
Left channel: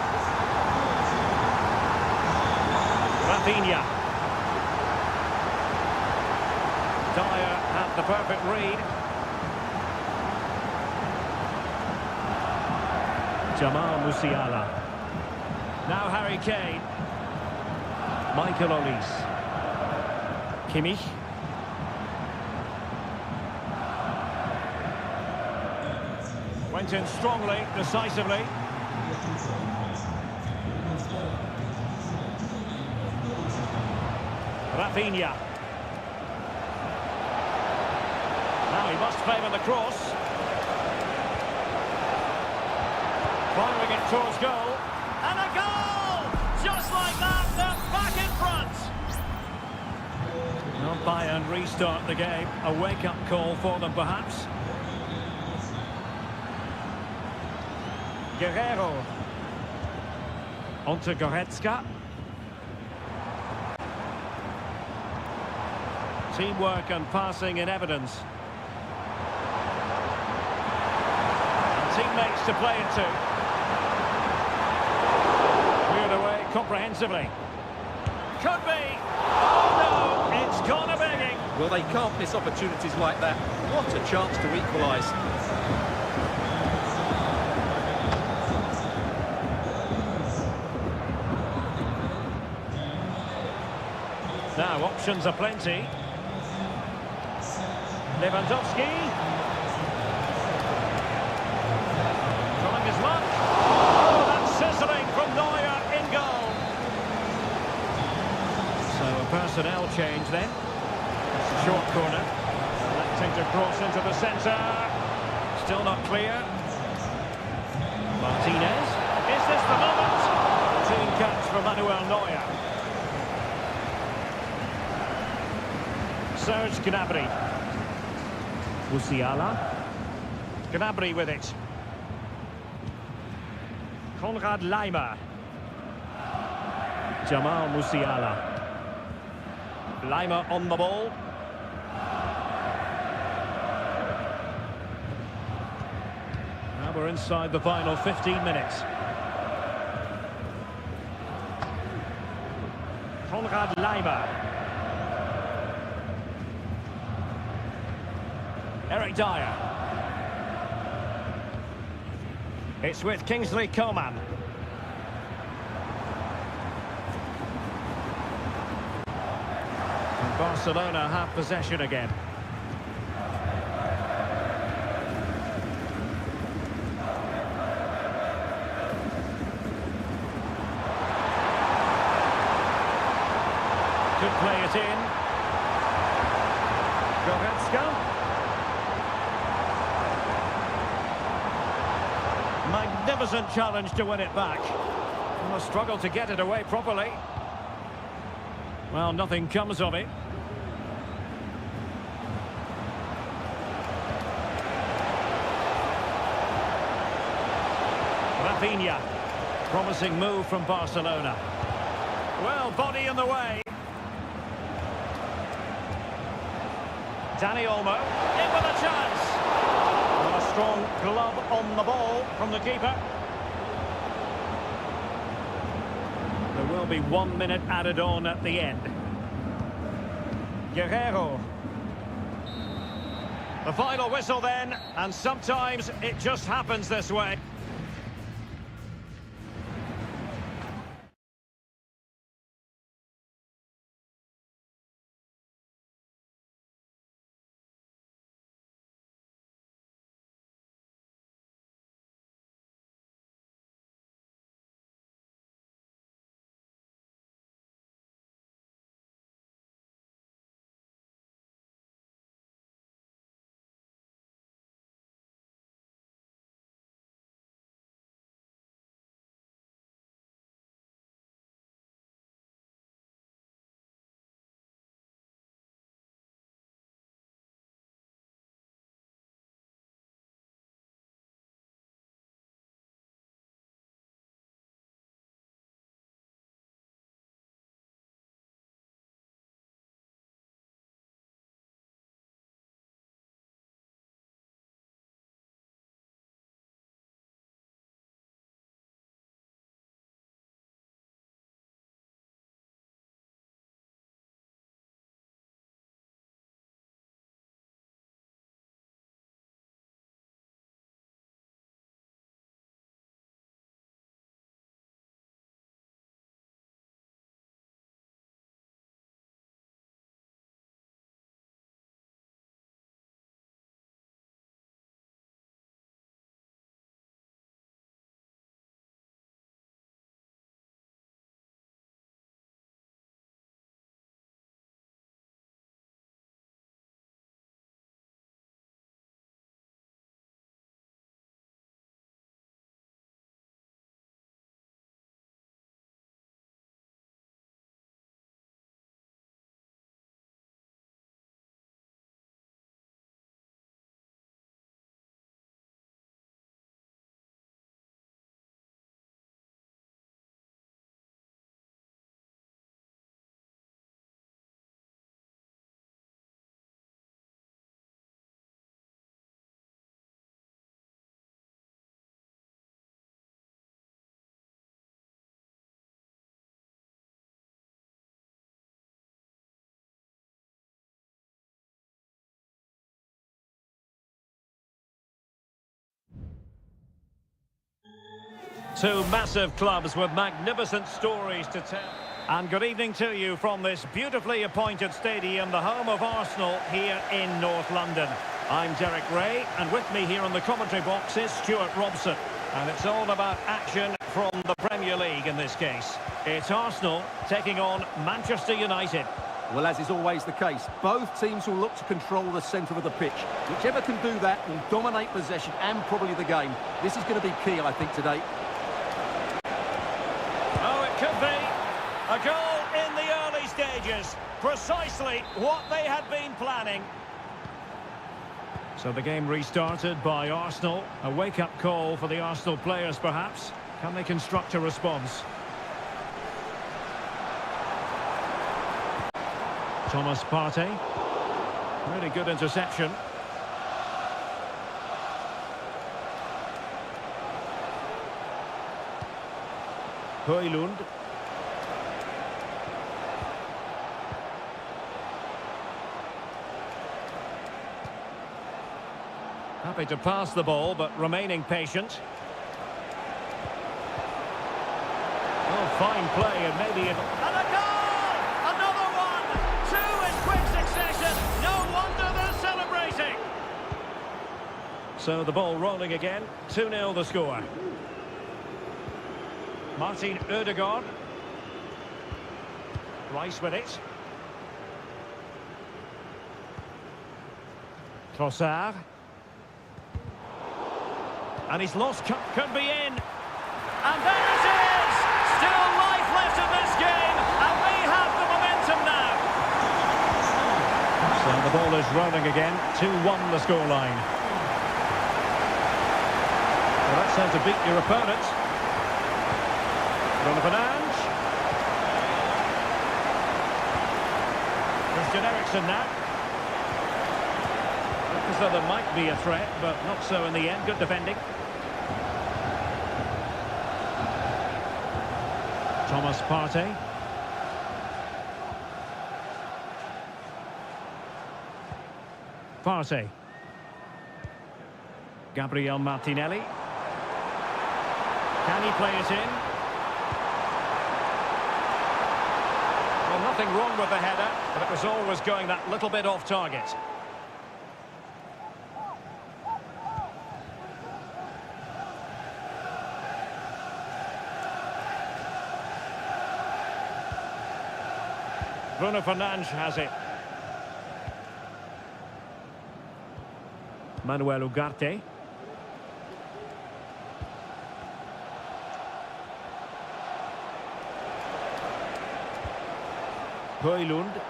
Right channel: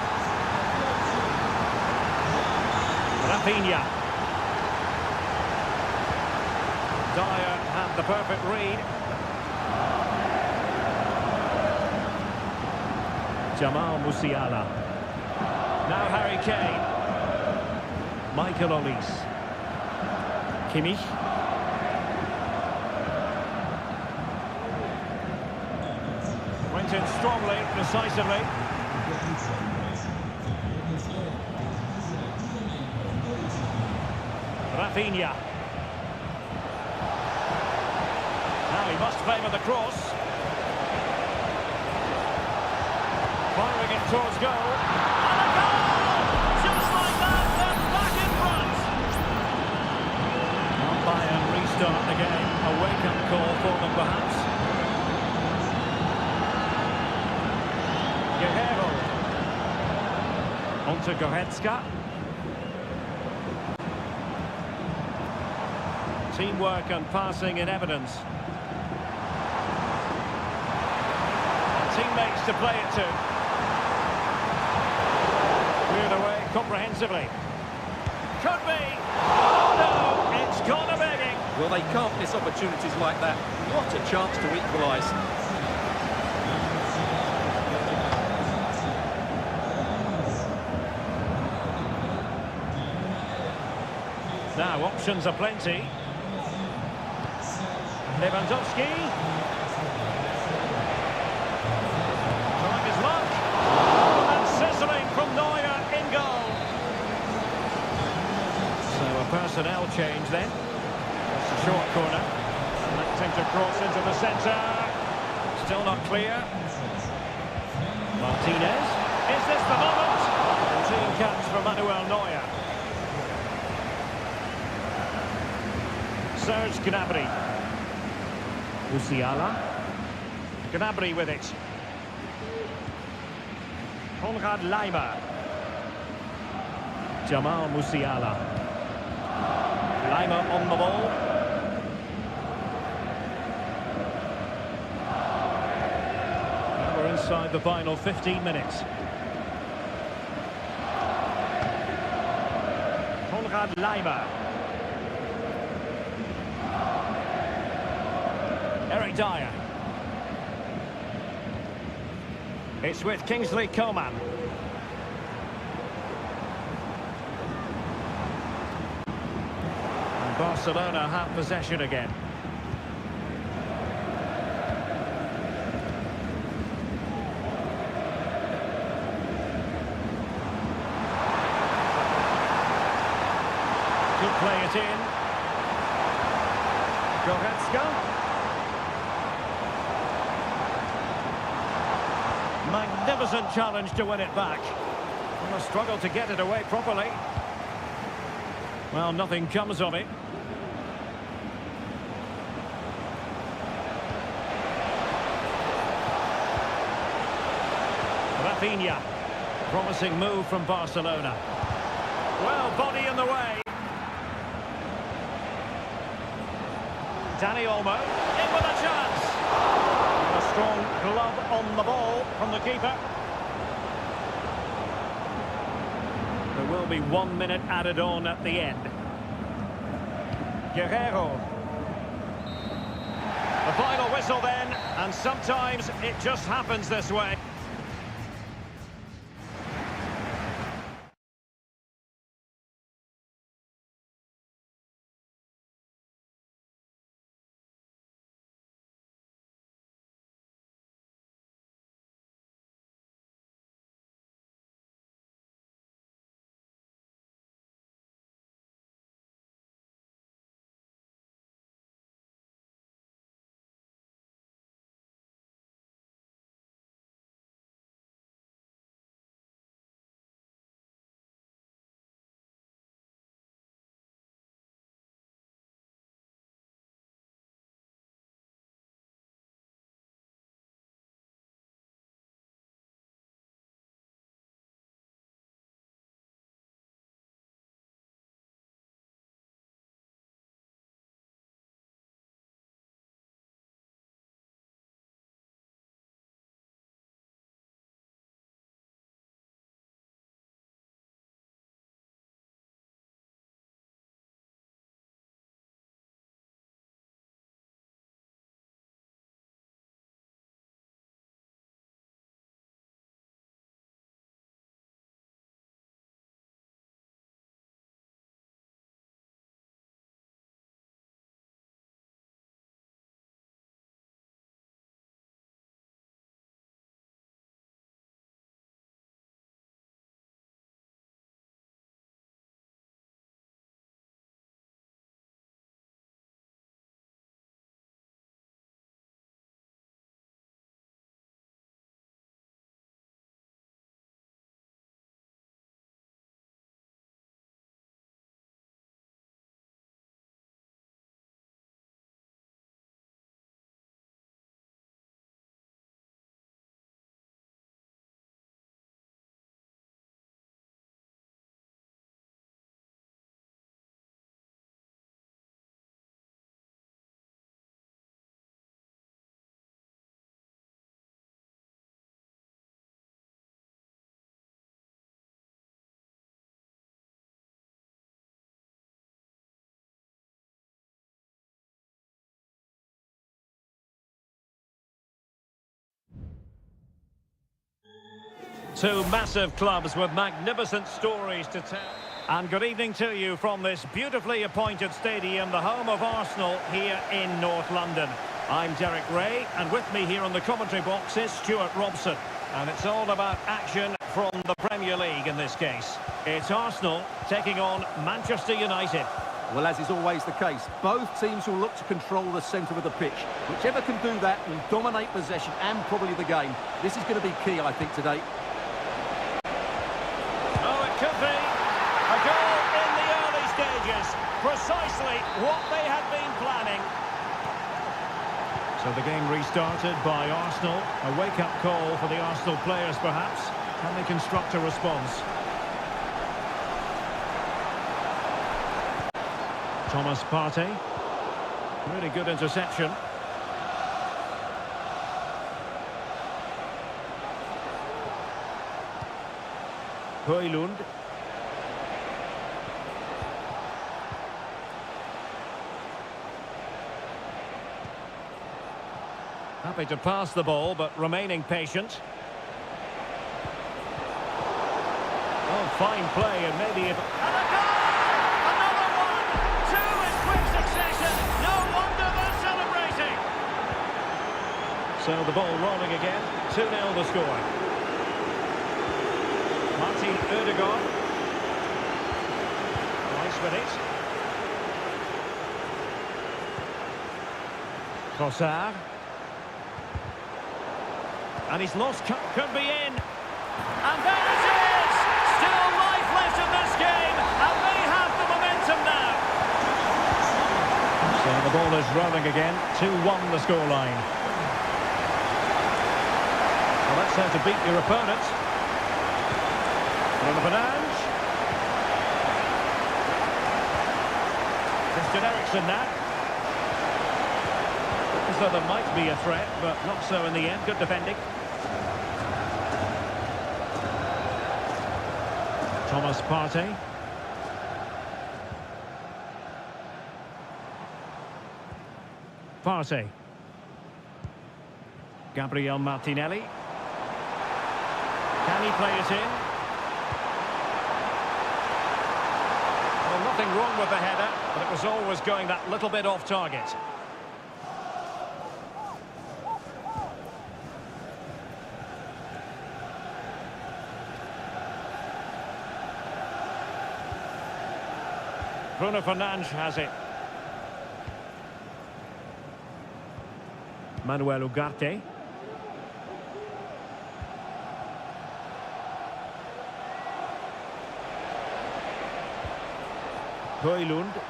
Rafinha. Dyer had the perfect read. Jamal Musiala. Now Harry Kane. Michael Olise. Kimmich. Went in strongly, decisively. Rafinha. Now he must favour the cross. Firing it towards goal. And a goal! Just like that, they're back in front. Well, Bayern restart the game. A wake-up call for them, perhaps. Guerrero. Onto Goretzka. Teamwork and passing in evidence. And teammates to play it to. Cleared away comprehensively. Could be. Oh no, it's gone a begging. Well, they can't miss opportunities like that. What a chance to equalise. Now, options are plenty. Lewandowski. Trying his luck. Oh, that's sizzling from Neuer in goal. So a personnel change then. That's a short corner. Electing to cross into the centre. Still not clear. Martinez. Is this the moment? Routine catch for Manuel Neuer. Serge Gnabry. Musiala. Gnabry with it. Konrad Laimer. Jamal Musiala. Laimer on the ball. Now we're inside the final 15 minutes. Konrad Laimer. Eric Dyer. It's with Kingsley Coman. And Barcelona have possession again. Could play it in. Goretzka. Magnificent challenge to win it back. And a struggle to get it away properly. Well, nothing comes of it. Rafinha. Promising move from Barcelona. Well, body in the way. Dani Olmo. In with a chance. A strong glove on the ball from the keeper. There will be 1 minute added on at the end. Guerrero. The final whistle then, and sometimes it just happens this way. Two massive clubs with magnificent stories to tell. And good evening to you from this beautifully appointed stadium, the home of Arsenal here in North London. I'm Derek Ray, and with me here on the commentary box is Stuart Robson. And it's all about action from the Premier League in this case. It's Arsenal taking on Manchester United. Well, as is always the case, both teams will look to control the centre of the pitch. Whichever can do that will dominate possession and probably the game. This is going to be key, I think, today. Oh, it could be. A goal in the early stages. Precisely what they had been planning. So the game restarted by Arsenal. A wake-up call for the Arsenal players, perhaps. Can they construct a response? Thomas Partey. Really good interception. Højlund. Happy to pass the ball, but remaining patient. Oh, fine play, and maybe it... And a goal! Another one! Two in quick succession! No wonder they're celebrating! So the ball rolling again. 2-0 the score. Martin Ødegaard. Rice with it. Trossard. And he's lost, could be in. And there it is! Still life left in this game, and they have the momentum now. So the ball is rolling again. 2-1 the scoreline. Well, that's how to beat your opponent. Bruno Fernandes. Christian Eriksen now. Looked as though there might be a threat, but not so in the end. Good defending. Thomas Partey. Partey. Gabriel Martinelli. Can he play it in? Well, nothing wrong with the header, but it was always going that little bit off target. Bruno Fernandes has it. Manuel Ugarte. Højlund.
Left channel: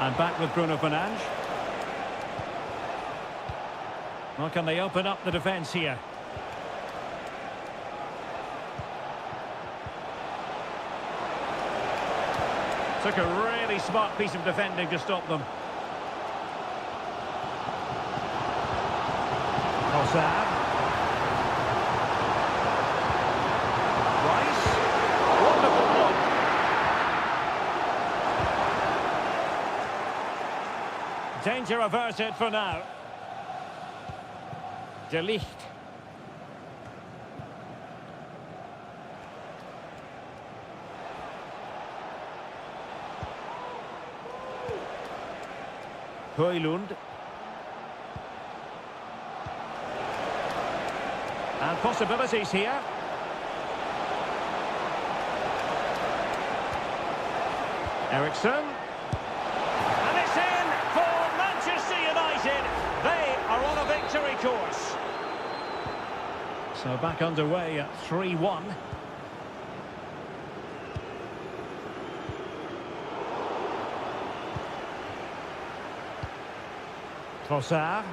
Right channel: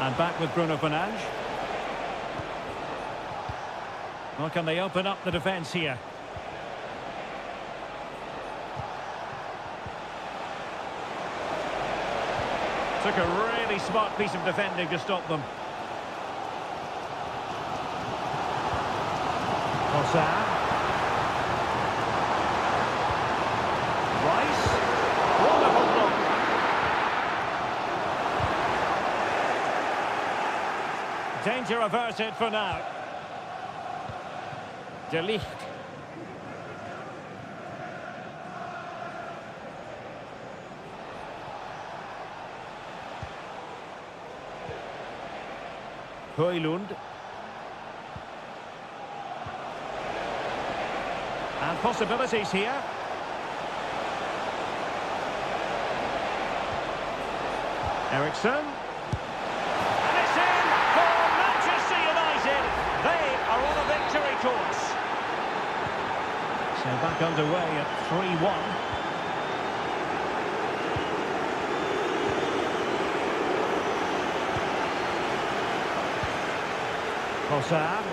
And back with Bruno Fernandes. Well, can they open up the defence here? Took a really smart piece of defending to stop them. Trossard. Rice. Wonderful block. Danger averted for now. De Ligt. Højlund. And possibilities here. Eriksen. And it's in for Manchester United. They are on a victory course. So back underway at 3-1. Trossard.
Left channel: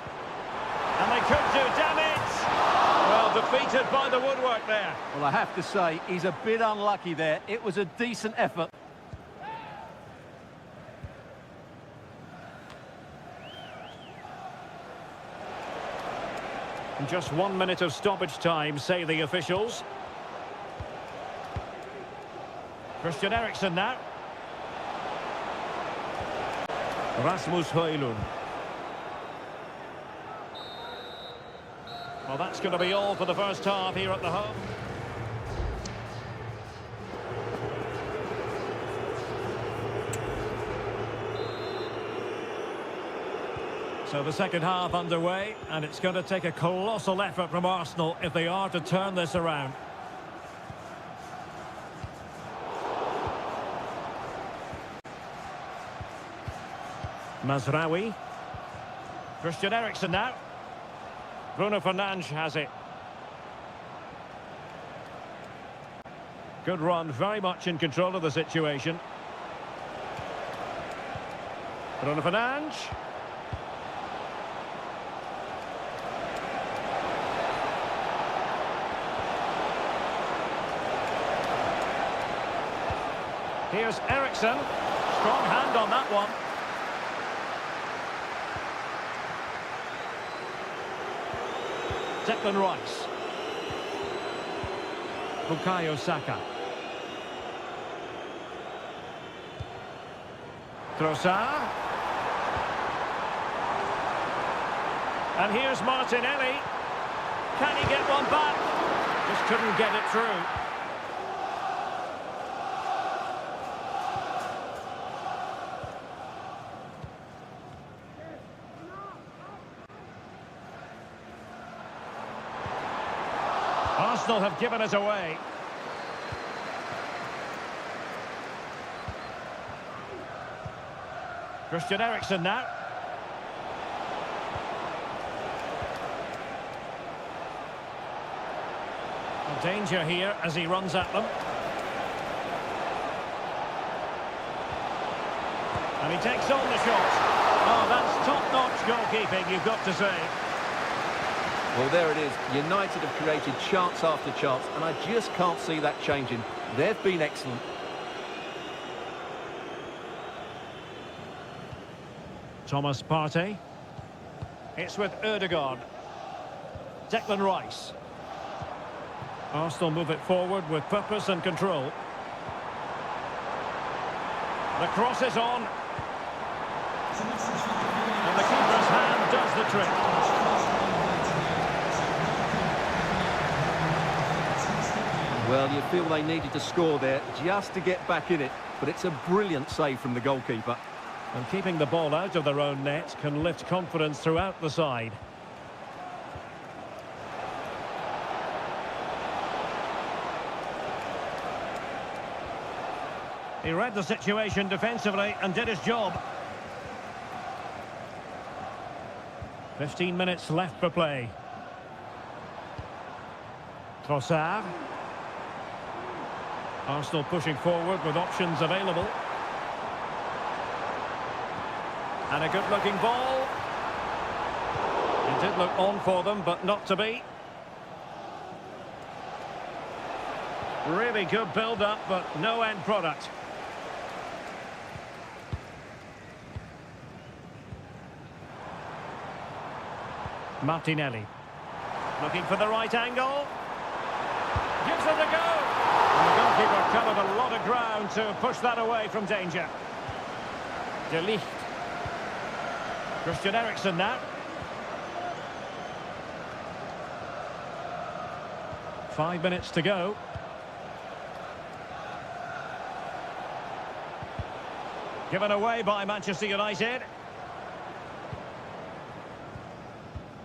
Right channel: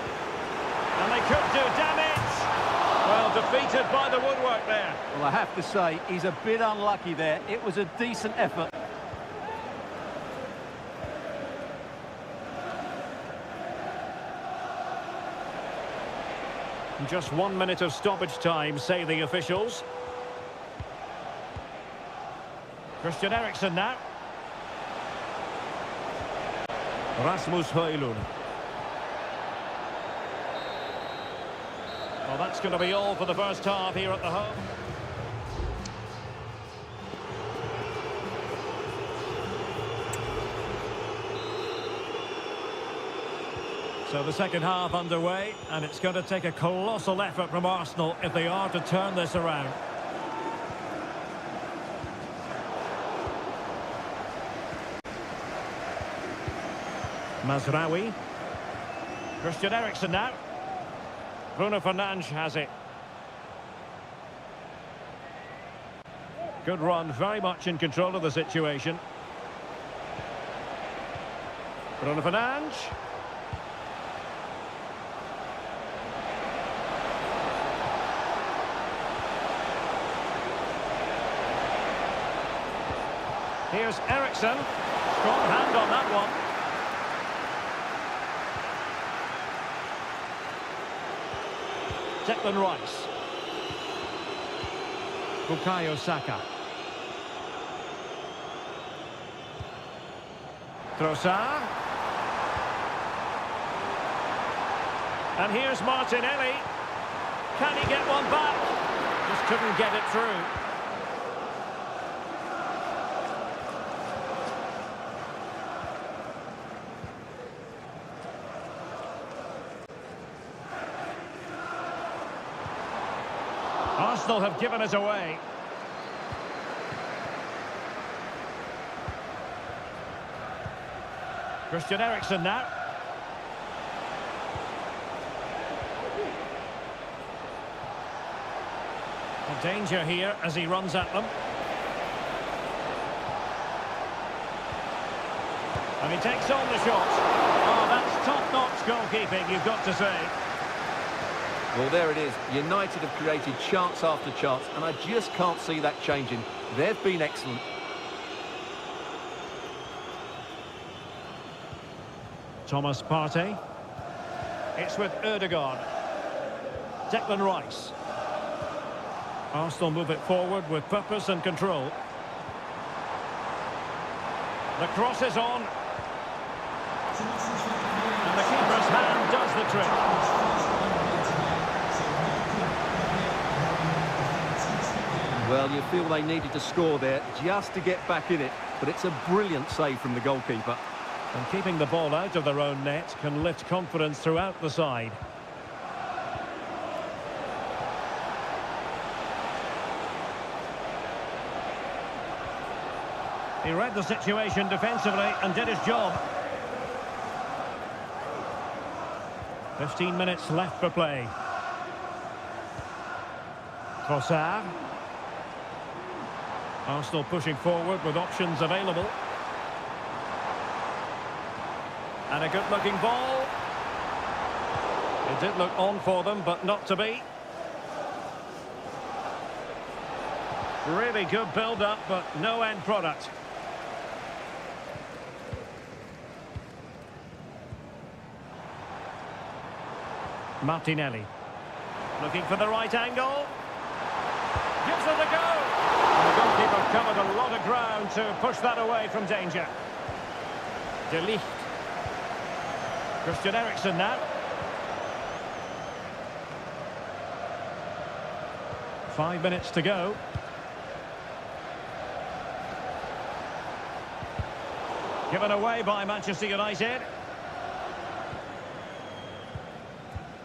And they could do damage. Well, defeated by the woodwork there. Well, I have to say, he's a bit unlucky there. It was a decent effort. Just 1 minute of stoppage time, say the officials. Christian Eriksen now. Rasmus Højlund. Well, that's going to be all for the first half here at the home. So the second half underway, and it's going to take a colossal effort from Arsenal if they are to turn this around. Mazraoui. Christian Eriksen now. Bruno Fernandes has it. Good run, very much in control of the situation. Bruno Fernandes. Here's Eriksen. Strong hand on that one. Declan Rice. Bukayo Saka. Trossard. And here's Martinelli. Can he get one back? Just couldn't get it through. Arsenal have given it away. Christian Eriksen now. A danger here as he runs at them. And he takes on the shot. Oh, that's top-notch goalkeeping, you've got to say. Well, there it is. United have created chance after chance, and I just can't see that changing. They've been excellent. Thomas Partey. It's with Ødegaard. Declan Rice. Arsenal move it forward with purpose and control. The cross is on. And the keeper's hand does the trick. Well, you feel they needed to score there just to get back in it, but it's a brilliant save from the goalkeeper. And keeping the ball out of their own net can lift confidence throughout the side. He read the situation defensively and did his job. 15 minutes left for play. Trossard. Arsenal pushing forward with options available. And a good-looking ball. It did look on for them, but not to be. Really good build-up, but no end product. Martinelli. Looking for the right angle. Gives it a go. And the goalkeeper covered a lot of ground to push that away from danger. De Ligt. Christian Eriksen now. Five minutes to go. Given away by Manchester United.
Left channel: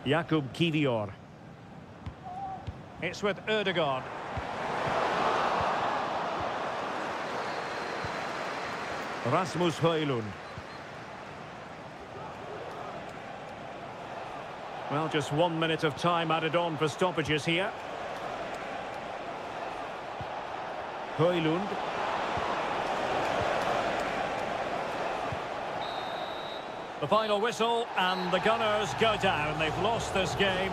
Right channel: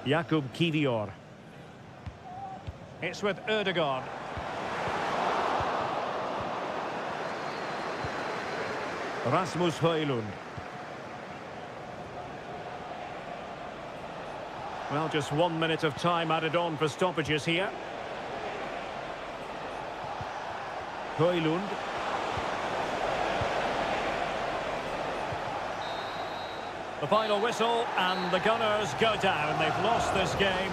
Jakub Kivior. It's with Ødegaard. Rasmus Højlund. Well, just 1 minute of time added on for stoppages here. Højlund. The final whistle, and the Gunners go down. They've lost this game.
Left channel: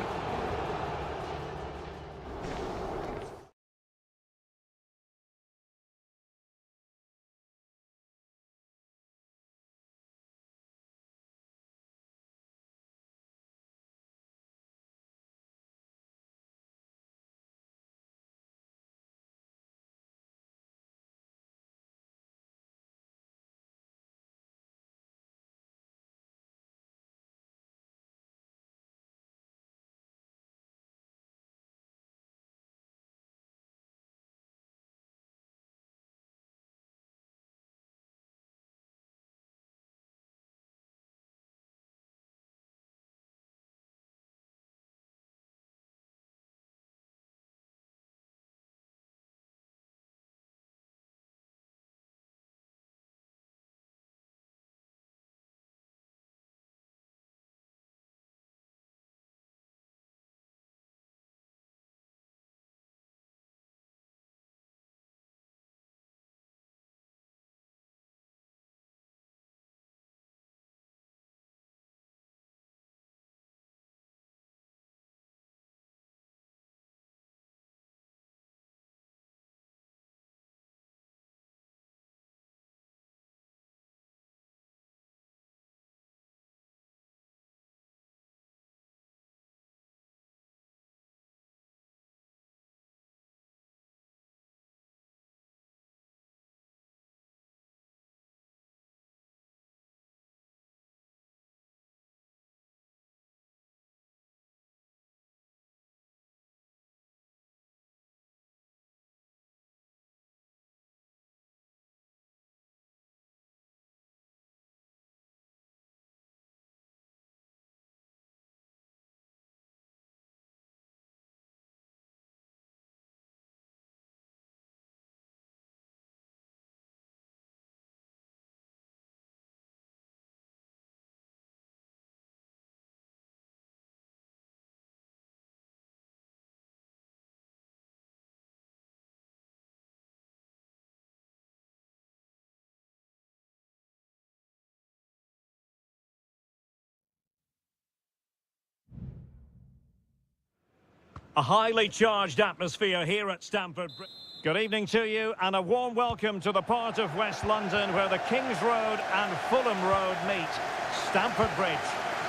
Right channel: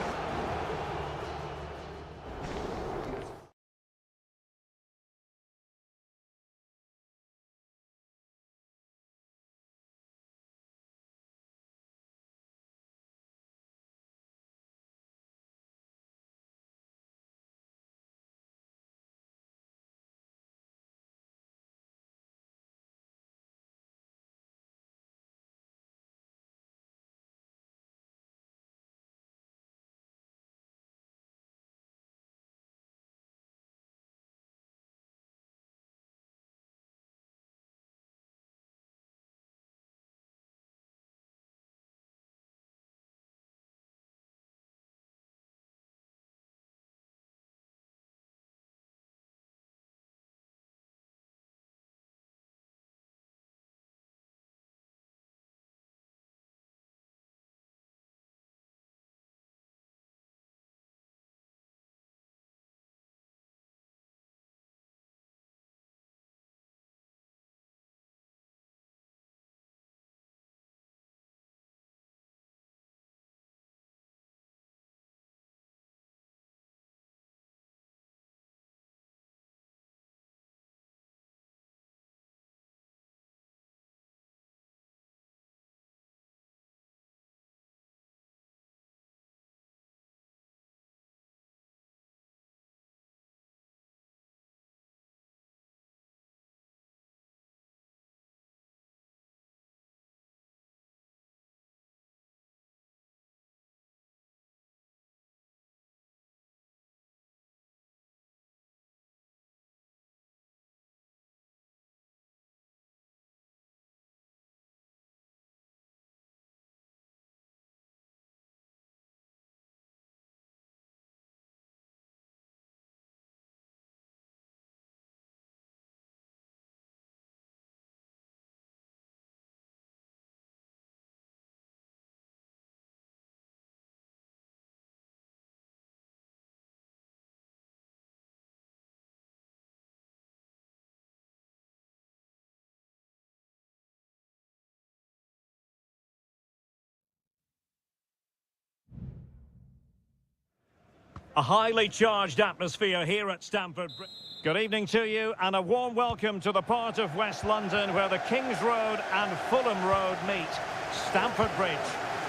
A highly charged atmosphere here at Stamford Bridge. Good evening to you and a warm welcome to the part of West London where the King's Road and Fulham Road meet, Stamford Bridge.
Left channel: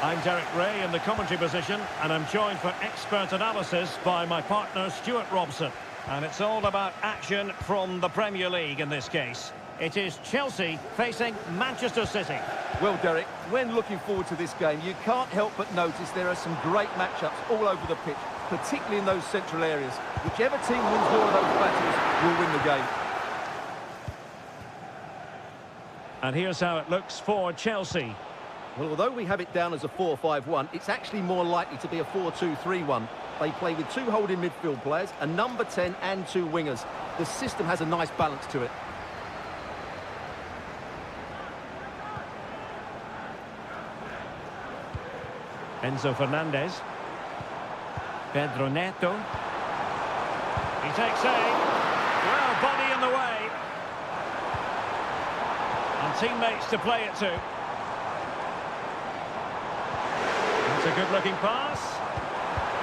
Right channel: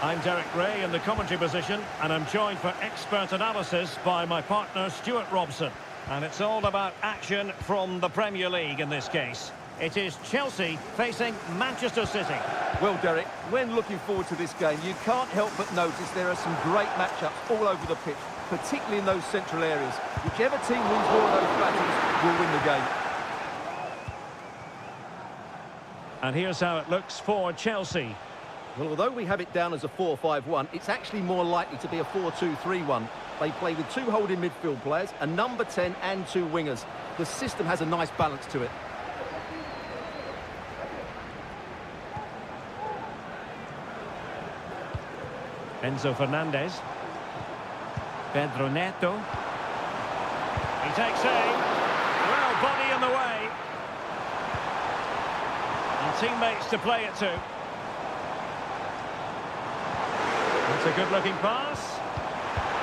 I'm Derek Ray in the commentary position and I'm joined for expert analysis by my partner Stuart Robson. And it's all about action from the Premier League in this case. It is Chelsea facing Manchester City. Well, Derek, when looking forward to this game, you can't help but notice there are some great matchups all over the pitch, particularly in those central areas. Whichever team wins more of those battles will win the game. And here's how it looks for Chelsea. Well, although we have it down as a 4-5-1, it's actually more likely to be a 4-2-3-1. They play with two holding midfield players, a number 10 and two wingers. The system has a nice balance to it. Enzo Fernandez. Pedro Neto. He takes aim. Well, body in the way. And teammates to play it to. That's a good-looking pass.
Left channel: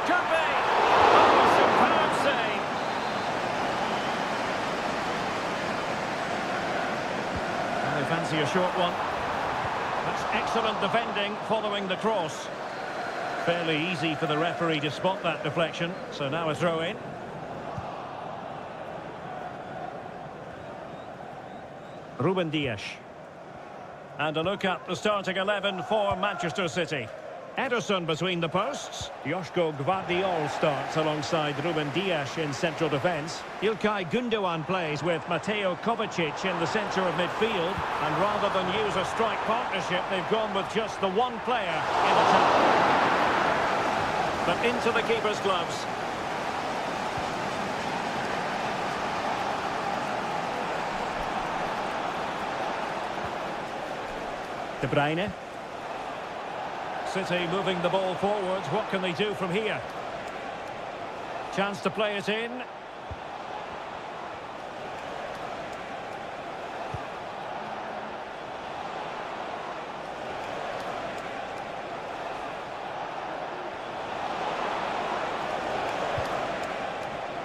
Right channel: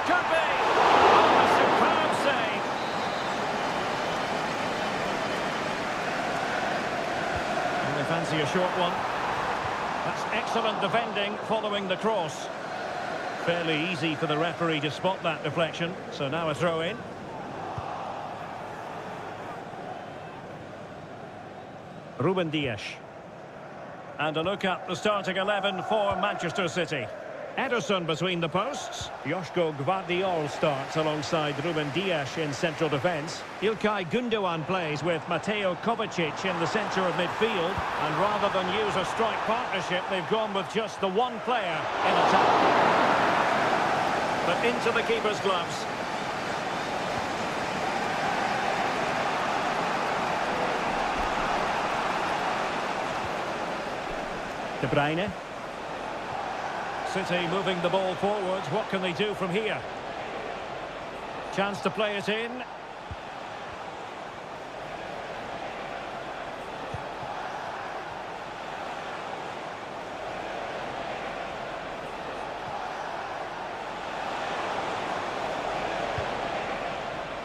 Could be. Oh, a superb save. And they fancy a short one. That's excellent defending following the cross. Fairly easy for the referee to spot that deflection, so now a throw-in. Ruben Dias. And a look at the starting 11 for Manchester City. Ederson between the posts. Joško Gvardiol starts alongside Ruben Dias in central defence. Ilkay Gundogan plays with Mateo Kovacic in the centre of midfield. And rather than use a strike partnership, they've gone with just the one player in attack. But into the keeper's gloves. De Bruyne. City moving the ball forwards. What can they do from here? Chance to play it in.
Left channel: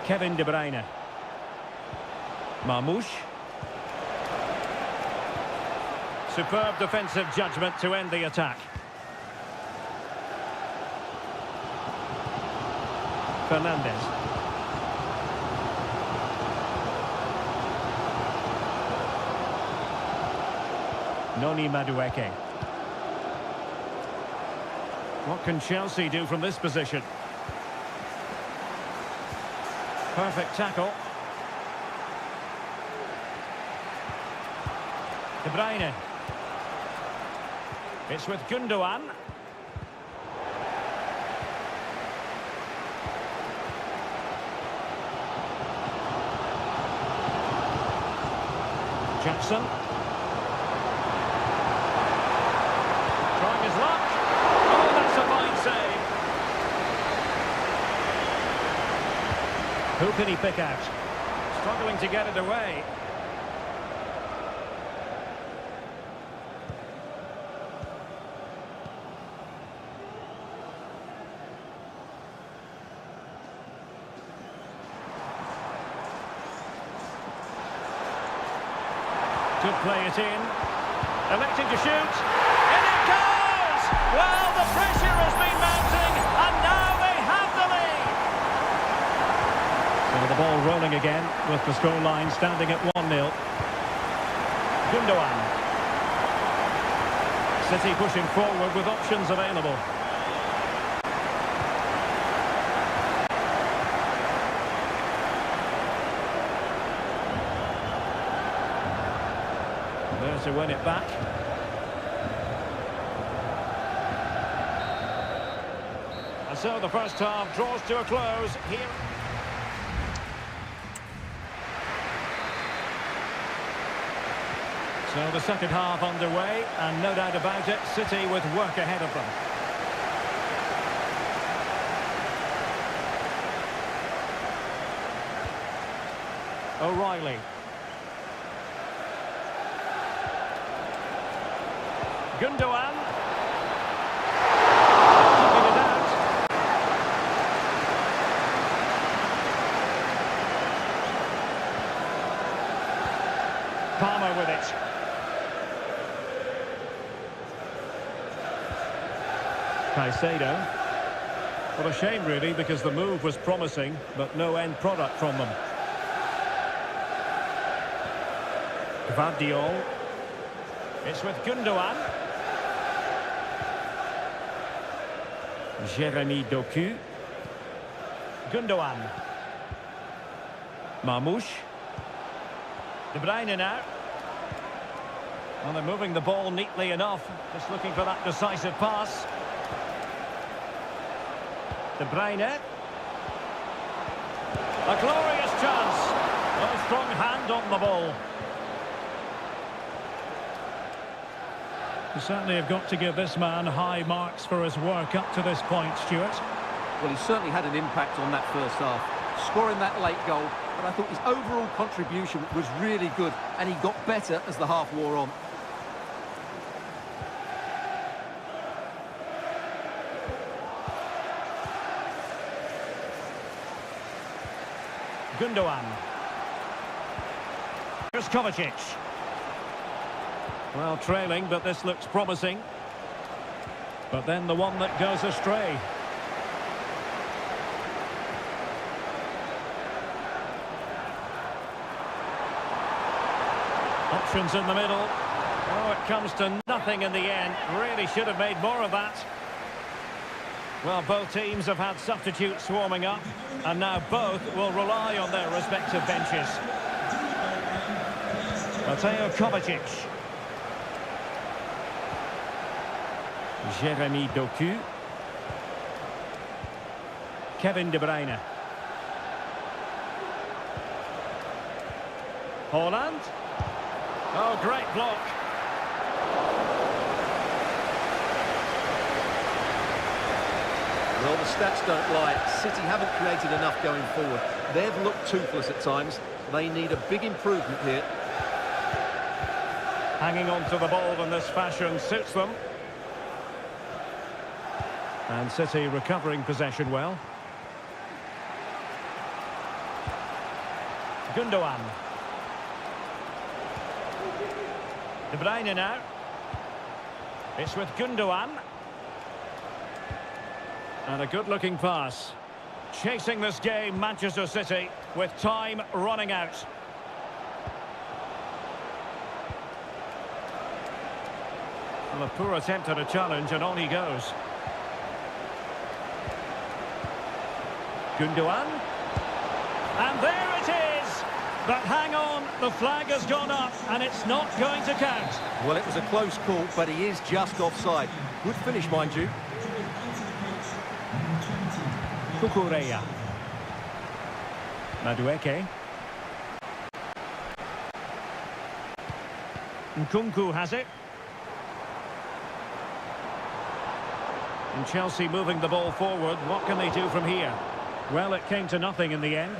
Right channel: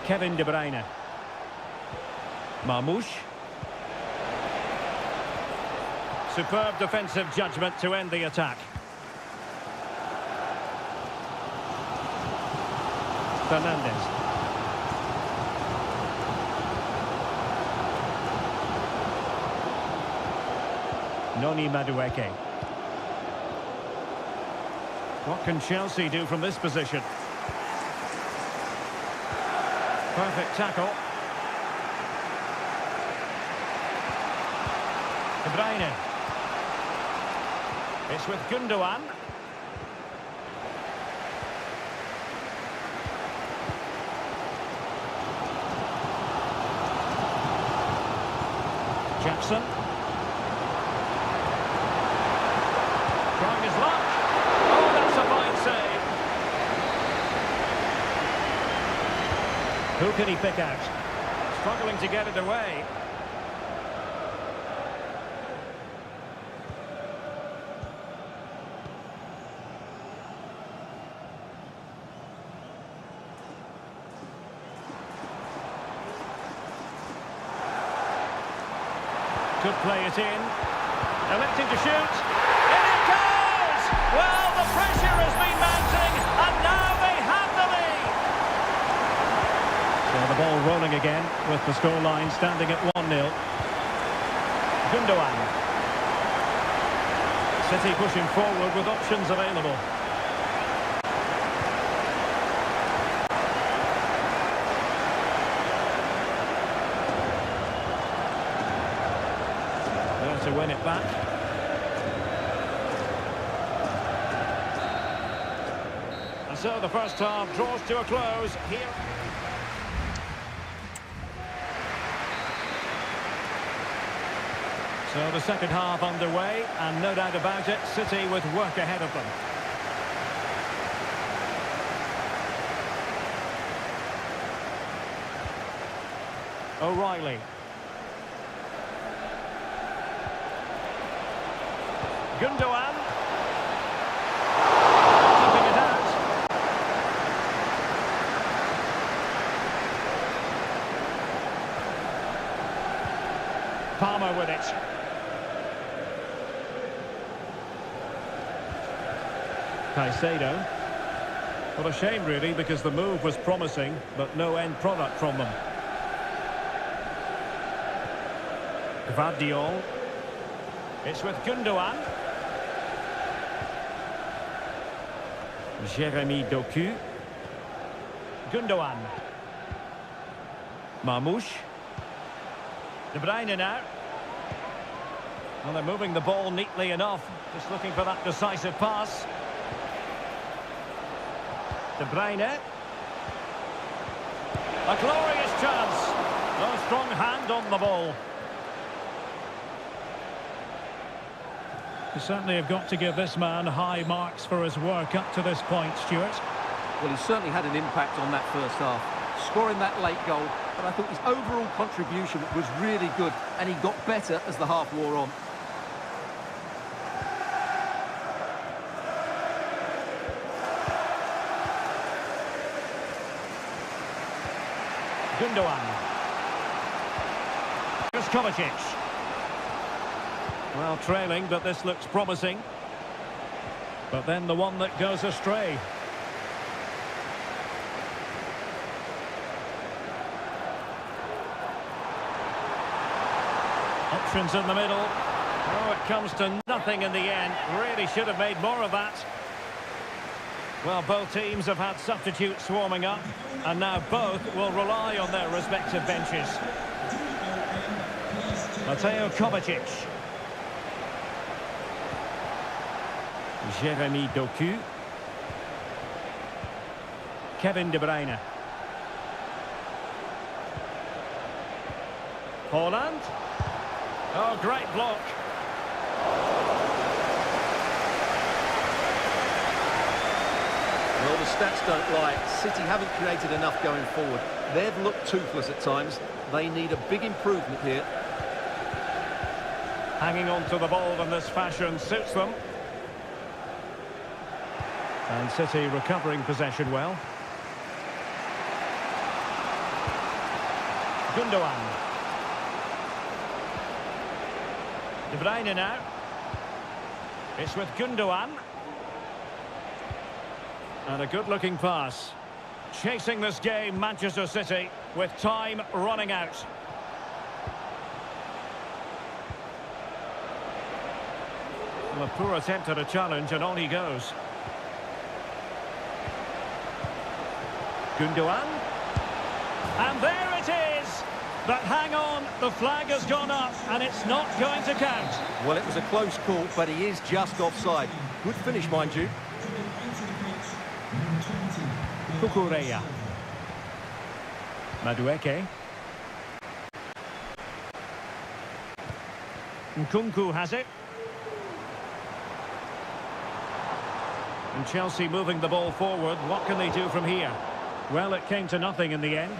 Kevin De Bruyne. Marmoush. Superb defensive judgment to end the attack. Fernandez. Noni Madueke. What can Chelsea do from this position? Perfect tackle. De Bruyne. It's with Gundogan. Jackson. Trying his luck. Oh, that's a fine save. Who can he pick out? Struggling to get it away. Could play it in. Electing to shoot. In it goes! Well, the pressure has been mounting, and now they have the lead. So the ball rolling again, with the scoreline standing at 1-0. Gundogan. City pushing forward with options available. There to win it back. And so the first half draws to a close here. So the second half underway, and no doubt about it, City with work ahead of them. O'Reilly. Gundogan. Keeping it out. Palmer with it. Caicedo. What a shame, really, because the move was promising, but no end product from them. Gvardiol. It's with Gundogan. Jeremy Doku. Gundogan. Marmoush. De Bruyne now. Well, they're moving the ball neatly enough. Just looking for that decisive pass. De Bruyne. A glorious chance. A strong hand on the ball. You certainly have got to give this man high marks for his work up to this point, Stuart. Well, he certainly had an impact on that first half, scoring that late goal, but I thought his overall contribution was really good, and he got better as the half wore on. Gundogan. Here's Kovacic. Well, trailing, but this looks promising. But then the one that goes astray. Options in the middle. Oh, it comes to nothing in the end. Really should have made more of that. Well, both teams have had substitutes warming up, and now both will rely on their respective benches. Mateo Kovacic. Jeremy Doku. Kevin De Bruyne. Haaland. Oh, great block. Well, the stats don't lie. City haven't created enough going forward. They've looked toothless at times. They need a big improvement here. Hanging on to the ball in this fashion suits them. And City recovering possession well. Gundogan. De Bruyne now. It's with Gundogan. And a good-looking pass. Chasing this game, Manchester City, with time running out. Well, a poor attempt at a challenge, and on he goes. Gundogan. And there it is! But hang on, the flag has gone up, and it's not going to count. Well, it was a close call, but he is just offside. Good finish, mind you. Kukureya. Madueke. Nkunku has it. And Chelsea moving the ball forward. What can they do from here? Well, it came to nothing in the end.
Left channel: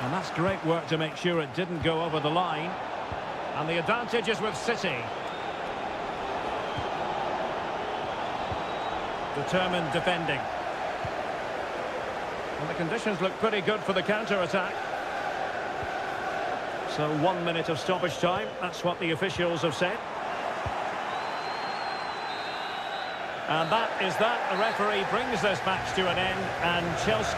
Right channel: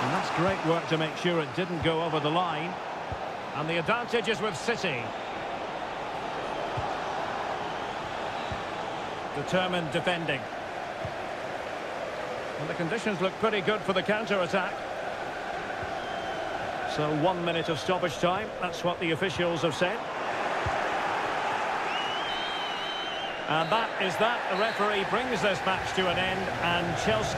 And that's great work to make sure it didn't go over the line. And the advantage is with City. Determined defending. And the conditions look pretty good for the counter-attack. So 1 minute of stoppage time. That's what the officials have said. And that is that. The referee brings this match to an end, and Chelsea...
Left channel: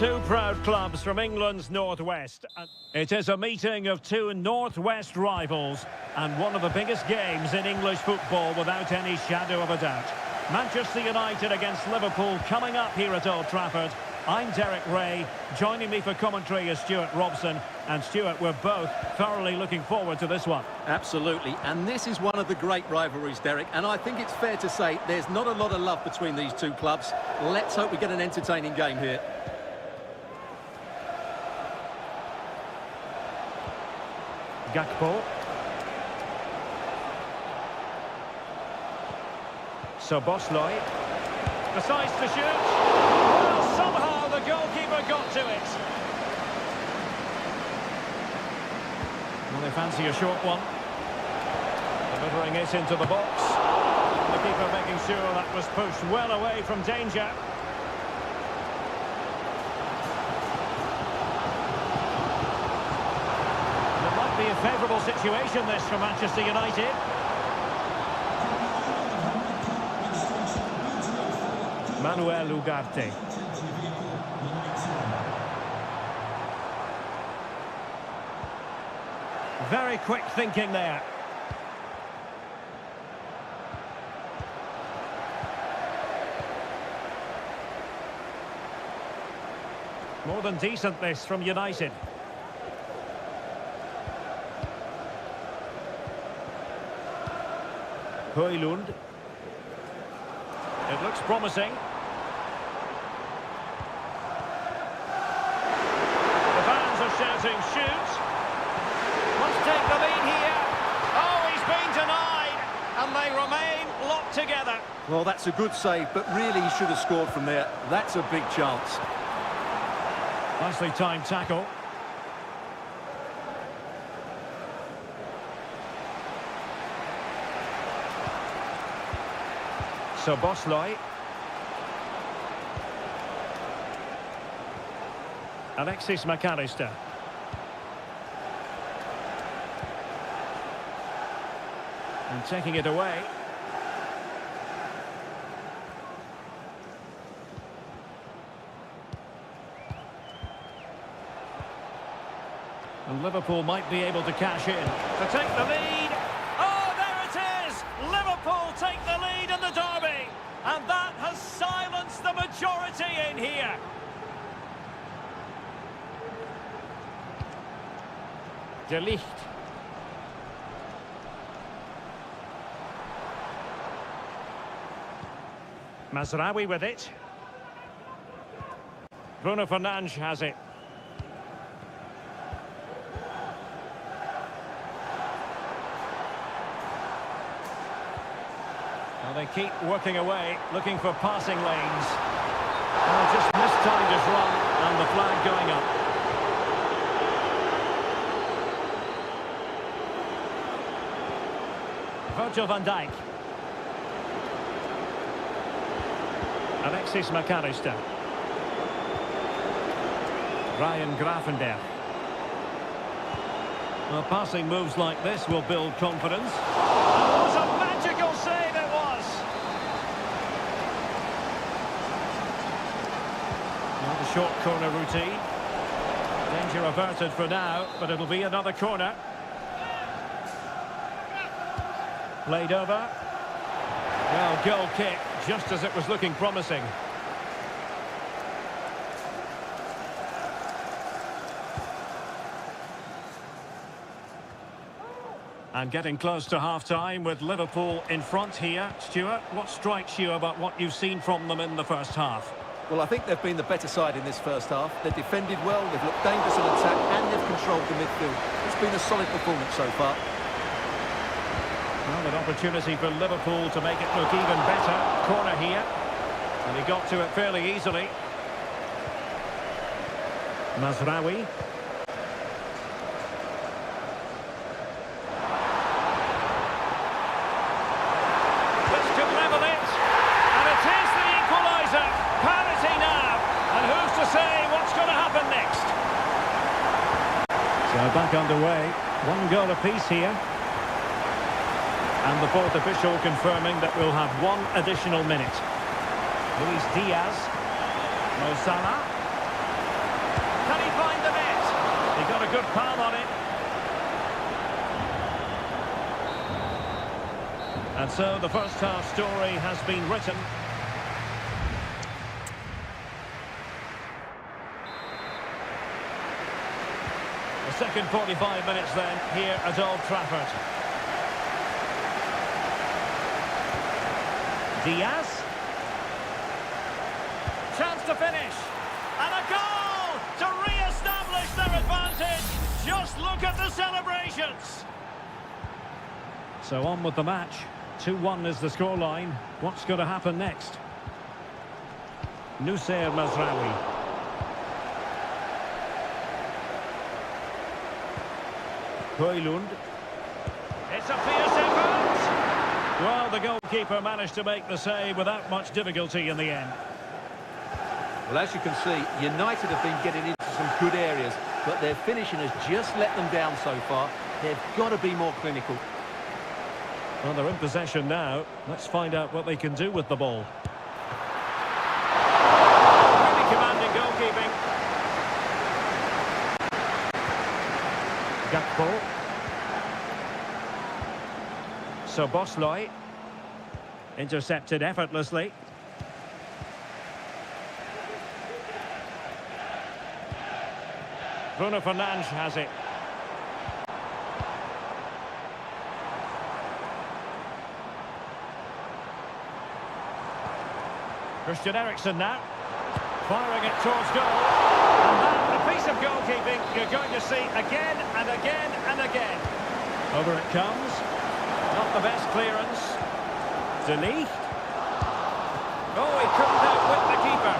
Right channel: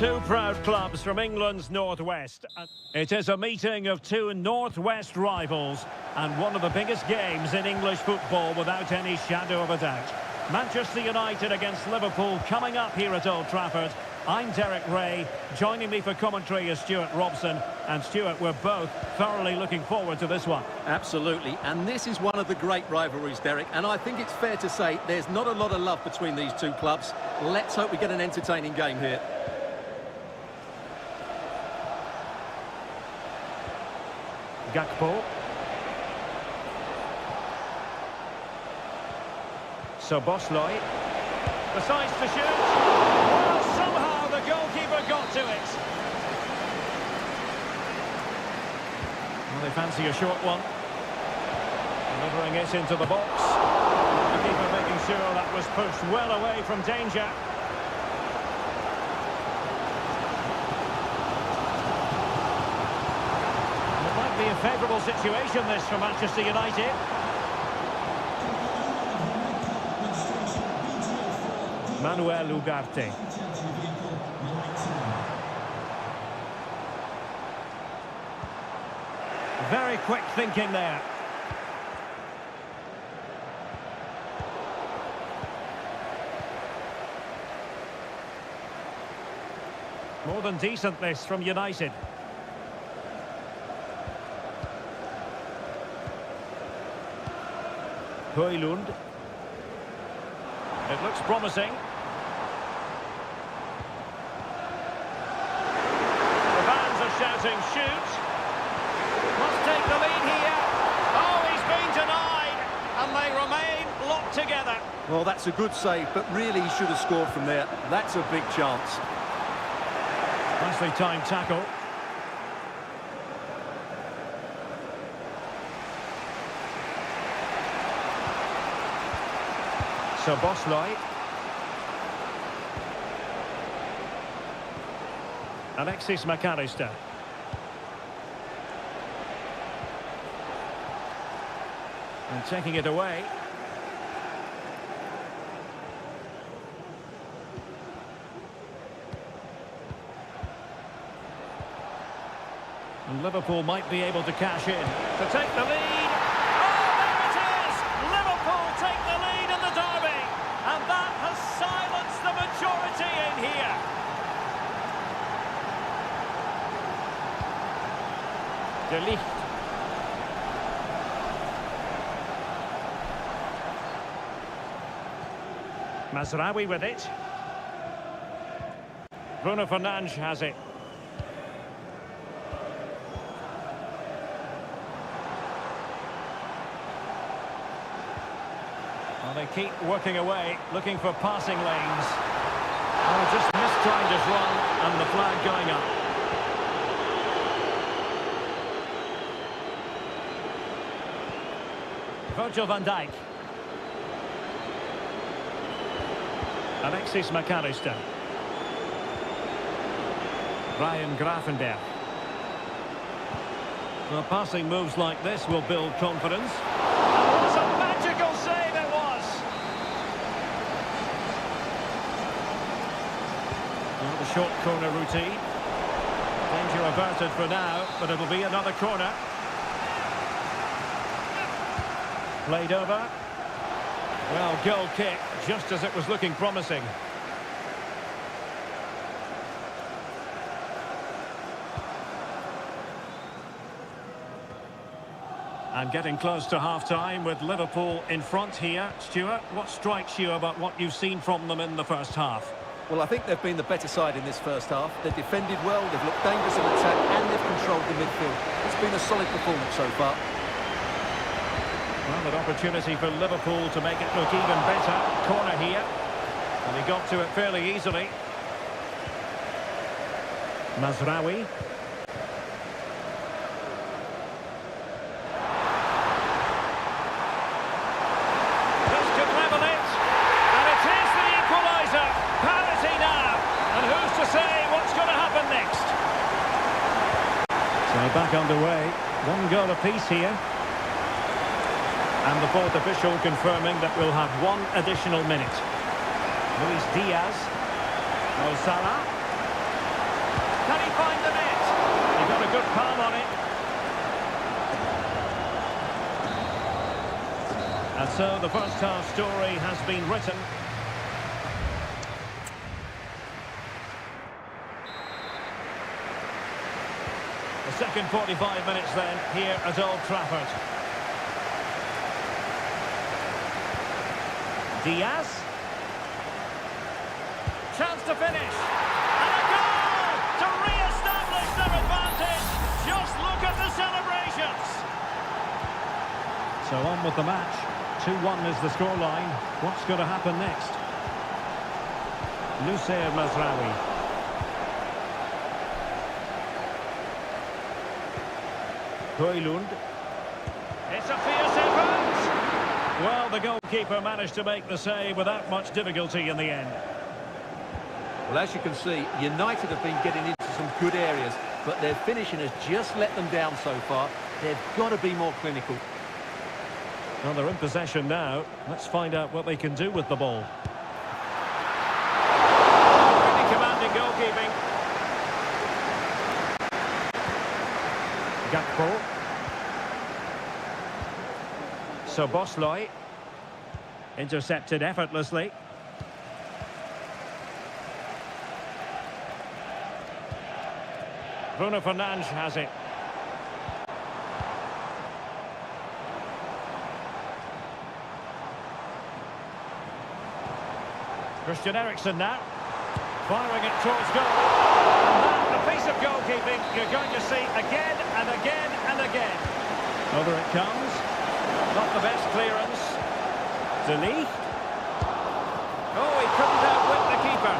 Two proud clubs from England's northwest. It is a meeting of two northwest rivals and one of the biggest games in English football without any shadow of a doubt. Manchester United against Liverpool coming up here at Old Trafford. I'm Derek Ray. Joining me for commentary is Stuart Robson. And Stuart, we're both thoroughly looking forward to this one. Absolutely, and this is one of the great rivalries, Derek, and I think it's fair to say there's not a lot of love between these two clubs. Let's hope we get an entertaining game here. Gakpo. Soboslai. Decides to shoot. Well, somehow the goalkeeper got to it. Well, they fancy a short one. Delivering it into the box. And the keeper making sure that was pushed well away from danger. And it might be a favourable situation, this, for Manchester United. Manuel Ugarte. Very quick thinking there. More than decent, this, from United. Højlund. It looks promising. The fans are shouting, shoot! Must take the lead here. Oh, he's been denied. And they remain locked together. Well, that's a good save, but really he should have scored from there. That's a big chance. Nicely timed tackle. Soboslai. Alexis McAllister. And taking it away. And Liverpool might be able to cash in to take the lead. Oh, there it is! Liverpool take the lead in the derby. And that has silenced the majority in here. De Ligt. Mazraoui with it. Bruno Fernandes has it. Well, they keep working away, looking for passing lanes. Oh, just mistimed his run, and the flag going up. Virgil van Dijk. Alexis McAllister. Ryan Gravenberch. Well, passing moves like this will build confidence. And what a magical save it was! Well, the short corner routine. Danger averted for now, but it'll be another corner. Played over. Well, goal kick, just as it was looking promising. And getting close to half-time with Liverpool in front here. Stuart, what strikes you about what you've seen from them in the first half? Well, I think they've been the better side in this first half. They've defended well, they've looked dangerous in attack, and they've controlled the midfield. It's been a solid performance so far. Well, an opportunity for Liverpool to make it look even better. Corner here. And he got to it fairly easily. Mazraoui. This could level it. And it is the equaliser. Parity now. And who's to say what's going to happen next? So back underway. One goal apiece here. And the fourth official confirming that we'll have one additional minute. Luis Diaz. Mo Salah. Can he find the net? He got a good palm on it. And so the first half story has been written. The second 45 minutes then here at Old Trafford. Diaz. Chance to finish. And a goal to re-establish their advantage. Just look at the celebrations. So on with the match. 2-1 is the scoreline. What's going to happen next? Nusayr Mazraoui. Højlund. It's a fierce effort. Well, the goalkeeper managed to make the save without much difficulty in the end. Well, as you can see, United have been getting into some good areas, but their finishing has just let them down so far. They've got to be more clinical. Well, they're in possession now. Let's find out what they can do with the ball. Oh, really commanding goalkeeping. Gakpo. Soboslai. Intercepted effortlessly. Bruno Fernandes has it. Christian Eriksen now, firing it towards goal, and that, a piece of goalkeeping you're going to see again and again and again. Over it comes, not the best clearance. De Ligt. Oh, he couldn't outwit the keeper.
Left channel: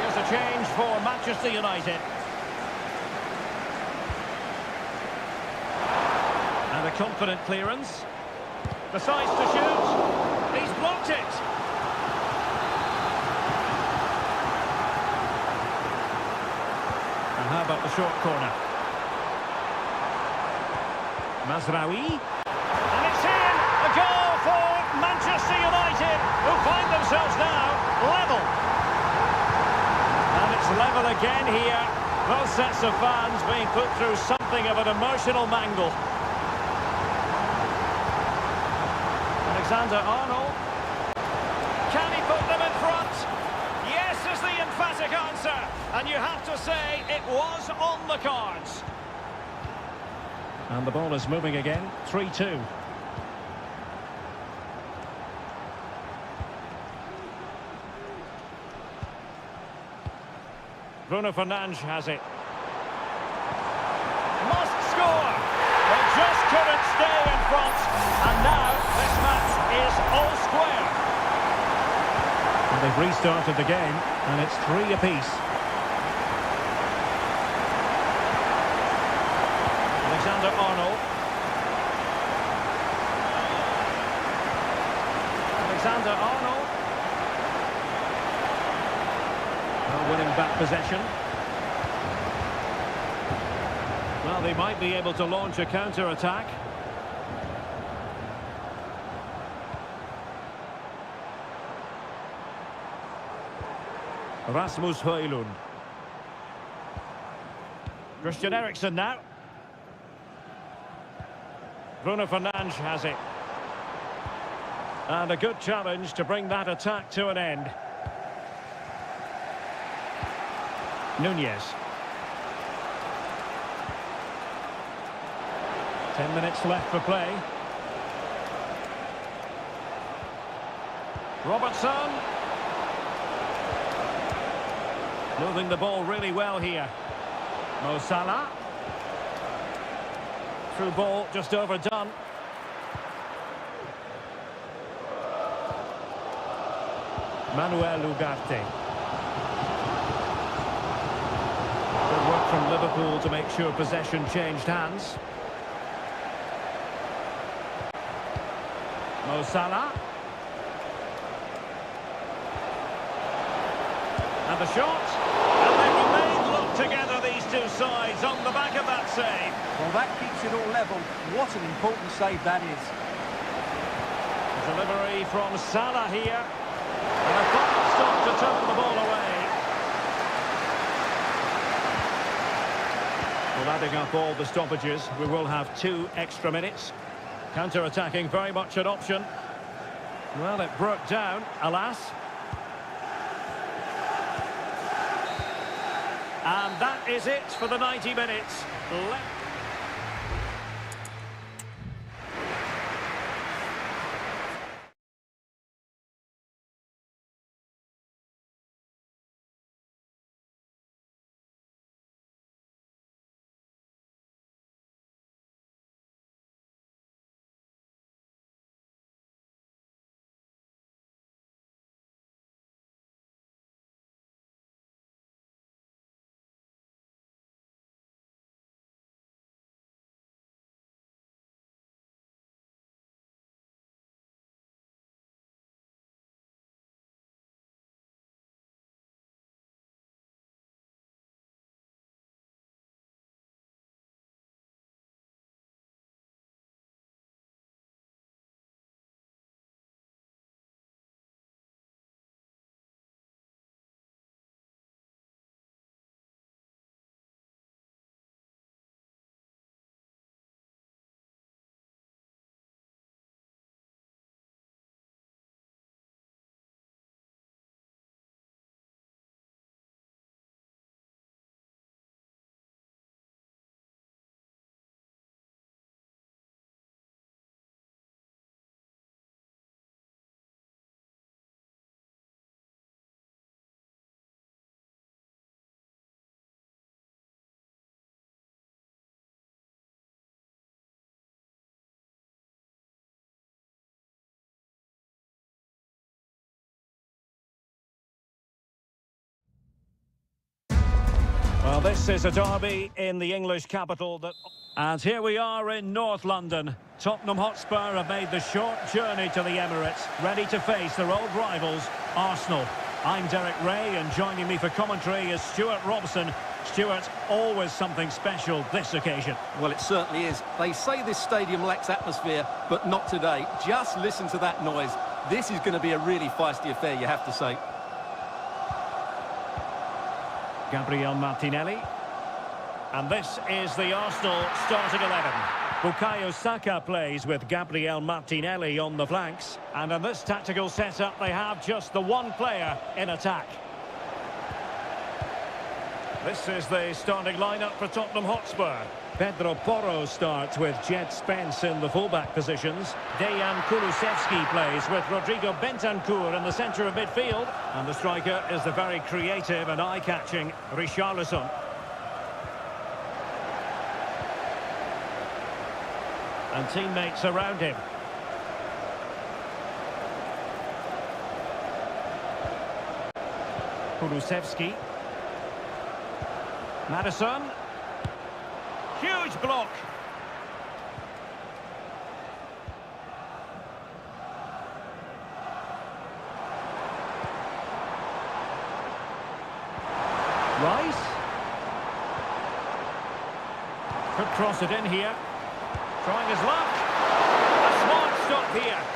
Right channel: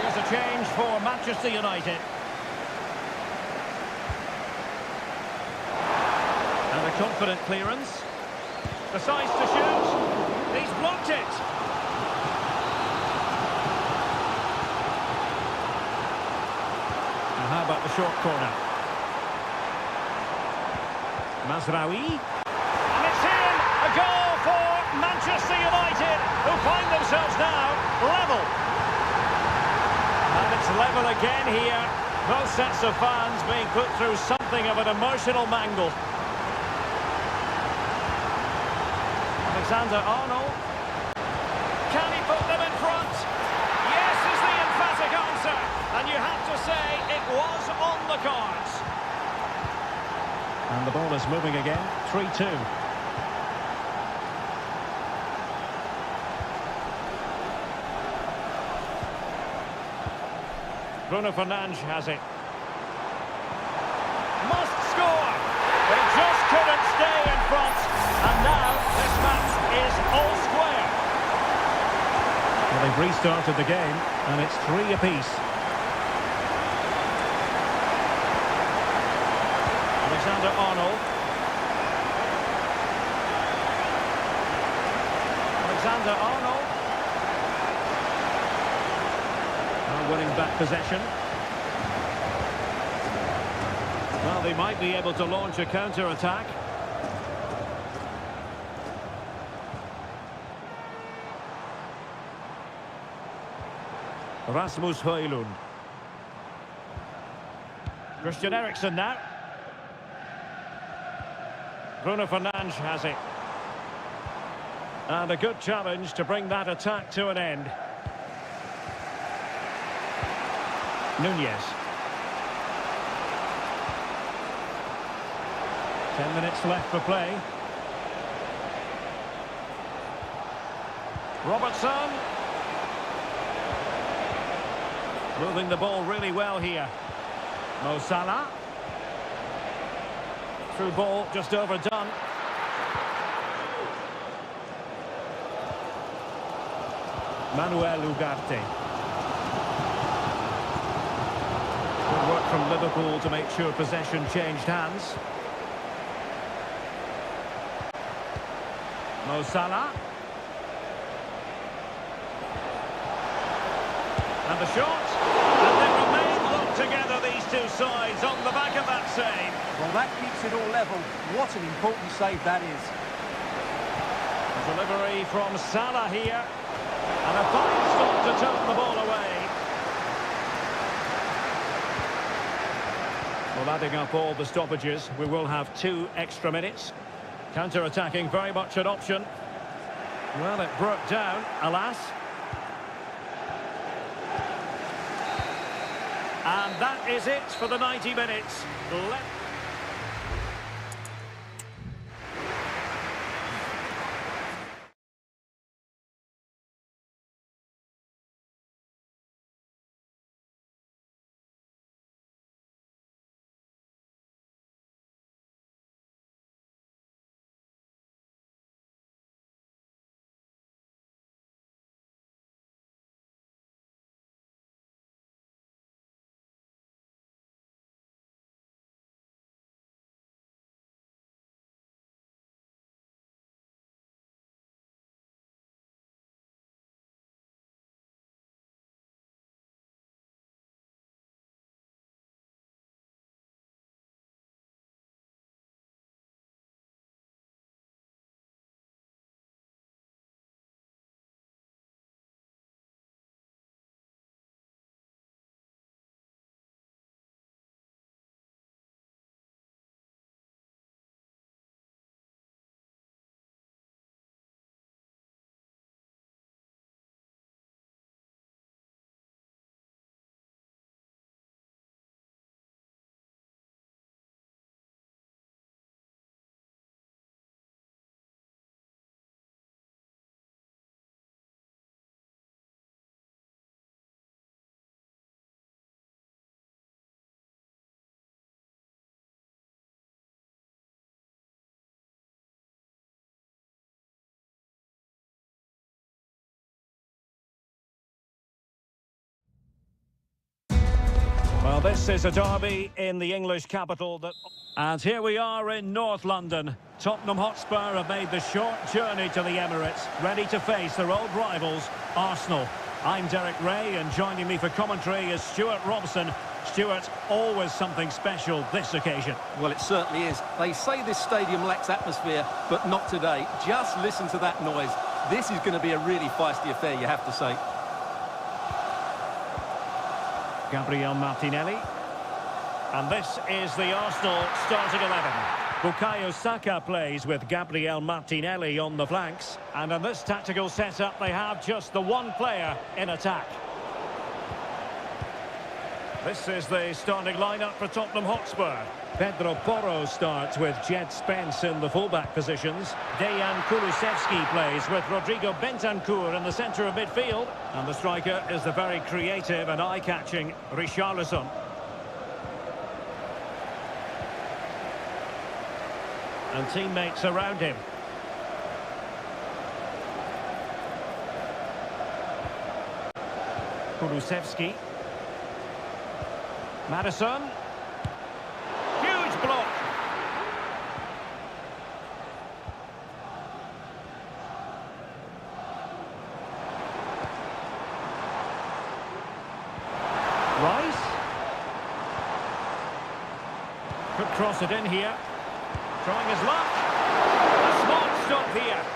Here's a change for Manchester United. And a confident clearance. Decides to shoot. He's blocked it. And how about the short corner? Mazraoui. And it's in! A goal for Manchester United, who find themselves now level. And it's level again here. Both sets of fans being put through something of an emotional mangle. Alexander-Arnold. Can he put them in front? Yes is the emphatic answer. And you have to say it was on the cards. And the ball is moving again. 3-2. Bruno Fernandes has it. Must score! They just couldn't stay in front. And now this match is all square. Well, they've restarted the game, and it's 3 apiece. Alexander-Arnold. Alexander-Arnold. Winning back possession. Well, they might be able to launch a counter-attack. Rasmus Højlund. Christian Eriksen now. Bruno Fernandes has it. And a good challenge to bring that attack to an end. Nunez. 10 minutes left for play. Robertson. Moving the ball really well here. Mo Salah. Through ball just overdone. Manuel Ugarte. Good work from Liverpool to make sure possession changed hands. Mo Salah. And the shot. And they remain locked together, these two sides, on the back of that save. Well, that keeps it all level. What an important save that is. A delivery from Salah here. And a fine stop to turn the ball away. Well, adding up all the stoppages, we will have 2 extra minutes. Counter-attacking, very much an option. Well, it broke down, alas. And that is it for the 90 minutes. Well, this is a derby in the English capital. And here we are in North London. Tottenham Hotspur have made the short journey to the Emirates, ready to face their old rivals, Arsenal. I'm Derek Ray, and joining me for commentary is Stuart Robson. Stuart, always something special this occasion. Well, it certainly is. They say this stadium lacks atmosphere, but not today. Just listen to that noise. This is going to be a really feisty affair, you have to say. Gabriel Martinelli. And this is the Arsenal starting 11. Bukayo Saka plays with Gabriel Martinelli on the flanks. And in this tactical setup, they have just the one player in attack. This is the starting lineup for Tottenham Hotspur. Pedro Porro starts with Jed Spence in the fullback positions. Dejan Kulusevski plays with Rodrigo Bentancur in the centre of midfield. And the striker is the very creative and eye-catching Richarlison. And teammates around him. Kulusevski. Madison. Huge block. Rice. Could cross it in here. Trying his luck. A smart stop here.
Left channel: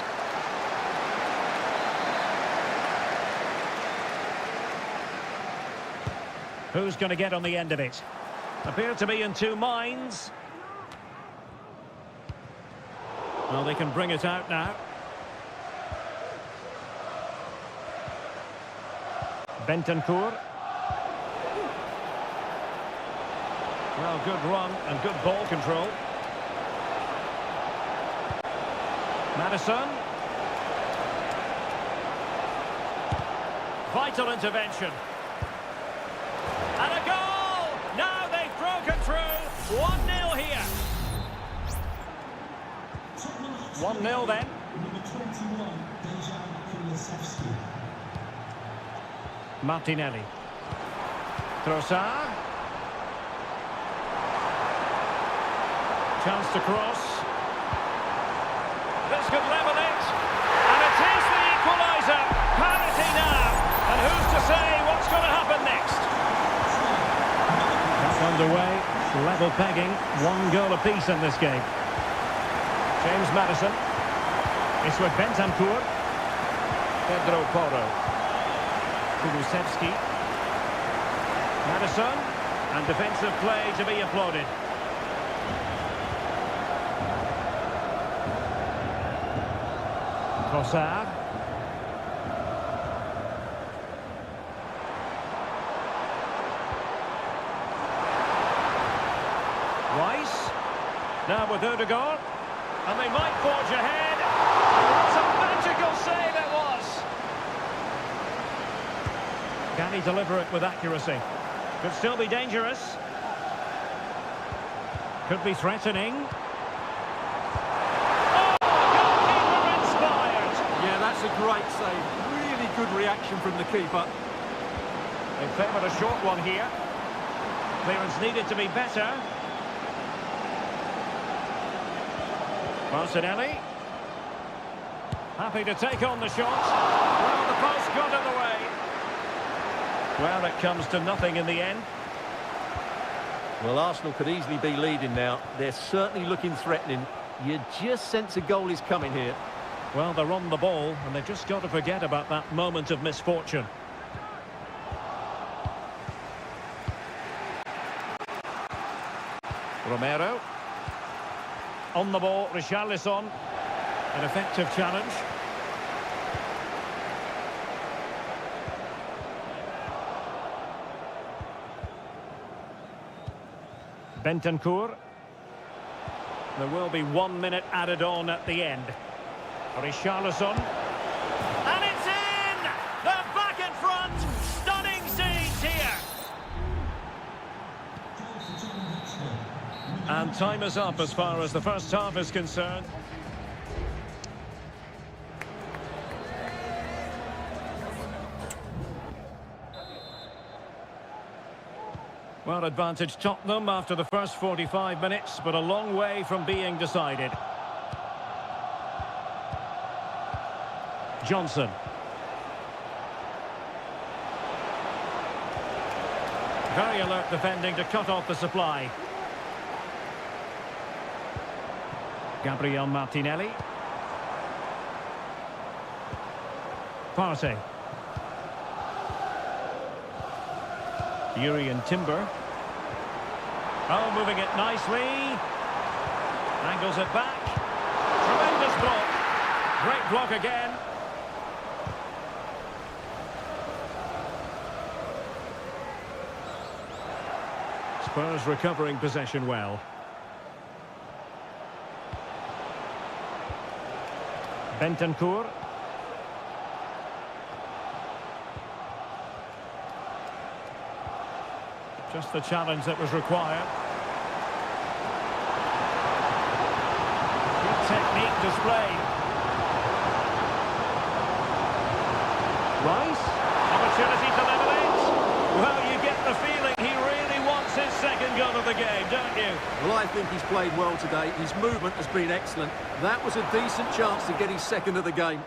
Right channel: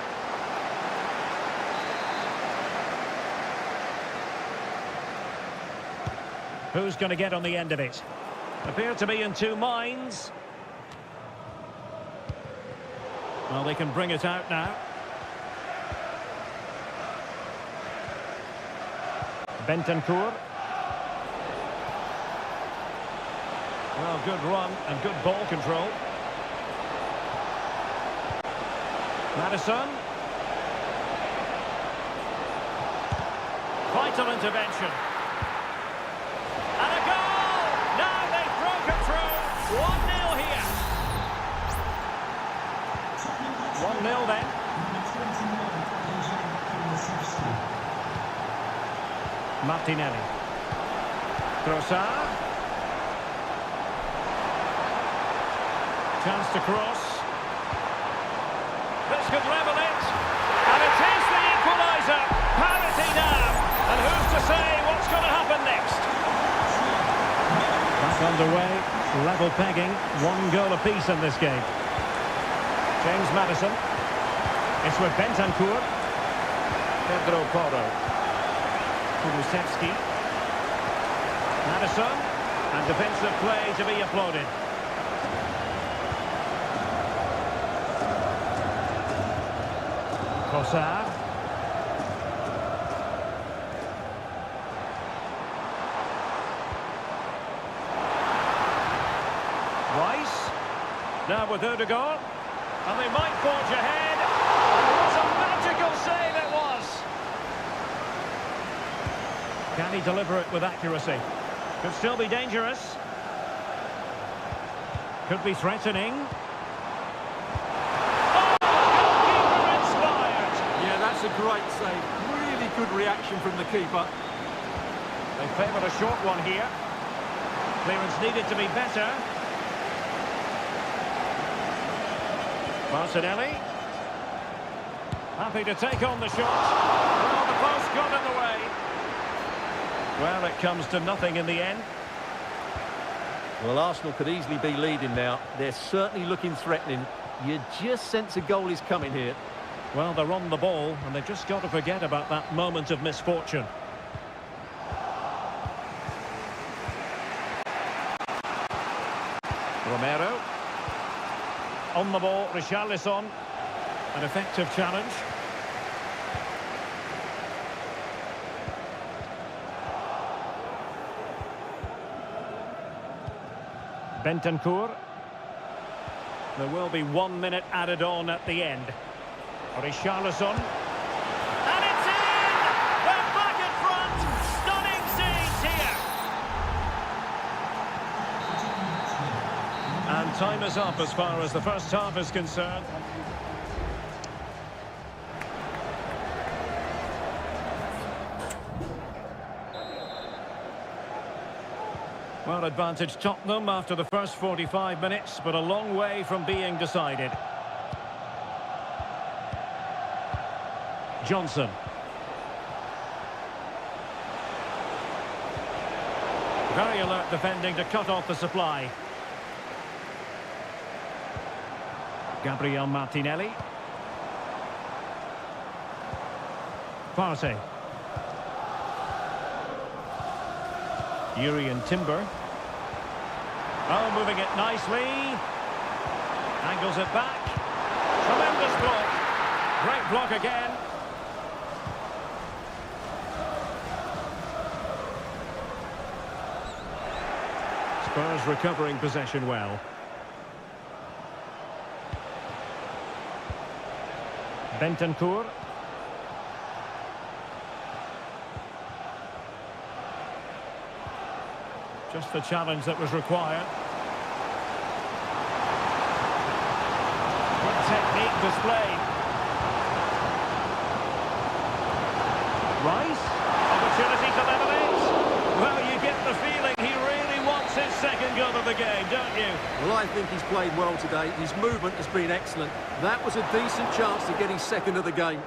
Who's going to get on the end of it? Appear to be in two minds. Well, they can bring it out now. Bentancur. Well, good run and good ball control. Madison. Vital intervention. And a goal! Now they've broken through. 1-0 here. 1-0 then. Martinelli. Trossard. Chance to cross. This could level it. And it is the equaliser. Parity now. And who's to say what's going to happen next? Back underway. Level pegging. 1 goal apiece in this game. James Madison. It's with Bentancur. Pedro Porro. Kulusevski. Madison. And defensive play to be applauded. Trossard. Rice. Now with Odegaard. And they might forge ahead. And what a magical save it was! Can he deliver it with accuracy? Could still be dangerous. Could be threatening. Oh, the goalkeeper inspired! Yeah, that's a great save. Really good reaction from the keeper. They favoured a short one here. Clearance needed to be better. Martinelli. Happy to take on the shot. Well, the post got in the way. Well, it comes to nothing in the end. Well, Arsenal could easily be leading now. They're certainly looking threatening. You just sense a goal is coming here. Well, they're on the ball, and they've just got to forget about that moment of misfortune. Romero. On the ball, Richarlison. An effective challenge. Bentancur. There will be 1 minute added on at the end. Richarlison. And it's in! They're back in front! Stunning scenes here! And time is up as far as the first half is concerned. Well, advantage Tottenham after the first 45 minutes, but a long way from being decided. Johnson. Very alert defending to cut off the supply. Gabriel Martinelli. Partey. Urian Timber. Oh, moving it nicely. Angles it back. Tremendous block. Great block again. Spurs recovering possession well. Bentancur. Just the challenge that was required. Good technique displayed. Rice. Opportunity to level it. Well, you get the feeling he really wants his second goal of the game, don't you? Well, I think he's played well today. His movement has been excellent. That was a decent chance to get his second of the game.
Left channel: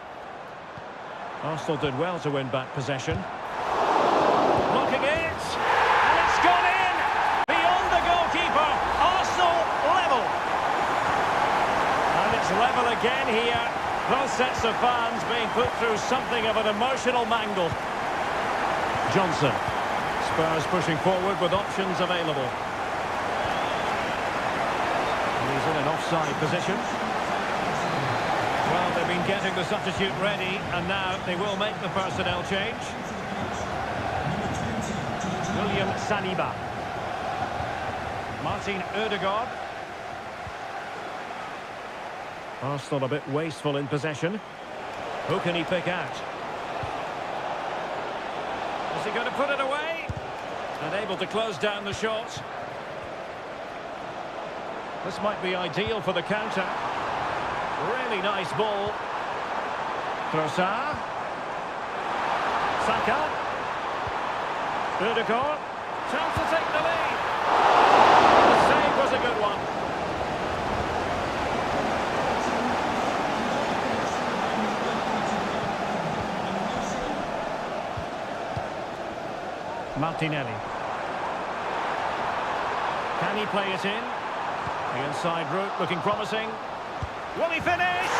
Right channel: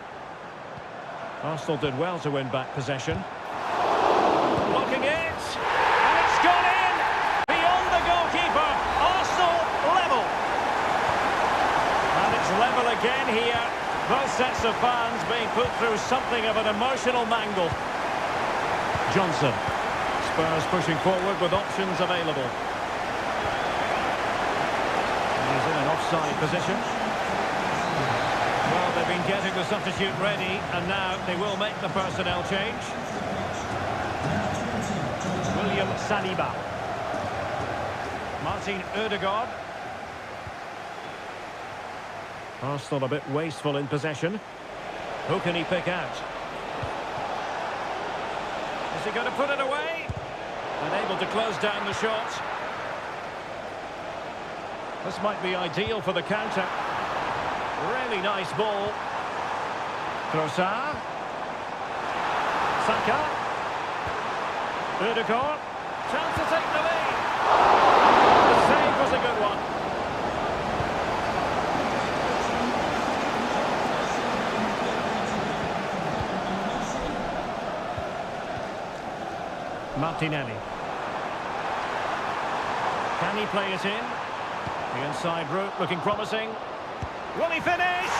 Arsenal did well to win back possession. Blocking it. And it's gone in. Beyond the goalkeeper. Arsenal level. And it's level again here. Both sets of fans being put through something of an emotional mangle. Johnson. Spurs pushing forward with options available. And he's in an offside position. Well, they've been getting the substitute ready, and now they will make the personnel change. William Saliba. Martin Odegaard. Arsenal a bit wasteful in possession. Who can he pick out? Is he going to put it away? And able to close down the shot. This might be ideal for the counter. Really nice ball. Trossard. Saka. Odegaard. Chance to take the lead. The save was a good one. Martinelli. Can he play it in? The inside route looking promising. Will he finish?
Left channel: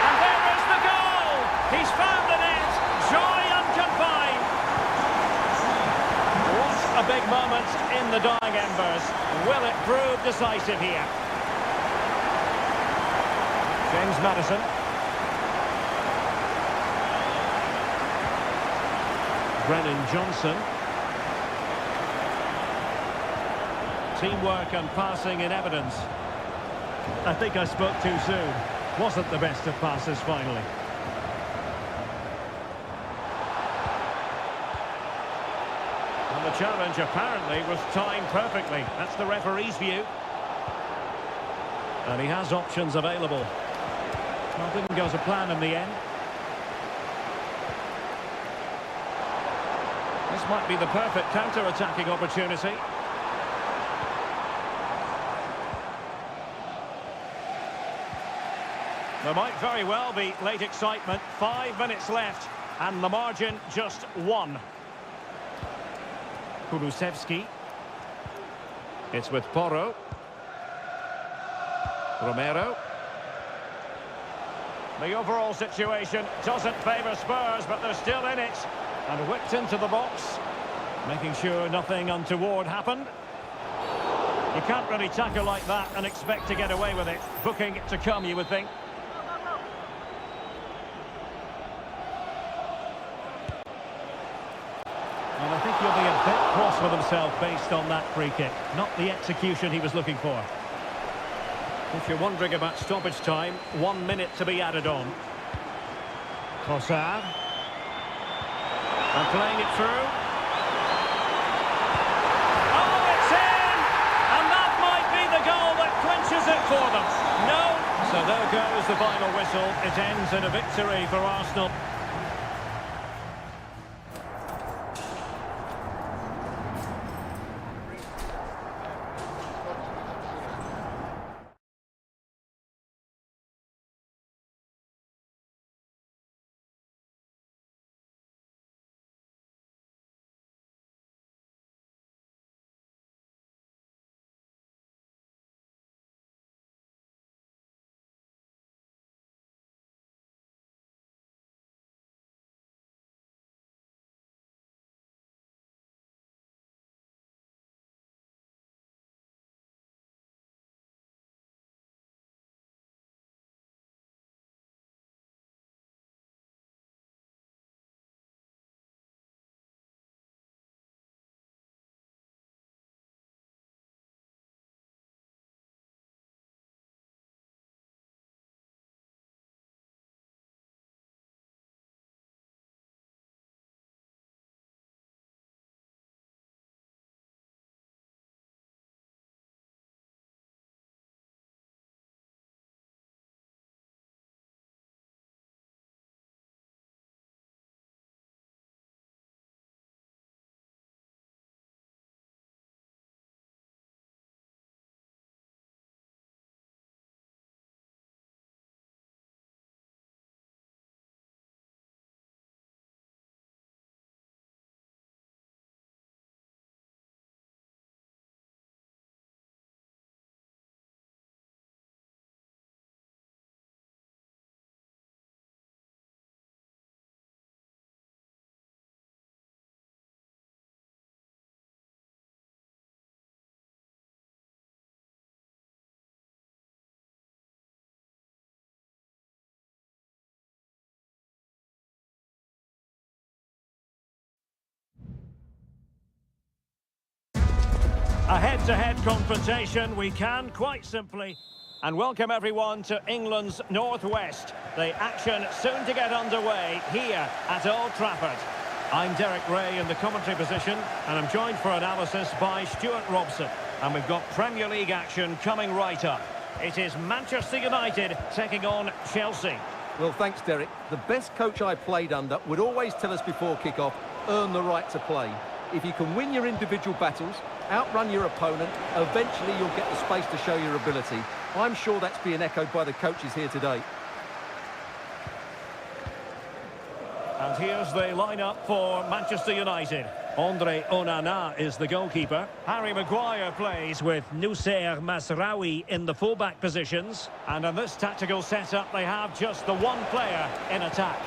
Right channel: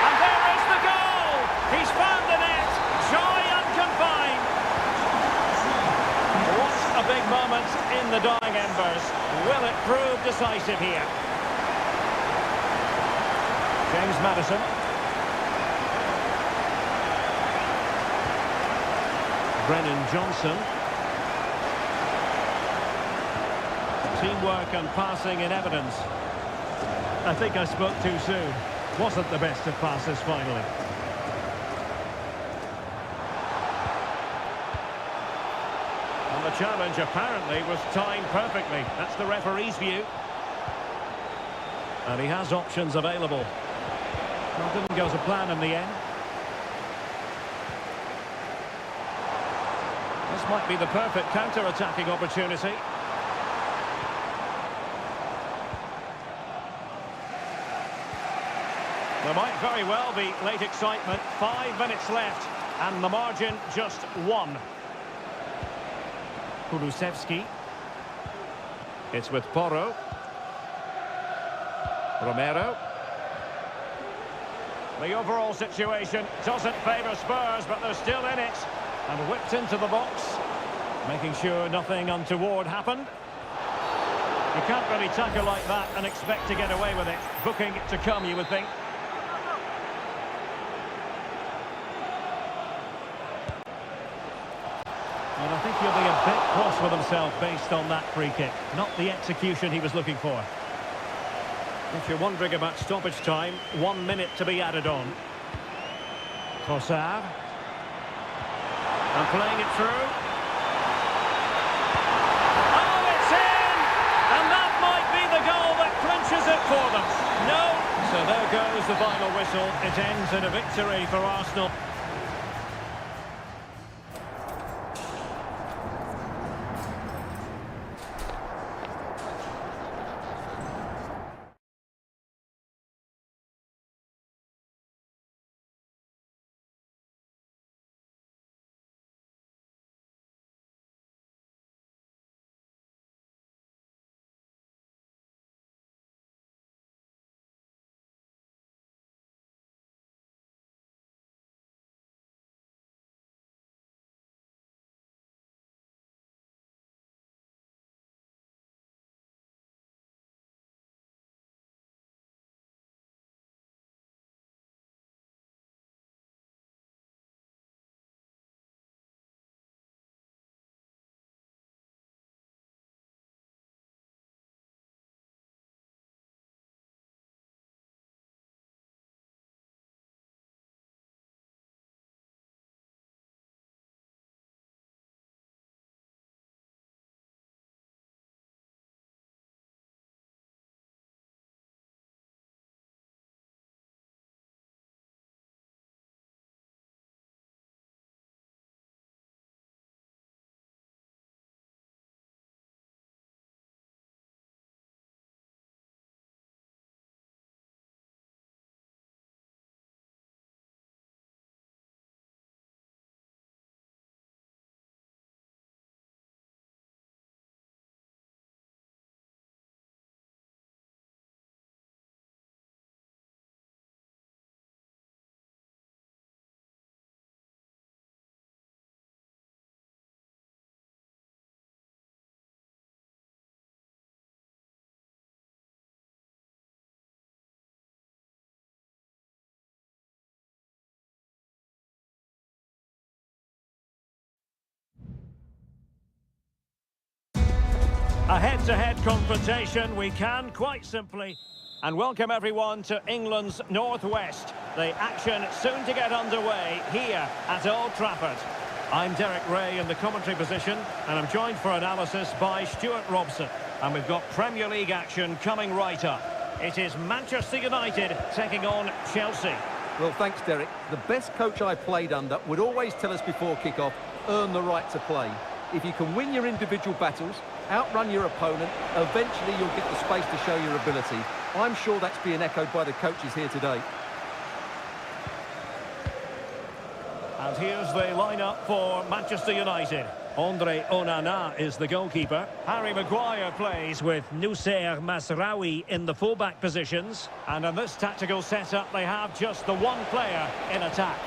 And there is the goal! He's found the net! Joy unconfined! What a big moment in the dying embers. Will it prove decisive here? James Maddison. Brennan Johnson. Teamwork and passing in evidence. I think I spoke too soon. Wasn't the best of passes finally. And the challenge apparently was timed perfectly. That's the referee's view. And he has options available. Well, didn't go to plan in the end. This might be the perfect counter-attacking opportunity. There might very well be late excitement. 5 minutes left, and the margin just 1. Kulusevski. It's with Porro. Romero. The overall situation doesn't favour Spurs, but they're still in it. And whipped into the box, making sure nothing untoward happened. You can't really tackle like that and expect to get away with it. Booking to come, you would think. And I think he'll be a bit cross with himself based on that free kick. Not the execution he was looking for. If you're wondering about stoppage time, 1 minute to be added on. Trossard. And playing it through. Oh, it's in! And that might be the goal that clinches it for them. No. So there goes the final whistle. It ends in a victory for Arsenal. A head-to-head confrontation, we can quite simply. And welcome everyone to England's Northwest. The action soon to get underway here at Old Trafford. I'm Derek Ray in the commentary position, and I'm joined for analysis by Stuart Robson. And we've got Premier League action coming right up. It is Manchester United taking on Chelsea. Well, thanks, Derek. The best coach I played under would always tell us before kick-off, earn the right to play. If you can win your individual battles, outrun your opponent, eventually you'll get the space to show your ability. I'm sure that's being echoed by the coaches here today. And here's the lineup for Manchester United. Andre Onana is the goalkeeper. Harry Maguire plays with Noussair Mazraoui in the fullback positions. And in this tactical setup, they have just the one player in attack.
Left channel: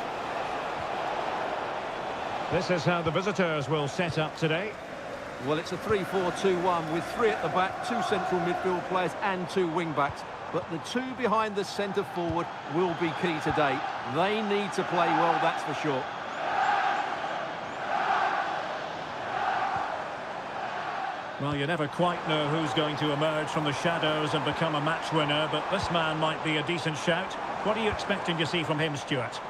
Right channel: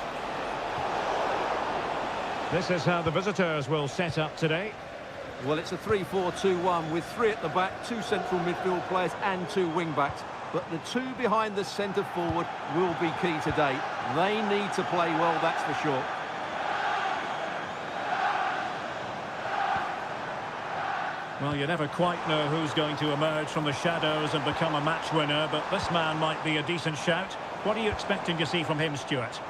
This is how the visitors will set up today. Well, it's a 3-4-2-1 with 3 at the back, 2 central midfield players and 2 wing-backs. But the 2 behind the centre forward will be key today. They need to play well, that's for sure. Well, you never quite know who's going to emerge from the shadows and become a match winner, but this man might be a decent shout. What are you expecting to see from him, Stuart?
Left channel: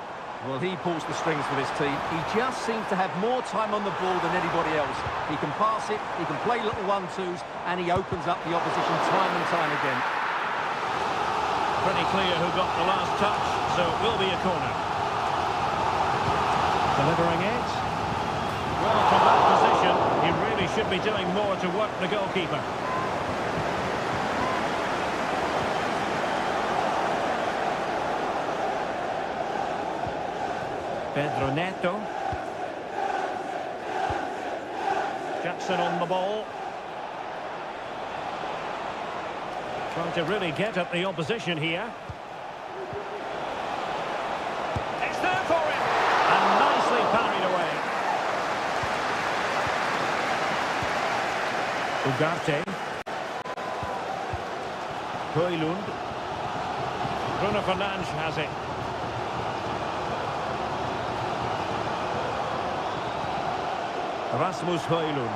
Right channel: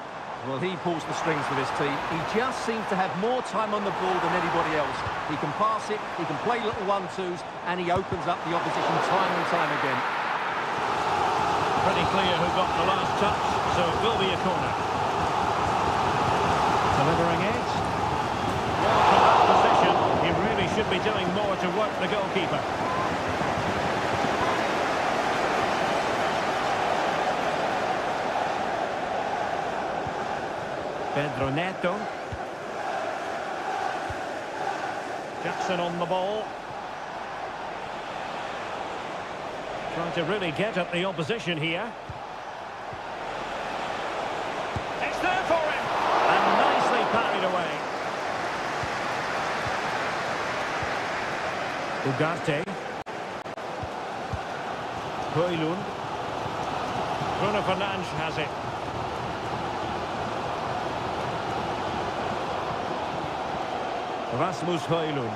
Well, he pulls the strings for this team. He just seems to have more time on the ball than anybody else. He can pass it, he can play little 1-2s, and he opens up the opposition time and time again. Pretty clear who got the last touch, so it will be a corner. Delivering it. Well, from that position, he really should be doing more to work the goalkeeper. Pedro Neto. Jackson on the ball. Trying to really get at the opposition here. It's there for him! And nicely parried away. Ugarte. Højlund. Bruno Fernandes has it. Rasmus Højlund.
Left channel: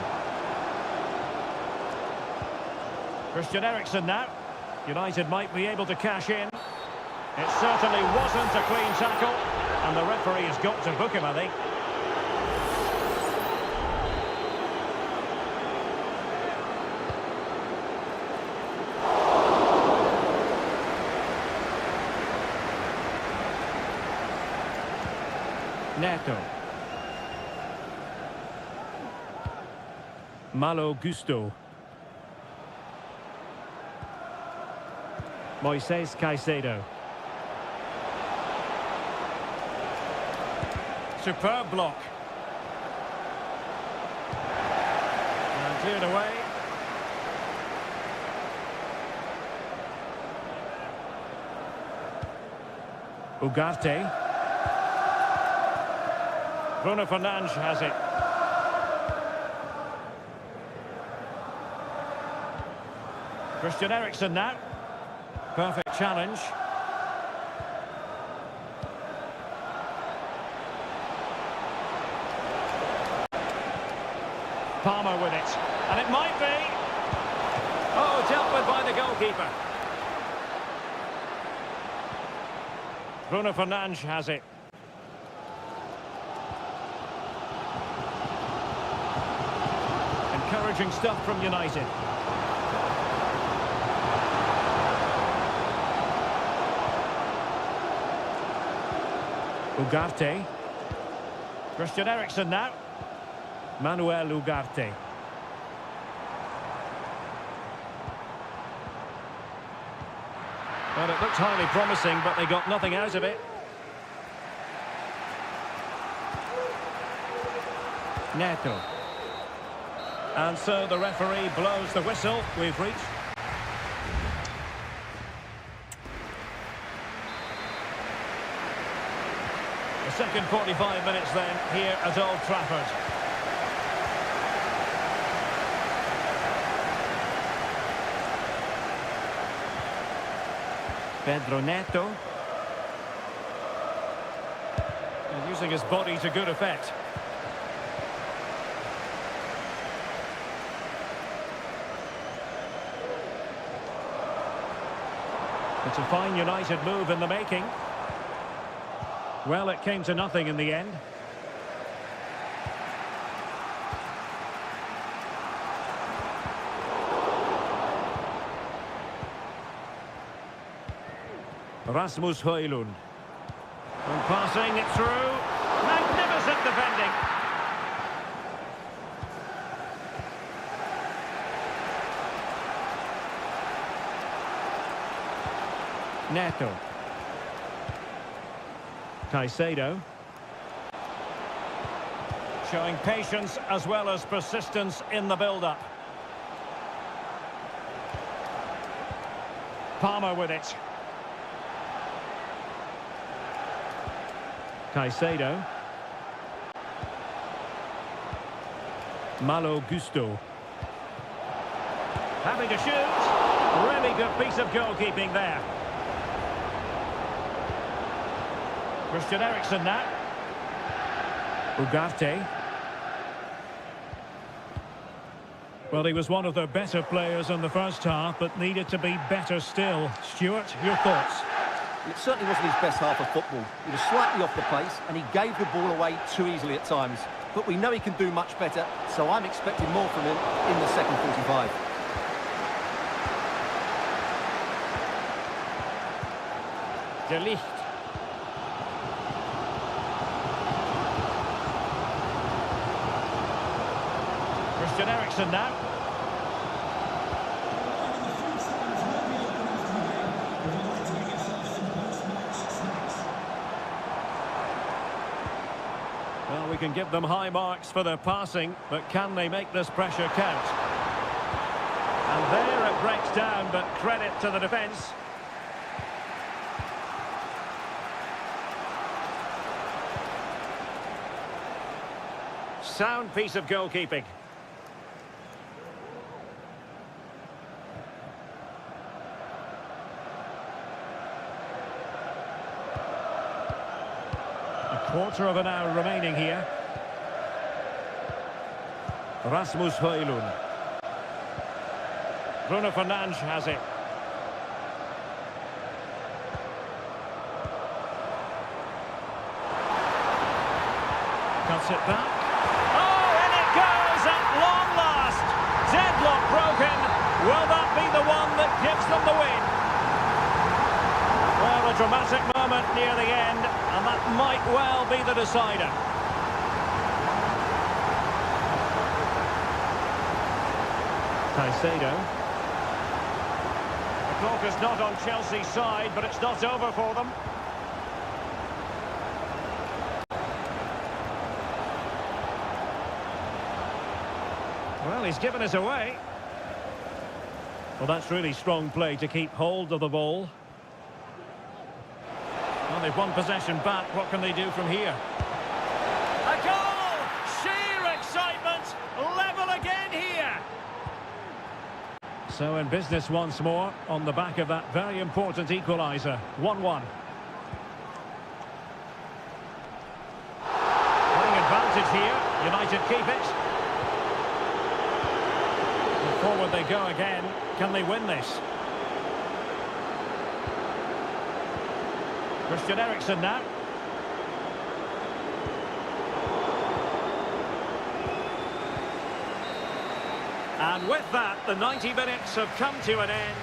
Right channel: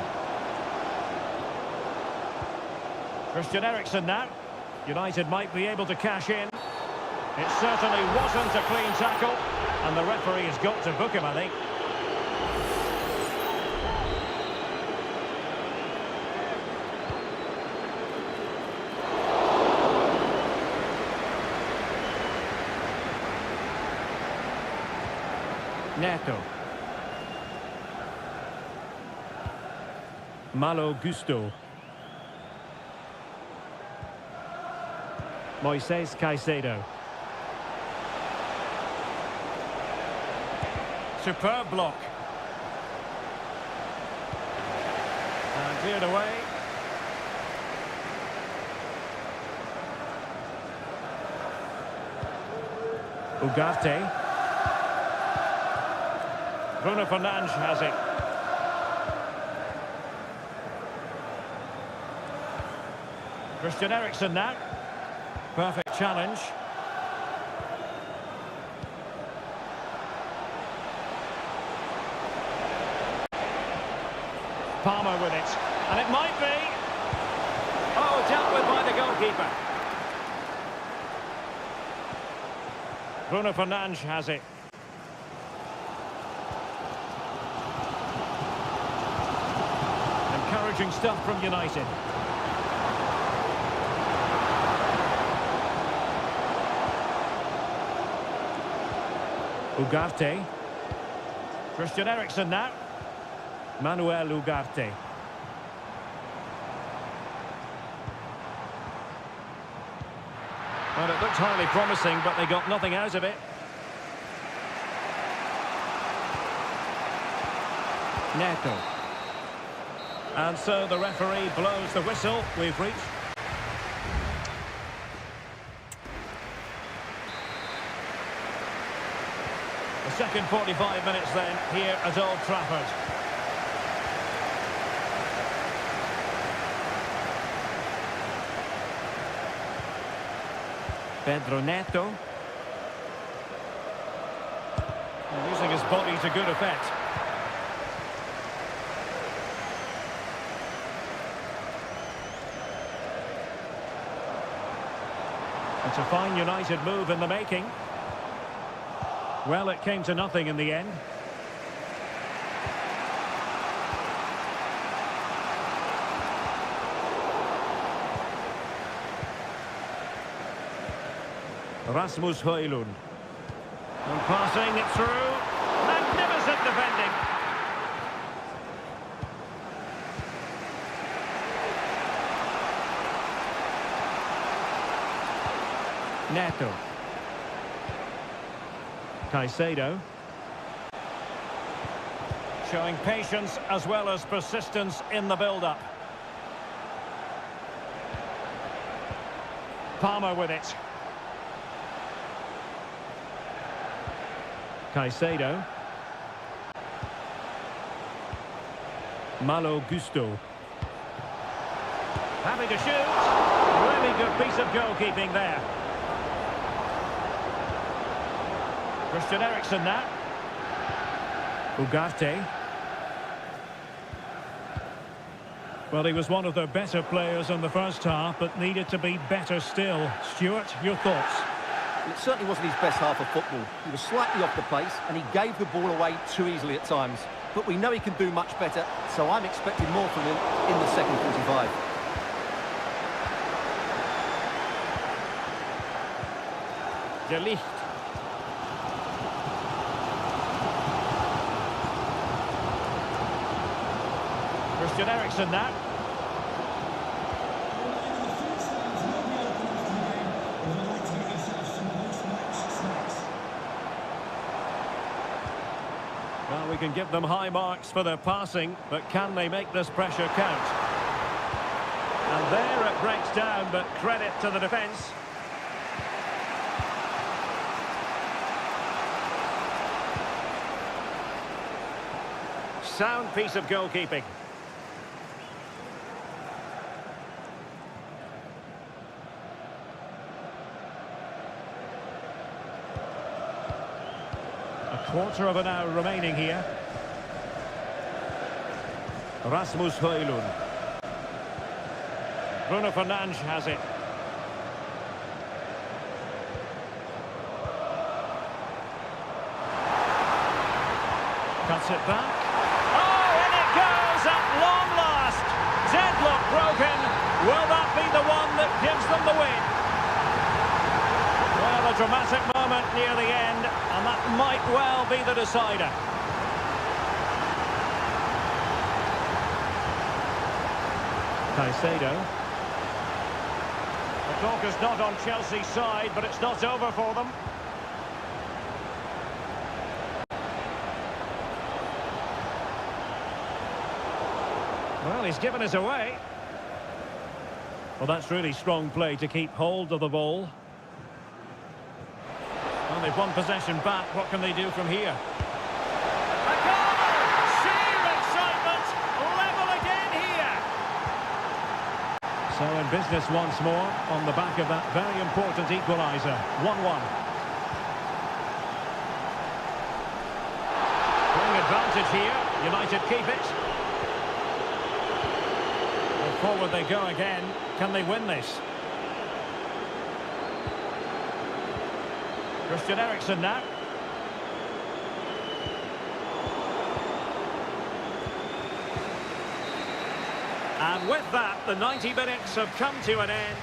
Christian Eriksen now. United might be able to cash in. It certainly wasn't a clean tackle, and the referee has got to book him, I think. Neto. Malo Gusto. Moises Caicedo. Superb block. And cleared away. Ugarte. Bruno Fernandes has it. Christian Eriksen now. Perfect challenge. Palmer with it. And it might be. Oh, dealt with by the goalkeeper. Bruno Fernandes has it. Encouraging stuff from United. Ugarte. Christian Eriksen now. Manuel Ugarte. Well, it looked highly promising, but they got nothing out of it. Neto. And so the referee blows the whistle. We've reached... the second 45 minutes then, here at Old Trafford. Pedro Neto. And using his body to good effect. It's a fine United move in the making. Well, it came to nothing in the end. Rasmus Højlund. And passing it through. Magnificent defending. Neto. Caicedo. Showing patience as well as persistence in the build-up. Palmer with it. Caicedo. Malo Gusto. Having to shoot. Really good piece of goalkeeping there. Christian Eriksen now. Ugarte. Well, he was one of their better players in the first half, but needed to be better still. Stuart, your thoughts? Well, it certainly wasn't his best half of football. He was slightly off the pace, and he gave the ball away too easily at times. But we know he can do much better, so I'm expecting more from him in the second 45. De Ligt. Christian Eriksen now. Well, we can give them high marks for their passing, but can they make this pressure count? And there it breaks down, but credit to the defence. Sound piece of goalkeeping. A quarter of an hour remaining here. Rasmus Højlund. Bruno Fernandes has it. Cuts it back. Oh, and it goes at long last. Deadlock broken. Will that be the one that gives them the win? Well, a dramatic moment near the end, and that might well be the decider. Caicedo. The clock is not on Chelsea's side, but it's not over for them. Well, he's given us away. Well, that's really strong play to keep hold of the ball. Well, they've won possession back. What can they do from here? A goal! Sheer excitement! Level again here! So in business once more on the back of that very important equaliser. 1-1. Playing advantage here. United keep it. And forward they go again. Can they win this? Christian Eriksen now. And with that, the 90 minutes have come to an end.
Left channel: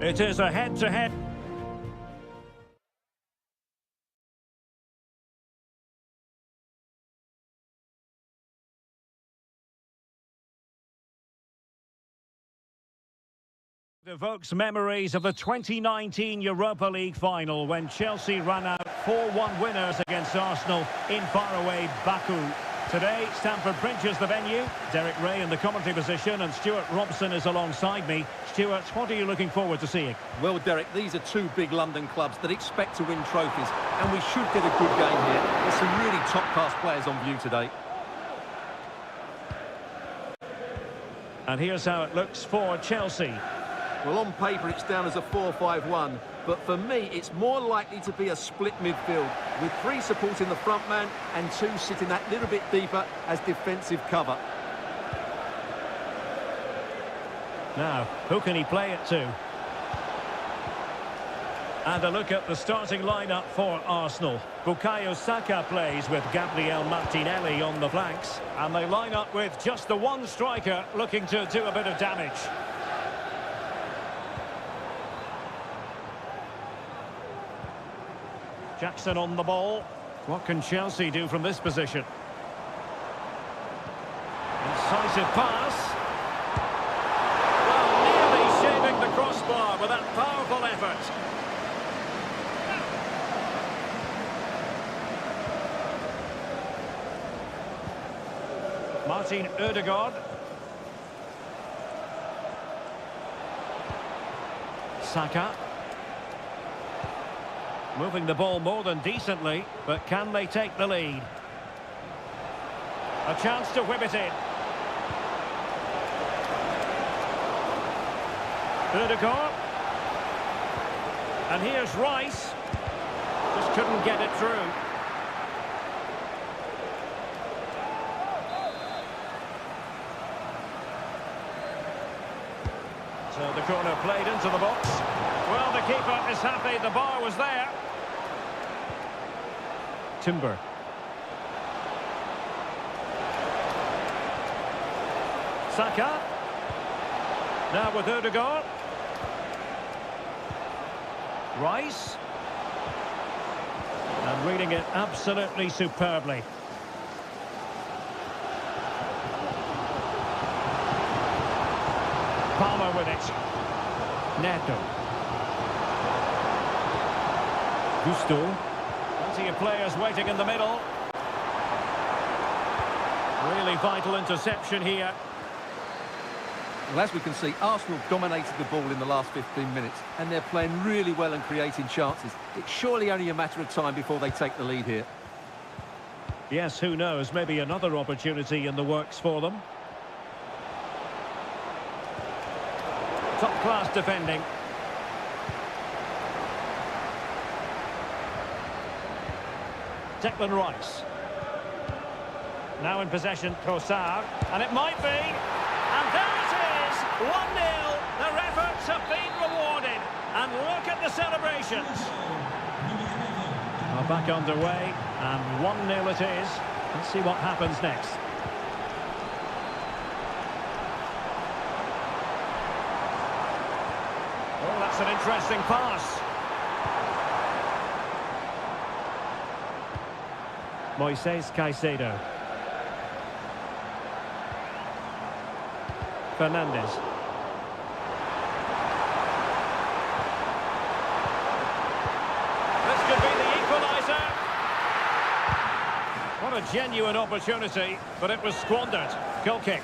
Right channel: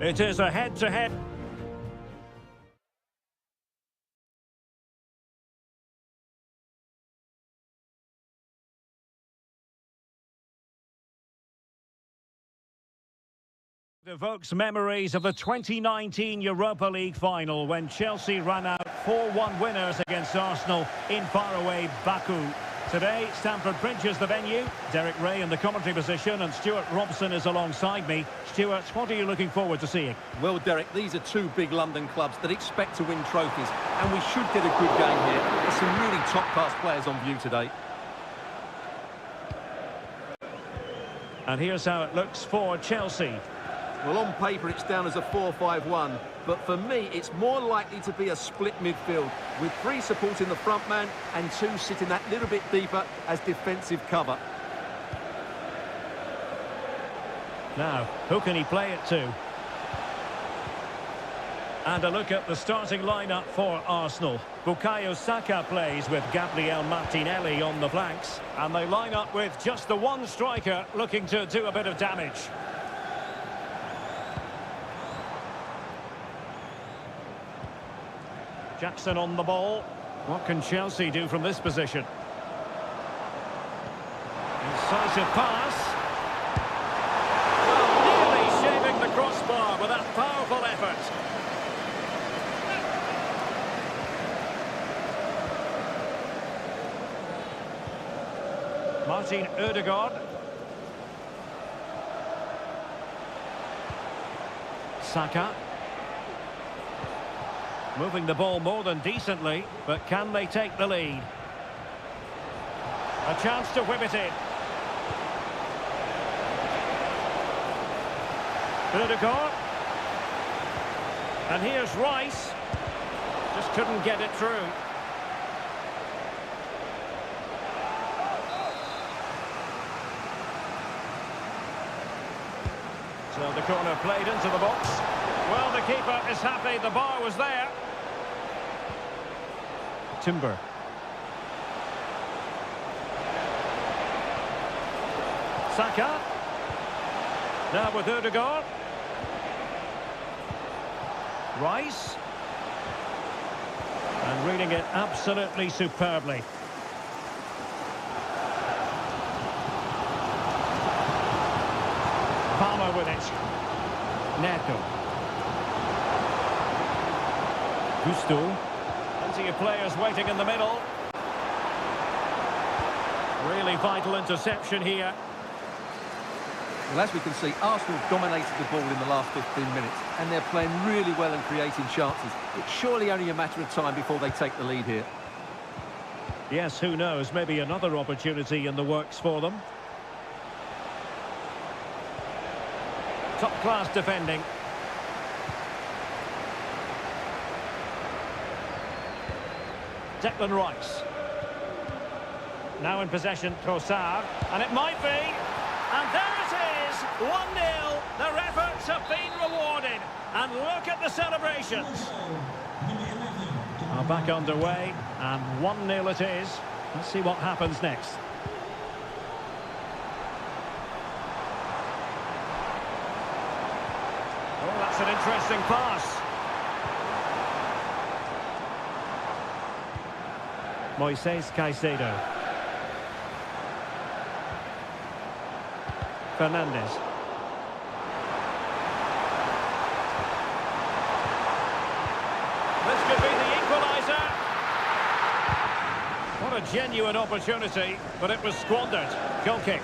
It is a head-to-head. Evokes memories of the 2019 Europa League final when Chelsea ran out 4-1 winners against Arsenal in faraway Baku. Today, Stamford Bridge is the venue. Derek Ray in the commentary position and Stuart Robson is alongside me. Stuart, what are you looking forward to seeing? Well, Derek, these are two big London clubs that expect to win trophies, and we should get a good game here. There's some really top-class players on view today. And here's how it looks for Chelsea. Well, on paper, it's down as a 4-5-1, but for me, it's more likely to be a split midfield, with three supporting the front man and two sitting that little bit deeper as defensive cover. Now, who can he play it to? And a look at the starting lineup for Arsenal. Bukayo Saka plays with Gabriel Martinelli on the flanks, and they line up with just the one striker looking to do a bit of damage. Jackson on the ball. What can Chelsea do from this position? Incisive pass. Well, nearly shaving the crossbar with that powerful effort. Martin Ødegaard. Saka. Moving the ball more than decently, but can they take the lead? A chance to whip it in. Ødegaard. And here's Rice. Just couldn't get it through. So the corner played into the box. Well, the keeper is happy the bar was there. Timber. Saka. Now with Ødegaard. Rice. And reading it absolutely superbly. Palmer with it. Neto. Gusto. Plenty of players waiting in the middle. Really vital interception here. Well, as we can see, Arsenal dominated the ball in the last 15 minutes, and they're playing really well and creating chances. It's surely only a matter of time before they take the lead here. Yes, who knows? Maybe another opportunity in the works for them. Top-class defending. Declan Rice. Now in possession, Trossard. And it might be. And there it is. 1-0. Their efforts have been rewarded. And look at the celebrations. Are back underway. And 1-0 it is. Let's see what happens next. Oh, that's an interesting pass. Moises Caicedo. Fernandes. This could be the equaliser. What a genuine opportunity, but it was squandered. Goal kick.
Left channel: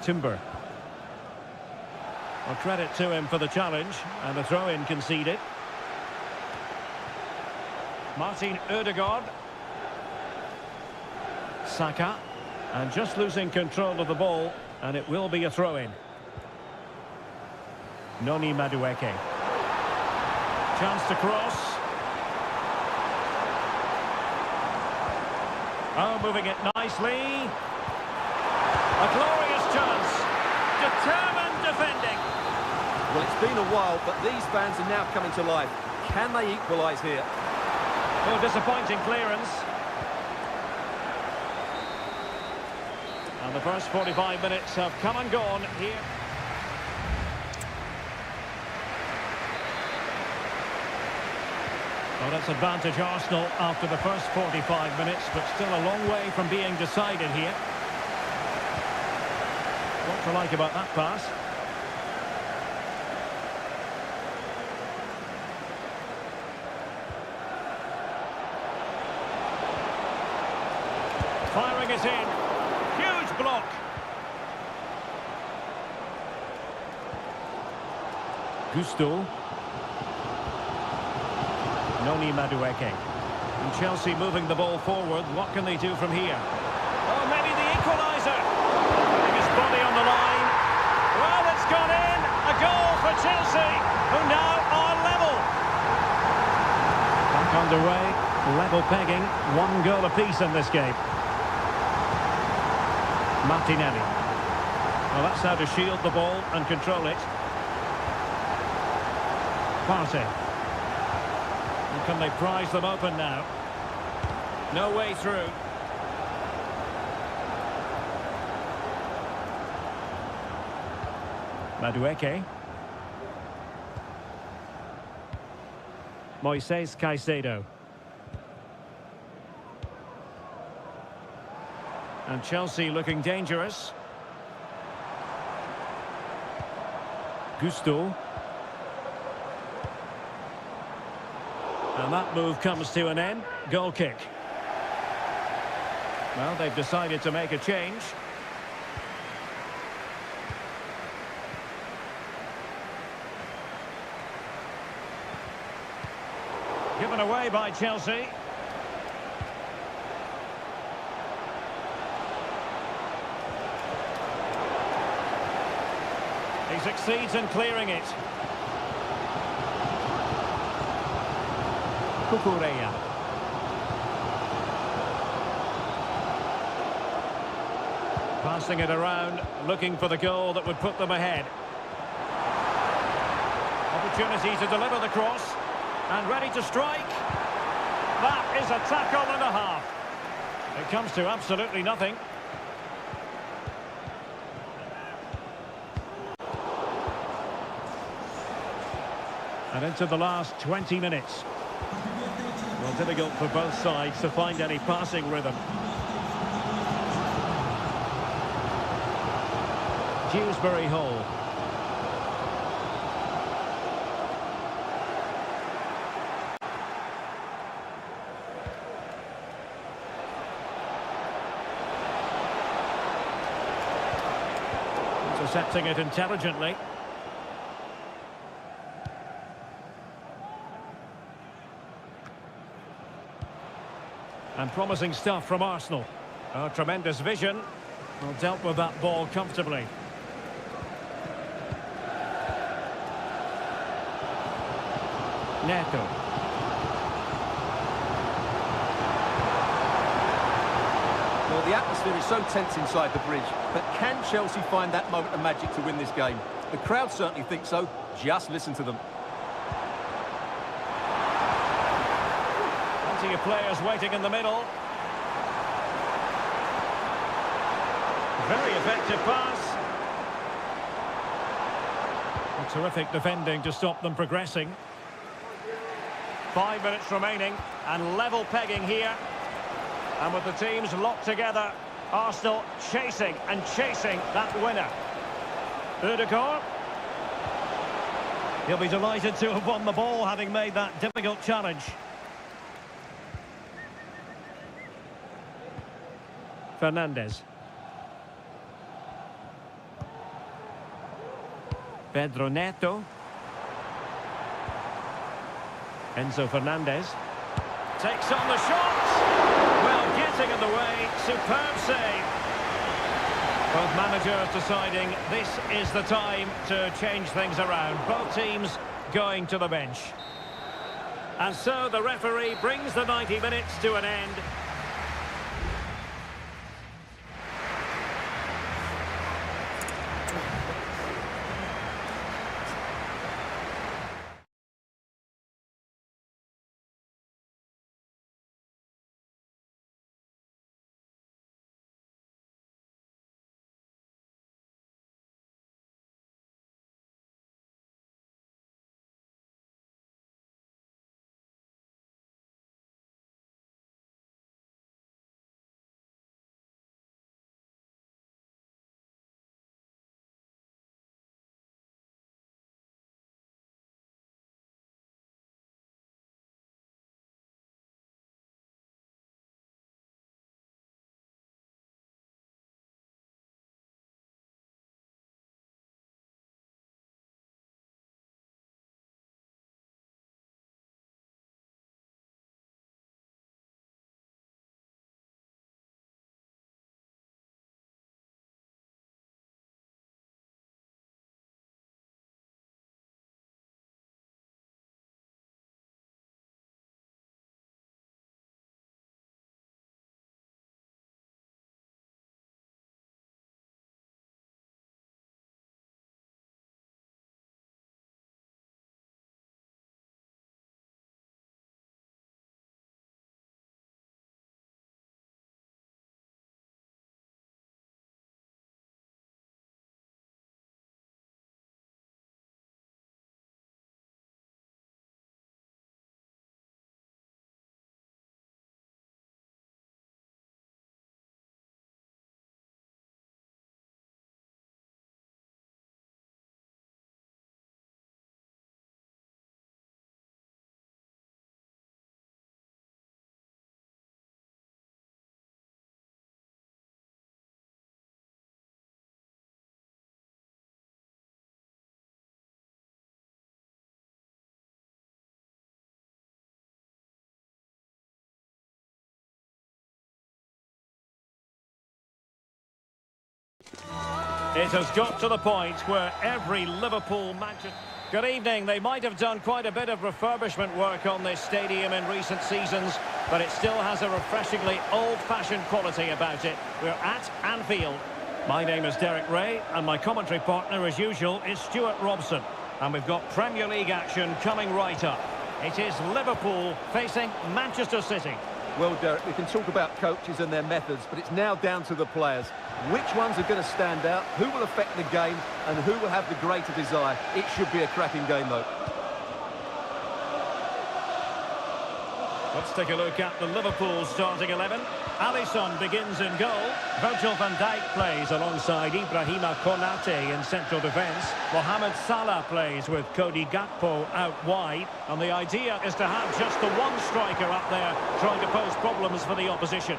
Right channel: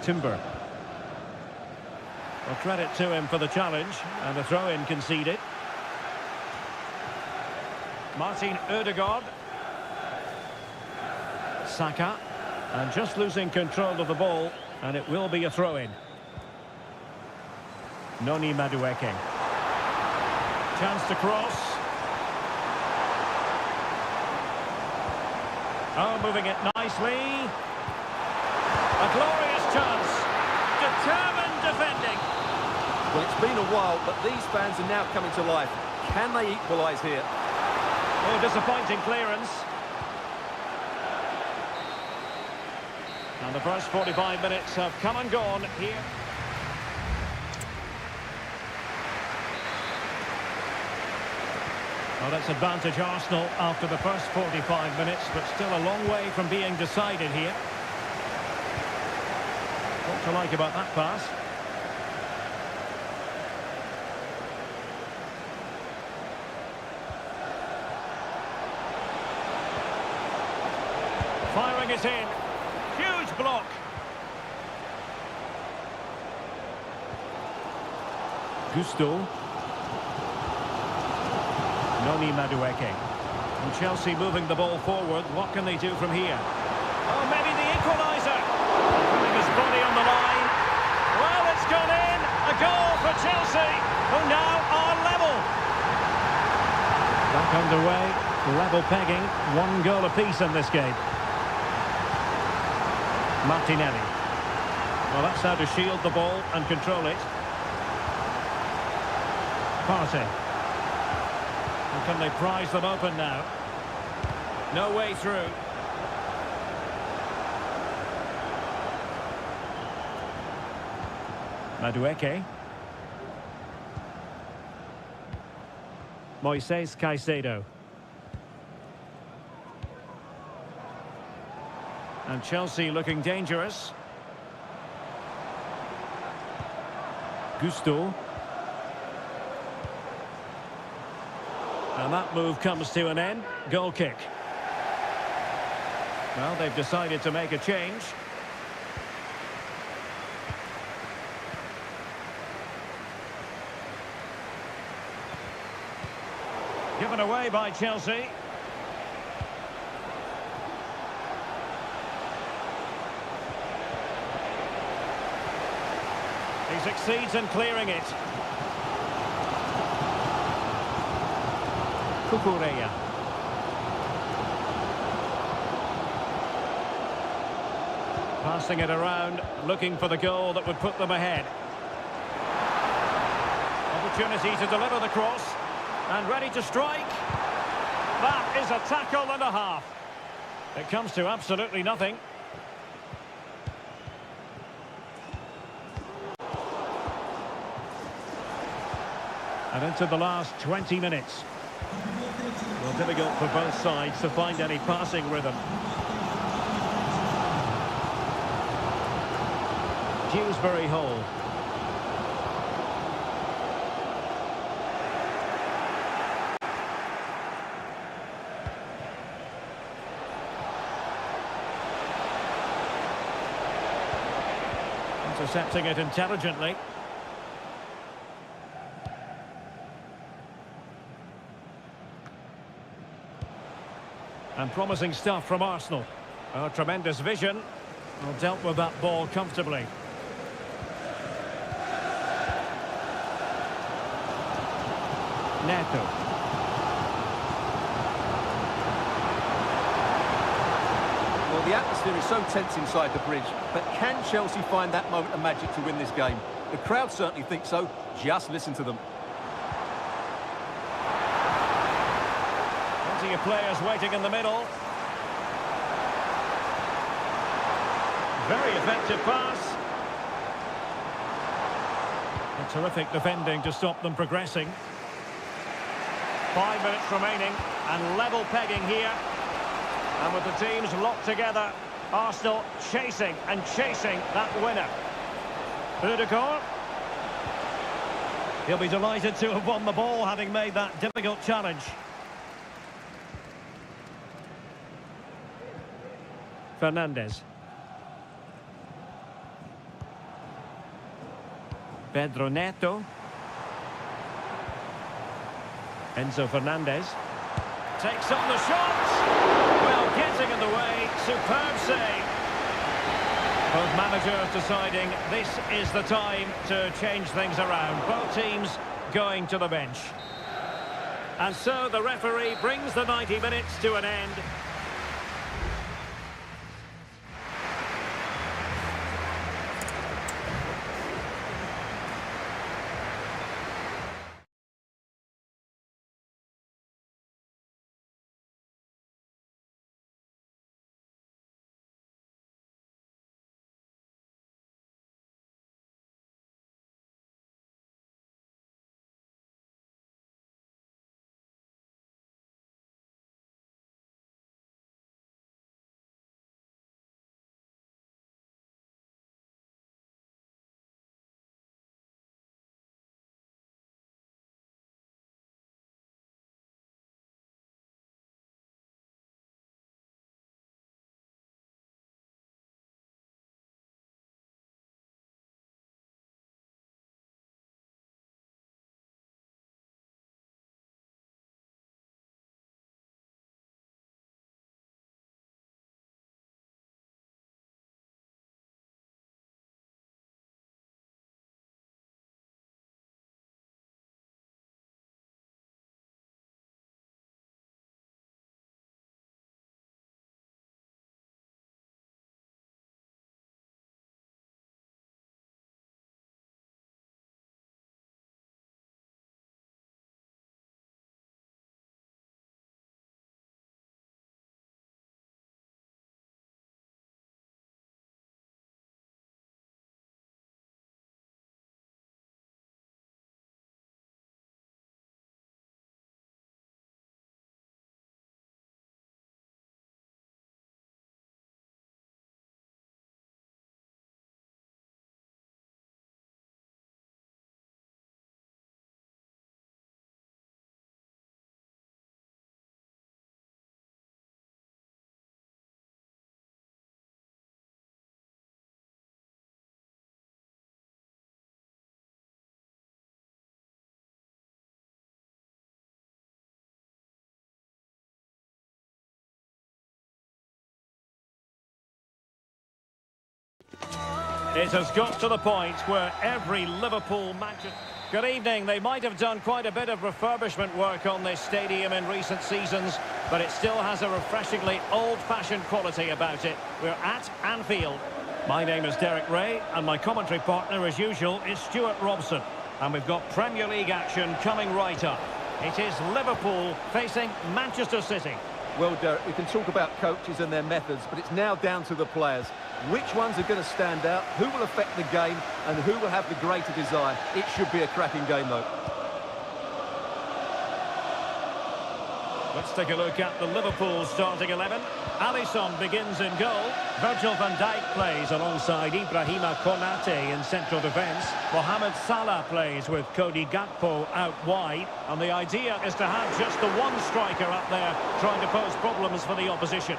Timber. Well, credit to him for the challenge, and a throw-in conceded. Martin Ødegaard. Saka. And just losing control of the ball, and it will be a throw-in. Noni Madueke. Chance to cross. Oh, moving it nicely. A glorious chance. Determined defending. Well, it's been a while, but these fans are now coming to life. Can they equalise here? Oh, disappointing clearance. And the first 45 minutes have come and gone here. Well, that's advantage Arsenal after the first 45 minutes, but still a long way from being decided here. What to like about that pass? Firing it in. Huge block. Gusto. Noni Madueke. And Chelsea moving the ball forward. What can they do from here? Oh, maybe the equaliser. Putting his body on the line. Well, it's gone in. A goal for Chelsea, who now are level. Back underway. Level pegging. 1 goal apiece in this game. Martinelli. Well, that's how to shield the ball and control it. Partey. And can they prise them open now? No way through. Madueke. Moises Caicedo. And Chelsea looking dangerous. Gusto. And that move comes to an end. Goal kick. Well, they've decided to make a change. Given away by Chelsea. He succeeds in clearing it. Cucurella. Passing it around, looking for the goal that would put them ahead. Opportunity to deliver the cross. And ready to strike. That is a tackle and a half. It comes to absolutely nothing. And into the last 20 minutes. Well, difficult for both sides to find any passing rhythm. Dewsbury Hall. Intercepting it intelligently. And promising stuff from Arsenal. Oh, tremendous vision. Well, dealt with that ball comfortably. Neto. Well, the atmosphere is so tense inside the bridge, but can Chelsea find that moment of magic to win this game? The crowd certainly think so. Just listen to them. Plenty of players waiting in the middle. Very effective pass. A terrific defending to stop them progressing. 5 minutes remaining and level pegging here. And with the teams locked together, Arsenal chasing and chasing that winner. Ødegaard. He'll be delighted to have won the ball, having made that difficult challenge. Fernandes. Pedro Neto. Enzo Fernandez. Takes on the shot. Well, getting in the way. Superb save. Both managers deciding this is the time to change things around. Both teams going to the bench. And so the referee brings the 90 minutes to an end. It has got to the point where every Liverpool Manchester... Good evening. They might have done quite a bit of refurbishment work on this stadium in recent seasons, but it still has a refreshingly old-fashioned quality about it. We're at Anfield. My name is Derek Ray, and my commentary partner, as usual, is Stuart Robson. And we've got Premier League action coming right up. It is Liverpool facing Manchester City. Well, Derek, we can talk about coaches and their methods, but it's now down to the players. Which ones are going to stand out, who will affect the game, and who will have the greater desire? It should be a cracking game, though. Let's take a look at the Liverpool starting 11. Alisson begins in goal. Virgil van Dijk plays alongside Ibrahima Konate in central defence. Mohamed Salah plays with Cody Gakpo out wide. And the idea is to have just the one striker up there trying to pose problems for the opposition.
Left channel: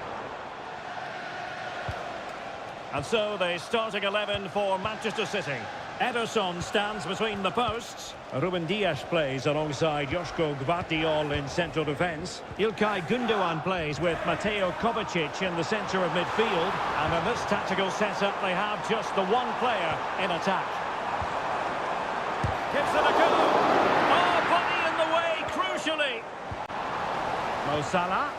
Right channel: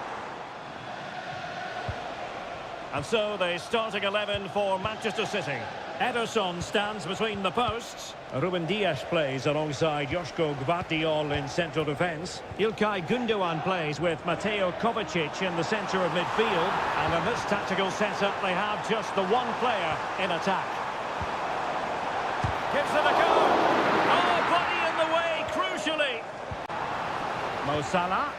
And so the starting 11 for Manchester City. Ederson stands between the posts. Ruben Dias plays alongside Joško Gvardiol in central defence. Ilkay Gundogan plays with Mateo Kovacic in the centre of midfield. And in this tactical setup, they have just the one player in attack. Gives it a go. Oh, body in the way, crucially. Mo Salah.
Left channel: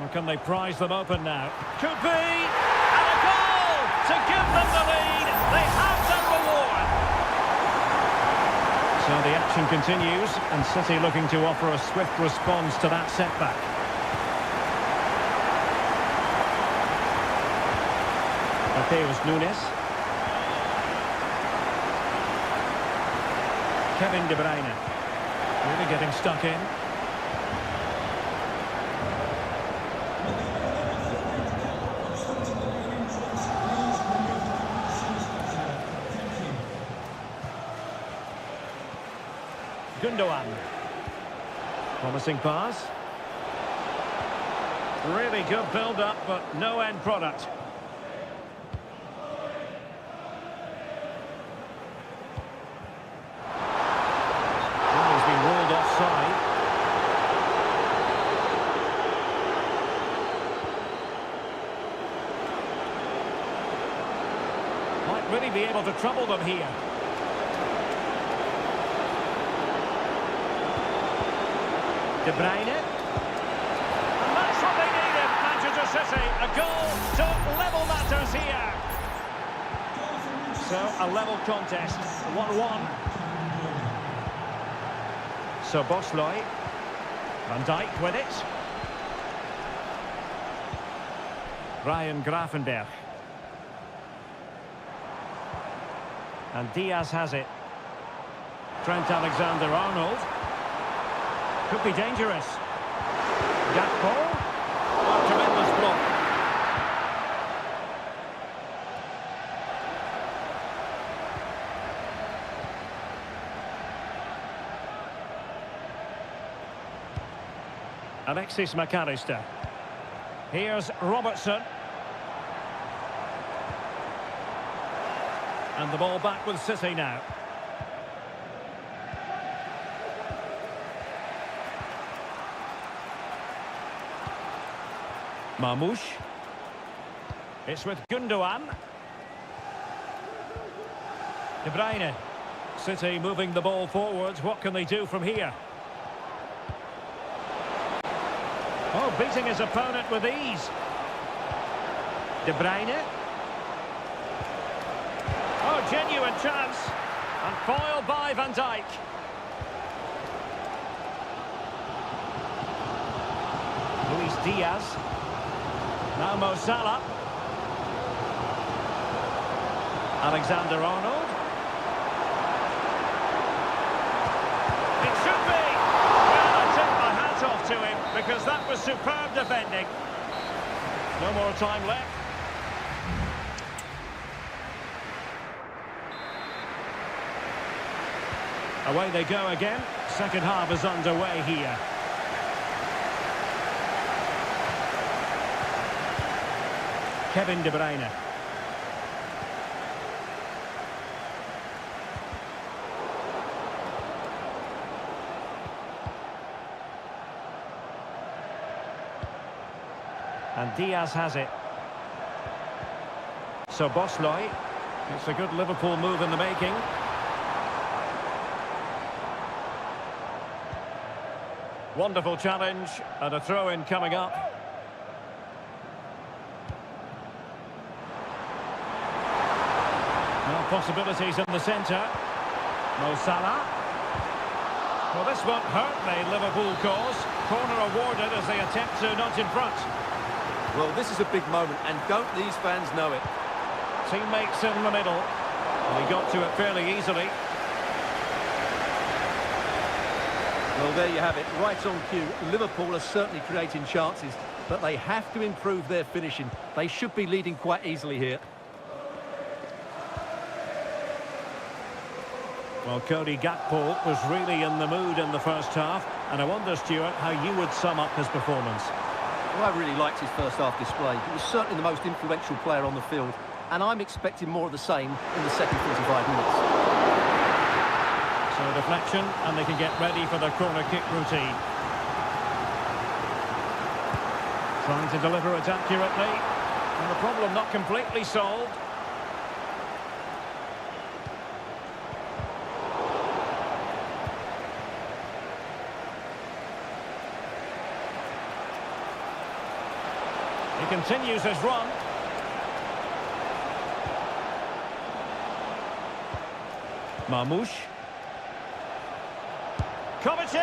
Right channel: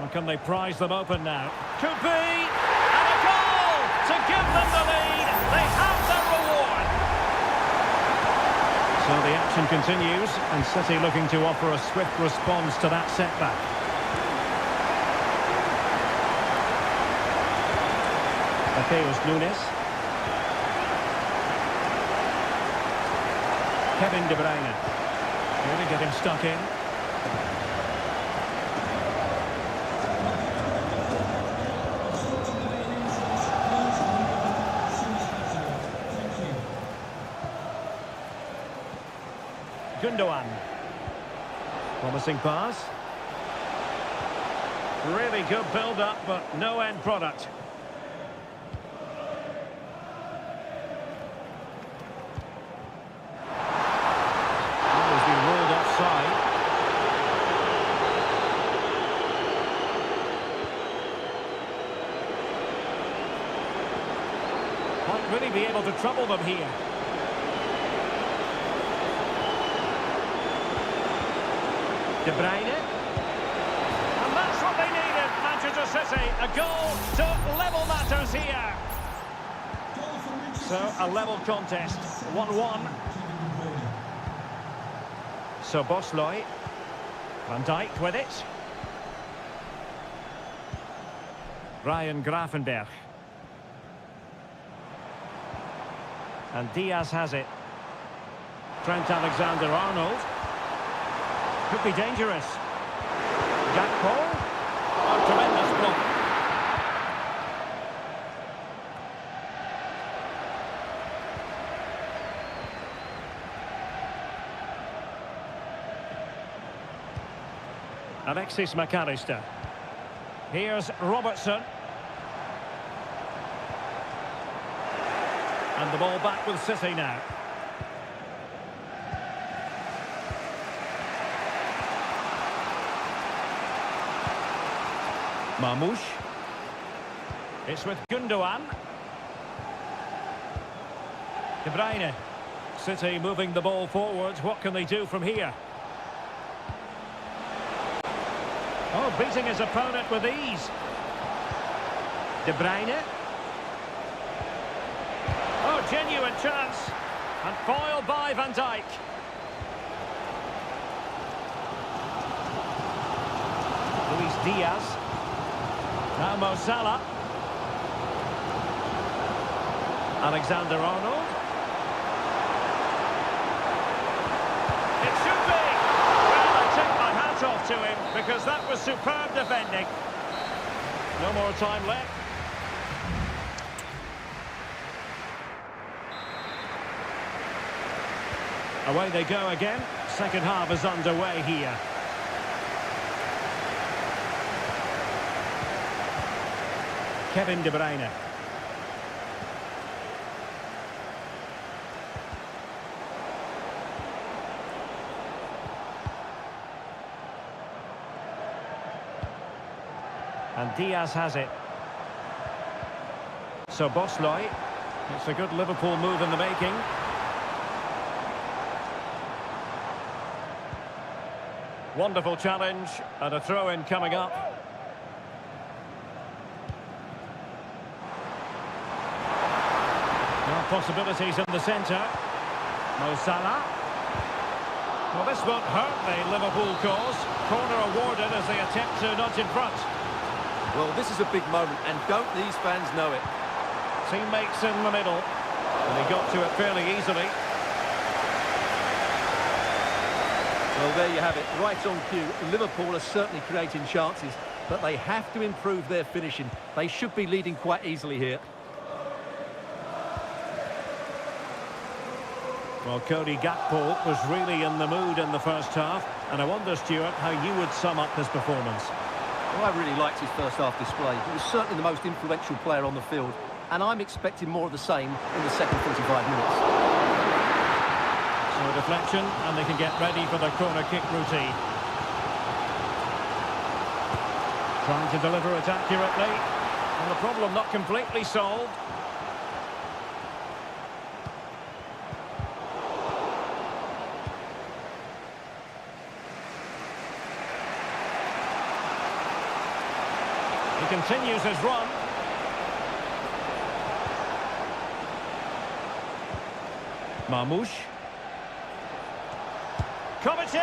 Or can they prise them open now? Could be! And a goal to give them the lead. They have their reward. So the action continues, and City looking to offer a swift response to that setback. Mateus Nunes. Kevin De Bruyne. Really getting stuck in. Gundogan. Promising pass. Really good build-up, but no end product. He's been ruled offside. Might really be able to trouble them here. De Bruyne. And that's what they needed, Manchester City. A goal to level matters here. So, a level contest. 1-1. So, Bosley. Van Dijk with it. Ryan Gravenberch. And Diaz has it. Trent Alexander-Arnold. Could be dangerous. Gakpo. Oh, tremendous block. Alexis McAllister. Here's Robertson. And the ball back with City now. Marmoush. It's with Gundogan. De Bruyne. City moving the ball forwards. What can they do from here? Oh, beating his opponent with ease. De Bruyne. Oh, genuine chance. And foiled by Van Dijk. Luis Diaz. Now Mo Salah. Alexander-Arnold. It should be. Well, I take my hat off to him because that was superb defending. No more time left. Away they go again. Second half is underway here. Kevin De Bruyne. And Diaz has it. So Bosley, it's a good Liverpool move in the making. Wonderful challenge and a throw-in coming up. Now possibilities in the centre. Mo Salah. Well, this won't hurt the Liverpool cause. Corner awarded as they attempt to nudge in front. Well, this is a big moment, and don't these fans know it? Teammates in the middle. And he got to it fairly easily. Well, there you have it, right on cue. Liverpool are certainly creating chances, but they have to improve their finishing. They should be leading quite easily here. Well, Cody Gakpo was really in the mood in the first half, and I wonder, Stuart, how you would sum up his performance. Well, I really liked his first half display. He was certainly the most influential player on the field, and I'm expecting more of the same in the second 45 minutes. So a deflection, and they can get ready for their corner kick routine. Trying to deliver it accurately, and the problem not completely solved. He continues his run. Marmoush. Kovacic!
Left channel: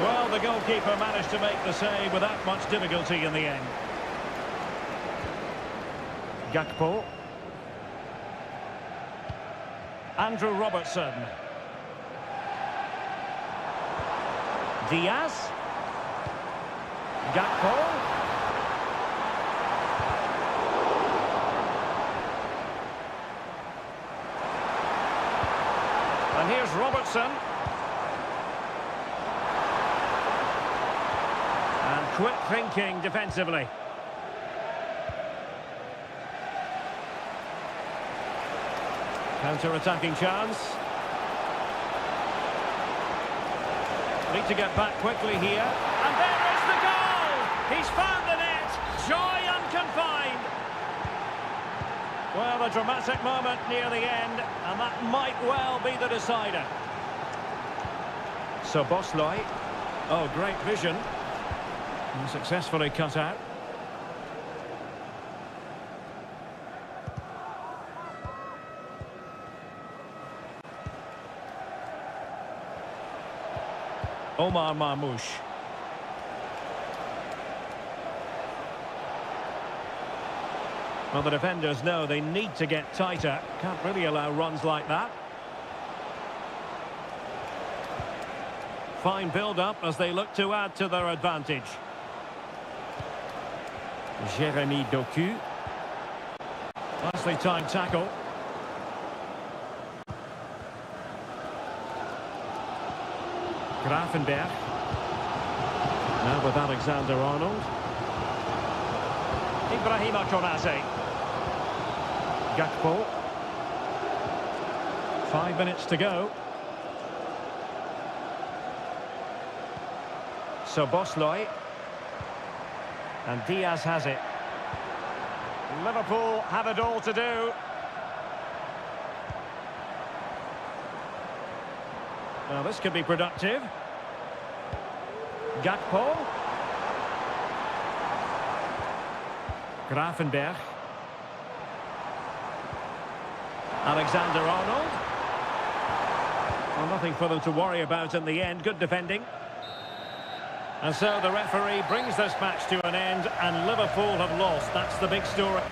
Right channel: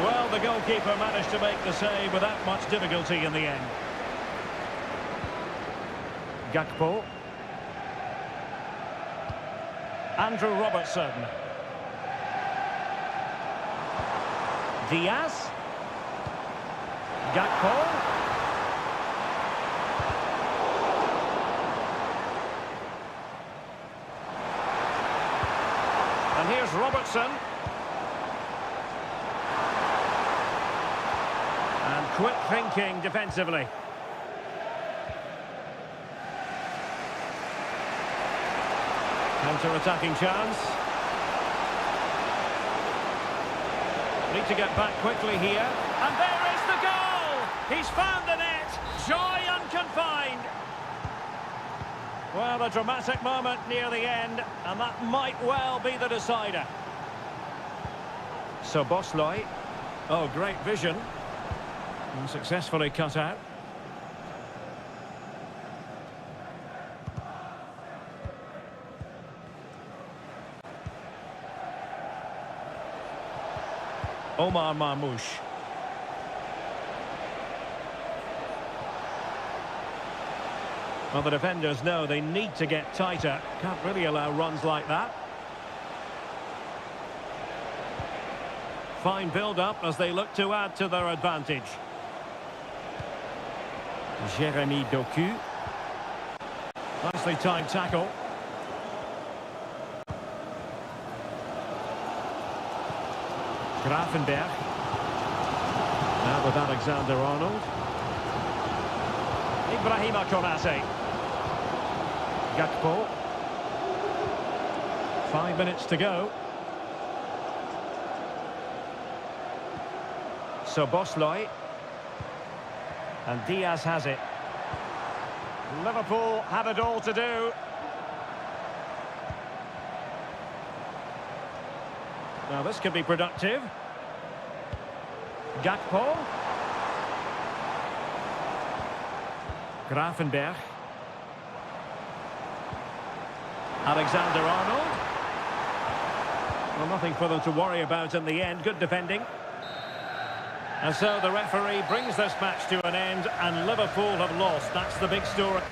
Well, the goalkeeper managed to make the save without much difficulty in the end. Gakpo. Andrew Robertson. Diaz. Gakpo. And here's Robertson. And quick thinking defensively. Counter-attacking chance. Need to get back quickly here. And there is the goal! He's found the net. Joy unconfined. Well, a dramatic moment near the end, and that might well be the decider. So Bosley. Oh, great vision. And successfully cut out. Omar Marmoush. Well, the defenders know they need to get tighter. Can't really allow runs like that. Fine build-up as they look to add to their advantage. Jeremy Doku. Nicely timed tackle. Grafenberg. Now with Alexander-Arnold. Ibrahima Konate. Gakpo. 5 minutes to go. So Bosley. And Diaz has it. Liverpool have it all to do. Now this could be productive. Gakpo. Grafenberg. Alexander-Arnold. Well, nothing for them to worry about in the end. Good defending. And so the referee brings this match to an end, and Liverpool have lost. That's the big story.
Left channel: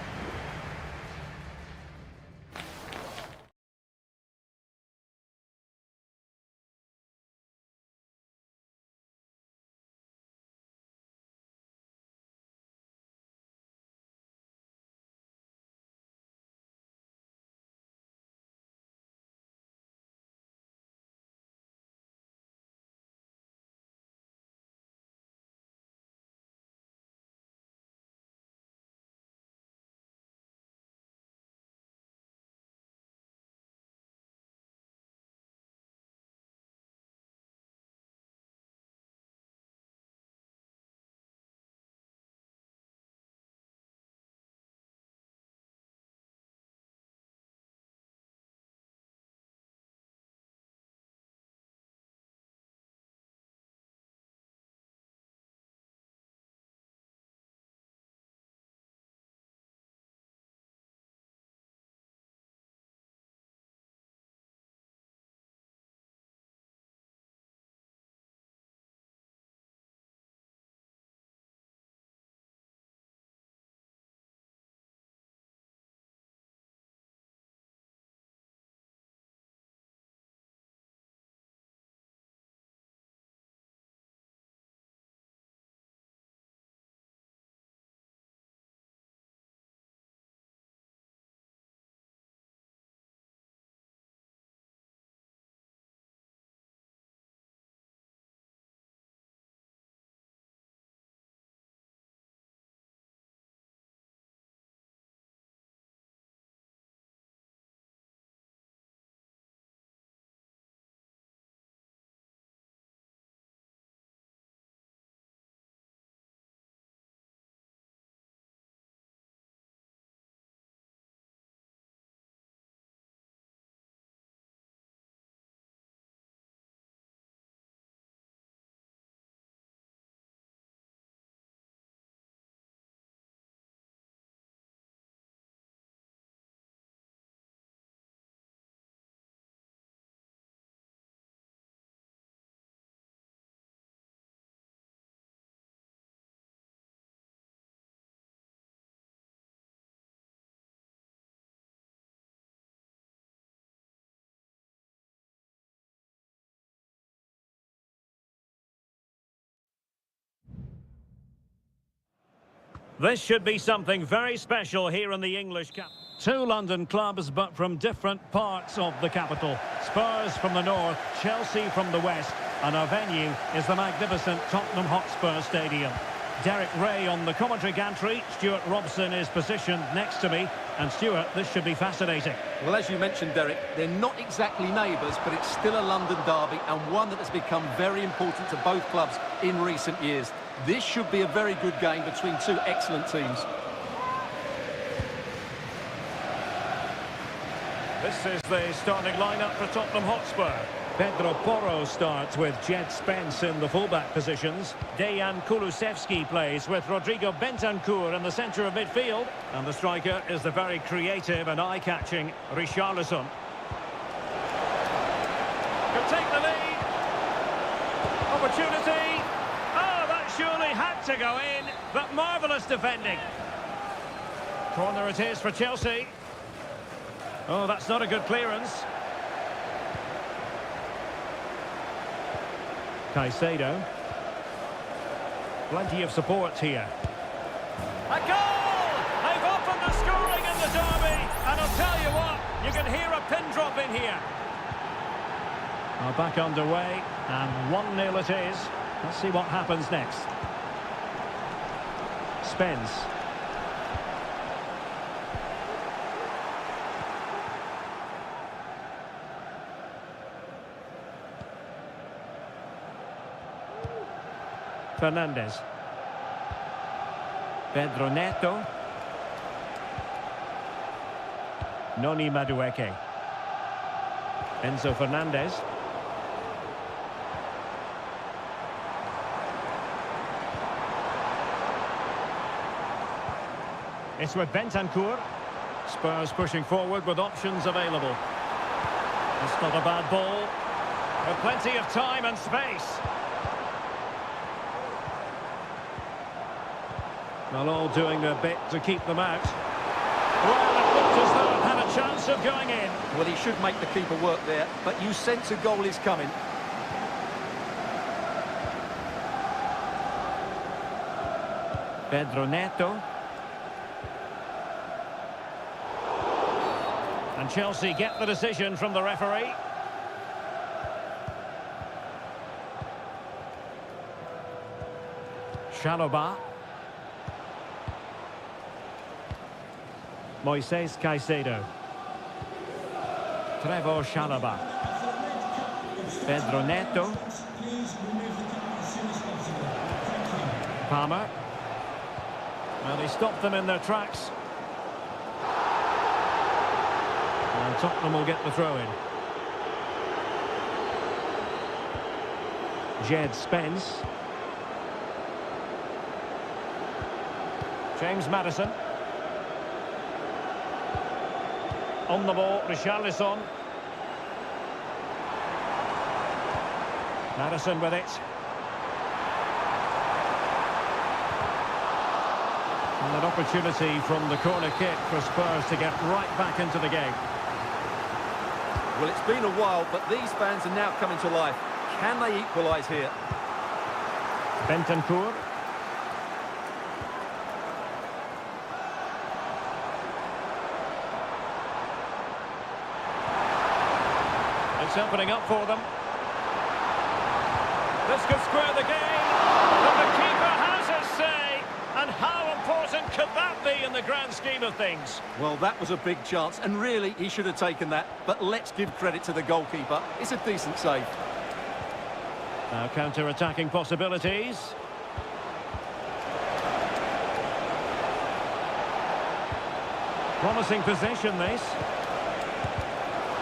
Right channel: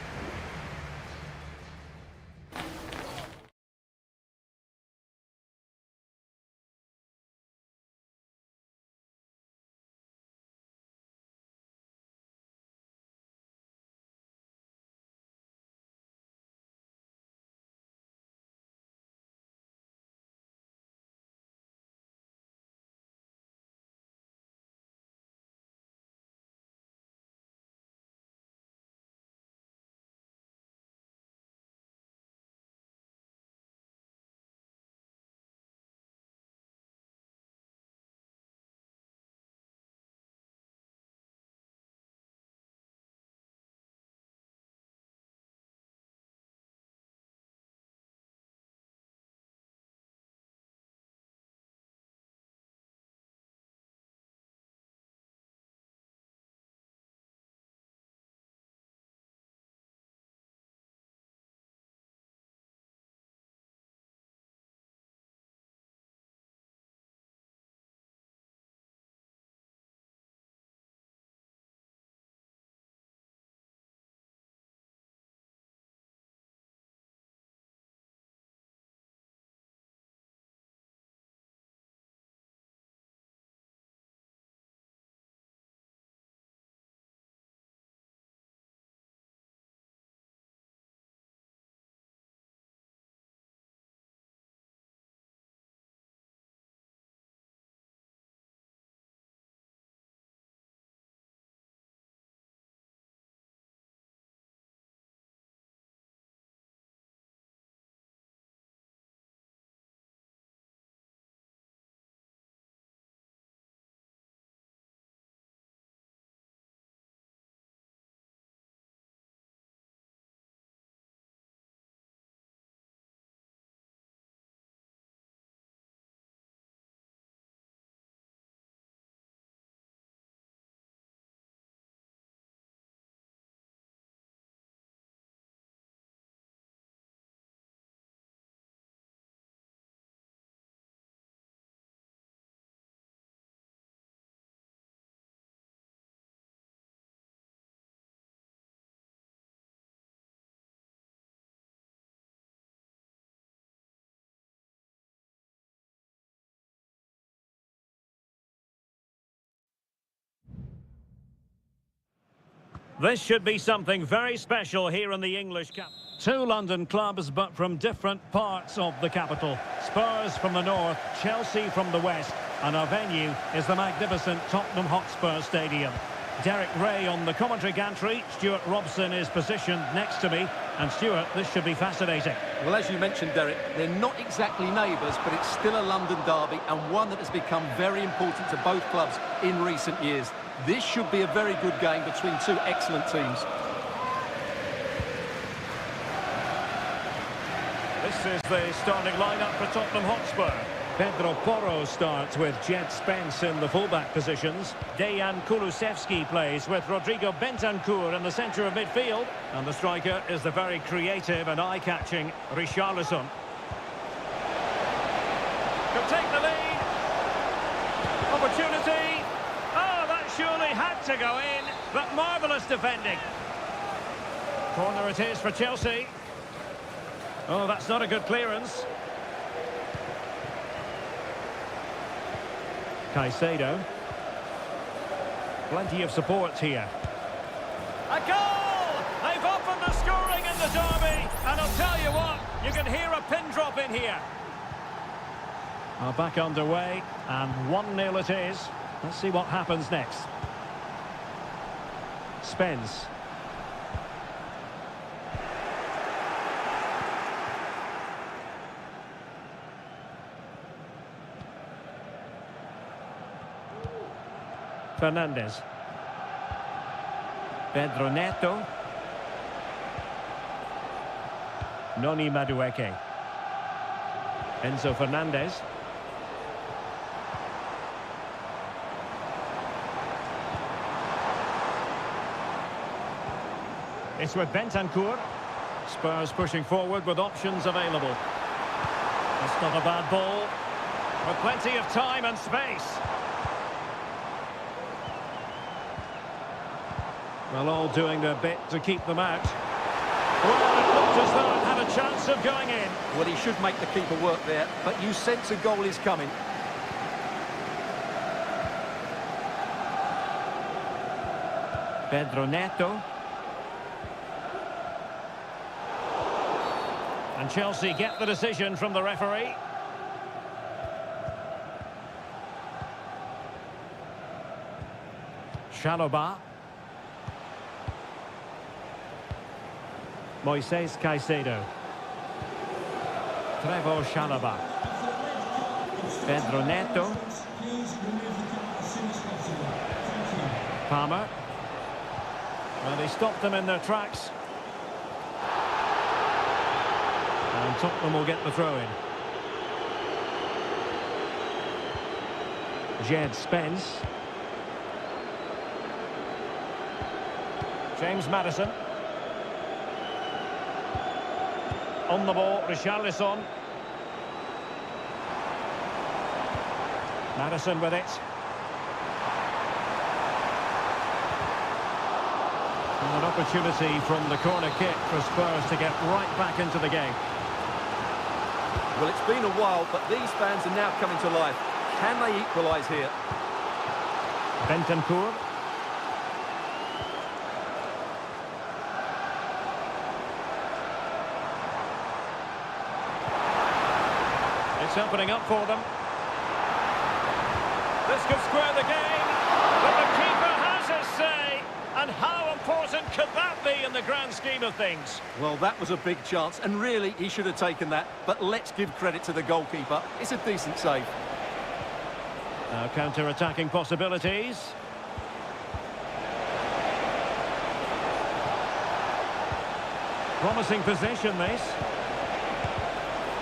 This should be something very special here in the English capital. Two London clubs, but from different parts of the capital. Spurs from the north, Chelsea from the west, and our venue is the magnificent Tottenham Hotspur Stadium. Derek Ray on the commentary gantry. Stuart Robson is positioned next to me. And Stuart, this should be fascinating. Well, as you mentioned, Derek, they're not exactly neighbours, but it's still a London derby and one that has become very important to both clubs in recent years. This should be a very good game between two excellent teams. This is the starting lineup for Tottenham Hotspur. Pedro Porro starts with Jed Spence in the fullback positions. Dejan Kulusevski plays with Rodrigo Bentancur in the centre of midfield. And the striker is the very creative and eye-catching Richarlison. Could take the lead. Opportunity. Oh, that surely had to go in. But marvellous defending. Corner it is for Chelsea. Oh, that's not a good clearance. Caicedo. Plenty of support here. A goal! They've opened the scoring in the derby. And I'll tell you what, you can hear a pin drop in here. Back underway, and 1-0 it is. Let's see what happens next. Spence. Fernandez. Pedro Neto. Noni Madueke. Enzo Fernandez. It's with Bentancur. Spurs pushing forward with options available. It's not a bad ball. With plenty of time and space. Well, all doing their bit to keep them out. Well, it looked as though it had a chance of going in. Well, he should make the keeper work there, but you sense a goal is coming. Pedro Neto. And Chelsea get the decision from the referee. Chalobah. Moises Caicedo. Trevoh Chalobah. Pedro Neto. Palmer. Well, he stopped them in their tracks. And Tottenham will get the throw-in. Jed Spence. James Maddison. On the ball, Richarlison. Maddison with it. And an opportunity from the corner kick for Spurs to get right back into the game. Well, it's been a while, but these fans are now coming to life. Can they equalise here? Bentancur. It's opening up for them. This could square the game, but the keeper has his say. And how important could that be in the grand scheme of things? Well, that was a big chance, and really, he should have taken that. But let's give credit to the goalkeeper. It's a decent save. Now counter-attacking possibilities. Promising possession, this.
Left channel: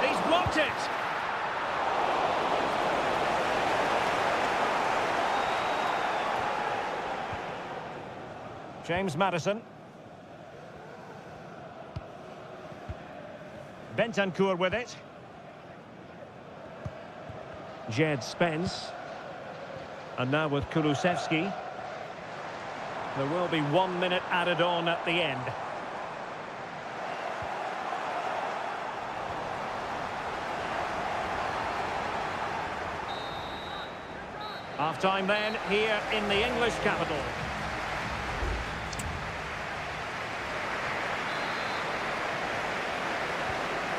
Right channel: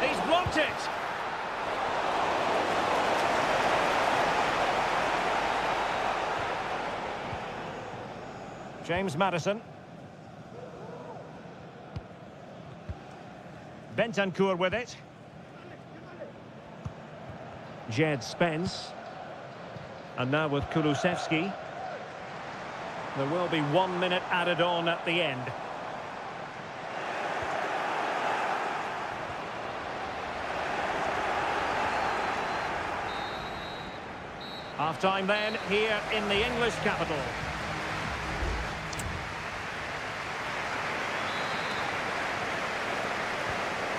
He's blocked it. James Maddison. Bentancur with it. Jed Spence. And now with Kulusevski. There will be 1 minute added on at the end. Half-time then, here in the English capital.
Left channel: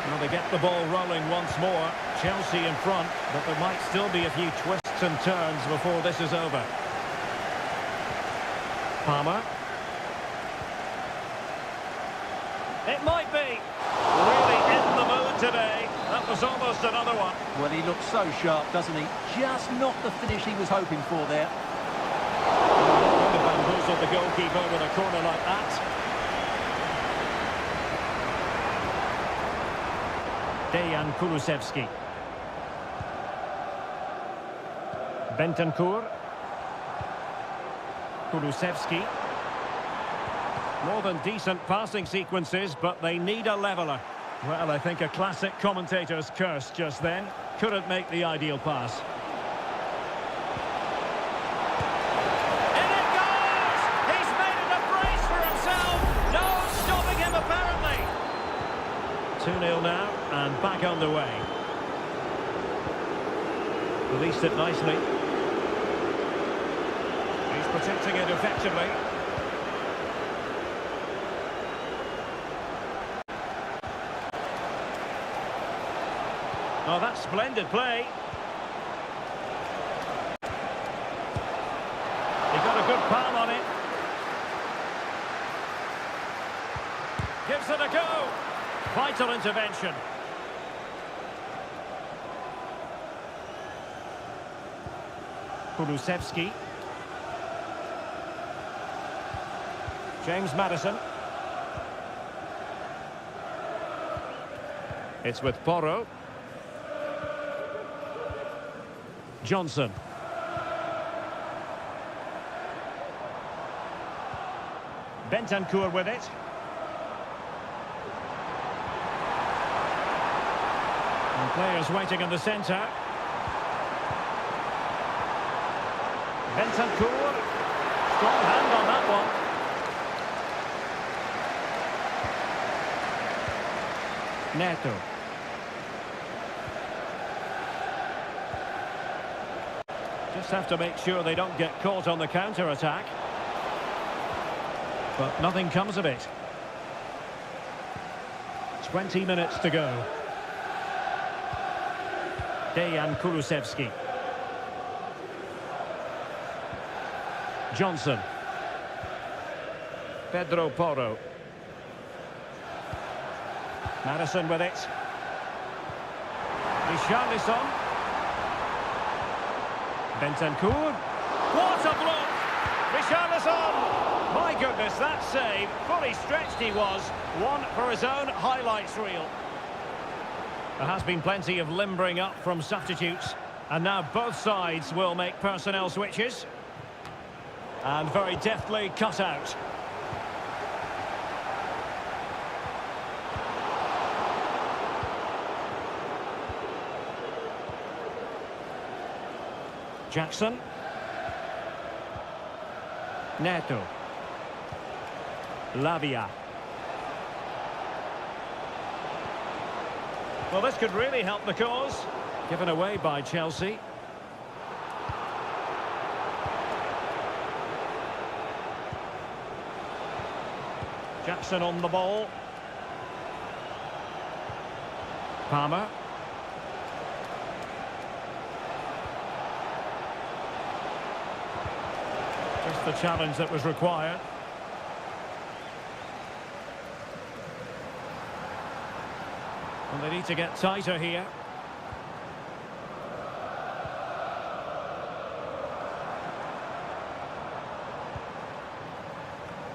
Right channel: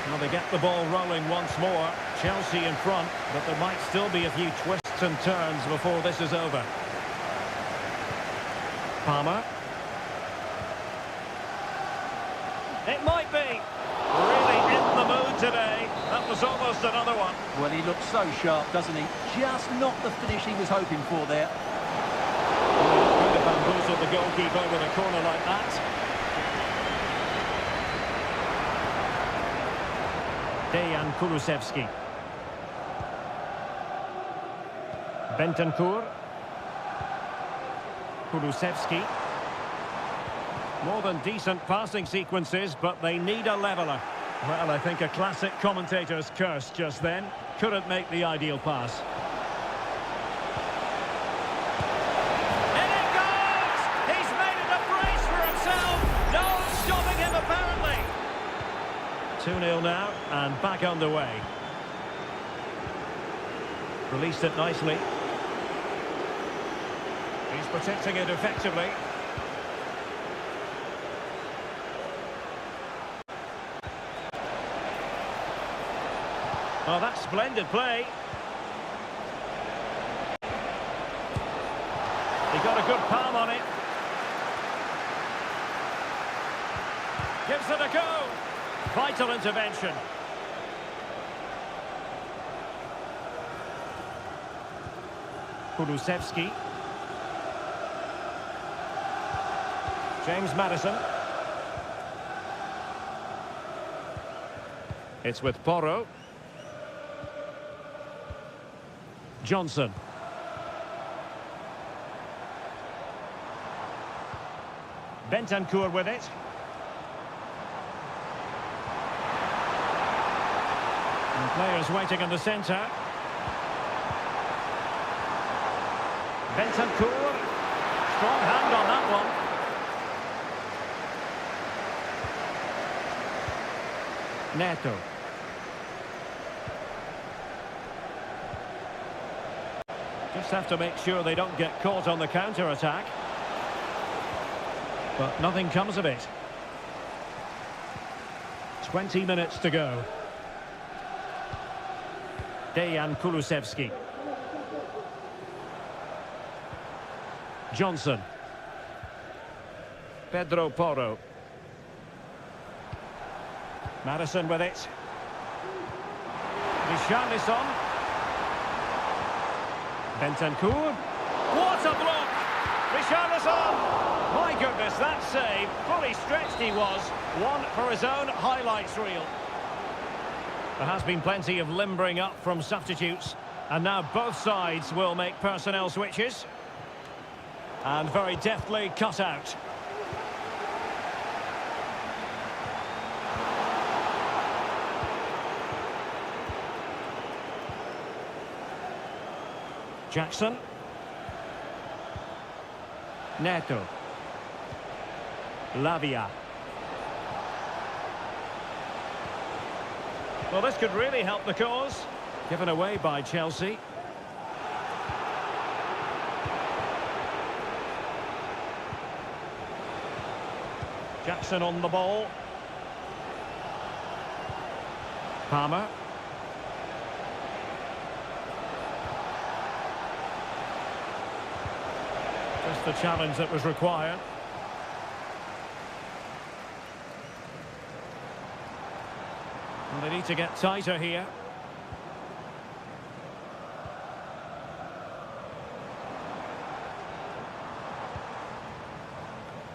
Well, they get the ball rolling once more. Chelsea in front, but there might still be a few twists and turns before this is over. Palmer. It might be. Really in the mood today. That was almost another one. Well, he looks so sharp, doesn't he? Just not the finish he was hoping for there. Going to bamboozle the goalkeeper with a corner like that. Dejan Kulusevski. Bentancur. Kulusevski. More than decent passing sequences, but they need a leveller. Well, I think a classic commentator's curse just then. Couldn't make the ideal pass. In it goes! He's made it a brace for himself. No stopping him, apparently. 2-0 now, and back underway. Released it nicely. He's protecting it effectively. Oh, that's splendid play. He got a good palm on it. Gives it a go. Vital intervention. Kulusevski. James Maddison. It's with Porro. Johnson. Bentancur with it. And players waiting in the centre. Bentancur. Strong hand on that one. Neto. Just have to make sure they don't get caught on the counter-attack. But nothing comes of it. 20 minutes to go. Dejan Kulusevski. Johnson. Pedro Porro. Maddison with it. Richarlison. Bentancur. What a block! Richarlison! My goodness, that save. Fully stretched he was. One for his own highlights reel. There has been plenty of limbering up from substitutes. And now both sides will make personnel switches. And very deftly cut out. Jackson. Neto. Lavia. Well, this could really help the cause. Given away by Chelsea. Jackson on the ball. Palmer. Just the challenge that was required. And they need to get tighter here.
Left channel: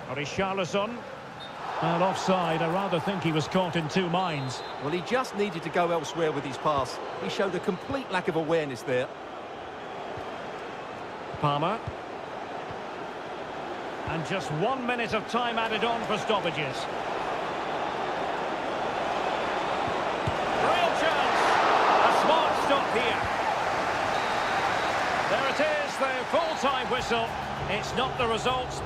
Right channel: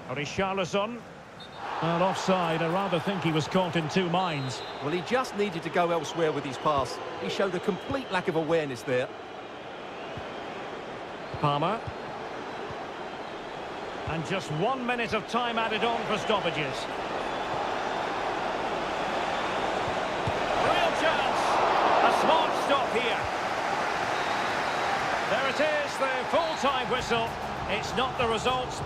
Richarlison. Well, offside. I rather think he was caught in two minds. Well, he just needed to go elsewhere with his pass. He showed a complete lack of awareness there. Palmer. And just 1 minute of time added on for stoppages. Real chance. A smart stop here. There it is, the full-time whistle. It's not the result.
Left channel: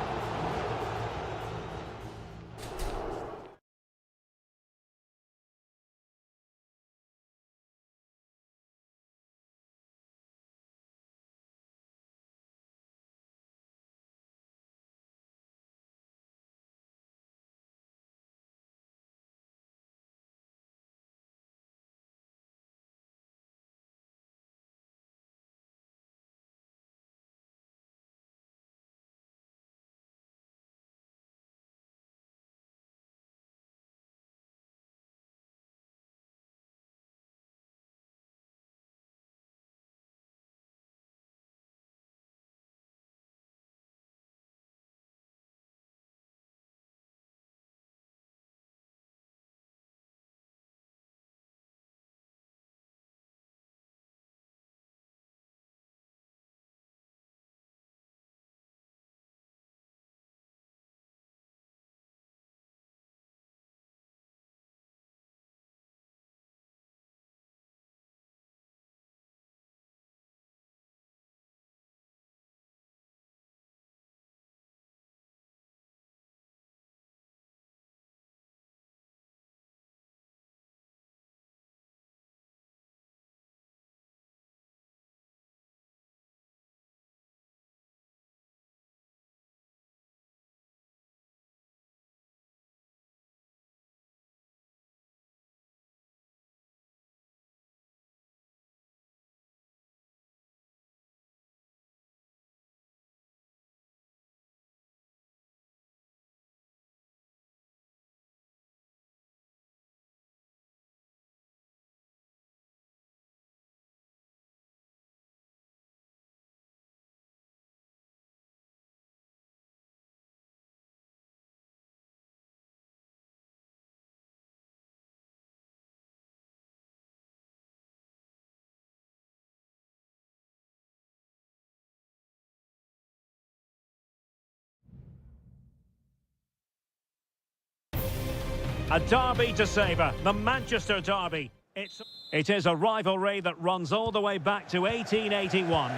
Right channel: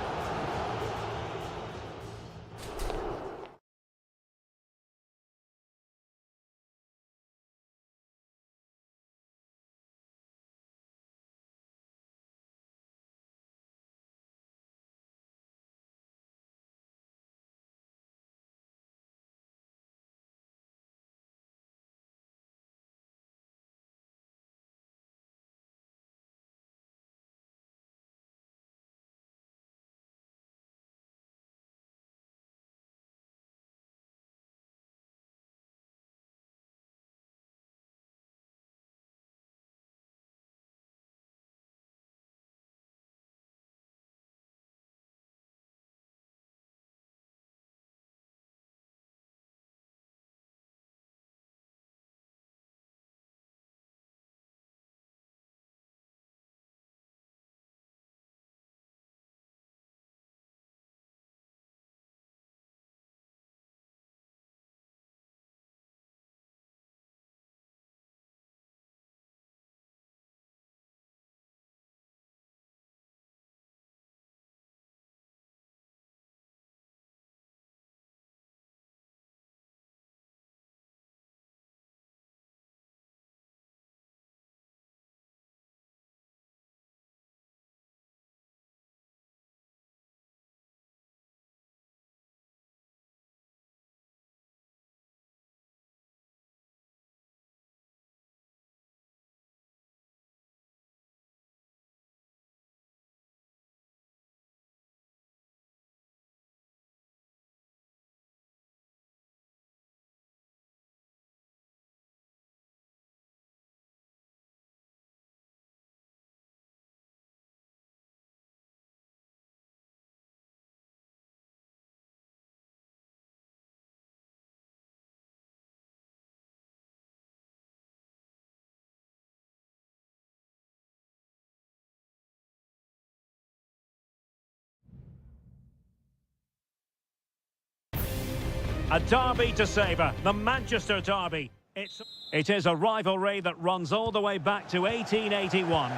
A derby to savour, the Manchester derby. It is a rivalry that runs all the way back to 1881.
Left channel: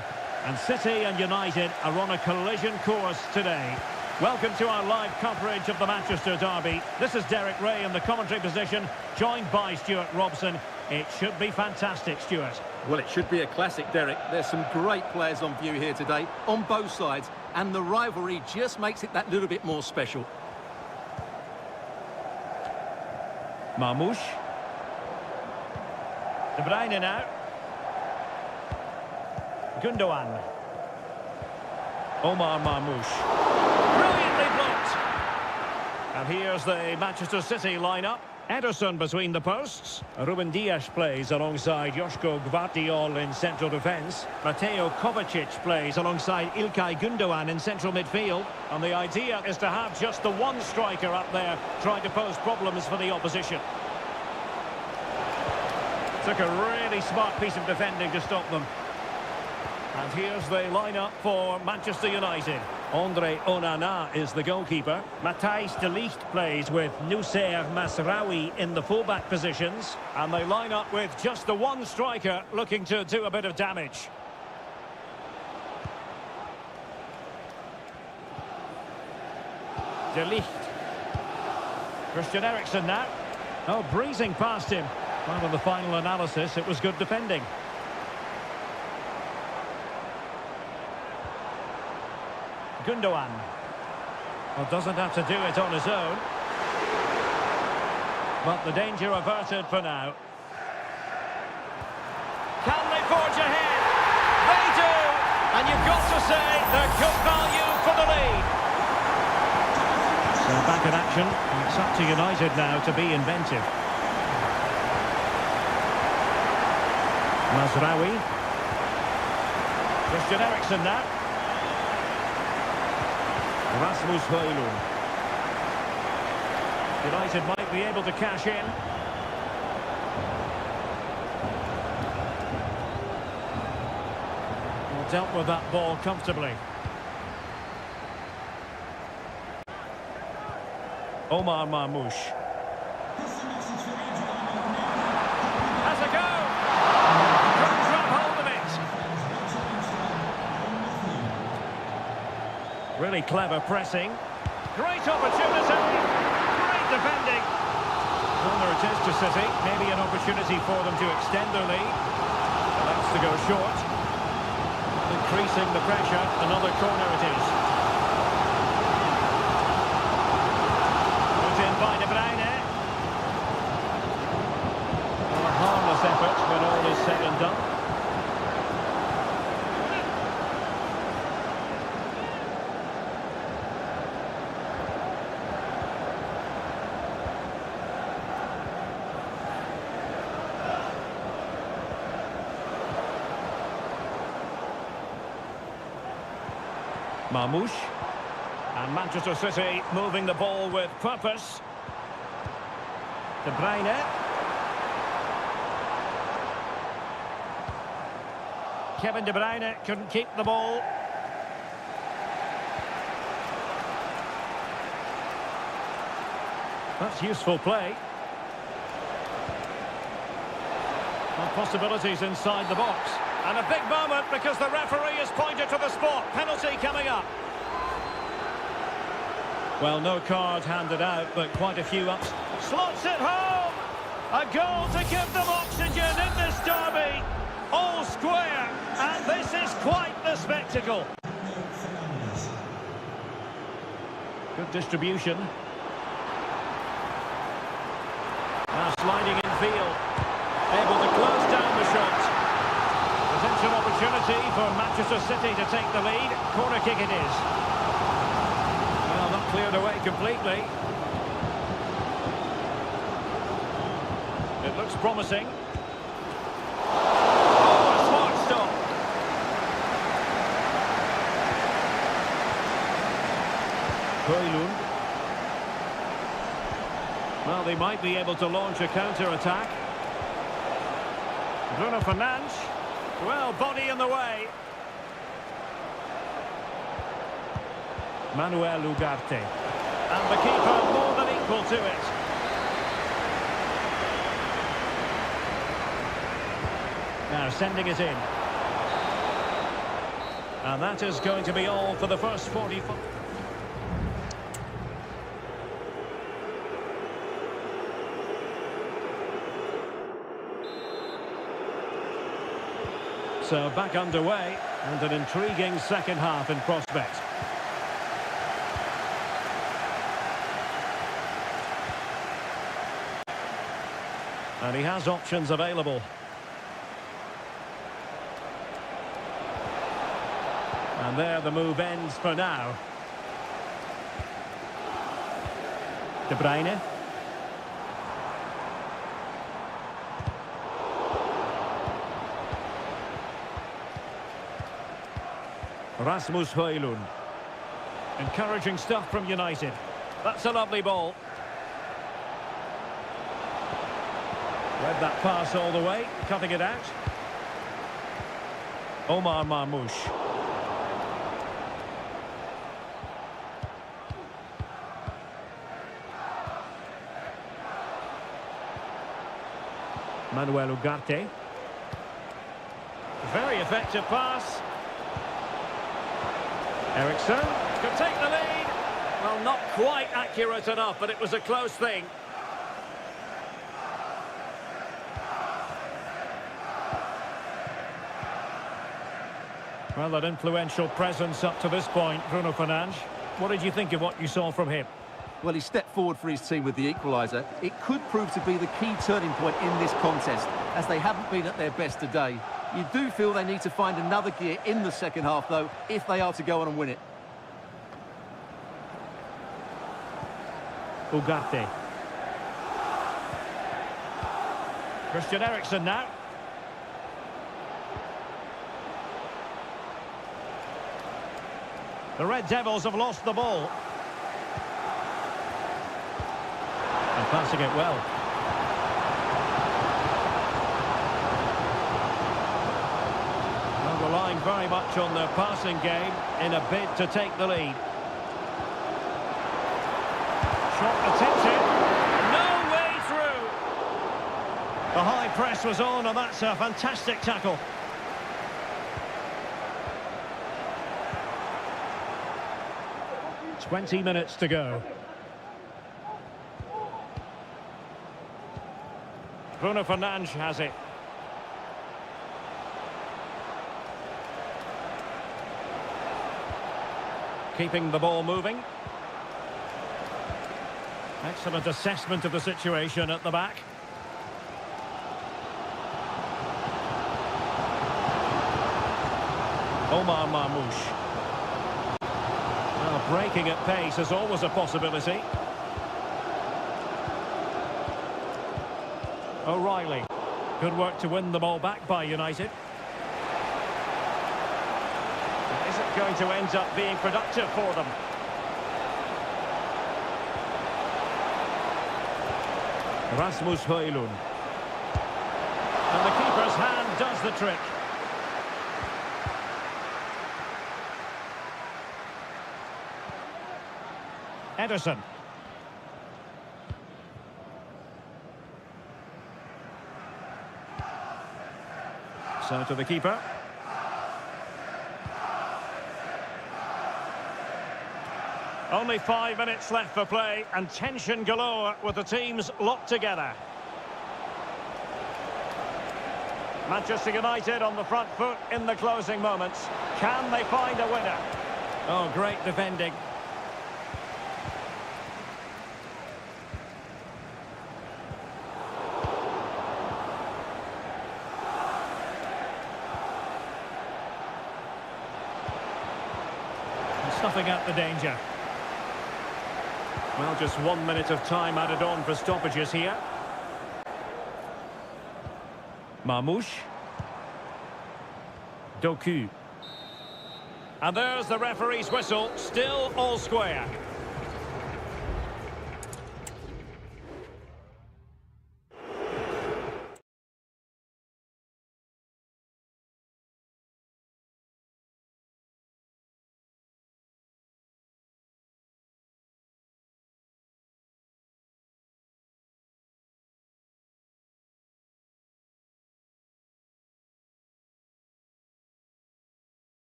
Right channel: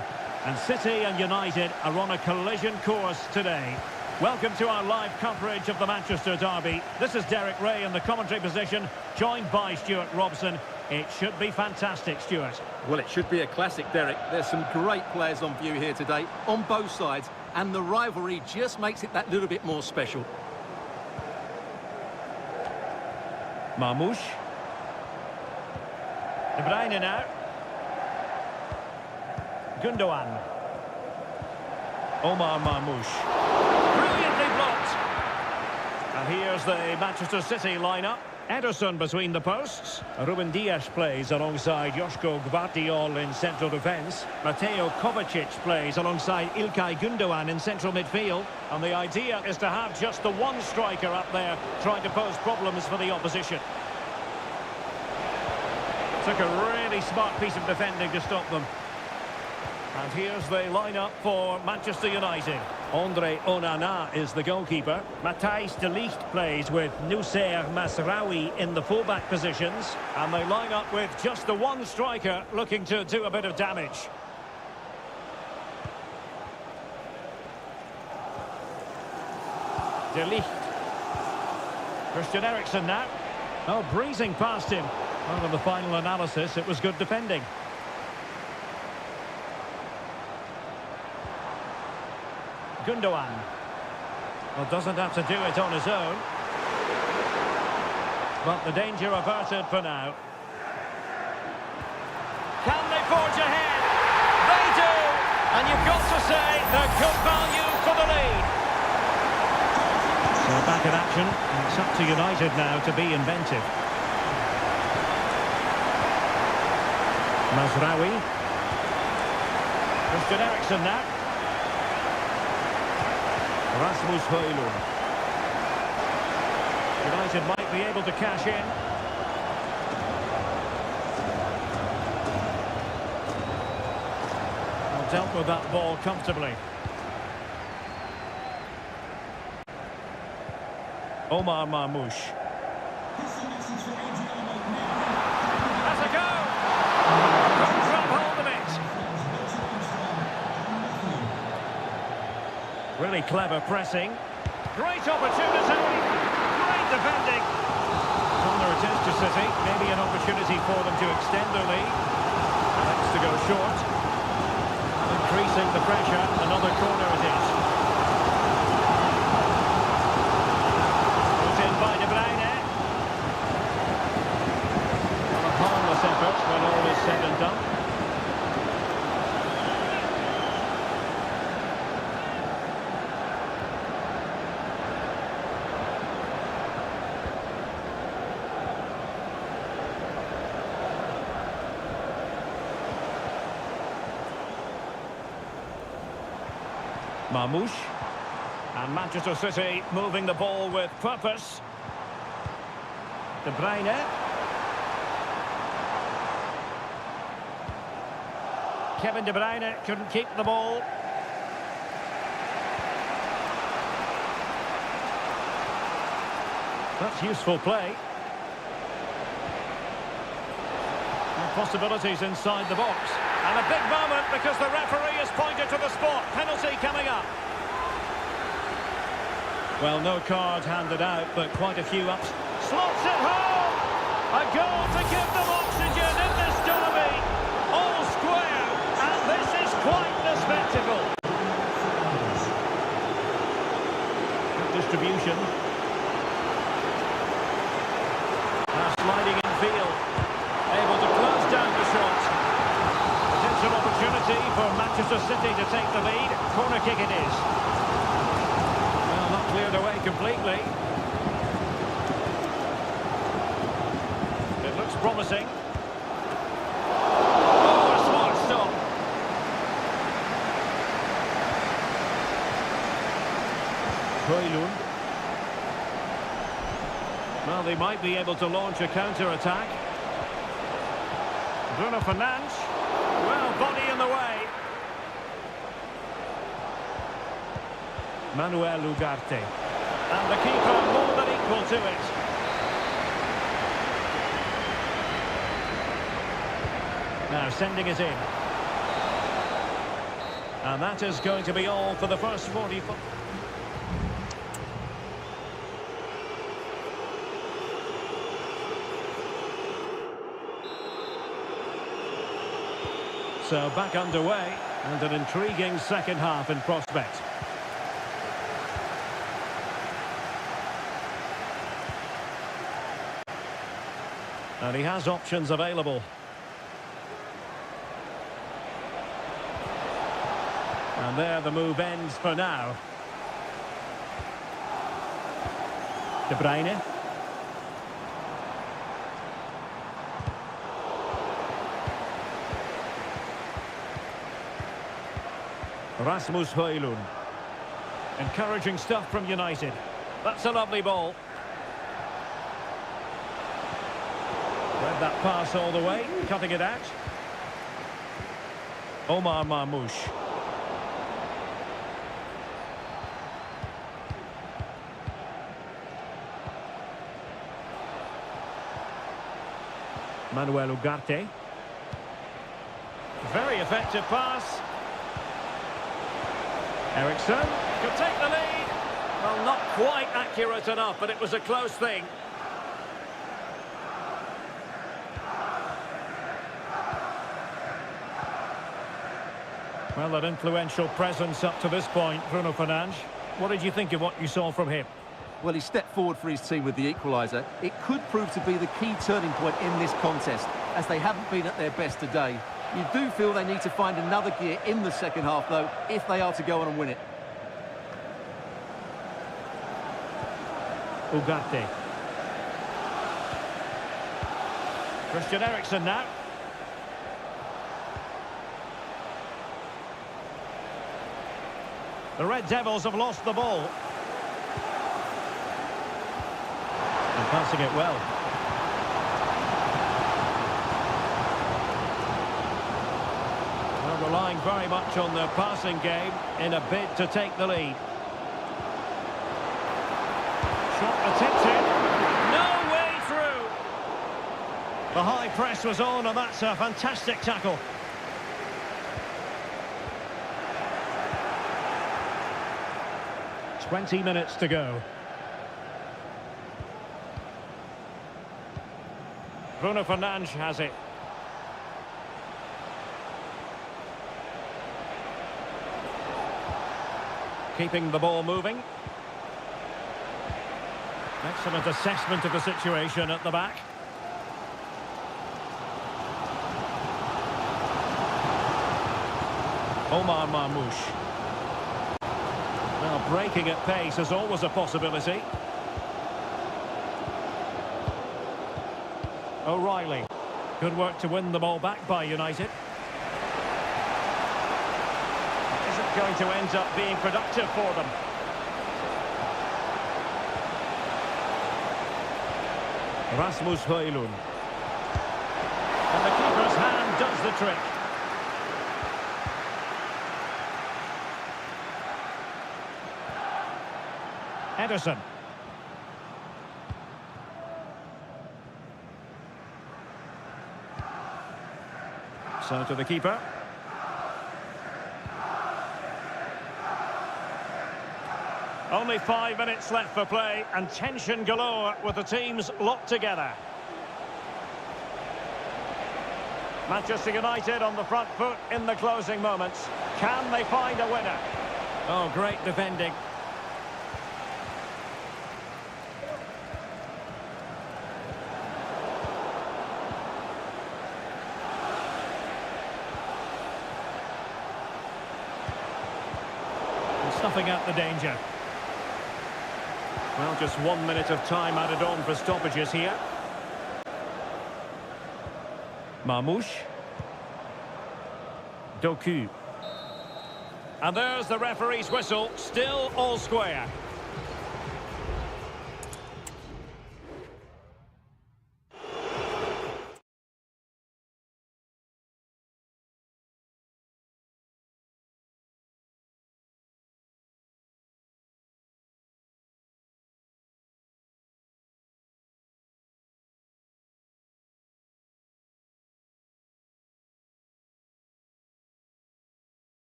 And City and United are on a collision course today. Welcome to our live coverage of the Manchester derby. This is Derek Ray in the commentary position, joined by Stuart Robson. It should be fantastic, Stuart. Well, it should be a classic, Derek. There's some great players on view here today, on both sides, and the rivalry just makes it that little bit more special. Marmoush. De Bruyne now. Gundogan. Omar Marmoush. Brilliantly blocked. And here's the Manchester City lineup. Ederson between the posts. Ruben Dias plays alongside Joško Gvardiol in central defence. Mateo Kovacic plays alongside İlkay Gundogan in central midfield. And the idea is to have just the one striker up there trying to pose problems for the opposition. Took a really smart piece of defending to stop them. And here's the lineup for Manchester United. Andre Onana is the goalkeeper. Matthijs de Ligt plays with Noussair Masraoui in the fullback positions. And they line up with just the one striker looking to do a bit of damage. De Ligt. Christian Eriksen now. Oh, breezing past him. Well, in the final analysis, it was good defending. Gundogan. Well, doesn't have to do it on his own. But the danger averted for now. Can they forge ahead? They do! And you've got to say they're good value for the lead. So back in action, and it's up to United now to be inventive. Masraoui. Christian Eriksen now. Rasmus Højlund. United might be able to cash in. Well, dealt with that ball comfortably. Omar Marmoush. Has a go! Couldn't grab hold of it. Really clever pressing. Great opportunity. Great defending. Corner it is to City. Maybe an opportunity for them to extend their lead. Elects to go short. And increasing the pressure. Another corner it is. Put in by De Bruyne. Well, a harmless effort when all is said and done. Marmoush. And Manchester City moving the ball with purpose. De Bruyne. Kevin De Bruyne couldn't keep the ball. That's useful play. And possibilities inside the box. And a big moment because the referee has pointed to the spot. Penalty coming up. Well, no card handed out, but quite a few ups. Slots it home! A goal to give them oxygen in this derby. All square, and this is quite the spectacle. Good distribution. Now sliding in field. Able to close down the shot. Potential opportunity for Manchester City to take the lead. Corner kick it is. Well, not cleared away completely. It looks promising. Oh, a smart stop. Højlund. Well, they might be able to launch a counter-attack. Bruno Fernandes. Well, body in the way. Manuel Ugarte. And the keeper more than equal to it. Now sending it in. And that is going to be all for the first 45. So back underway, and an intriguing second half in prospect. And he has options available. And there the move ends for now. De Bruyne. Rasmus Højlund. Encouraging stuff from United. That's a lovely ball. Read that pass all the way, cutting it out. Omar Marmoush. Manuel Ugarte. Very effective pass. Eriksson could take the lead. Well, not quite accurate enough, but it was a close thing. Well, an influential presence up to this point, Bruno Fernandes. What did you think of what you saw from him? Well, he stepped forward for his team with the equaliser. It could prove to be the key turning point in this contest, as they haven't been at their best today. You do feel they need to find another gear in the second half, though, if they are to go on and win it. Ugarte. Christian Eriksen now. The Red Devils have lost the ball. And passing it well. Well, relying very much on their passing game in a bid to take the lead. Shot attempted. No way through. The high press was on, and that's a fantastic tackle. "20 minutes to go. Bruno Fernandes has it. Keeping the ball moving. Excellent assessment of the situation at the back. Omar Marmoush. Well, breaking at pace is always a possibility. O'Reilly. Good work to win the ball back by United. Is it going to end up being productive for them? Rasmus Højlund. And the keeper's hand does the trick. Ederson. So to the keeper. Only 5 minutes left for play, and tension galore with the teams locked together. Manchester United on the front foot in the closing moments. Can they find a winner? Oh, great defending. And snuffing out the danger. Well, just 1 minute of time added on for stoppages here. Marmoush. Doku. And there's the referee's whistle, still all square.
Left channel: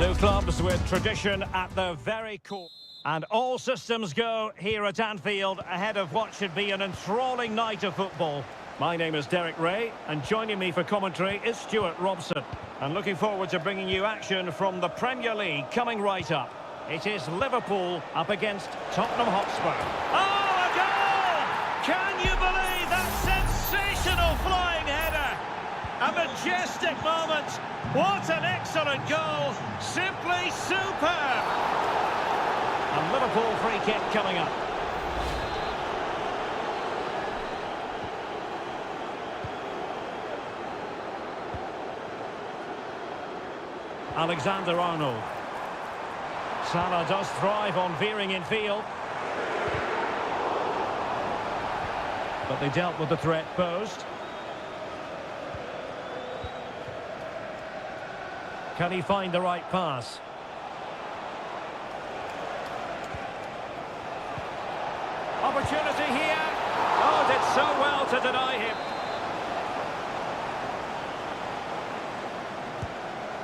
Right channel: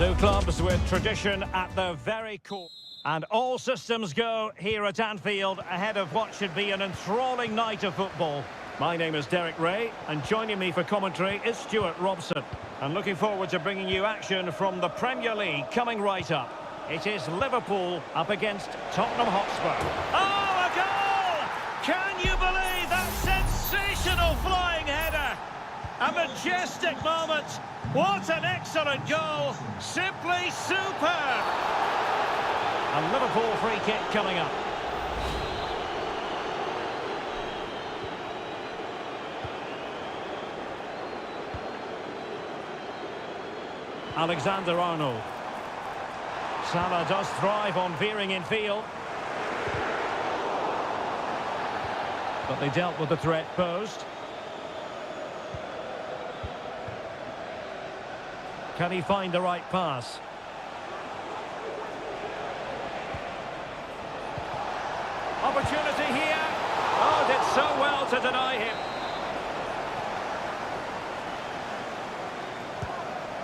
Two clubs with tradition at their very core. And all systems go here at Anfield ahead of what should be an enthralling night of football. My name is Derek Ray, and joining me for commentary is Stuart Robson. And looking forward to bringing you action from the Premier League coming right up. It is Liverpool up against Tottenham Hotspur. Oh, a goal! Can you believe that sensational flying header? A majestic moment. What an excellent goal. Simply superb. A Liverpool free kick coming up. Alexander-Arnold. Salah does thrive on veering in field. But they dealt with the threat posed. Can he find the right pass? Opportunity here. Oh, did so well to deny him.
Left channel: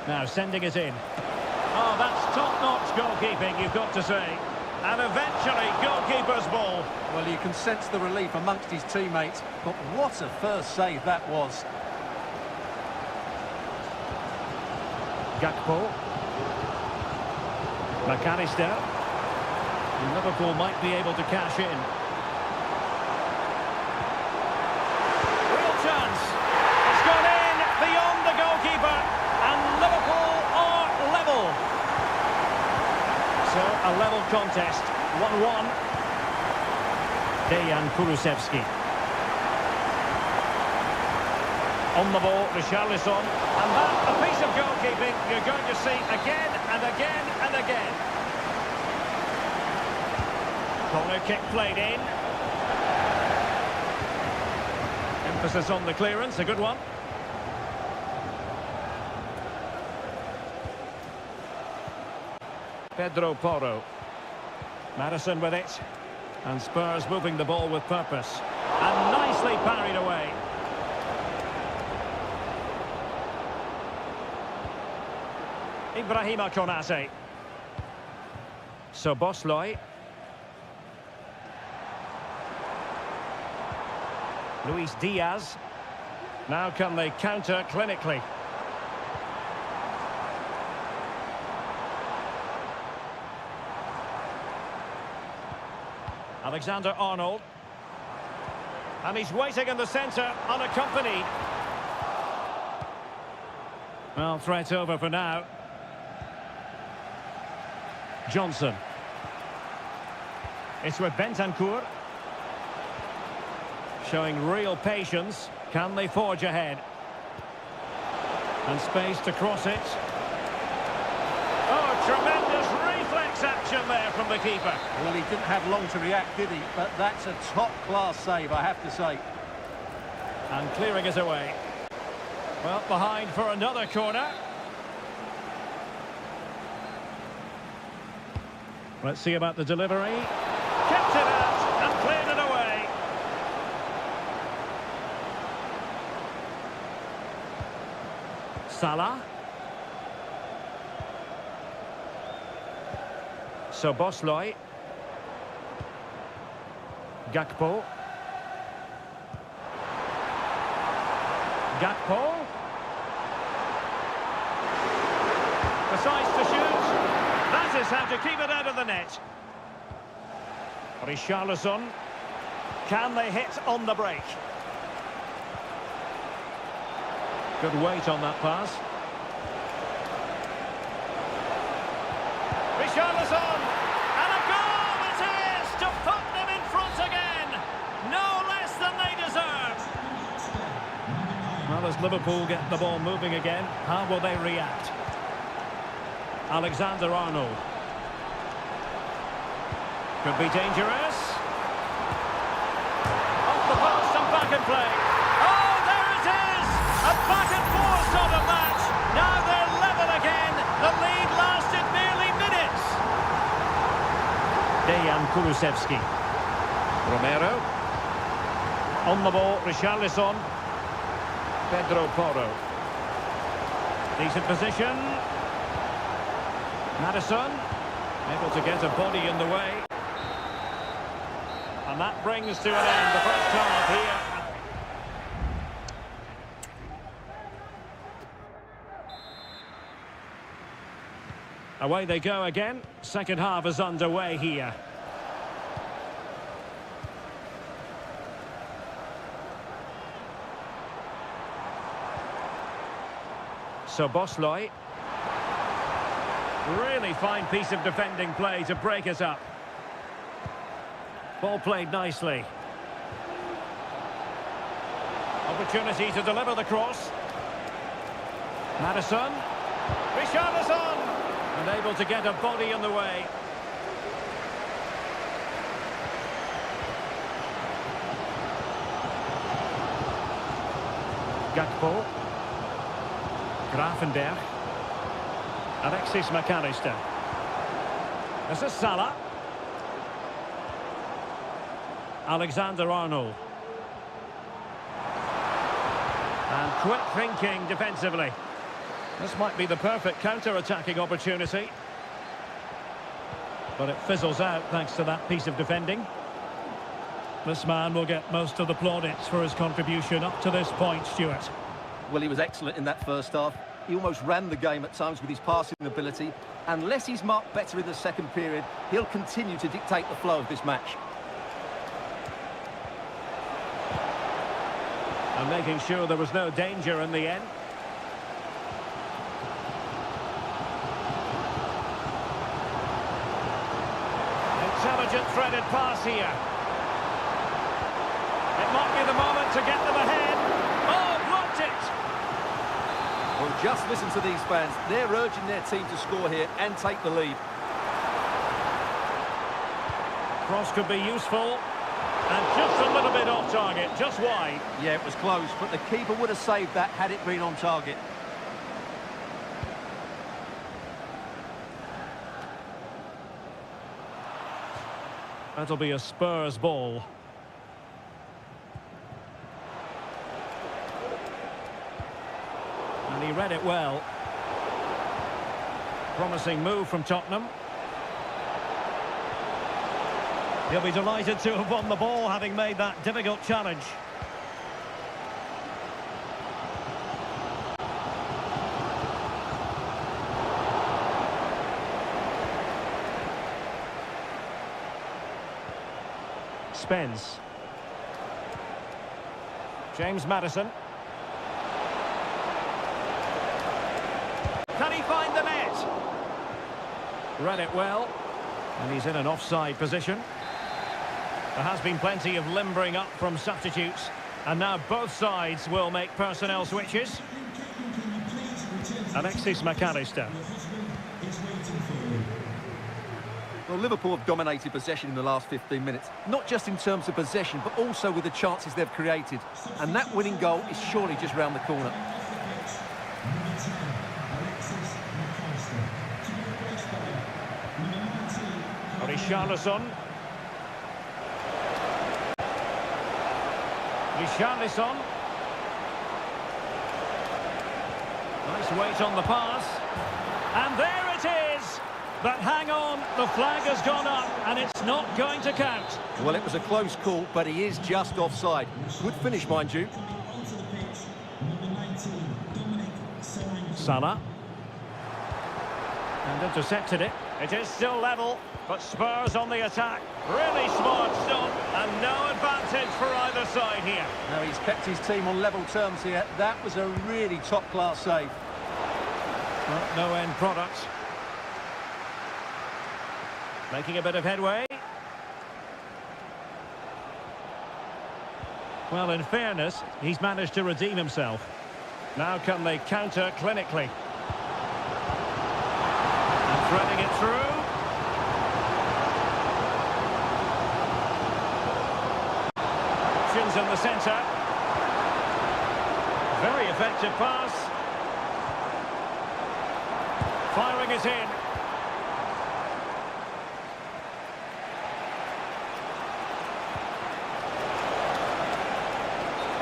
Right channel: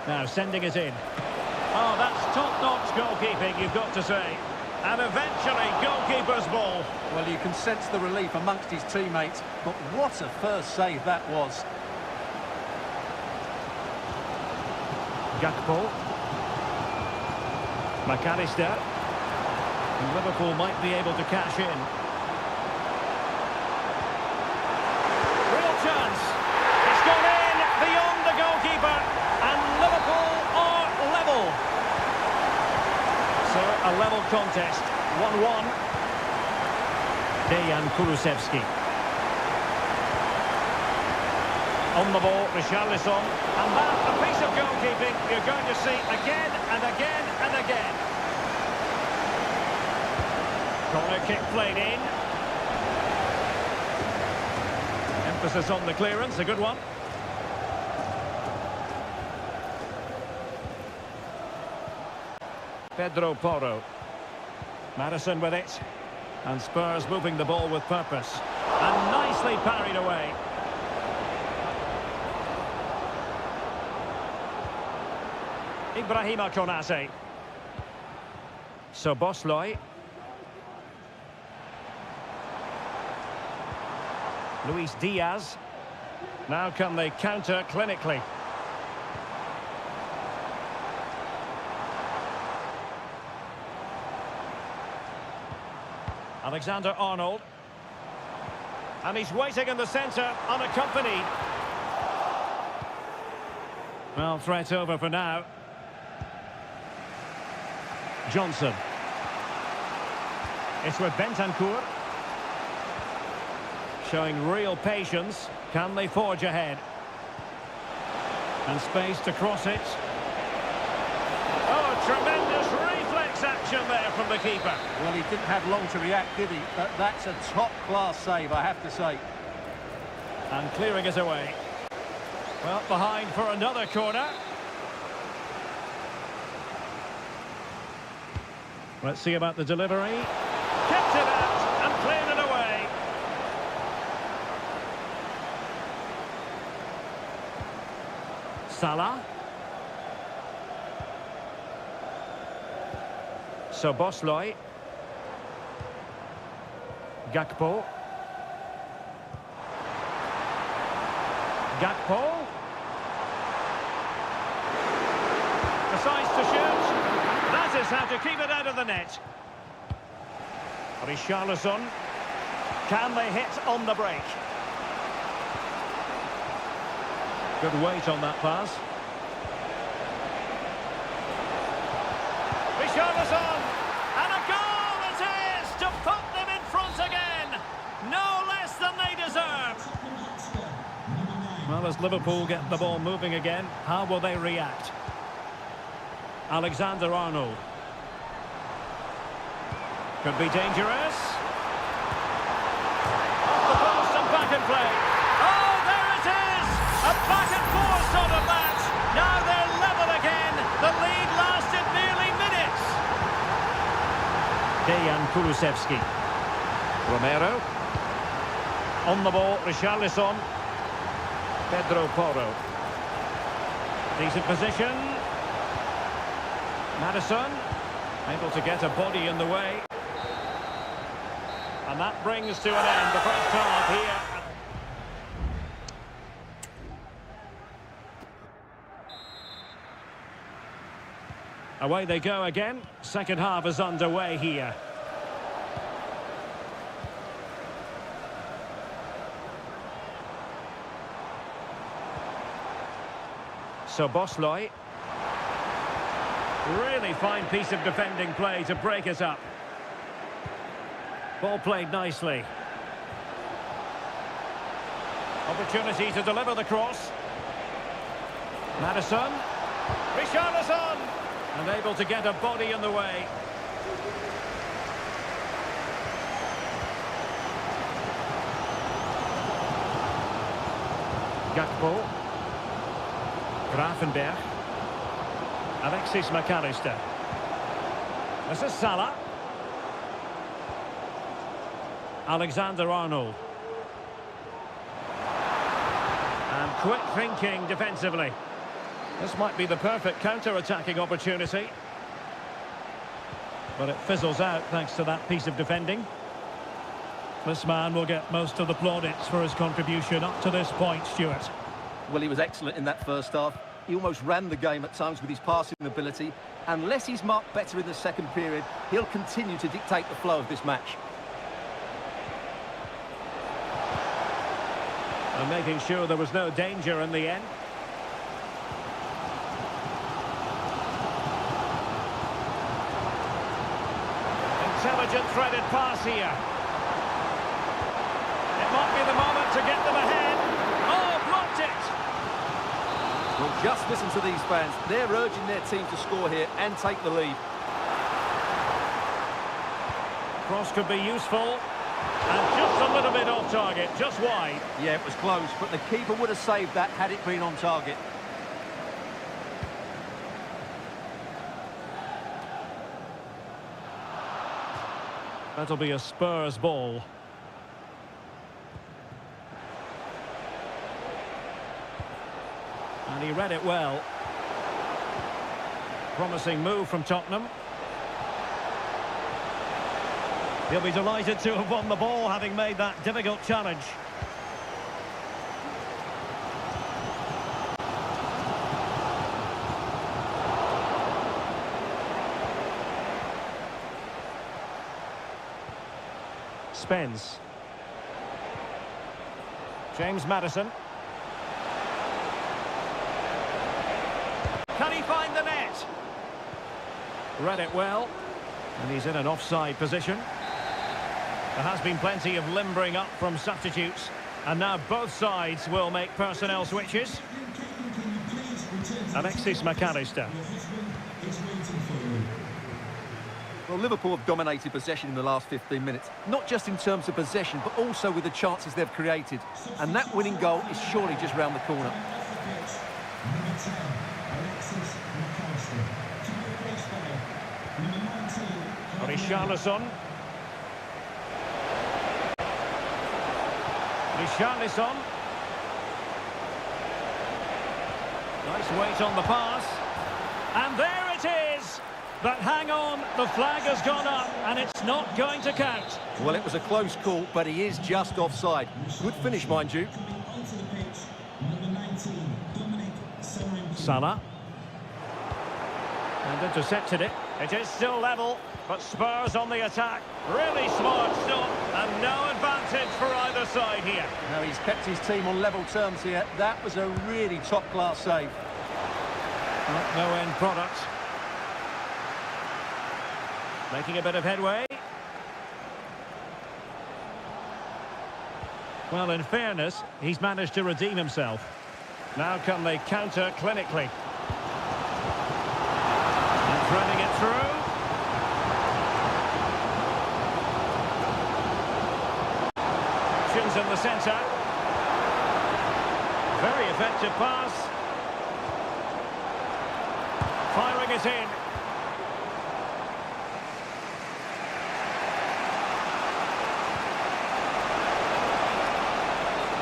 Now sending it in. Oh, that's top-notch goalkeeping, you've got to say. And eventually, goalkeeper's ball. Well, you can sense the relief amongst his teammates, but what a first save that was. Gakpo. McAllister. And Liverpool might be able to cash in. Real chance. It's gone in beyond the goalkeeper. And Liverpool are level. So, a level contest. 1-1. Dejan Kulusevski. On the ball, Richarlison. And that, a piece of goalkeeping you're going to see again and again and again. Corner kick played in. Emphasis on the clearance, a good one. Pedro Porro. Madison with it. And Spurs moving the ball with purpose. And nicely parried away. Ibrahima Konate. Szoboszlai. Luis Diaz. Now can they counter clinically? Alexander-Arnold. And he's waiting in the centre, unaccompanied. Well, threat over for now. Johnson. It's with Bentancur. Showing real patience. Can they forge ahead? And space to cross it. Oh, tremendous reflex action there from the keeper. Well, he didn't have long to react, did he? But that's a top-class save, I have to say. And clearing it away. Well, behind for another corner. Let's see about the delivery. Kept it out and cleared it away. Salah. Szoboszlai. Gakpo. Gakpo. Decides to shoot. That is how to keep it out of the net. Richarlison. Can they hit on the break? Good weight on that pass. Richarlison. And a goal it is to put them in front again. No less than they deserve. Well, as Liverpool get the ball moving again, how will they react? Alexander-Arnold. Could be dangerous. Off the post and back in play. Oh, there it is! A back and forth sort of match. Now they're level again. The lead lasted merely minutes. Dejan Kulusevski. Romero. On the ball, Richarlison. Pedro Porro. Decent position. Madison, able to get a body in the way. And that brings to an end the first half here. Away they go again. Second half is underway here. So Bosloy. Really fine piece of defending play to break us up. Ball played nicely. Opportunity to deliver the cross. Madison. Richarlison! And able to get a body in the way. Gakpo. Grafenberg. Alexis McAllister. This is Salah. Alexander-Arnold. And quick thinking defensively. This might be the perfect counter-attacking opportunity. But it fizzles out thanks to that piece of defending. This man will get most of the plaudits for his contribution up to this point, Stuart. Well, he was excellent in that first half. He almost ran the game at times with his passing ability. Unless he's marked better in the second period, he'll continue to dictate the flow of this match. And making sure there was no danger in the end. Intelligent threaded pass here. It might be the moment to get them ahead. Oh, blocked it! Well, just listen to these fans. They're urging their team to score here and take the lead. Cross could be useful. And just a little bit off target, just wide. Yeah, it was close, but the keeper would have saved that had it been on target. That'll be a Spurs ball. And he read it well. Promising move from Tottenham. He'll be delighted to have won the ball, having made that difficult challenge. Spence. James Madison. Can he find the net? Read it well. And he's in an offside position. There has been plenty of limbering up from substitutes. And now both sides will make personnel switches. Alexis McAllister. Well, Liverpool have dominated possession in the last 15 minutes. Not just in terms of possession, but also with the chances they've created. And that winning goal is surely just round the corner. Richarlison. Richarlison. Nice weight on the pass. And there it is! But hang on, the flag has gone up and it's not going to count. Well, it was a close call, but he is just offside. Good finish, mind you. Salah. And intercepted it. It is still level, but Spurs on the attack. Really smart stop, and no advantage for either side here. Now he's kept his team on level terms here. That was a really top-class save. Well, no end product. Making a bit of headway. Well, in fairness, he's managed to redeem himself. Now can they counter clinically? And threading it through. Options in the centre. Very effective pass. Firing it in.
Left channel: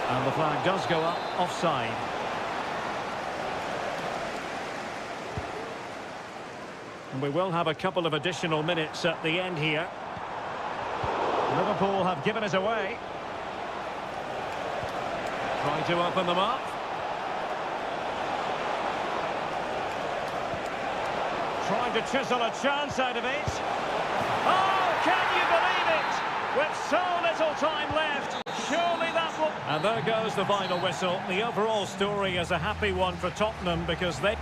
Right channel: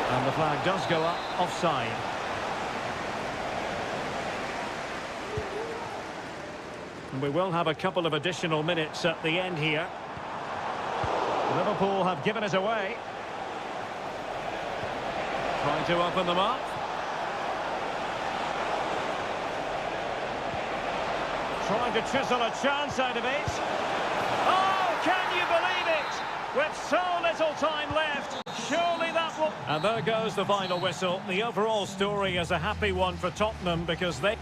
And the flag does go up offside. And we will have a couple of additional minutes at the end here. Liverpool have given it away. Trying to open them up. Trying to chisel a chance out of it. Oh, can you believe it? With so little time left, surely that will... And there goes the final whistle. The overall story is a happy one for Tottenham because they...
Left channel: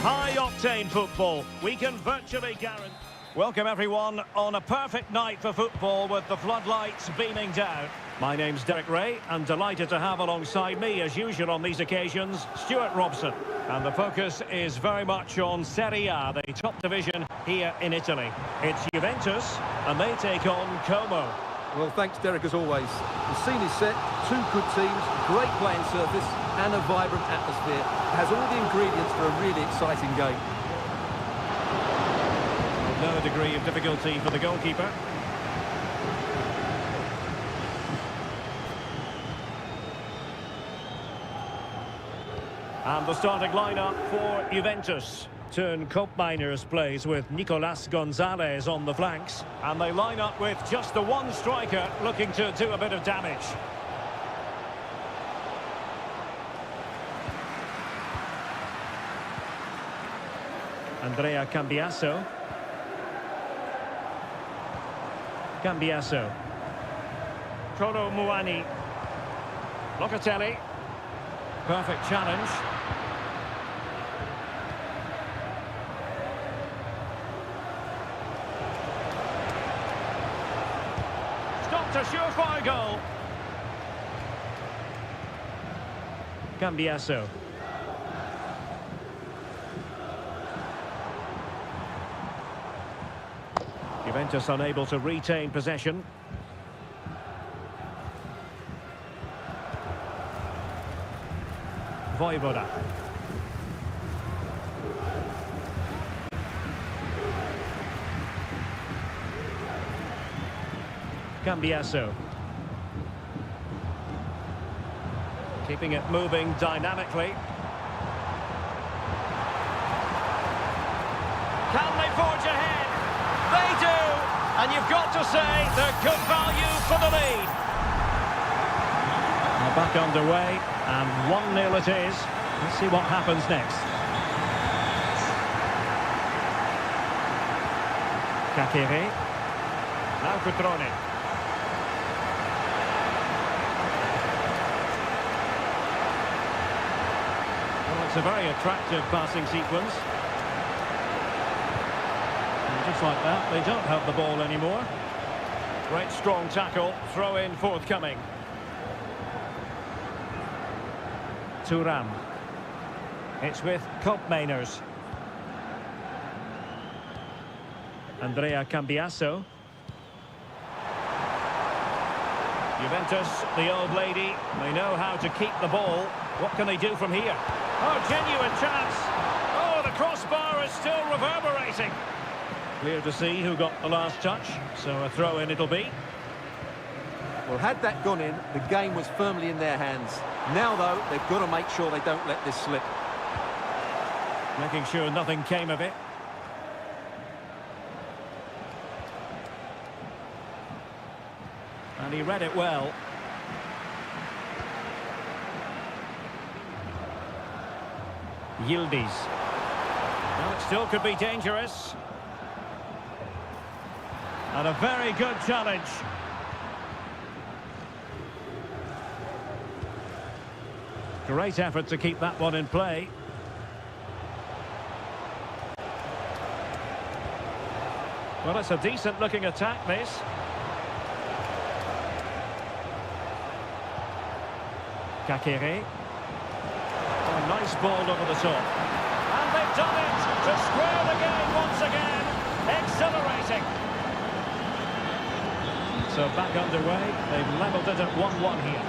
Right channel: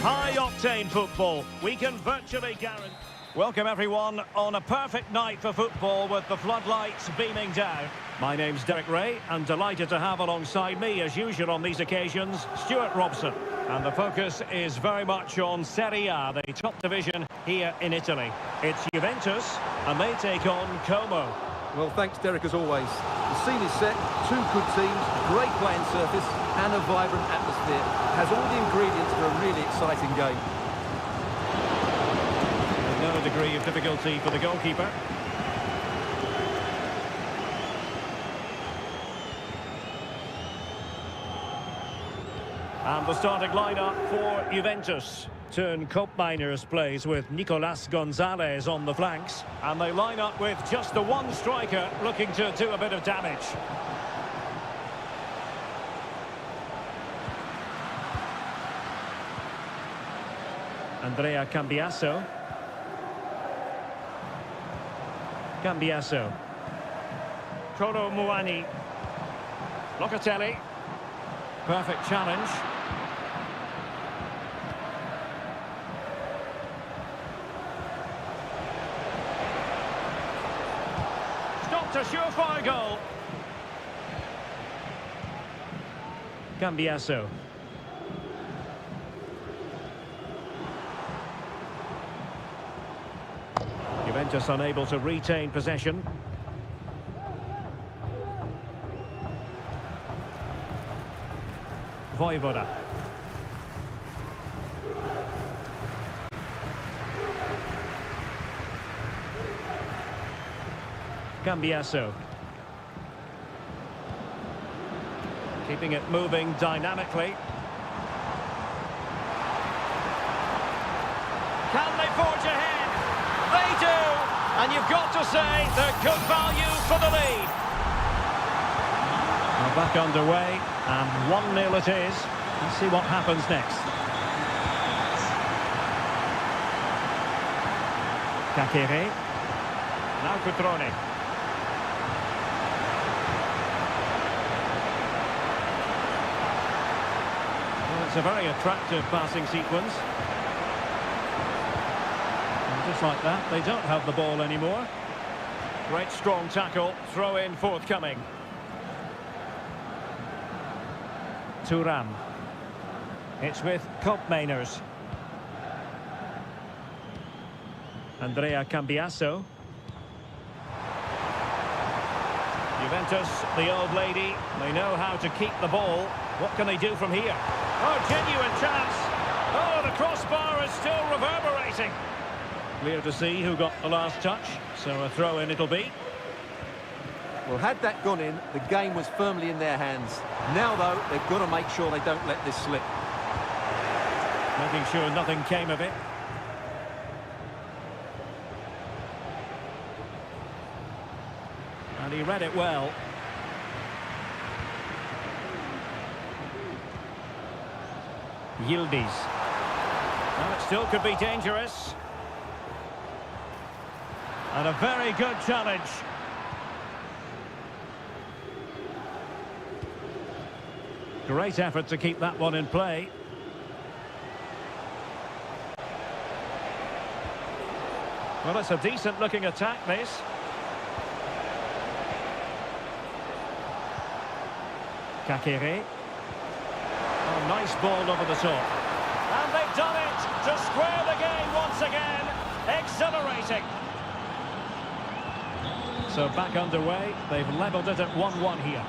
High-octane football, we can virtually guarantee... Welcome everyone on a perfect night for football with the floodlights beaming down. My name's Derek Ray and delighted to have alongside me as usual on these occasions, Stuart Robson. And the focus is very much on Seria, the top division here in Italy. It's Juventus and they take on Como. Well, thanks, Derek, as always. The scene is set, two good teams, great playing surface and a vibrant atmosphere. It has all the ingredients for a really exciting game. With no degree of difficulty for the goalkeeper. And the starting lineup for Juventus. Turn Koopmeiners plays with Nicolas Gonzalez on the flanks. And they line up with just the one striker looking to do a bit of damage. Andrea Cambiaso. Cambiaso. Kolo Muani. Locatelli. Perfect challenge. Stopped a surefire goal. Cambiaso. Juventus unable to retain possession. Voivoda. Cambiaso. Keeping it moving dynamically. Can they forge ahead? They do! And you've got to say they're good value for the lead. Now back underway, and 1-0 it is. Let's see what happens next. Kakere. Now Cutrone. Well, it's a very attractive passing sequence. And just like that, they don't have the ball anymore. Great strong tackle, throw in forthcoming. Thuram. It's with Koopmeiners. Andrea Cambiaso. Juventus, the old lady, they know how to keep the ball. What can they do from here? Oh, genuine chance. Oh, the crossbar. it's still reverberating. Clear to see who got the last touch, so a throw-in it'll be. Well, had that gone in, the game was firmly in their hands. Now, though, they've got to make sure they don't let this slip. Making sure nothing came of it. And he read it well. Yildiz. Well, it still could be dangerous. And a very good challenge. Great effort to keep that one in play. Well, it's a decent-looking attack, this. Kakere. Oh, nice ball over the top. And they've done it to square the game once again. Exhilarating. So back underway. They've levelled it at 1-1 here.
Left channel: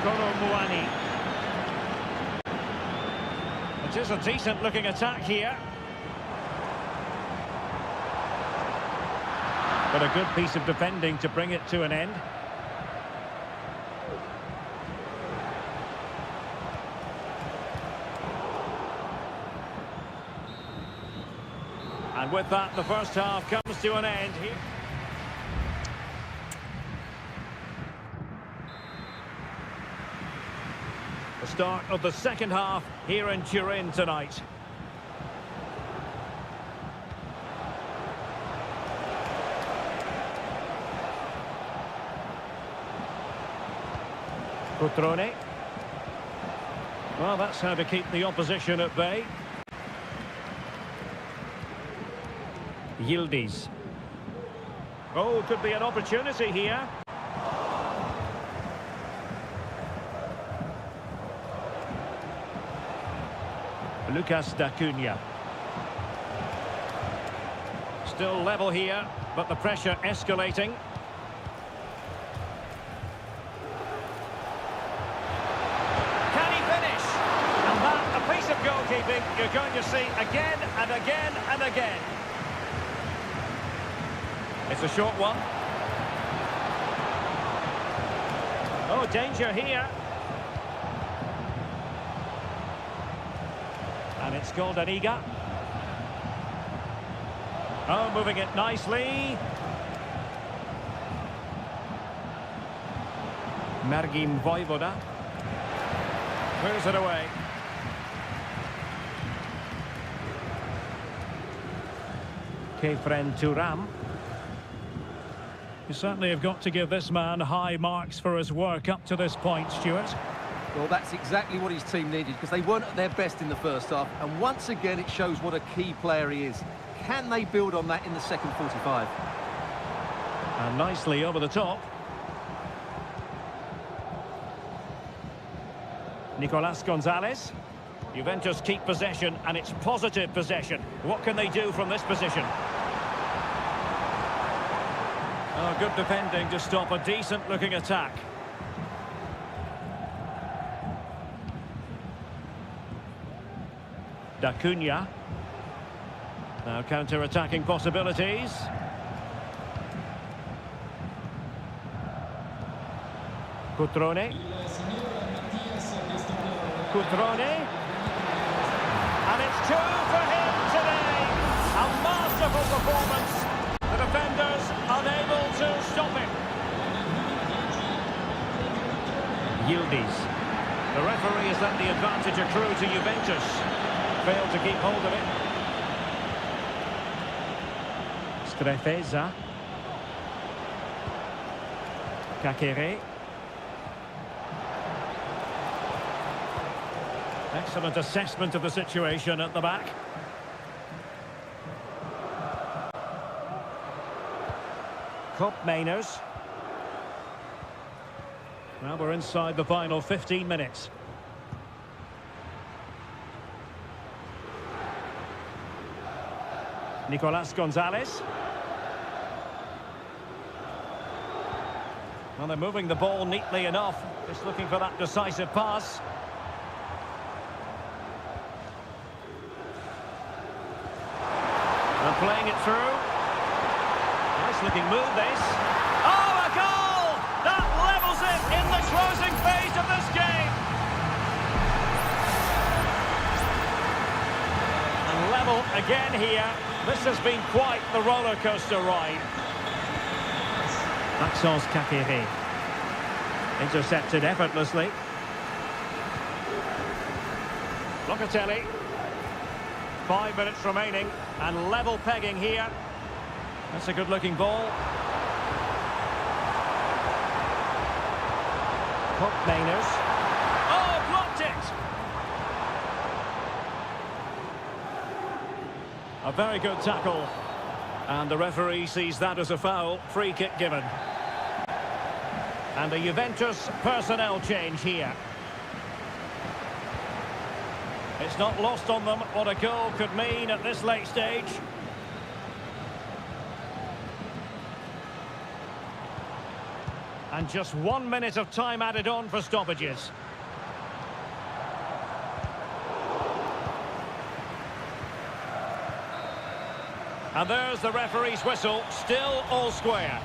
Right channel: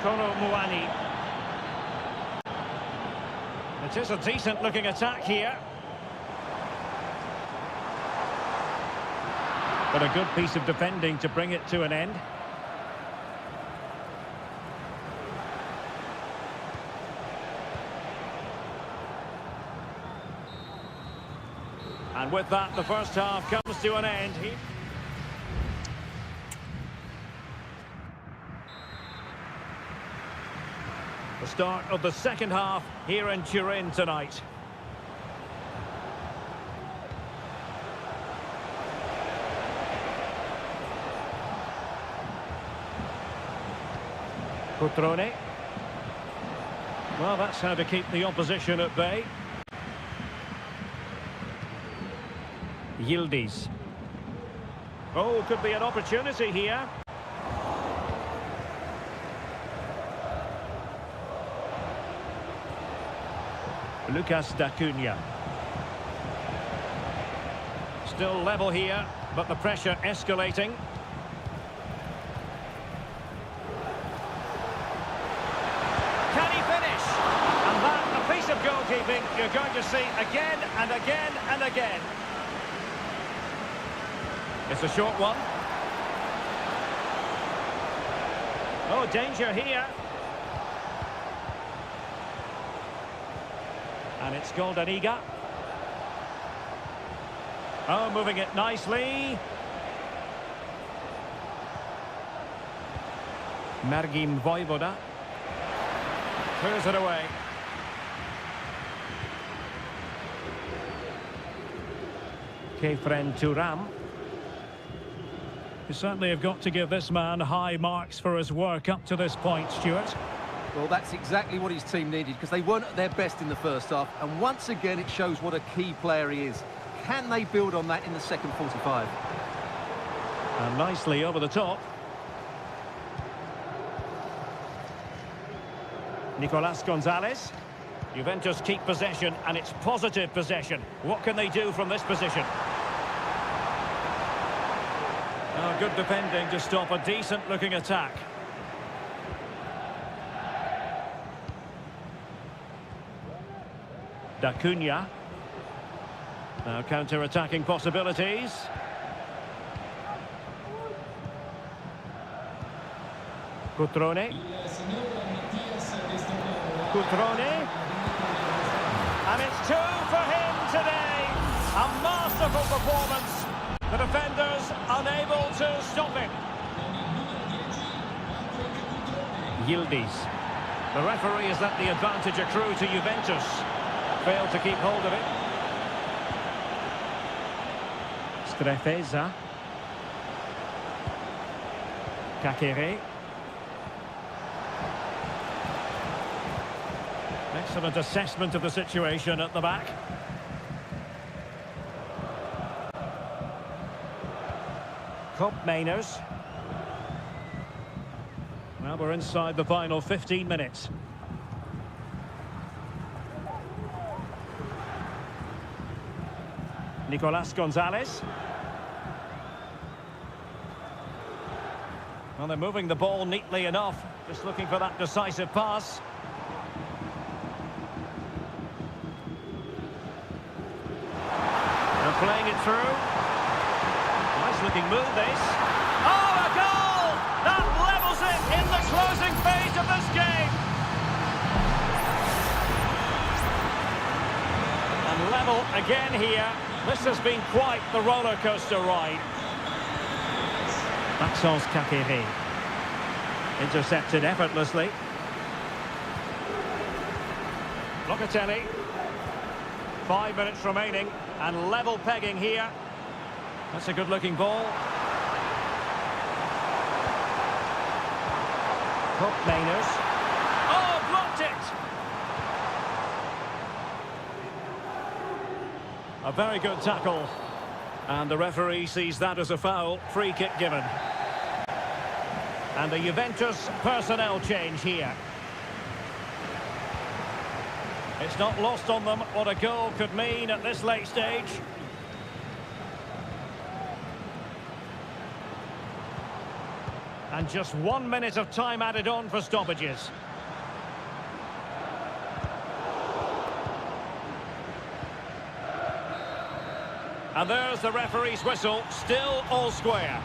Koro Muani. It is a decent-looking attack here. But a good piece of defending to bring it to an end. And with that, the first half comes to an end here. The start of the second half here in Turin tonight. Cutrone. Well, that's how to keep the opposition at bay. Yildiz. Oh, could be an opportunity here. Lucas D'Acunha. Still level here, but the pressure escalating. Can he finish? And that, a piece of goalkeeping you're going to see again and again and again. It's a short one. Oh, danger here. And it's Liga. Oh, moving it nicely. Margim Vojvoda. Clears it away. Kefren Turam. You certainly have got to give this man high marks for his work up to this point, Stuart. Well, that's exactly what his team needed, because they weren't at their best in the first half. And once again, it shows what a key player he is. Can they build on that in the second 45? And nicely over the top. Nicolas Gonzalez. Juventus keep possession, and it's positive possession. What can they do from this position? Oh, good defending to stop a decent-looking attack. D'Acunha. Now counter-attacking possibilities. Cutrone. Cutrone. And it's 2 for him today. A masterful performance. The defenders unable to stop him. Yildiz. The referee has let the advantage accrue to Juventus. Failed to keep hold of it. Strefeza. Kakere. Excellent assessment of the situation at the back. Mainers. Well, we're inside the final 15 minutes. Nicolas Gonzalez. Well, they're moving the ball neatly enough. Just looking for that decisive pass. And playing it through. Nice looking move, this. Oh, a goal! That levels it in the closing phase of this game. And level again here. This has been quite the roller coaster ride. Maxence Kakere. Intercepted effortlessly. Locatelli. 5 minutes remaining, and level pegging here. That's a good-looking ball. Hook Mainers. Oh, blocked it! A very good tackle. And the referee sees that as a foul. Free kick given. And a Juventus personnel change here. It's not lost on them what a goal could mean at this late stage. And just 1 minute of time added on for stoppages. And there's the referee's whistle, still all square.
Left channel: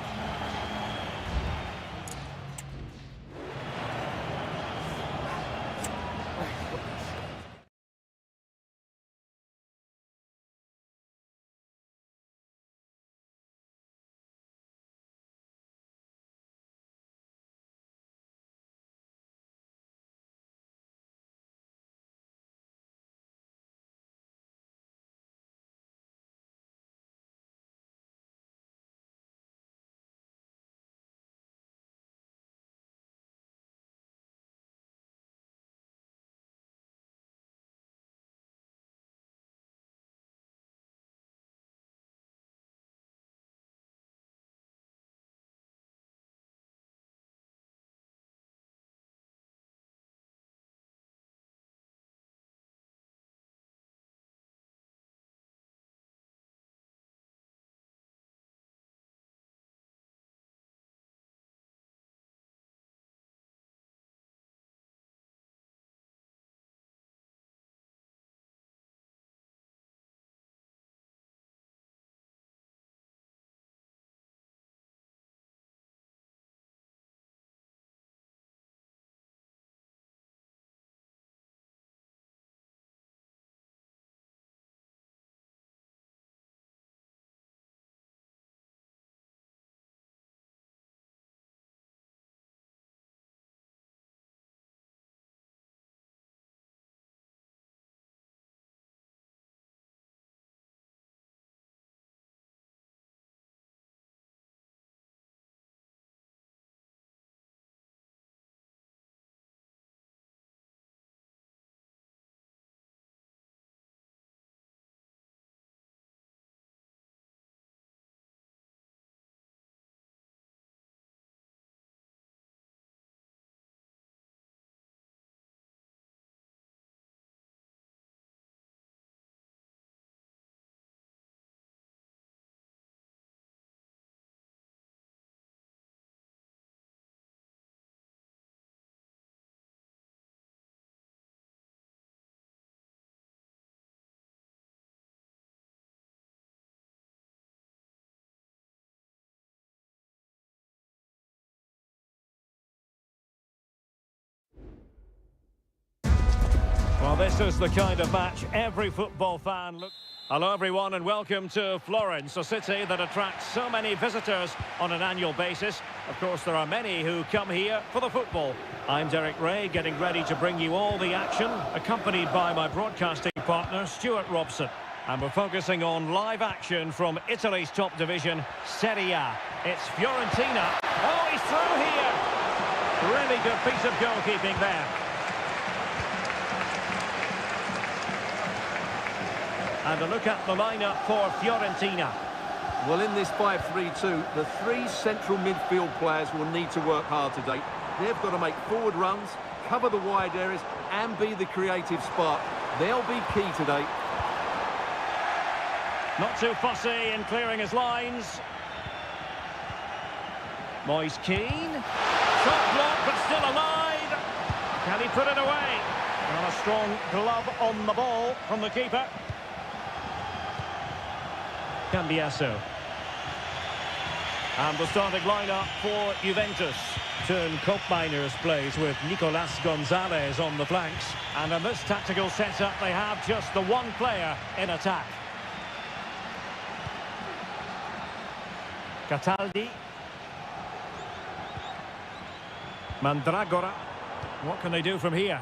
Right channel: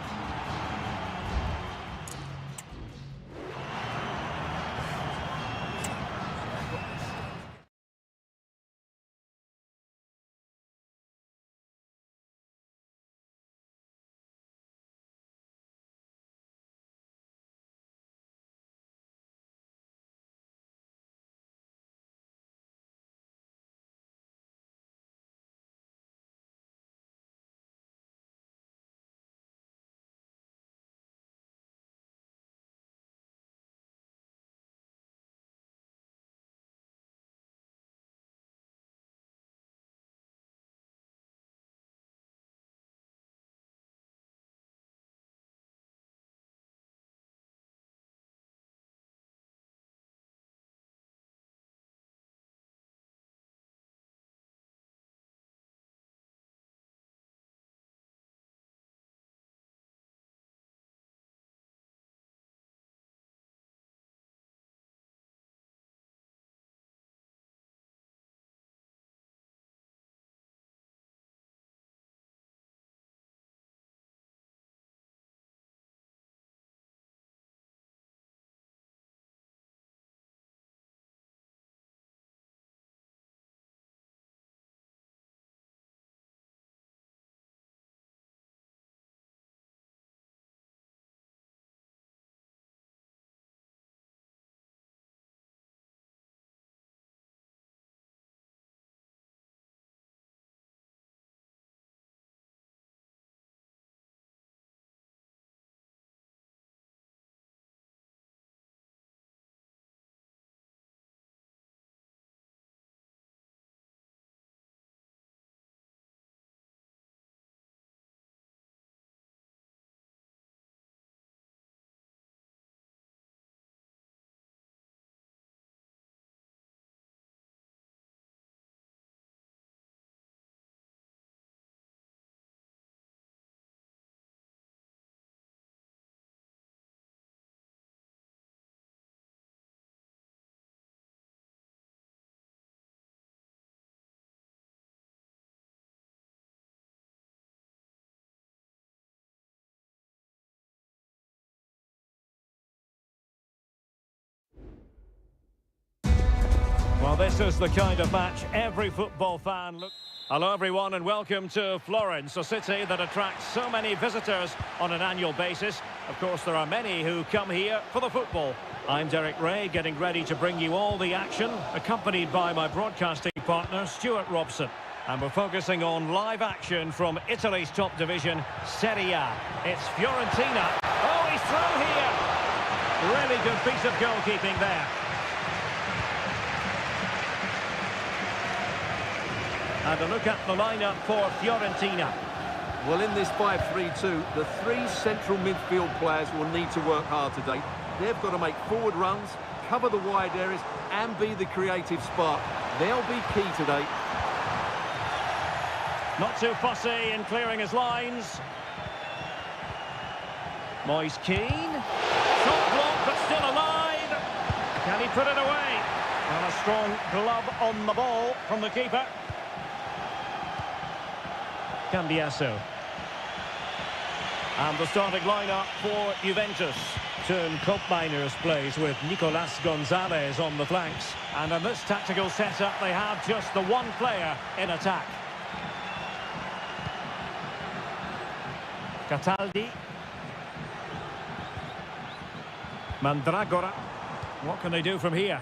Well, this is the kind of match every football fan looks... Hello, everyone, and welcome to Florence, a city that attracts so many visitors on an annual basis. Of course, there are many who come here for the football. I'm Derek Ray, getting ready to bring you all the action, accompanied by my broadcasting partner, Stuart Robson. And we're focusing on live action from Italy's top division, Seria. It's Fiorentina. Oh, he's through here! Really good piece of goalkeeping there. And a look at the lineup for Fiorentina. Well, in this 5-3-2, the three central midfield players will need to work hard today. They've got to make forward runs, cover the wide areas, and be the creative spark. They'll be key today. Not too fussy in clearing his lines. Moyes Keane. Shot blocked, but still alive. Can he put it away? Well, a strong glove on the ball from the keeper. Cambiasso. And the starting lineup for Juventus. Turn Koopmeiners plays with Nicolas Gonzalez on the flanks. And in this tactical setup, they have just the one player in attack. Cataldi. Mandragora. What can they do from here?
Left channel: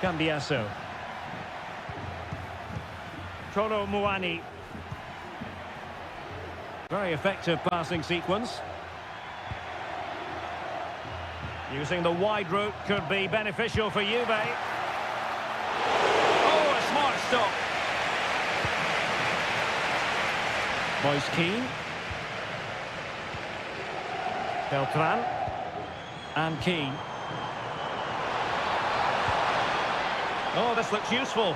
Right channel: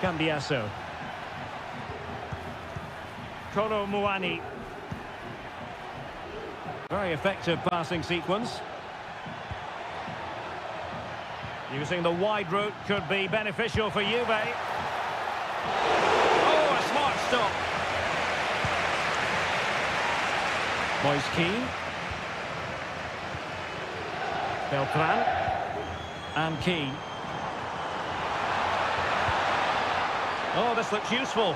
Cambiasso. Kolo Muani. Very effective passing sequence. Using the wide route could be beneficial for Juve. Oh, a smart stop. Moise Kean. Beltran. And Kean. Oh, this looks useful.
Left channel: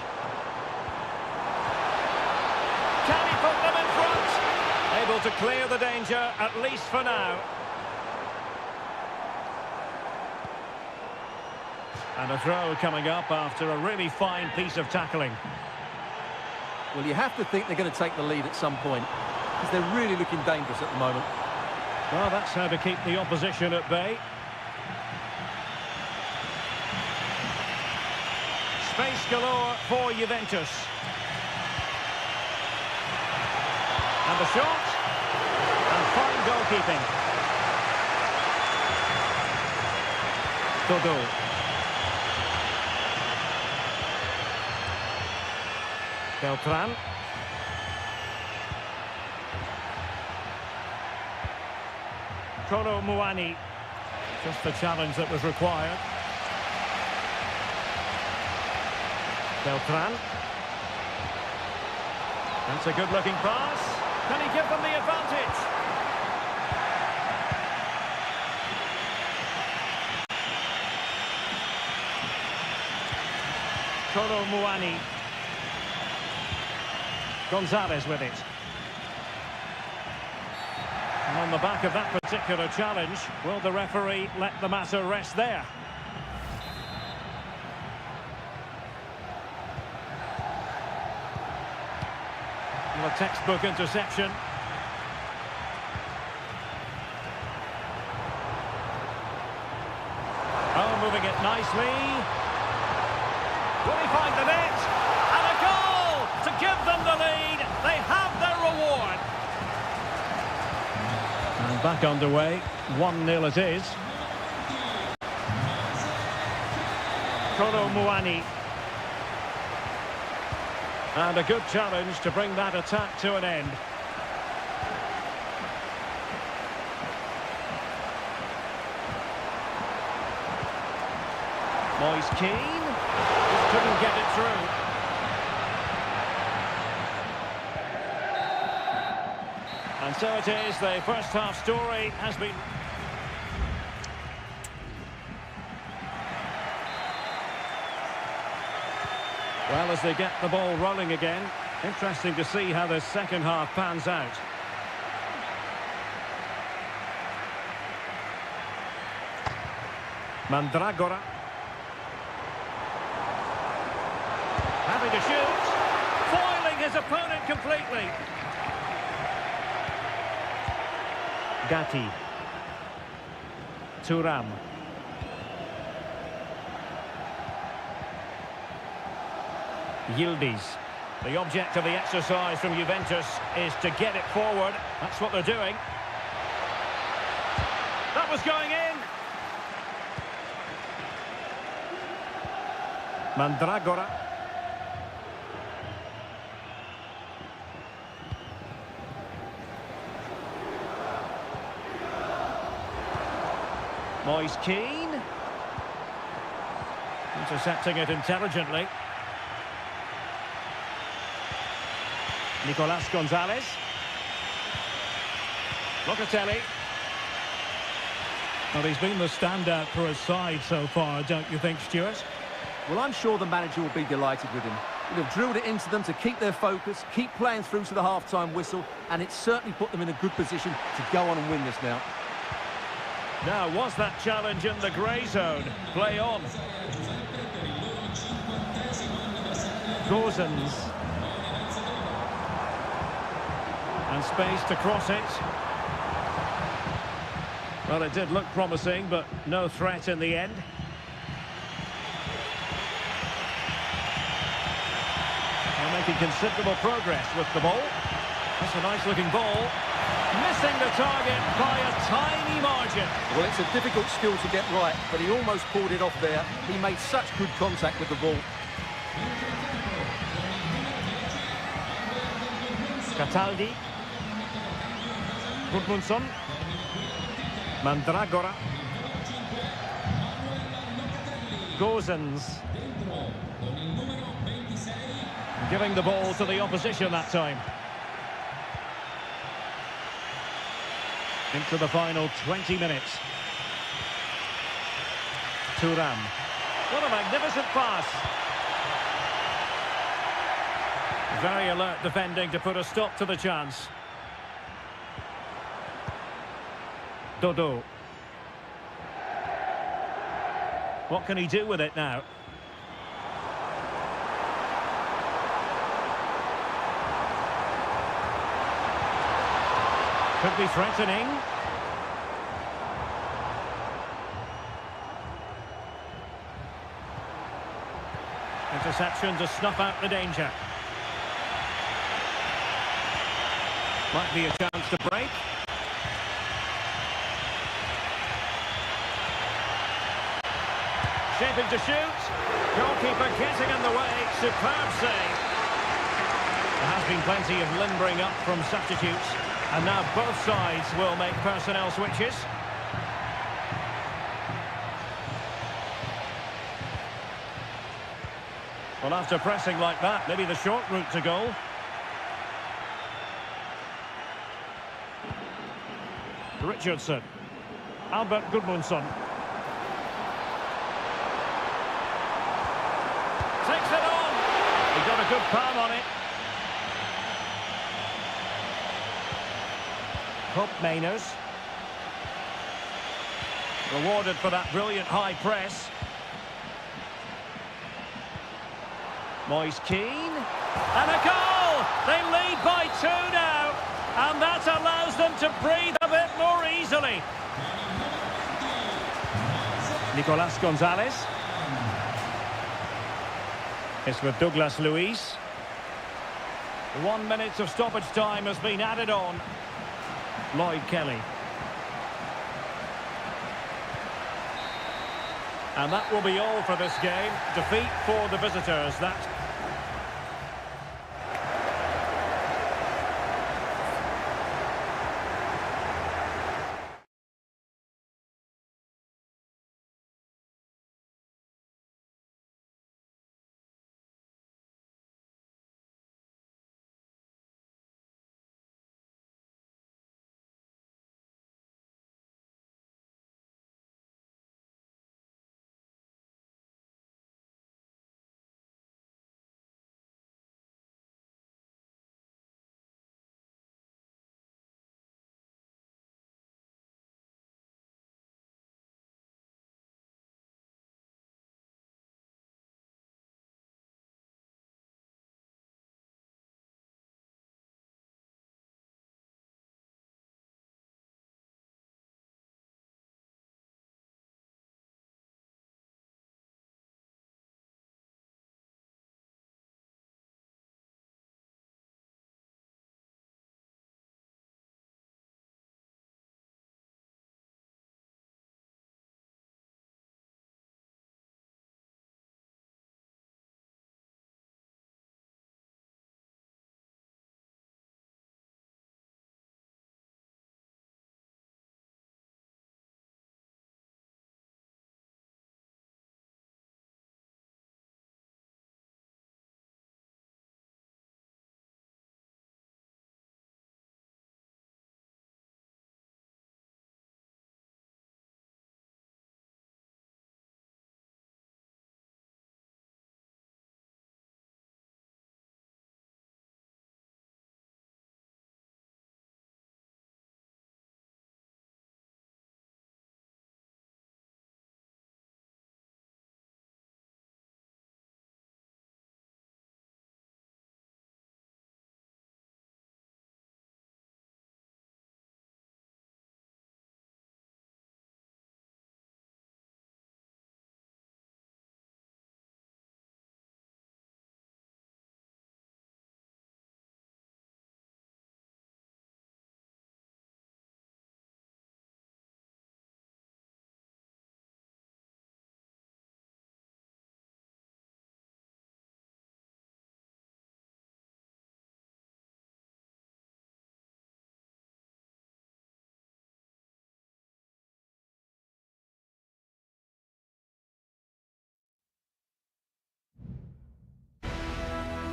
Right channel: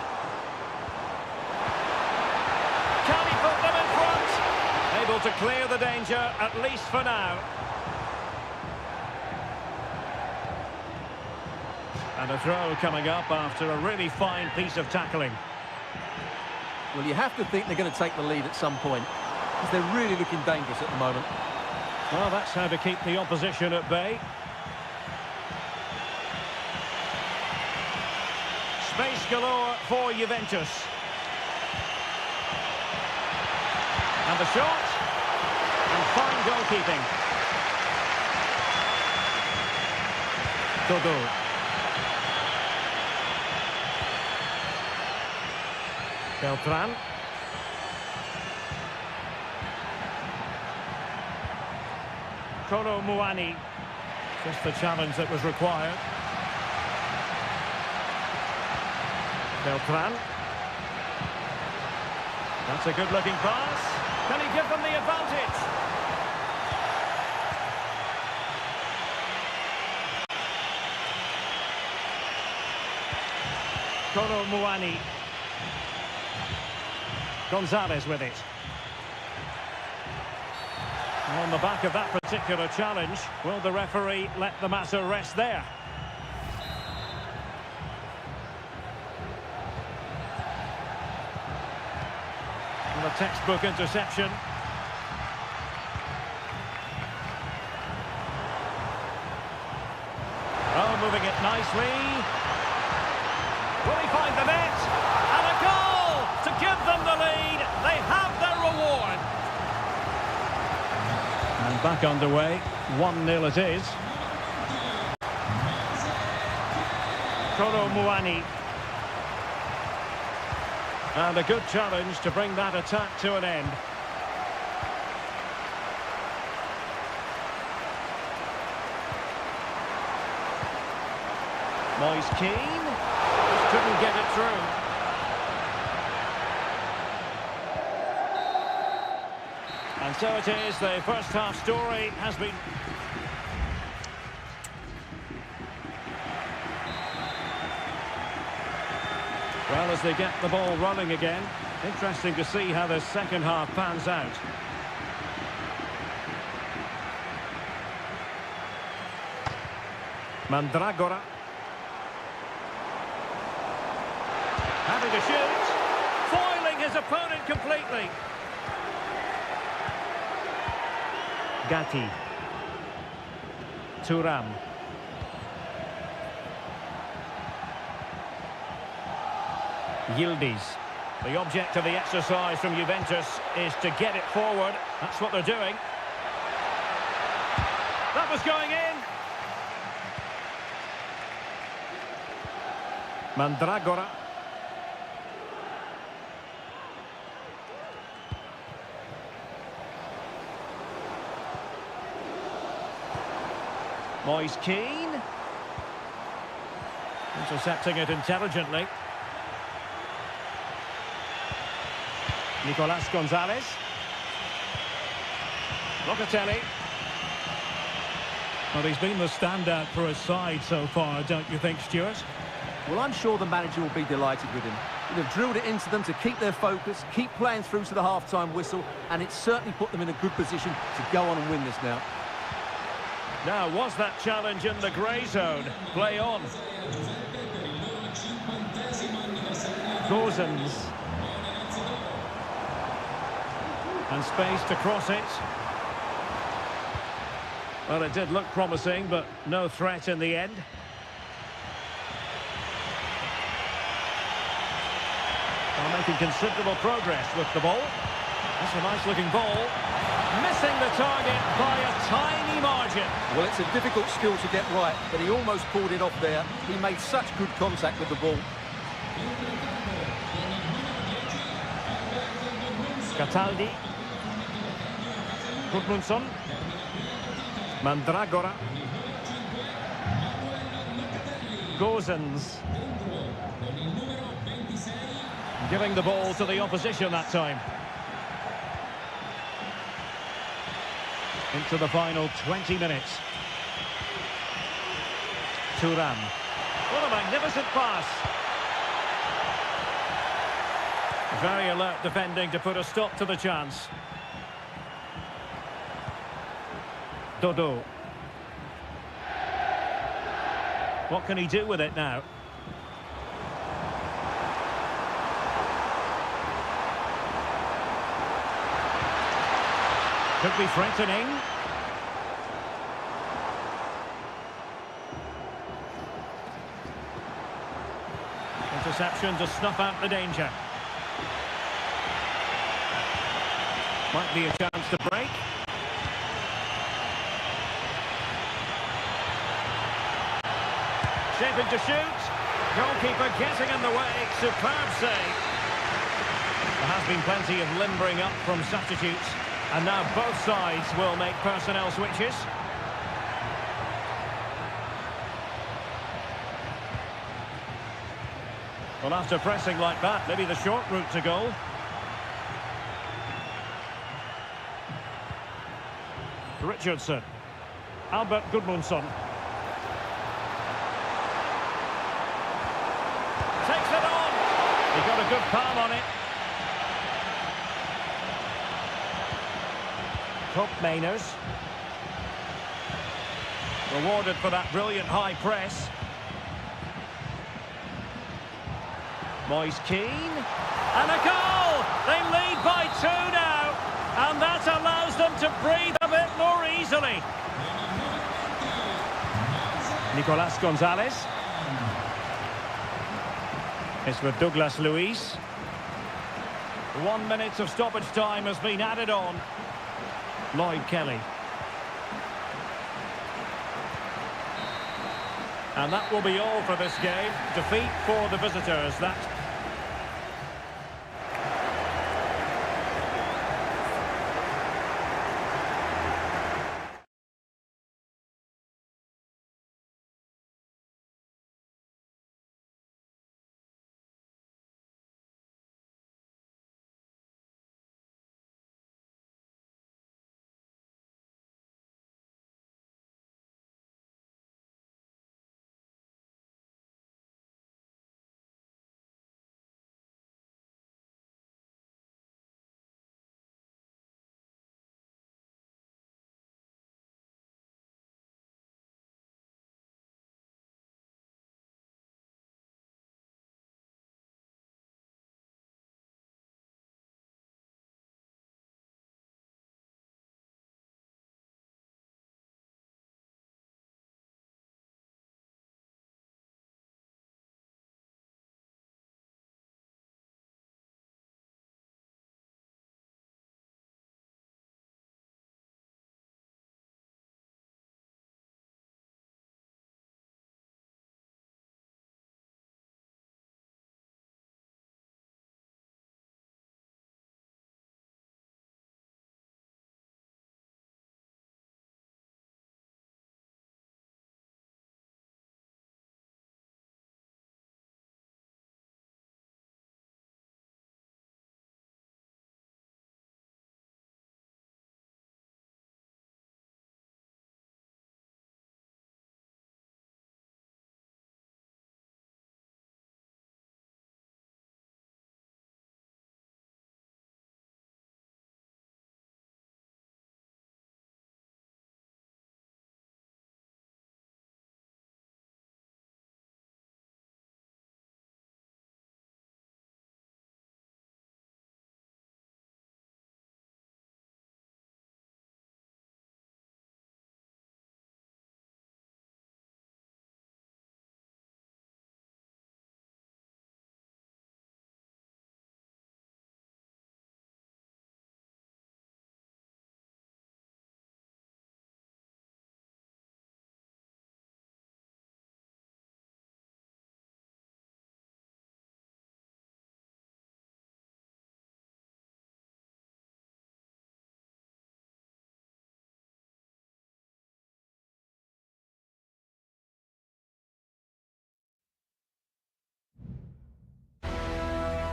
Can he put them in front? Able to clear the danger, at least for now. And a throw coming up after a really fine piece of tackling. Well, you have to think they're going to take the lead at some point, because they're really looking dangerous at the moment. Well, that's how to keep the opposition at bay. Space galore for Juventus. And the shot. And fine goalkeeping. Dodo. Beltran. Kolo Muani. Just the challenge that was required. Beltran. That's a good-looking pass. Can he give them the advantage? Kolo Muani. Gonzalez with it. And on the back of that particular challenge, will the referee let the matter rest there? A textbook interception. Oh, moving it nicely. Will he find the net? And a goal to give them the lead. They have their reward. And back underway. 1-0 it is. Kolo Muani. And a good challenge to bring that attack to an end. Moise Kean just couldn't get it through. And so it is, the first half story has been... Well, as they get the ball rolling again, interesting to see how the second half pans out. Mandragora. Having to shoot. Foiling his opponent completely. Gatti. Thuram. Yildiz. The object of the exercise from Juventus is to get it forward. That's what they're doing. That was going in. Mandragora. Moise Kean. Intercepting it intelligently. Nicolas Gonzalez. Locatelli. Well, he's been the standout for his side so far, don't you think, Stuart? Well, I'm sure the manager will be delighted with him. You'd have drilled it into them to keep their focus, keep playing through to the half-time whistle, and it certainly put them in a good position to go on and win this now. Now, was that challenge in the grey zone? Play on. Gozens. And space to cross it. Well, it did look promising, but no threat in the end. Well, making considerable progress with the ball. That's a nice-looking ball. Missing the target by a tiny margin. Well, it's a difficult skill to get right, but he almost pulled it off there. He made such good contact with the ball. Cataldi. Gudmundsson. Mandragora. Gozens. Giving the ball to the opposition that time. Into the final 20 minutes. Thuram. What a magnificent pass. Very alert defending to put a stop to the chance. Dodo. What can he do with it now? Could be threatening. Interception to snuff out the danger. Might be a chance to break. Shaping to shoot. Goalkeeper getting in the way. Superb save. There has been plenty of limbering up from substitutes. And now both sides will make personnel switches. Well, after pressing like that, maybe the short route to goal. Richardson. Albert Gudmundsson. Takes it on. He got a good palm on it. Hope Mainers. Rewarded for that brilliant high press. Moise Keane. And a goal! They lead by 2 now. And that allows them to breathe a bit more easily. Nicolas Gonzalez. It's with Douglas Luiz. 1 minute of stoppage time has been added on. Lloyd Kelly. And that will be all for this game. Defeat for the visitors. That's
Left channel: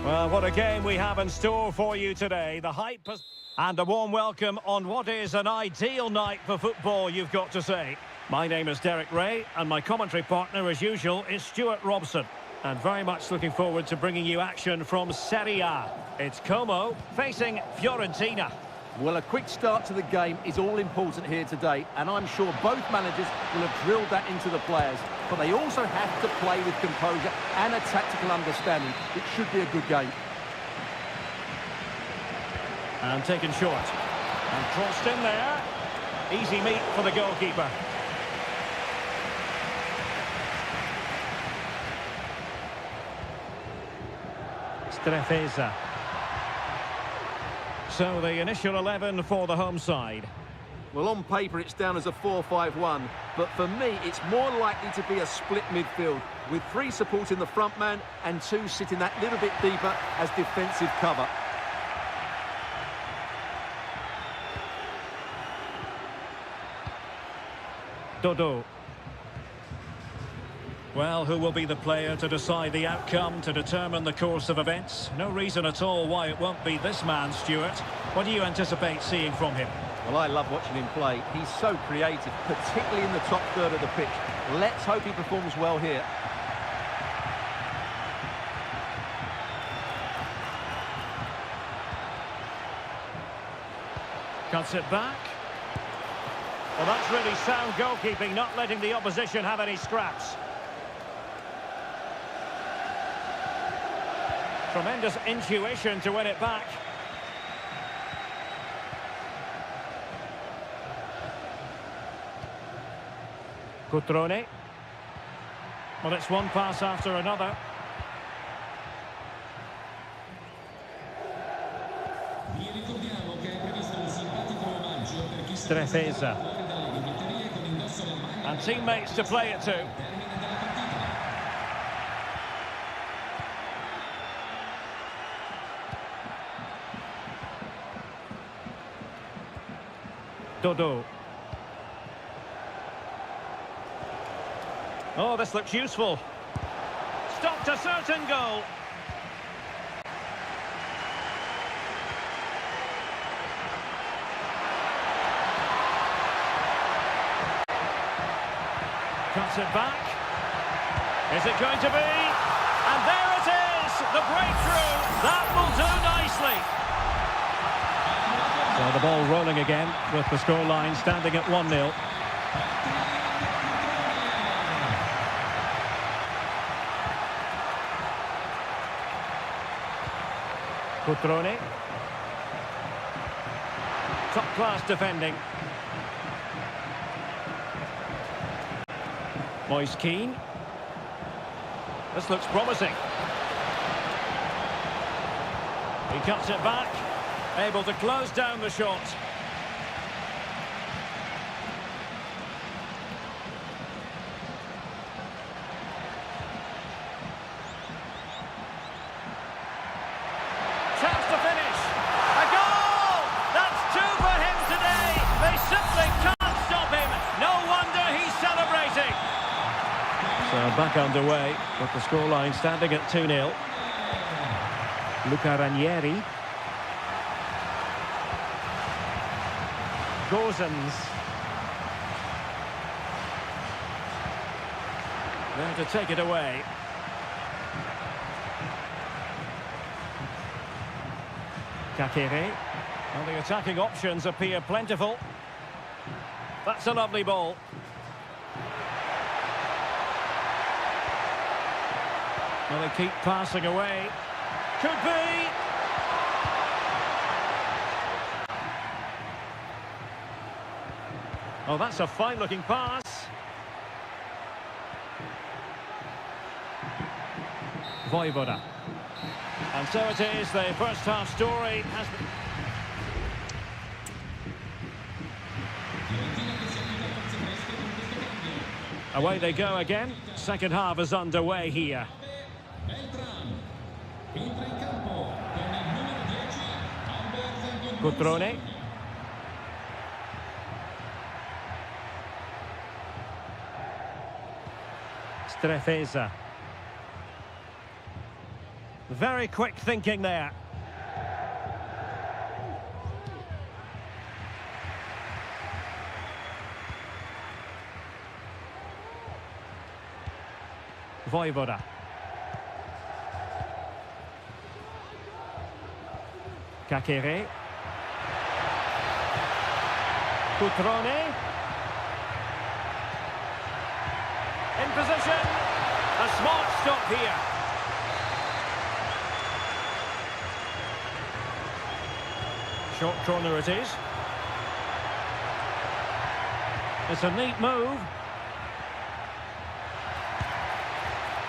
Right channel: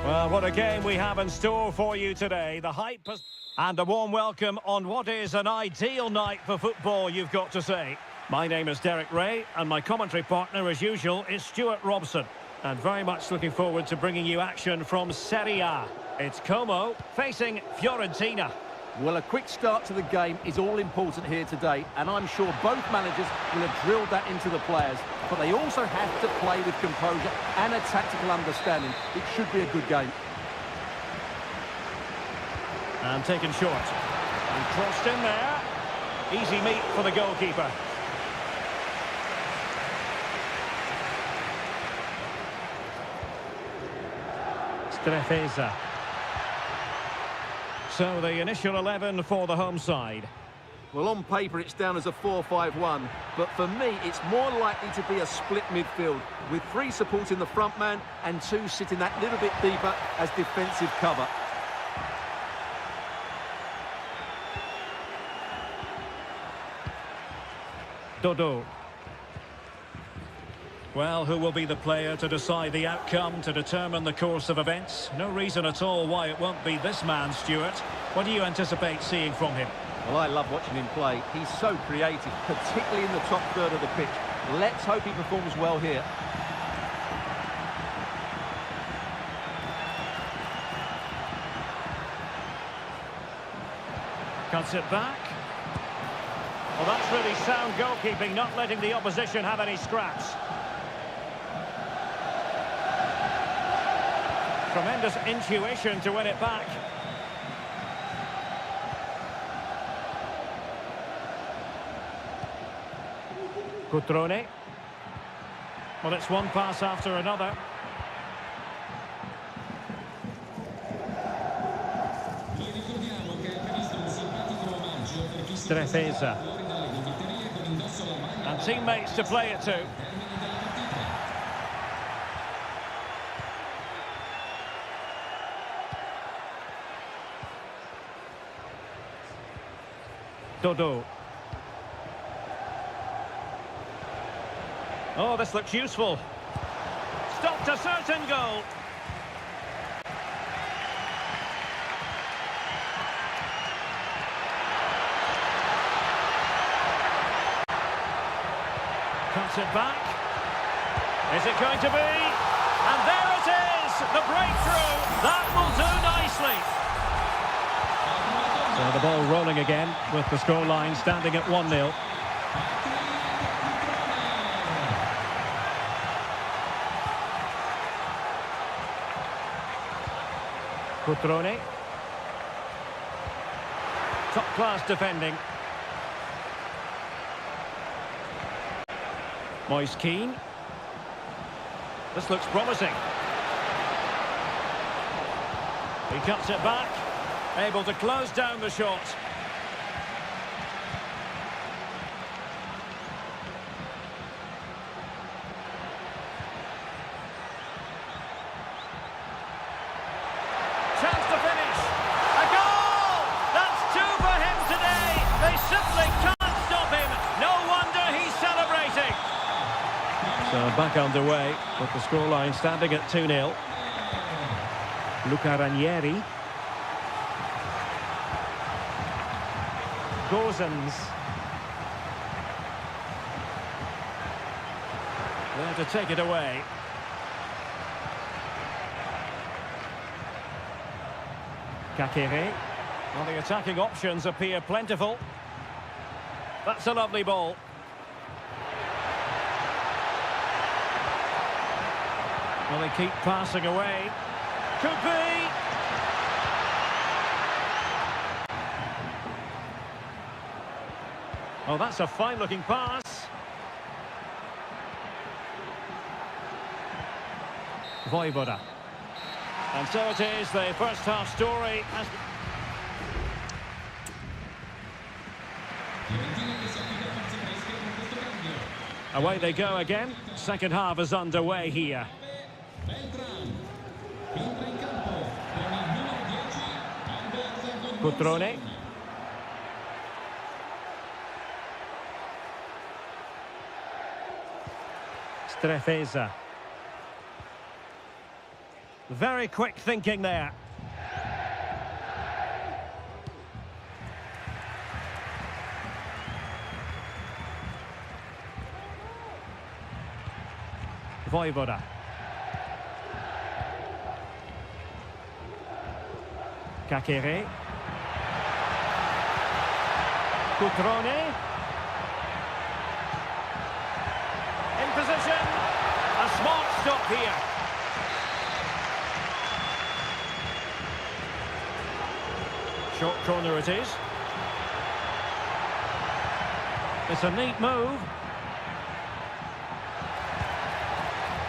Well, what a game we have in store for you today. The hype has... And a warm welcome on what is an ideal night for football, you've got to say. My name is Derek Ray, and my commentary partner, as usual, is Stuart Robson. And very much looking forward to bringing you action from Seria. It's Como facing Fiorentina. Well, a quick start to the game is all important here today, and I'm sure both managers will have drilled that into the players. But they also have to play with composure and a tactical understanding. It should be a good game. And taken short. And crossed in there. Easy meet for the goalkeeper. Strefeza. So the initial 11 for the home side. Well, on paper it's down as a 4-5-1, but for me it's more likely to be a split midfield, with 3 supporting the front man and 2 sitting that little bit deeper as defensive cover. Dodo. Well, who will be the player to decide the outcome, to determine the course of events? No reason at all why it won't be this man, Stuart. What do you anticipate seeing from him? Well, I love watching him play. He's so creative, particularly in the top third of the pitch. Let's hope he performs well here. Cuts it back. Well, that's really sound goalkeeping, not letting the opposition have any scraps. Tremendous intuition to win it back. Cutrone. Well, it's one pass after another. Strefeza. And teammates to play it to. Dodo. Oh, this looks useful. Stopped a certain goal. Cuts it back. Is it going to be? And there it is! The breakthrough! That will do nicely. So the ball rolling again with the scoreline standing at 1-0. Cutrone. Top-class defending. Moise Keane. This looks promising. He cuts it back. Able to close down the shot. Chance to finish. A goal! That's 2 for him today. They simply can't stop him. No wonder he's celebrating. So back underway with the scoreline standing at 2-0. Luca Ranieri. Gozens. There to take it away. Kakere. Well, the attacking options appear plentiful. That's a lovely ball. Well, they keep passing away. Could be. Oh, that's a fine-looking pass. Voivoda. And so it is, the first half story has been... Away they go again. Second half is underway here. Cutrone. Strefeza. Very quick thinking there. Voivoda. Kakere. Cutrone. In position. A smart stop here. Short corner it is. It's a neat move.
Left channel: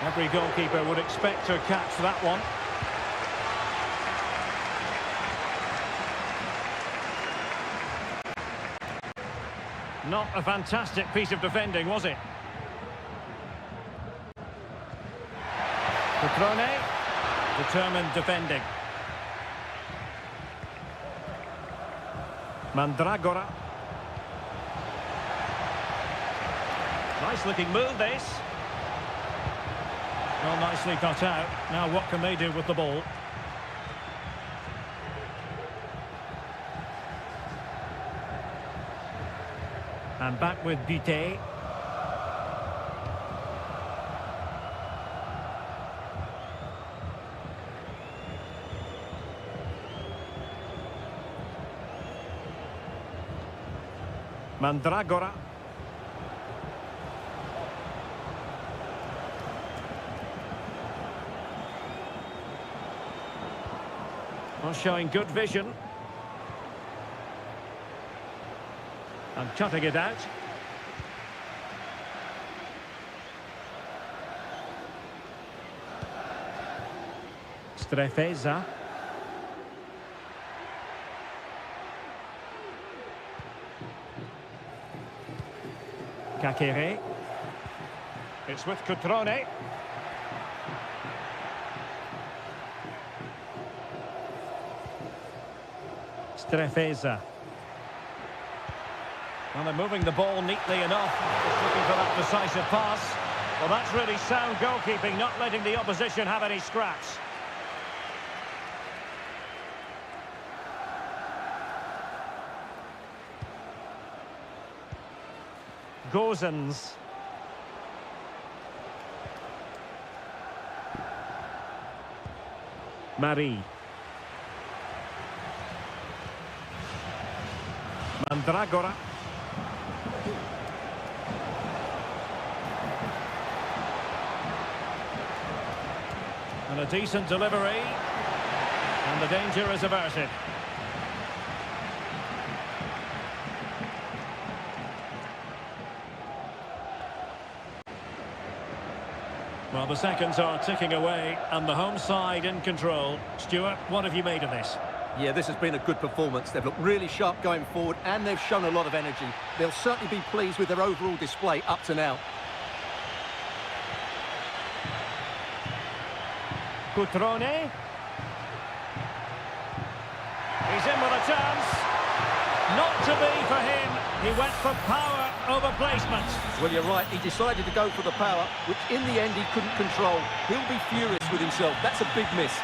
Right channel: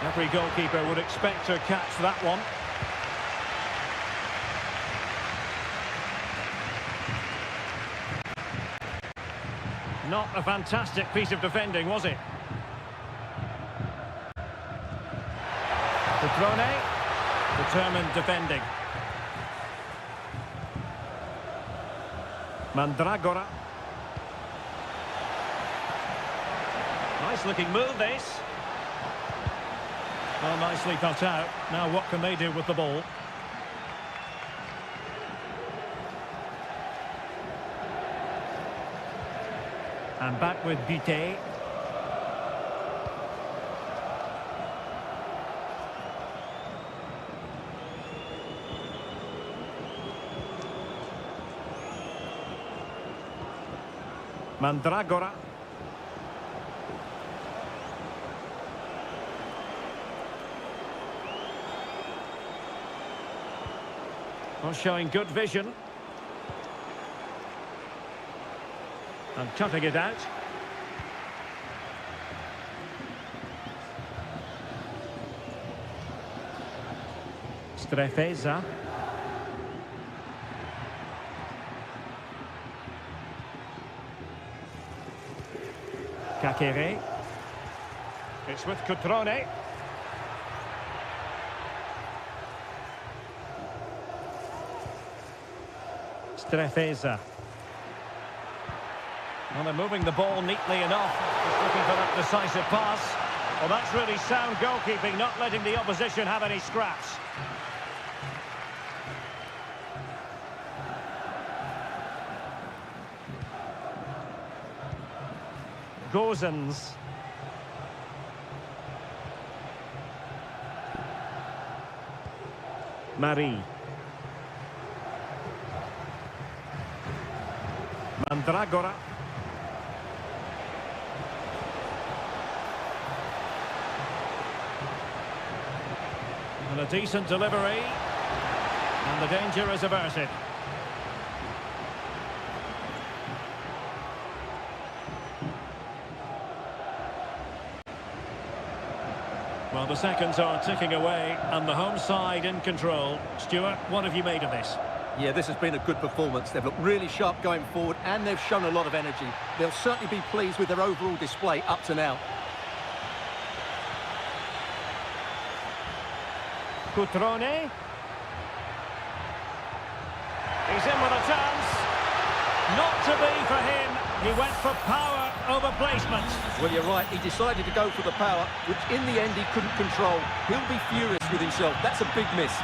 Every goalkeeper would expect to catch that one. Not a fantastic piece of defending, was it? Cutrone, determined defending. Mandragora. Nice looking move this. Well, nicely cut out. Now what can they do with the ball? And back with Butte. Mandragora. Well, showing good vision. And cutting it out. Strefeza. Kakere. It's with Cutrone. Strefeza. Well, they're moving the ball neatly enough. Just looking for that decisive pass. Well, that's really sound goalkeeping, not letting the opposition have any scraps. Gozens. Marie. Mandragora. And a decent delivery. And the danger is averted. Well, the seconds are ticking away, and the home side in control. Stuart, what have you made of this? Yeah, this has been a good performance. They've looked really sharp going forward, and they've shown a lot of energy. They'll certainly be pleased with their overall display up to now. Cutrone. He's in with a chance. Not to be for him. He went for power over placement. Well, you're right. He decided to go for the power, which in the end he couldn't control. He'll be furious with himself. That's a big miss.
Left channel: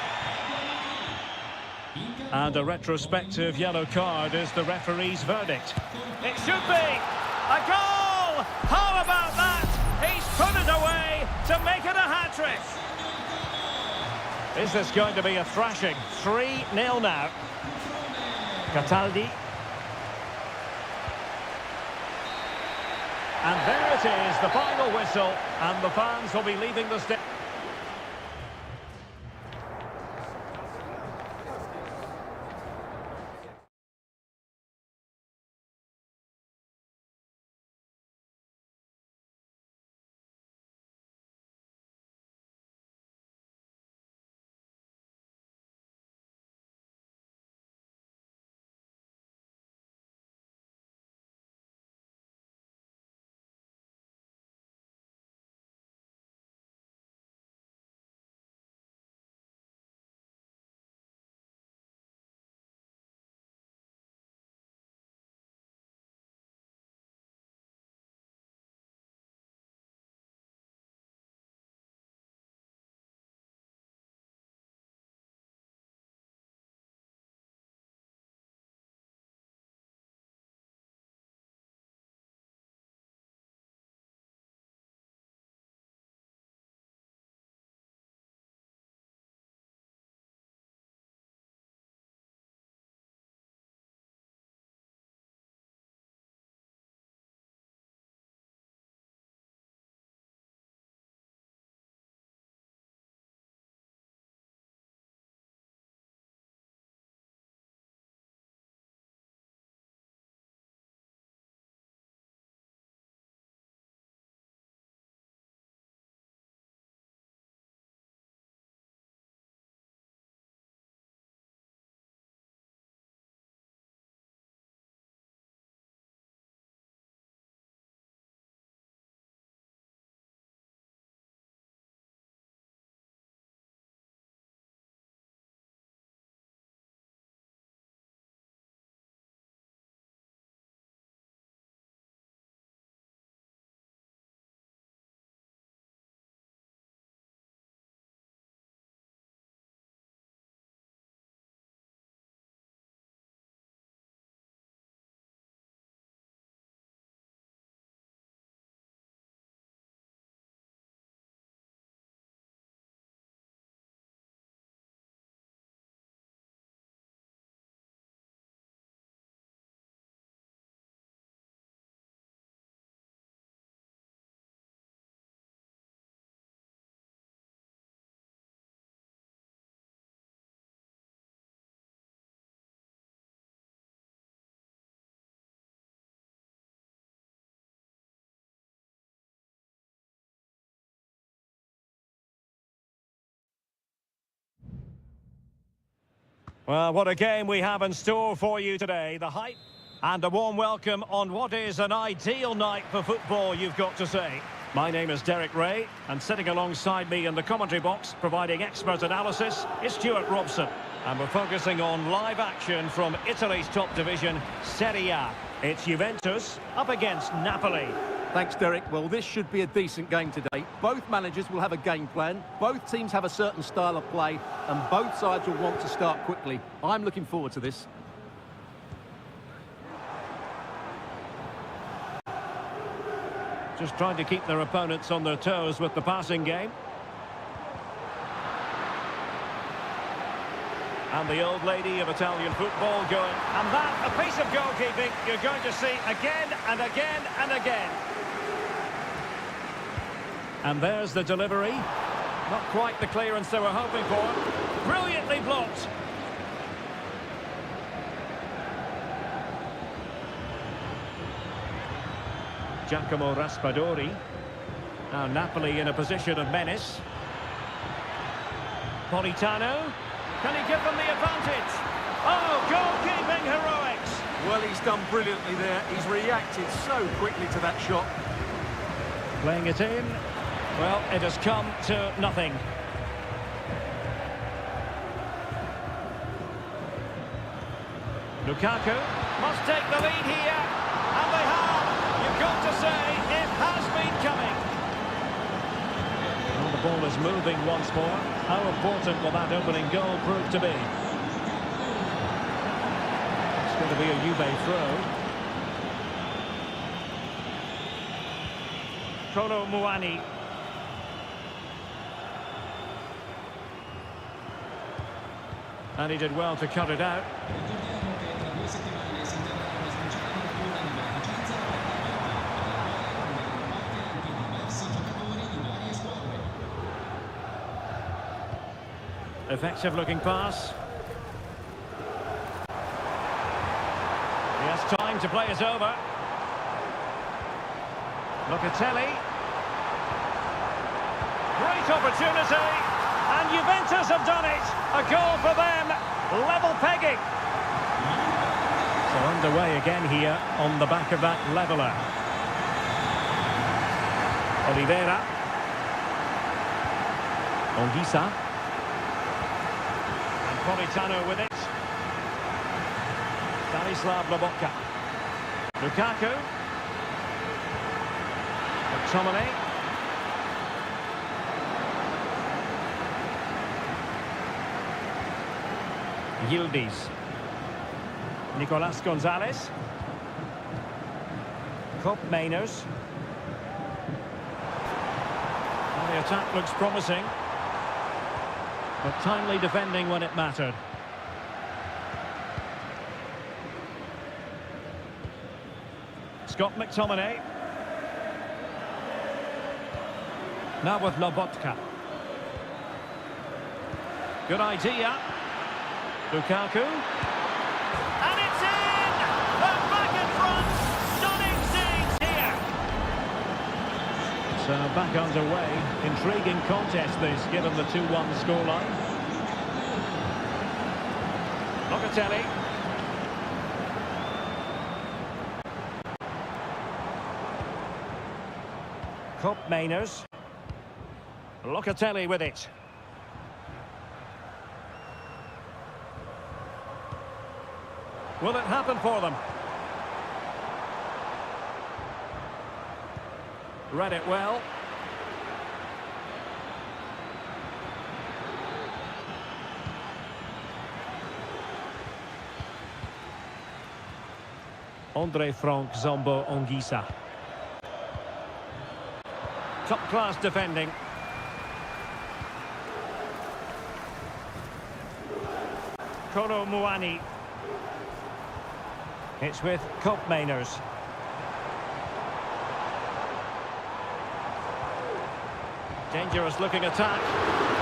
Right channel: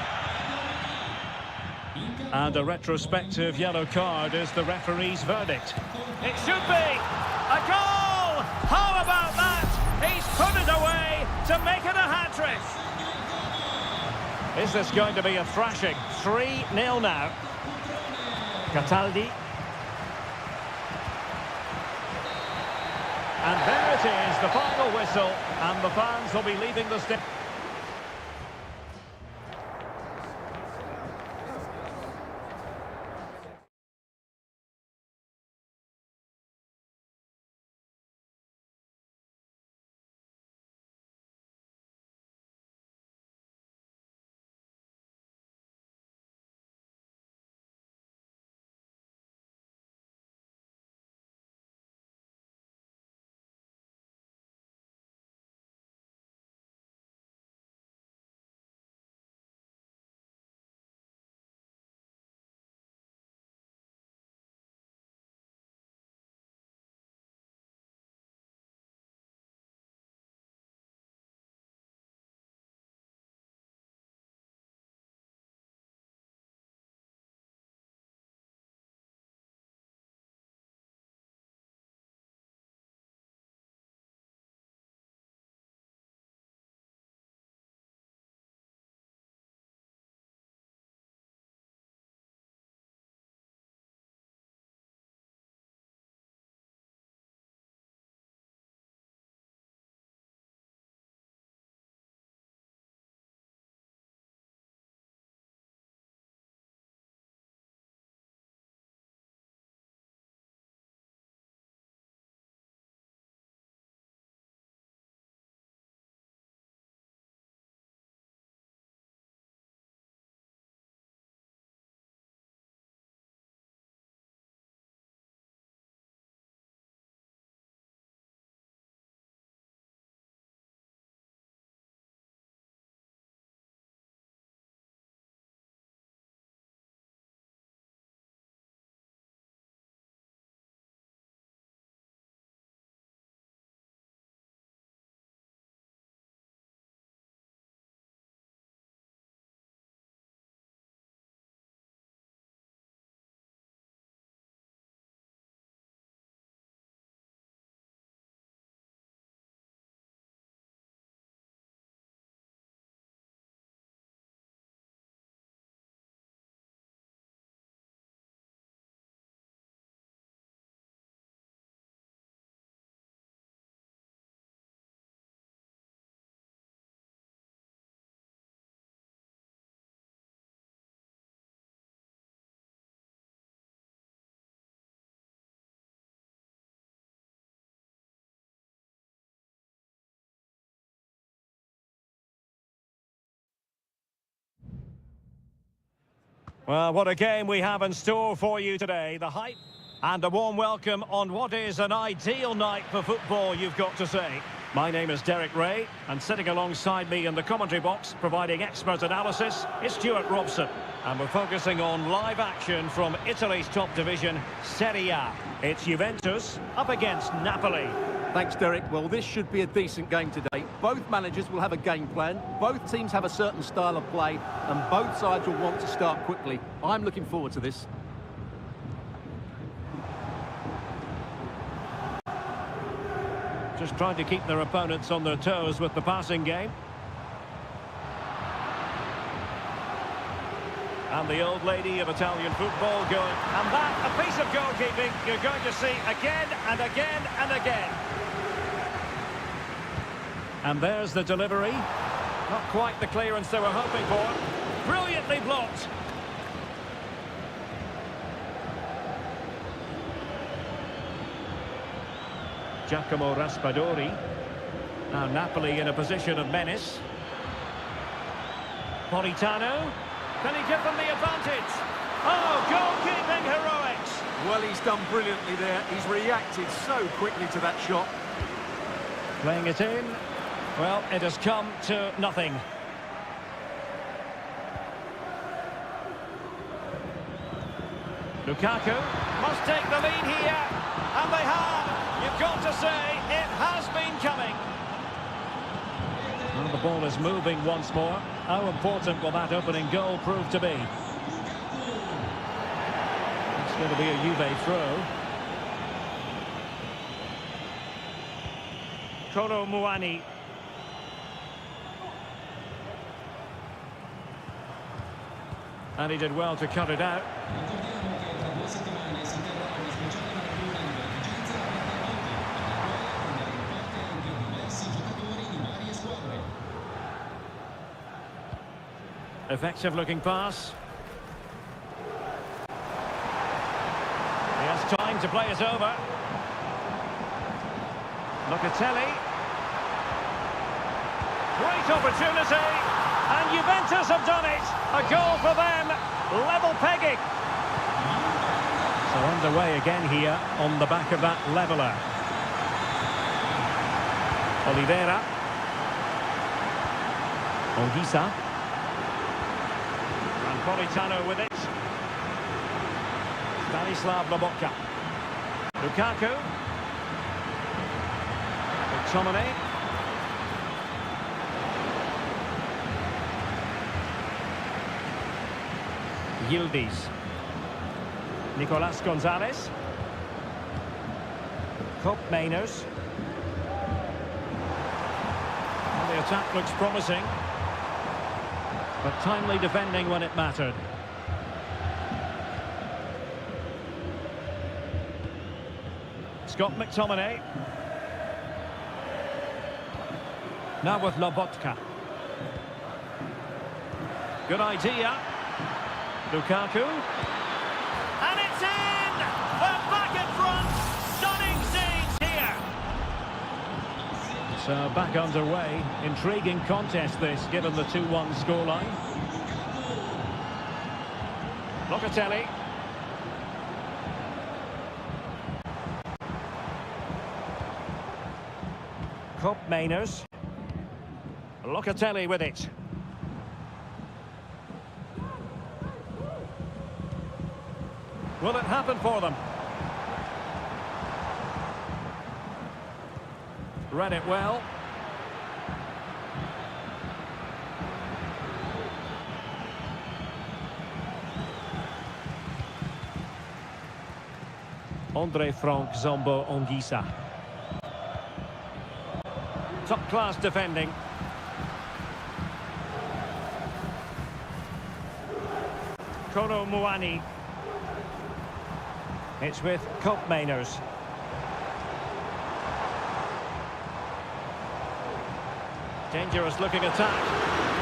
And a retrospective yellow card is the referee's verdict. It should be a goal! How about that? He's put it away to make it a hat-trick. Is this going to be a thrashing? 3-0 now. Cataldi. And there it is, the final whistle, and the fans will be leaving the stadium. Well, what a game we have in store for you today. The hype and a warm welcome on what is an ideal night for football, you've got to say. My name is Derek Ray, and sitting alongside me in the commentary box, providing expert analysis, is Stuart Robson. And we're focusing on live action from Italy's top division, Seria. It's Juventus up against Napoli. Thanks, Derek. Well, this should be a decent game today. Both managers will have a game plan, both teams have a certain style of play, and both sides will want to start quickly. I'm looking forward to this. Just trying to keep their opponents on their toes with the passing game. And the old lady of Italian football going. And that, a piece of goalkeeping you're going to see again and again and again. And there's the delivery. Not quite the clearance they were hoping for. Brilliantly blocked. Giacomo Raspadori. Now Napoli in a position of menace. Politano. Can he give them the advantage? Oh, goalkeeping heroics. Well, he's done brilliantly there. He's reacted so quickly to that shot. Playing it in. Well, it has come to nothing. Lukaku must take the lead here. And they have. You've got to say, it has been coming. Well, the ball is moving once more. How important will that opening goal prove to be? It's going to be a Juve throw. Kolo Muani. And he did well to cut it out. Effective looking pass. He has time to play it over. Locatelli. Great opportunity. And Juventus have done it. A goal for them. Level pegging. So underway again here on the back of that leveller. Oliveira. Onguisa. And Politano with it. Stanislav Lobotka. Lukaku. McTominay. Yildiz. Nicolas Gonzalez. Kopp Mainers. Well, the attack looks promising, but timely defending when it mattered. Scott McTominay. Now with Lobotka. Good idea. Lukaku. And it's in! They're back in front! Stunning scenes here! So back underway. Intriguing contest this, given the 2-1 scoreline. Locatelli. Kopp Mainers. Locatelli with it. Will it happen for them? Read it well. Andre Frank Zombo Onguisa. Top class defending. Kolo Muani. It's with Kopp Mainers. Dangerous looking attack.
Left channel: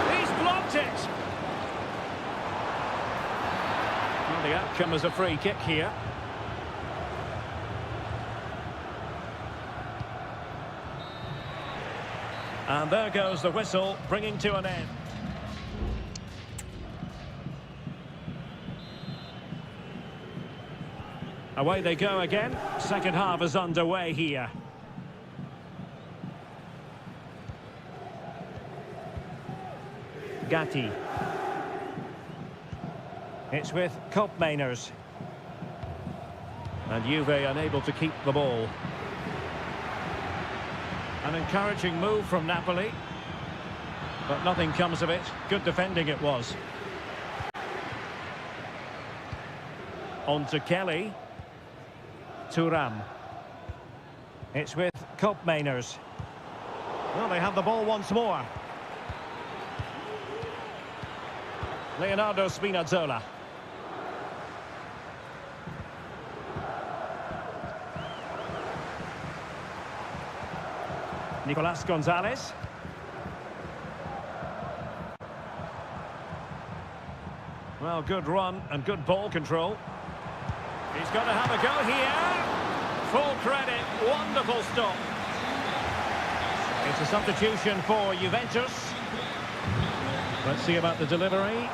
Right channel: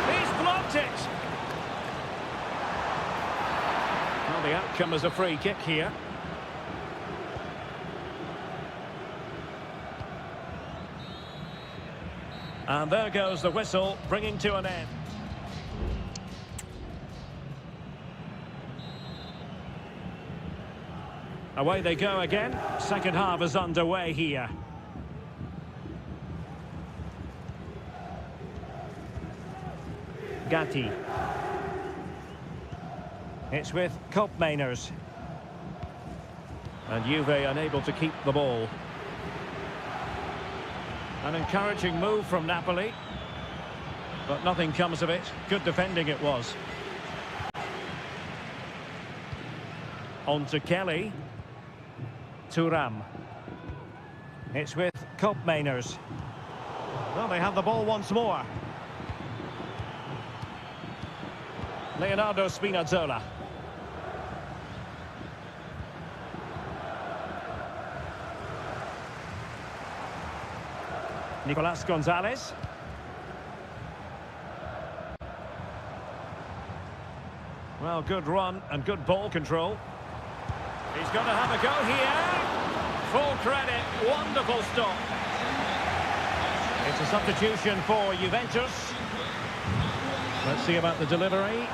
He's blocked it. Well, the outcome is a free kick here. And there goes the whistle, bringing to an end. Away they go again. Second half is underway here. Gatti. It's with Koopmeiners. And Juve unable to keep the ball. An encouraging move from Napoli. But nothing comes of it. Good defending it was. On to Kelly. Thuram. It's with Koopmeiners. Well, they have the ball once more. Leonardo Spinazzola. Nicolas Gonzalez. Well, good run and good ball control. He's got to have a go here. Full credit. Wonderful stop. It's a substitution for Juventus. Let's see about the delivery.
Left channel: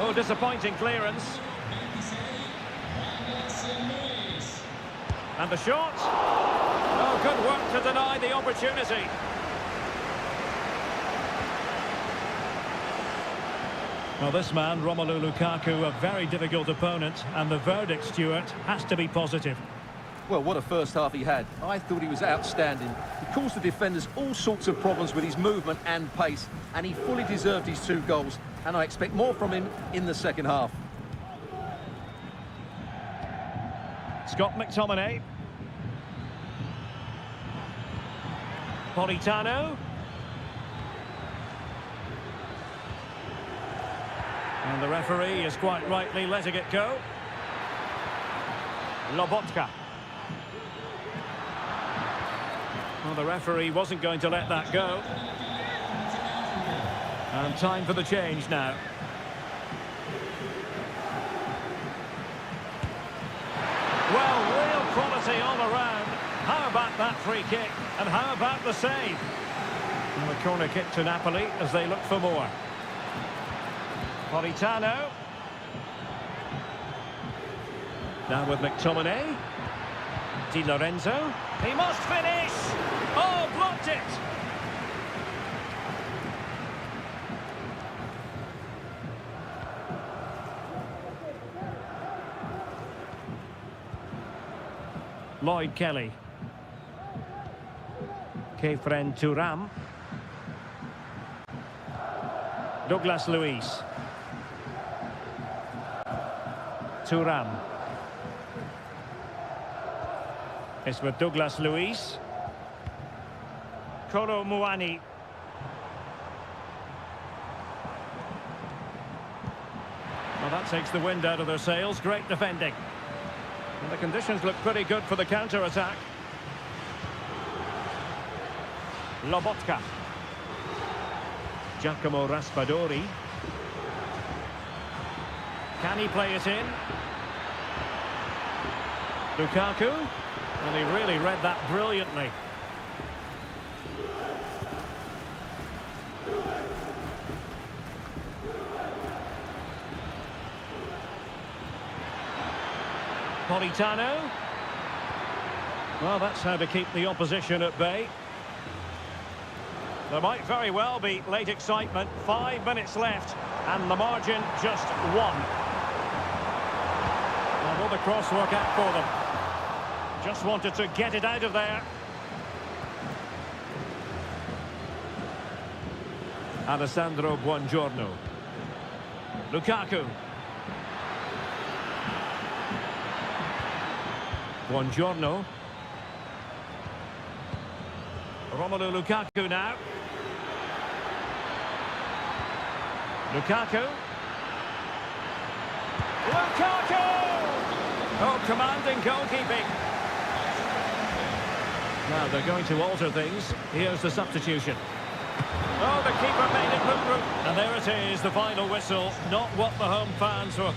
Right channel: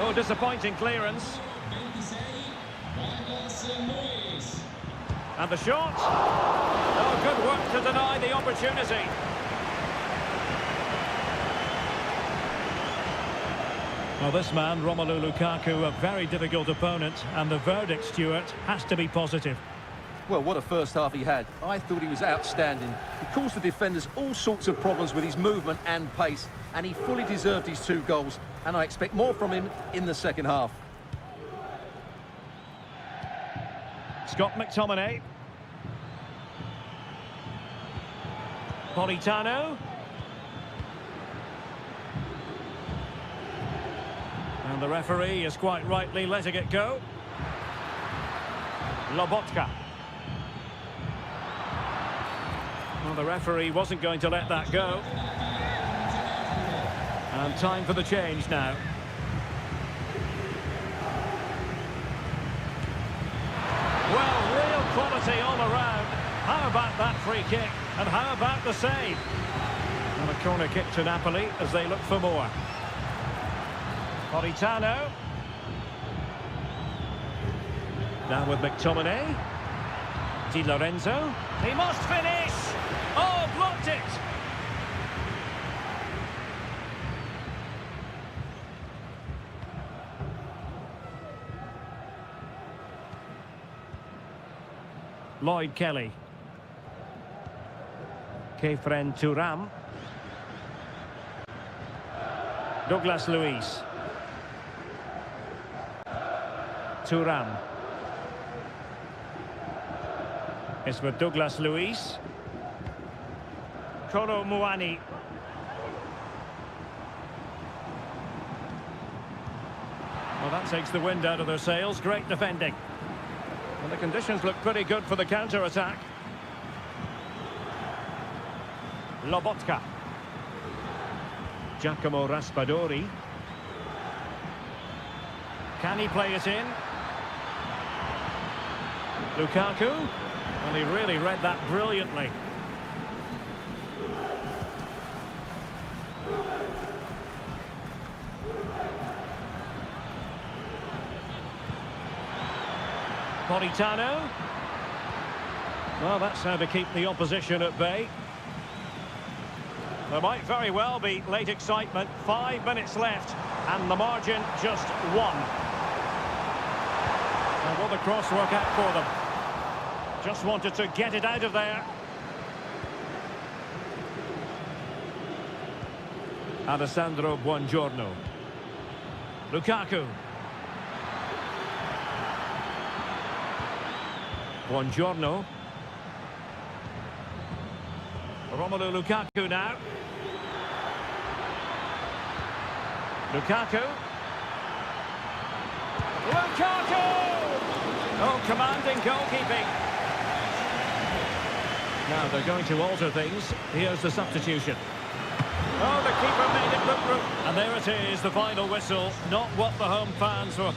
Oh, disappointing clearance. And the shot. Oh, good work to deny the opportunity. Well, this man, Romelu Lukaku, a very difficult opponent, and the verdict, Stuart, has to be positive. Well, what a first half he had. I thought he was outstanding. He caused the defenders all sorts of problems with his movement and pace, and he fully deserved his 2 goals, and I expect more from him in the second half. Scott McTominay. Politano. And the referee is quite rightly letting it go. Lobotka. Well, the referee wasn't going to let that go. And time for the change now. Well, real quality all around. How about that free kick? And how about the save? And a corner kick to Napoli as they look for more. Politano. Now with McTominay. Di Lorenzo. He must finish! Oh, blocked it! Lloyd Kelly. Kefren Thuram. Douglas Luiz. Thuram. It's with Douglas Luiz. Kolo Muani. Well, that takes the wind out of their sails. Great defending. And the conditions look pretty good for the counter-attack. Lobotka. Giacomo Raspadori. Can he play it in? Lukaku. Well, he really read that brilliantly. Politano. Well, that's how to keep the opposition at bay. There might very well be late excitement. 5 minutes left, and the margin just 1. Now, will the cross work out for them? Just wanted to get it out of there. Alessandro Buongiorno. Lukaku. Buongiorno. Romelu Lukaku now. Lukaku. Lukaku! Oh, commanding goalkeeping. Now they're going to alter things. Here's the substitution. Oh, the keeper made it look good. And there it is, the final whistle. Not what the home fans were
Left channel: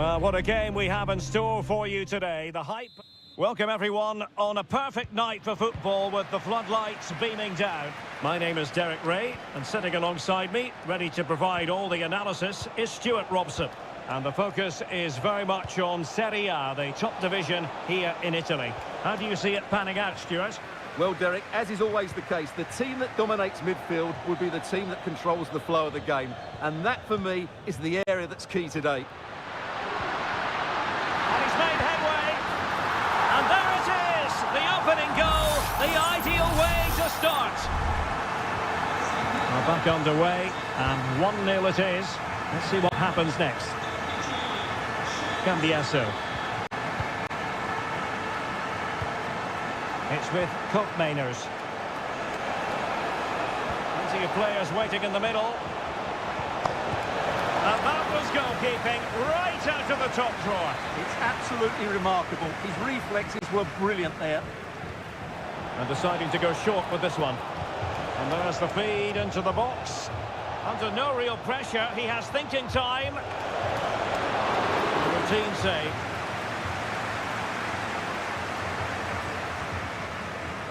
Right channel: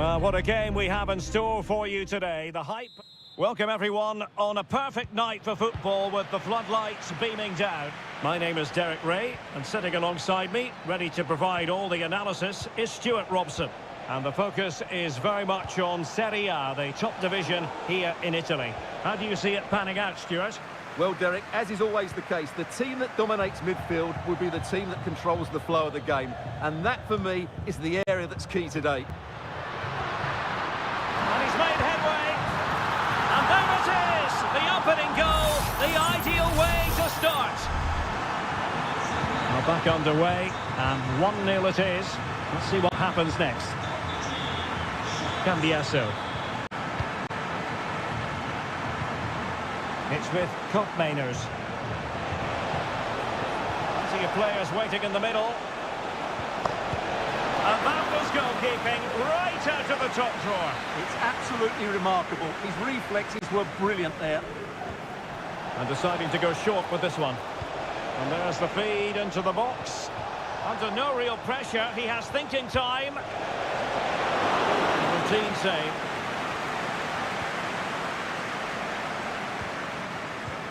Well, what a game we have in store for you today. The hype. Welcome everyone on a perfect night for football with the floodlights beaming down. My name is Derek Ray, and sitting alongside me, ready to provide all the analysis, is Stuart Robson. And the focus is very much on Seria, the top division here in Italy. How do you see it panning out, Stuart? Well, Derek, as is always the case, the team that dominates midfield will be the team that controls the flow of the game. And that, for me, is the area that's key today. And he's made headway. And there it is, the opening goal, the ideal way to start. Well, back underway, and 1-0 it is. Let's see what happens next. Cambiasso. It's with Koopmeiners. Plenty of players waiting in the middle. And that was goalkeeping right out of the top drawer. It's absolutely remarkable. His reflexes were brilliant there. And deciding to go short with this one. And there's the feed into the box. Under no real pressure, he has thinking time. A routine save.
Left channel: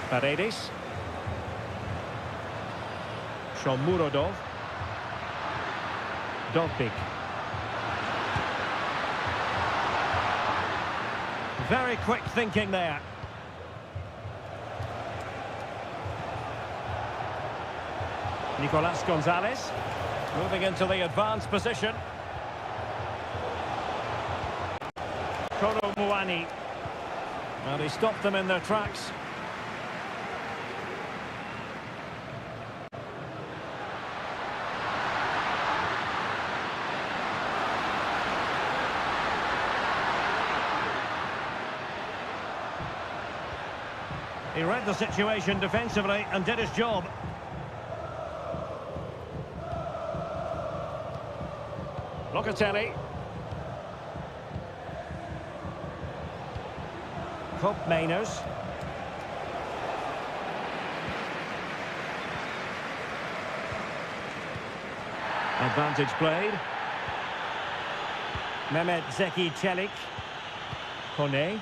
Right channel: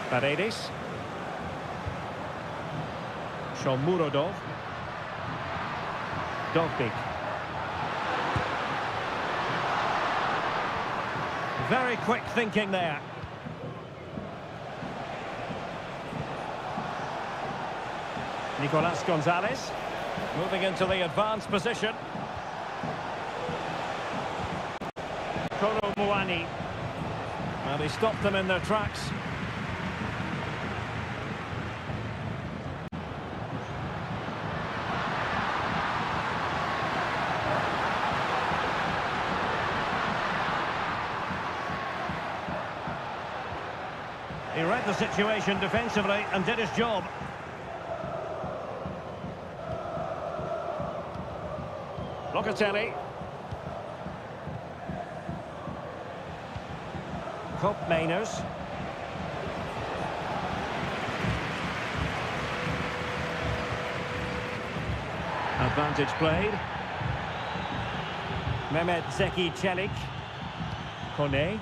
Paredes. Shomurodov. Dovbik. Very quick thinking there. Nicolas Gonzalez moving into the advanced position. Kolo Muani. And he stopped them in their tracks. He read the situation defensively and did his job. Locatelli. Koopmeiners. Advantage played. Mehmet Zeki Çelik. Kone.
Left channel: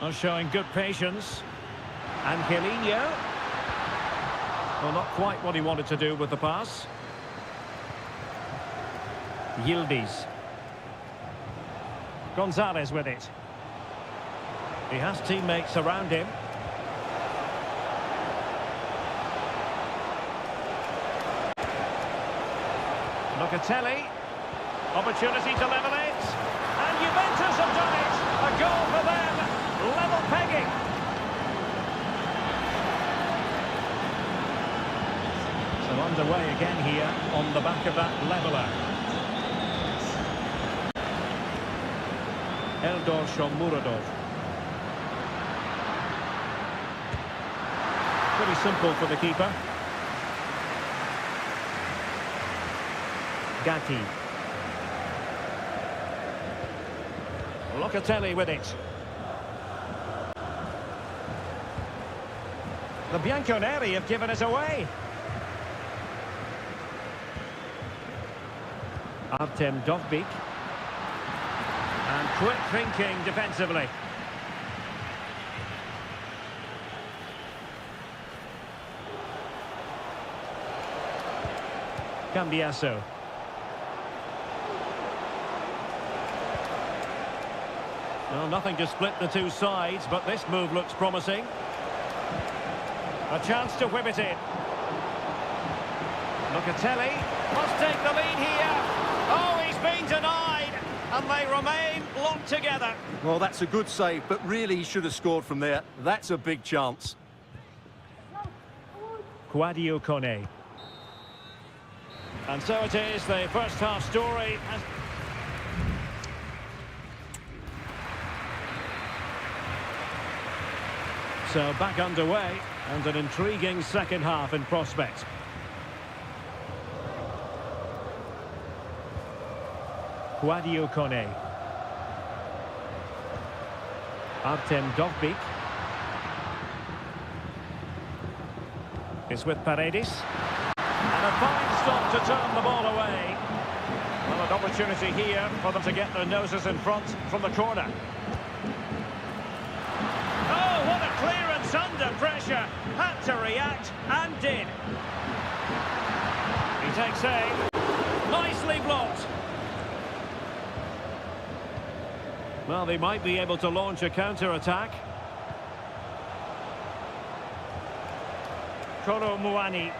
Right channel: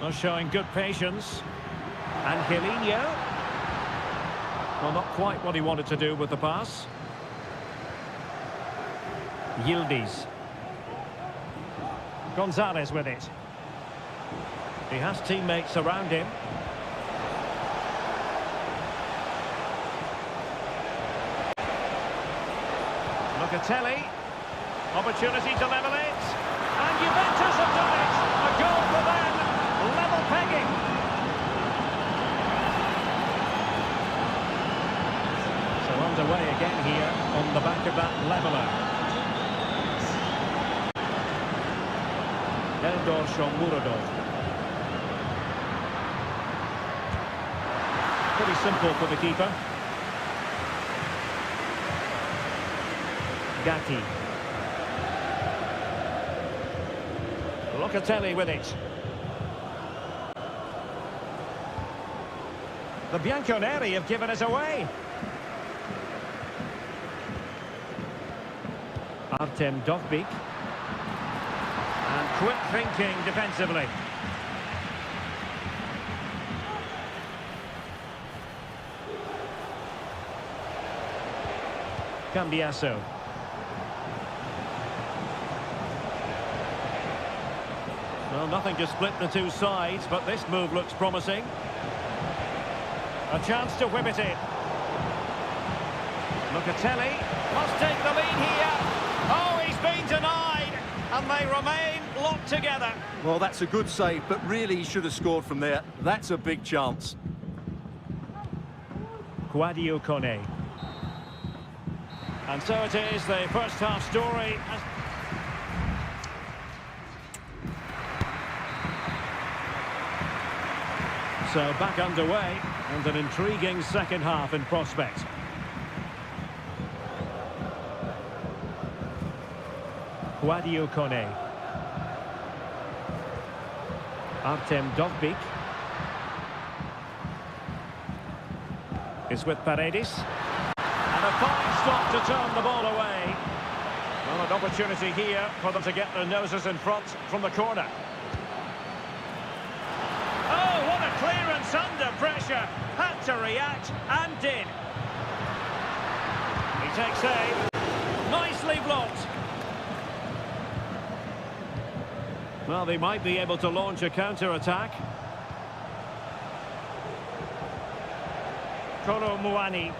Well, showing good patience. Angelino. Well, not quite what he wanted to do with the pass. Yildiz. Gonzalez with it. He has teammates around him. Locatelli. Opportunity to level it. And Juventus have done it. A goal for them. Level pegging. So underway again here on the back of that leveller. Eldor Shomurodov. Pretty simple for the keeper. Gatti. Locatelli with it. The Bianconeri have given it away. Artem Dovbik. And quick thinking defensively. Cambiasso. Well, nothing to split the two sides, but this move looks promising. A chance to whip it in. Locatelli must take the lead here. Oh, he's been denied, and they remain locked together. Well, that's a good save, but really he should have scored from there. That's a big chance. Quadio Kone. And so it is, the first half story. So back underway, and an intriguing second half in prospect. Quadio Kone. Artem Dovbik. Is with Paredes. And a fine stop to turn the ball away. Well, an opportunity here for them to get their noses in front from the corner. Oh, what a clearance under pressure. Had to react and did. He takes aim. Nicely blocked. Well, they might be able to launch a counter-attack. Kolo Muani.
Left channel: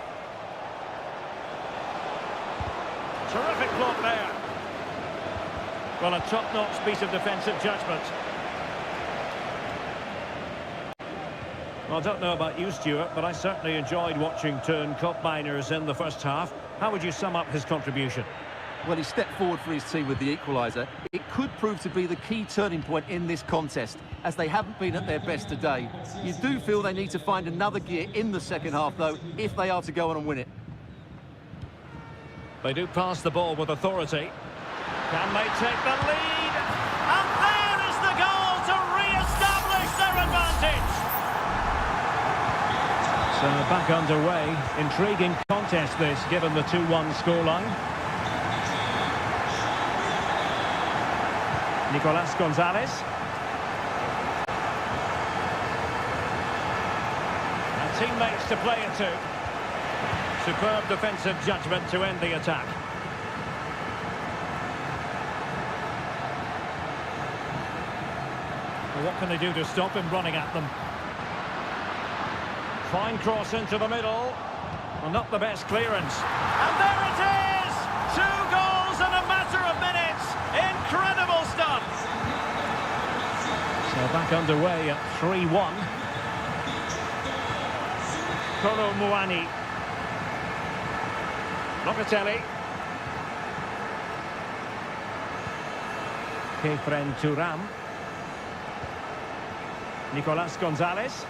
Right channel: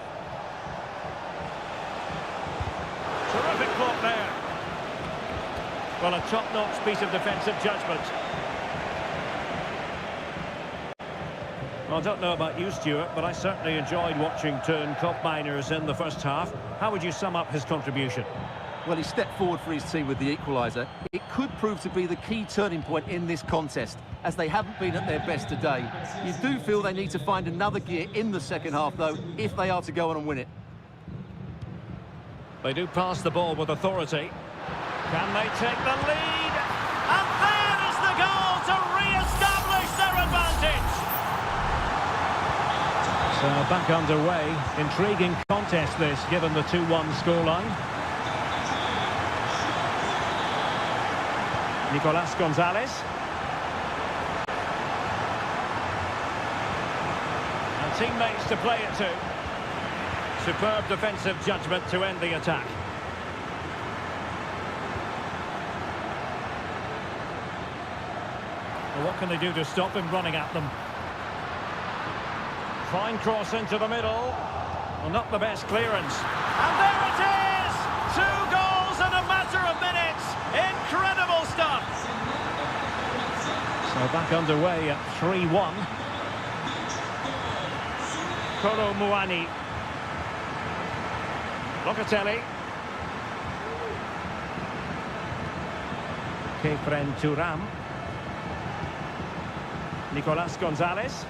Terrific block there. Well, a top-notch piece of defensive judgment. Well, I don't know about you, Stuart, but I certainly enjoyed watching Toon Koopmeiners in the first half. How would you sum up his contribution? Well, he stepped forward for his team with the equaliser. It could prove to be the key turning point in this contest, as they haven't been at their best today. You do feel they need to find another gear in the second half, though, if they are to go on and win it. They do pass the ball with authority. Can they take the lead? And there is the goal to re-establish their advantage. So back underway. Intriguing contest this, given the 2-1 scoreline. Nicolas Gonzalez. And teammates to play it to. Superb defensive judgment to end the attack. Well, what can they do to stop him running at them? Fine cross into the middle. Well, not the best clearance. And there it is! 2 goals in a matter of minutes. Incredible stuff. So back underway at 3-1. Kolo Muani. Locatelli. Kefren Turam. Nicolas Gonzalez.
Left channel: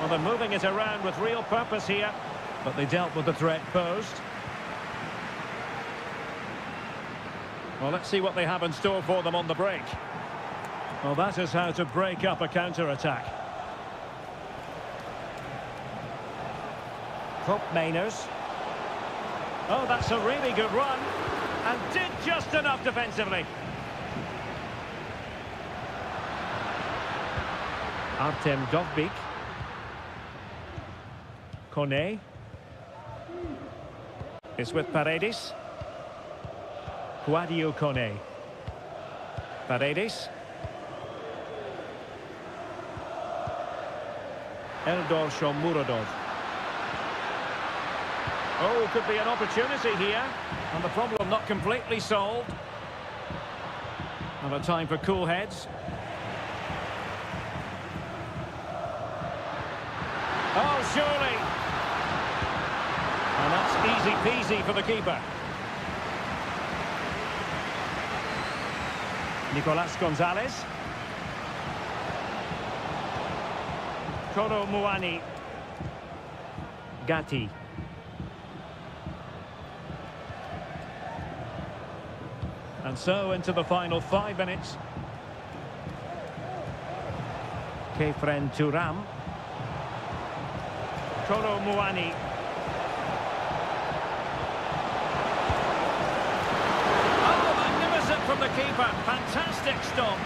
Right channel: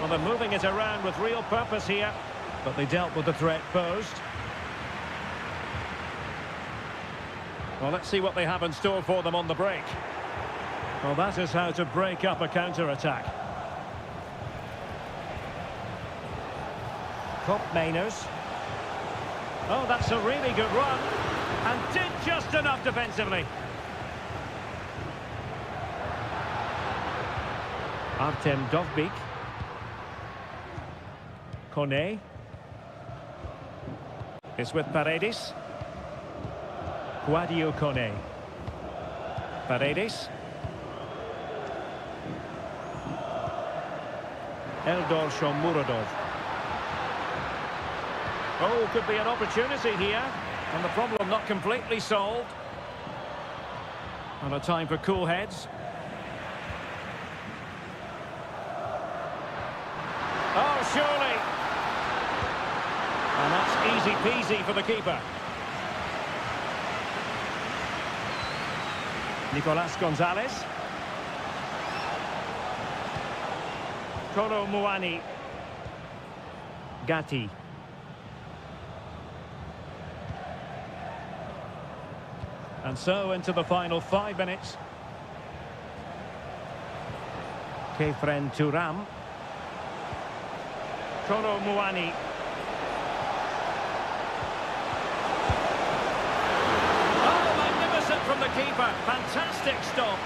Well, they're moving it around with real purpose here, but they dealt with the threat posed. Well, let's see what they have in store for them on the break. Well, that is how to break up a counter-attack. Koopmeiners. Oh, that's a really good run. And did just enough defensively. Artem Dovbyk. Kone. It's with Paredes. Guadio Kone. Paredes. Eldor Shomurodov. Oh, could be an opportunity here. And the problem not completely solved. And a time for cool heads. Oh, surely. And that's easy peasy for the keeper. Nicolas Gonzalez. Kolo Muani. Gatti. And so into the final 5 minutes. Kefren Turam. Kolo Muani. Oh, magnificent from the keeper. Fantastic stop.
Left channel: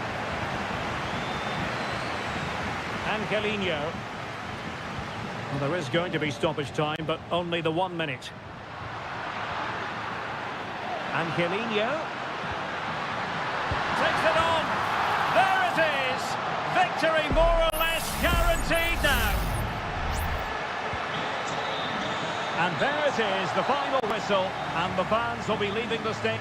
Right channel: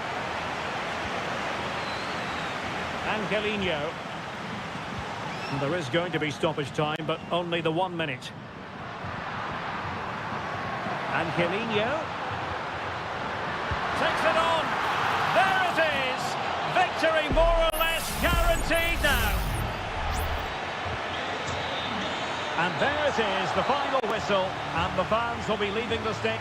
Angelino. Well, there is going to be stoppage time, but only the 1 minute. Angelino. Takes it on. There it is. Victory more or less guaranteed now. And there it is, the final whistle, and the fans will be leaving the stage.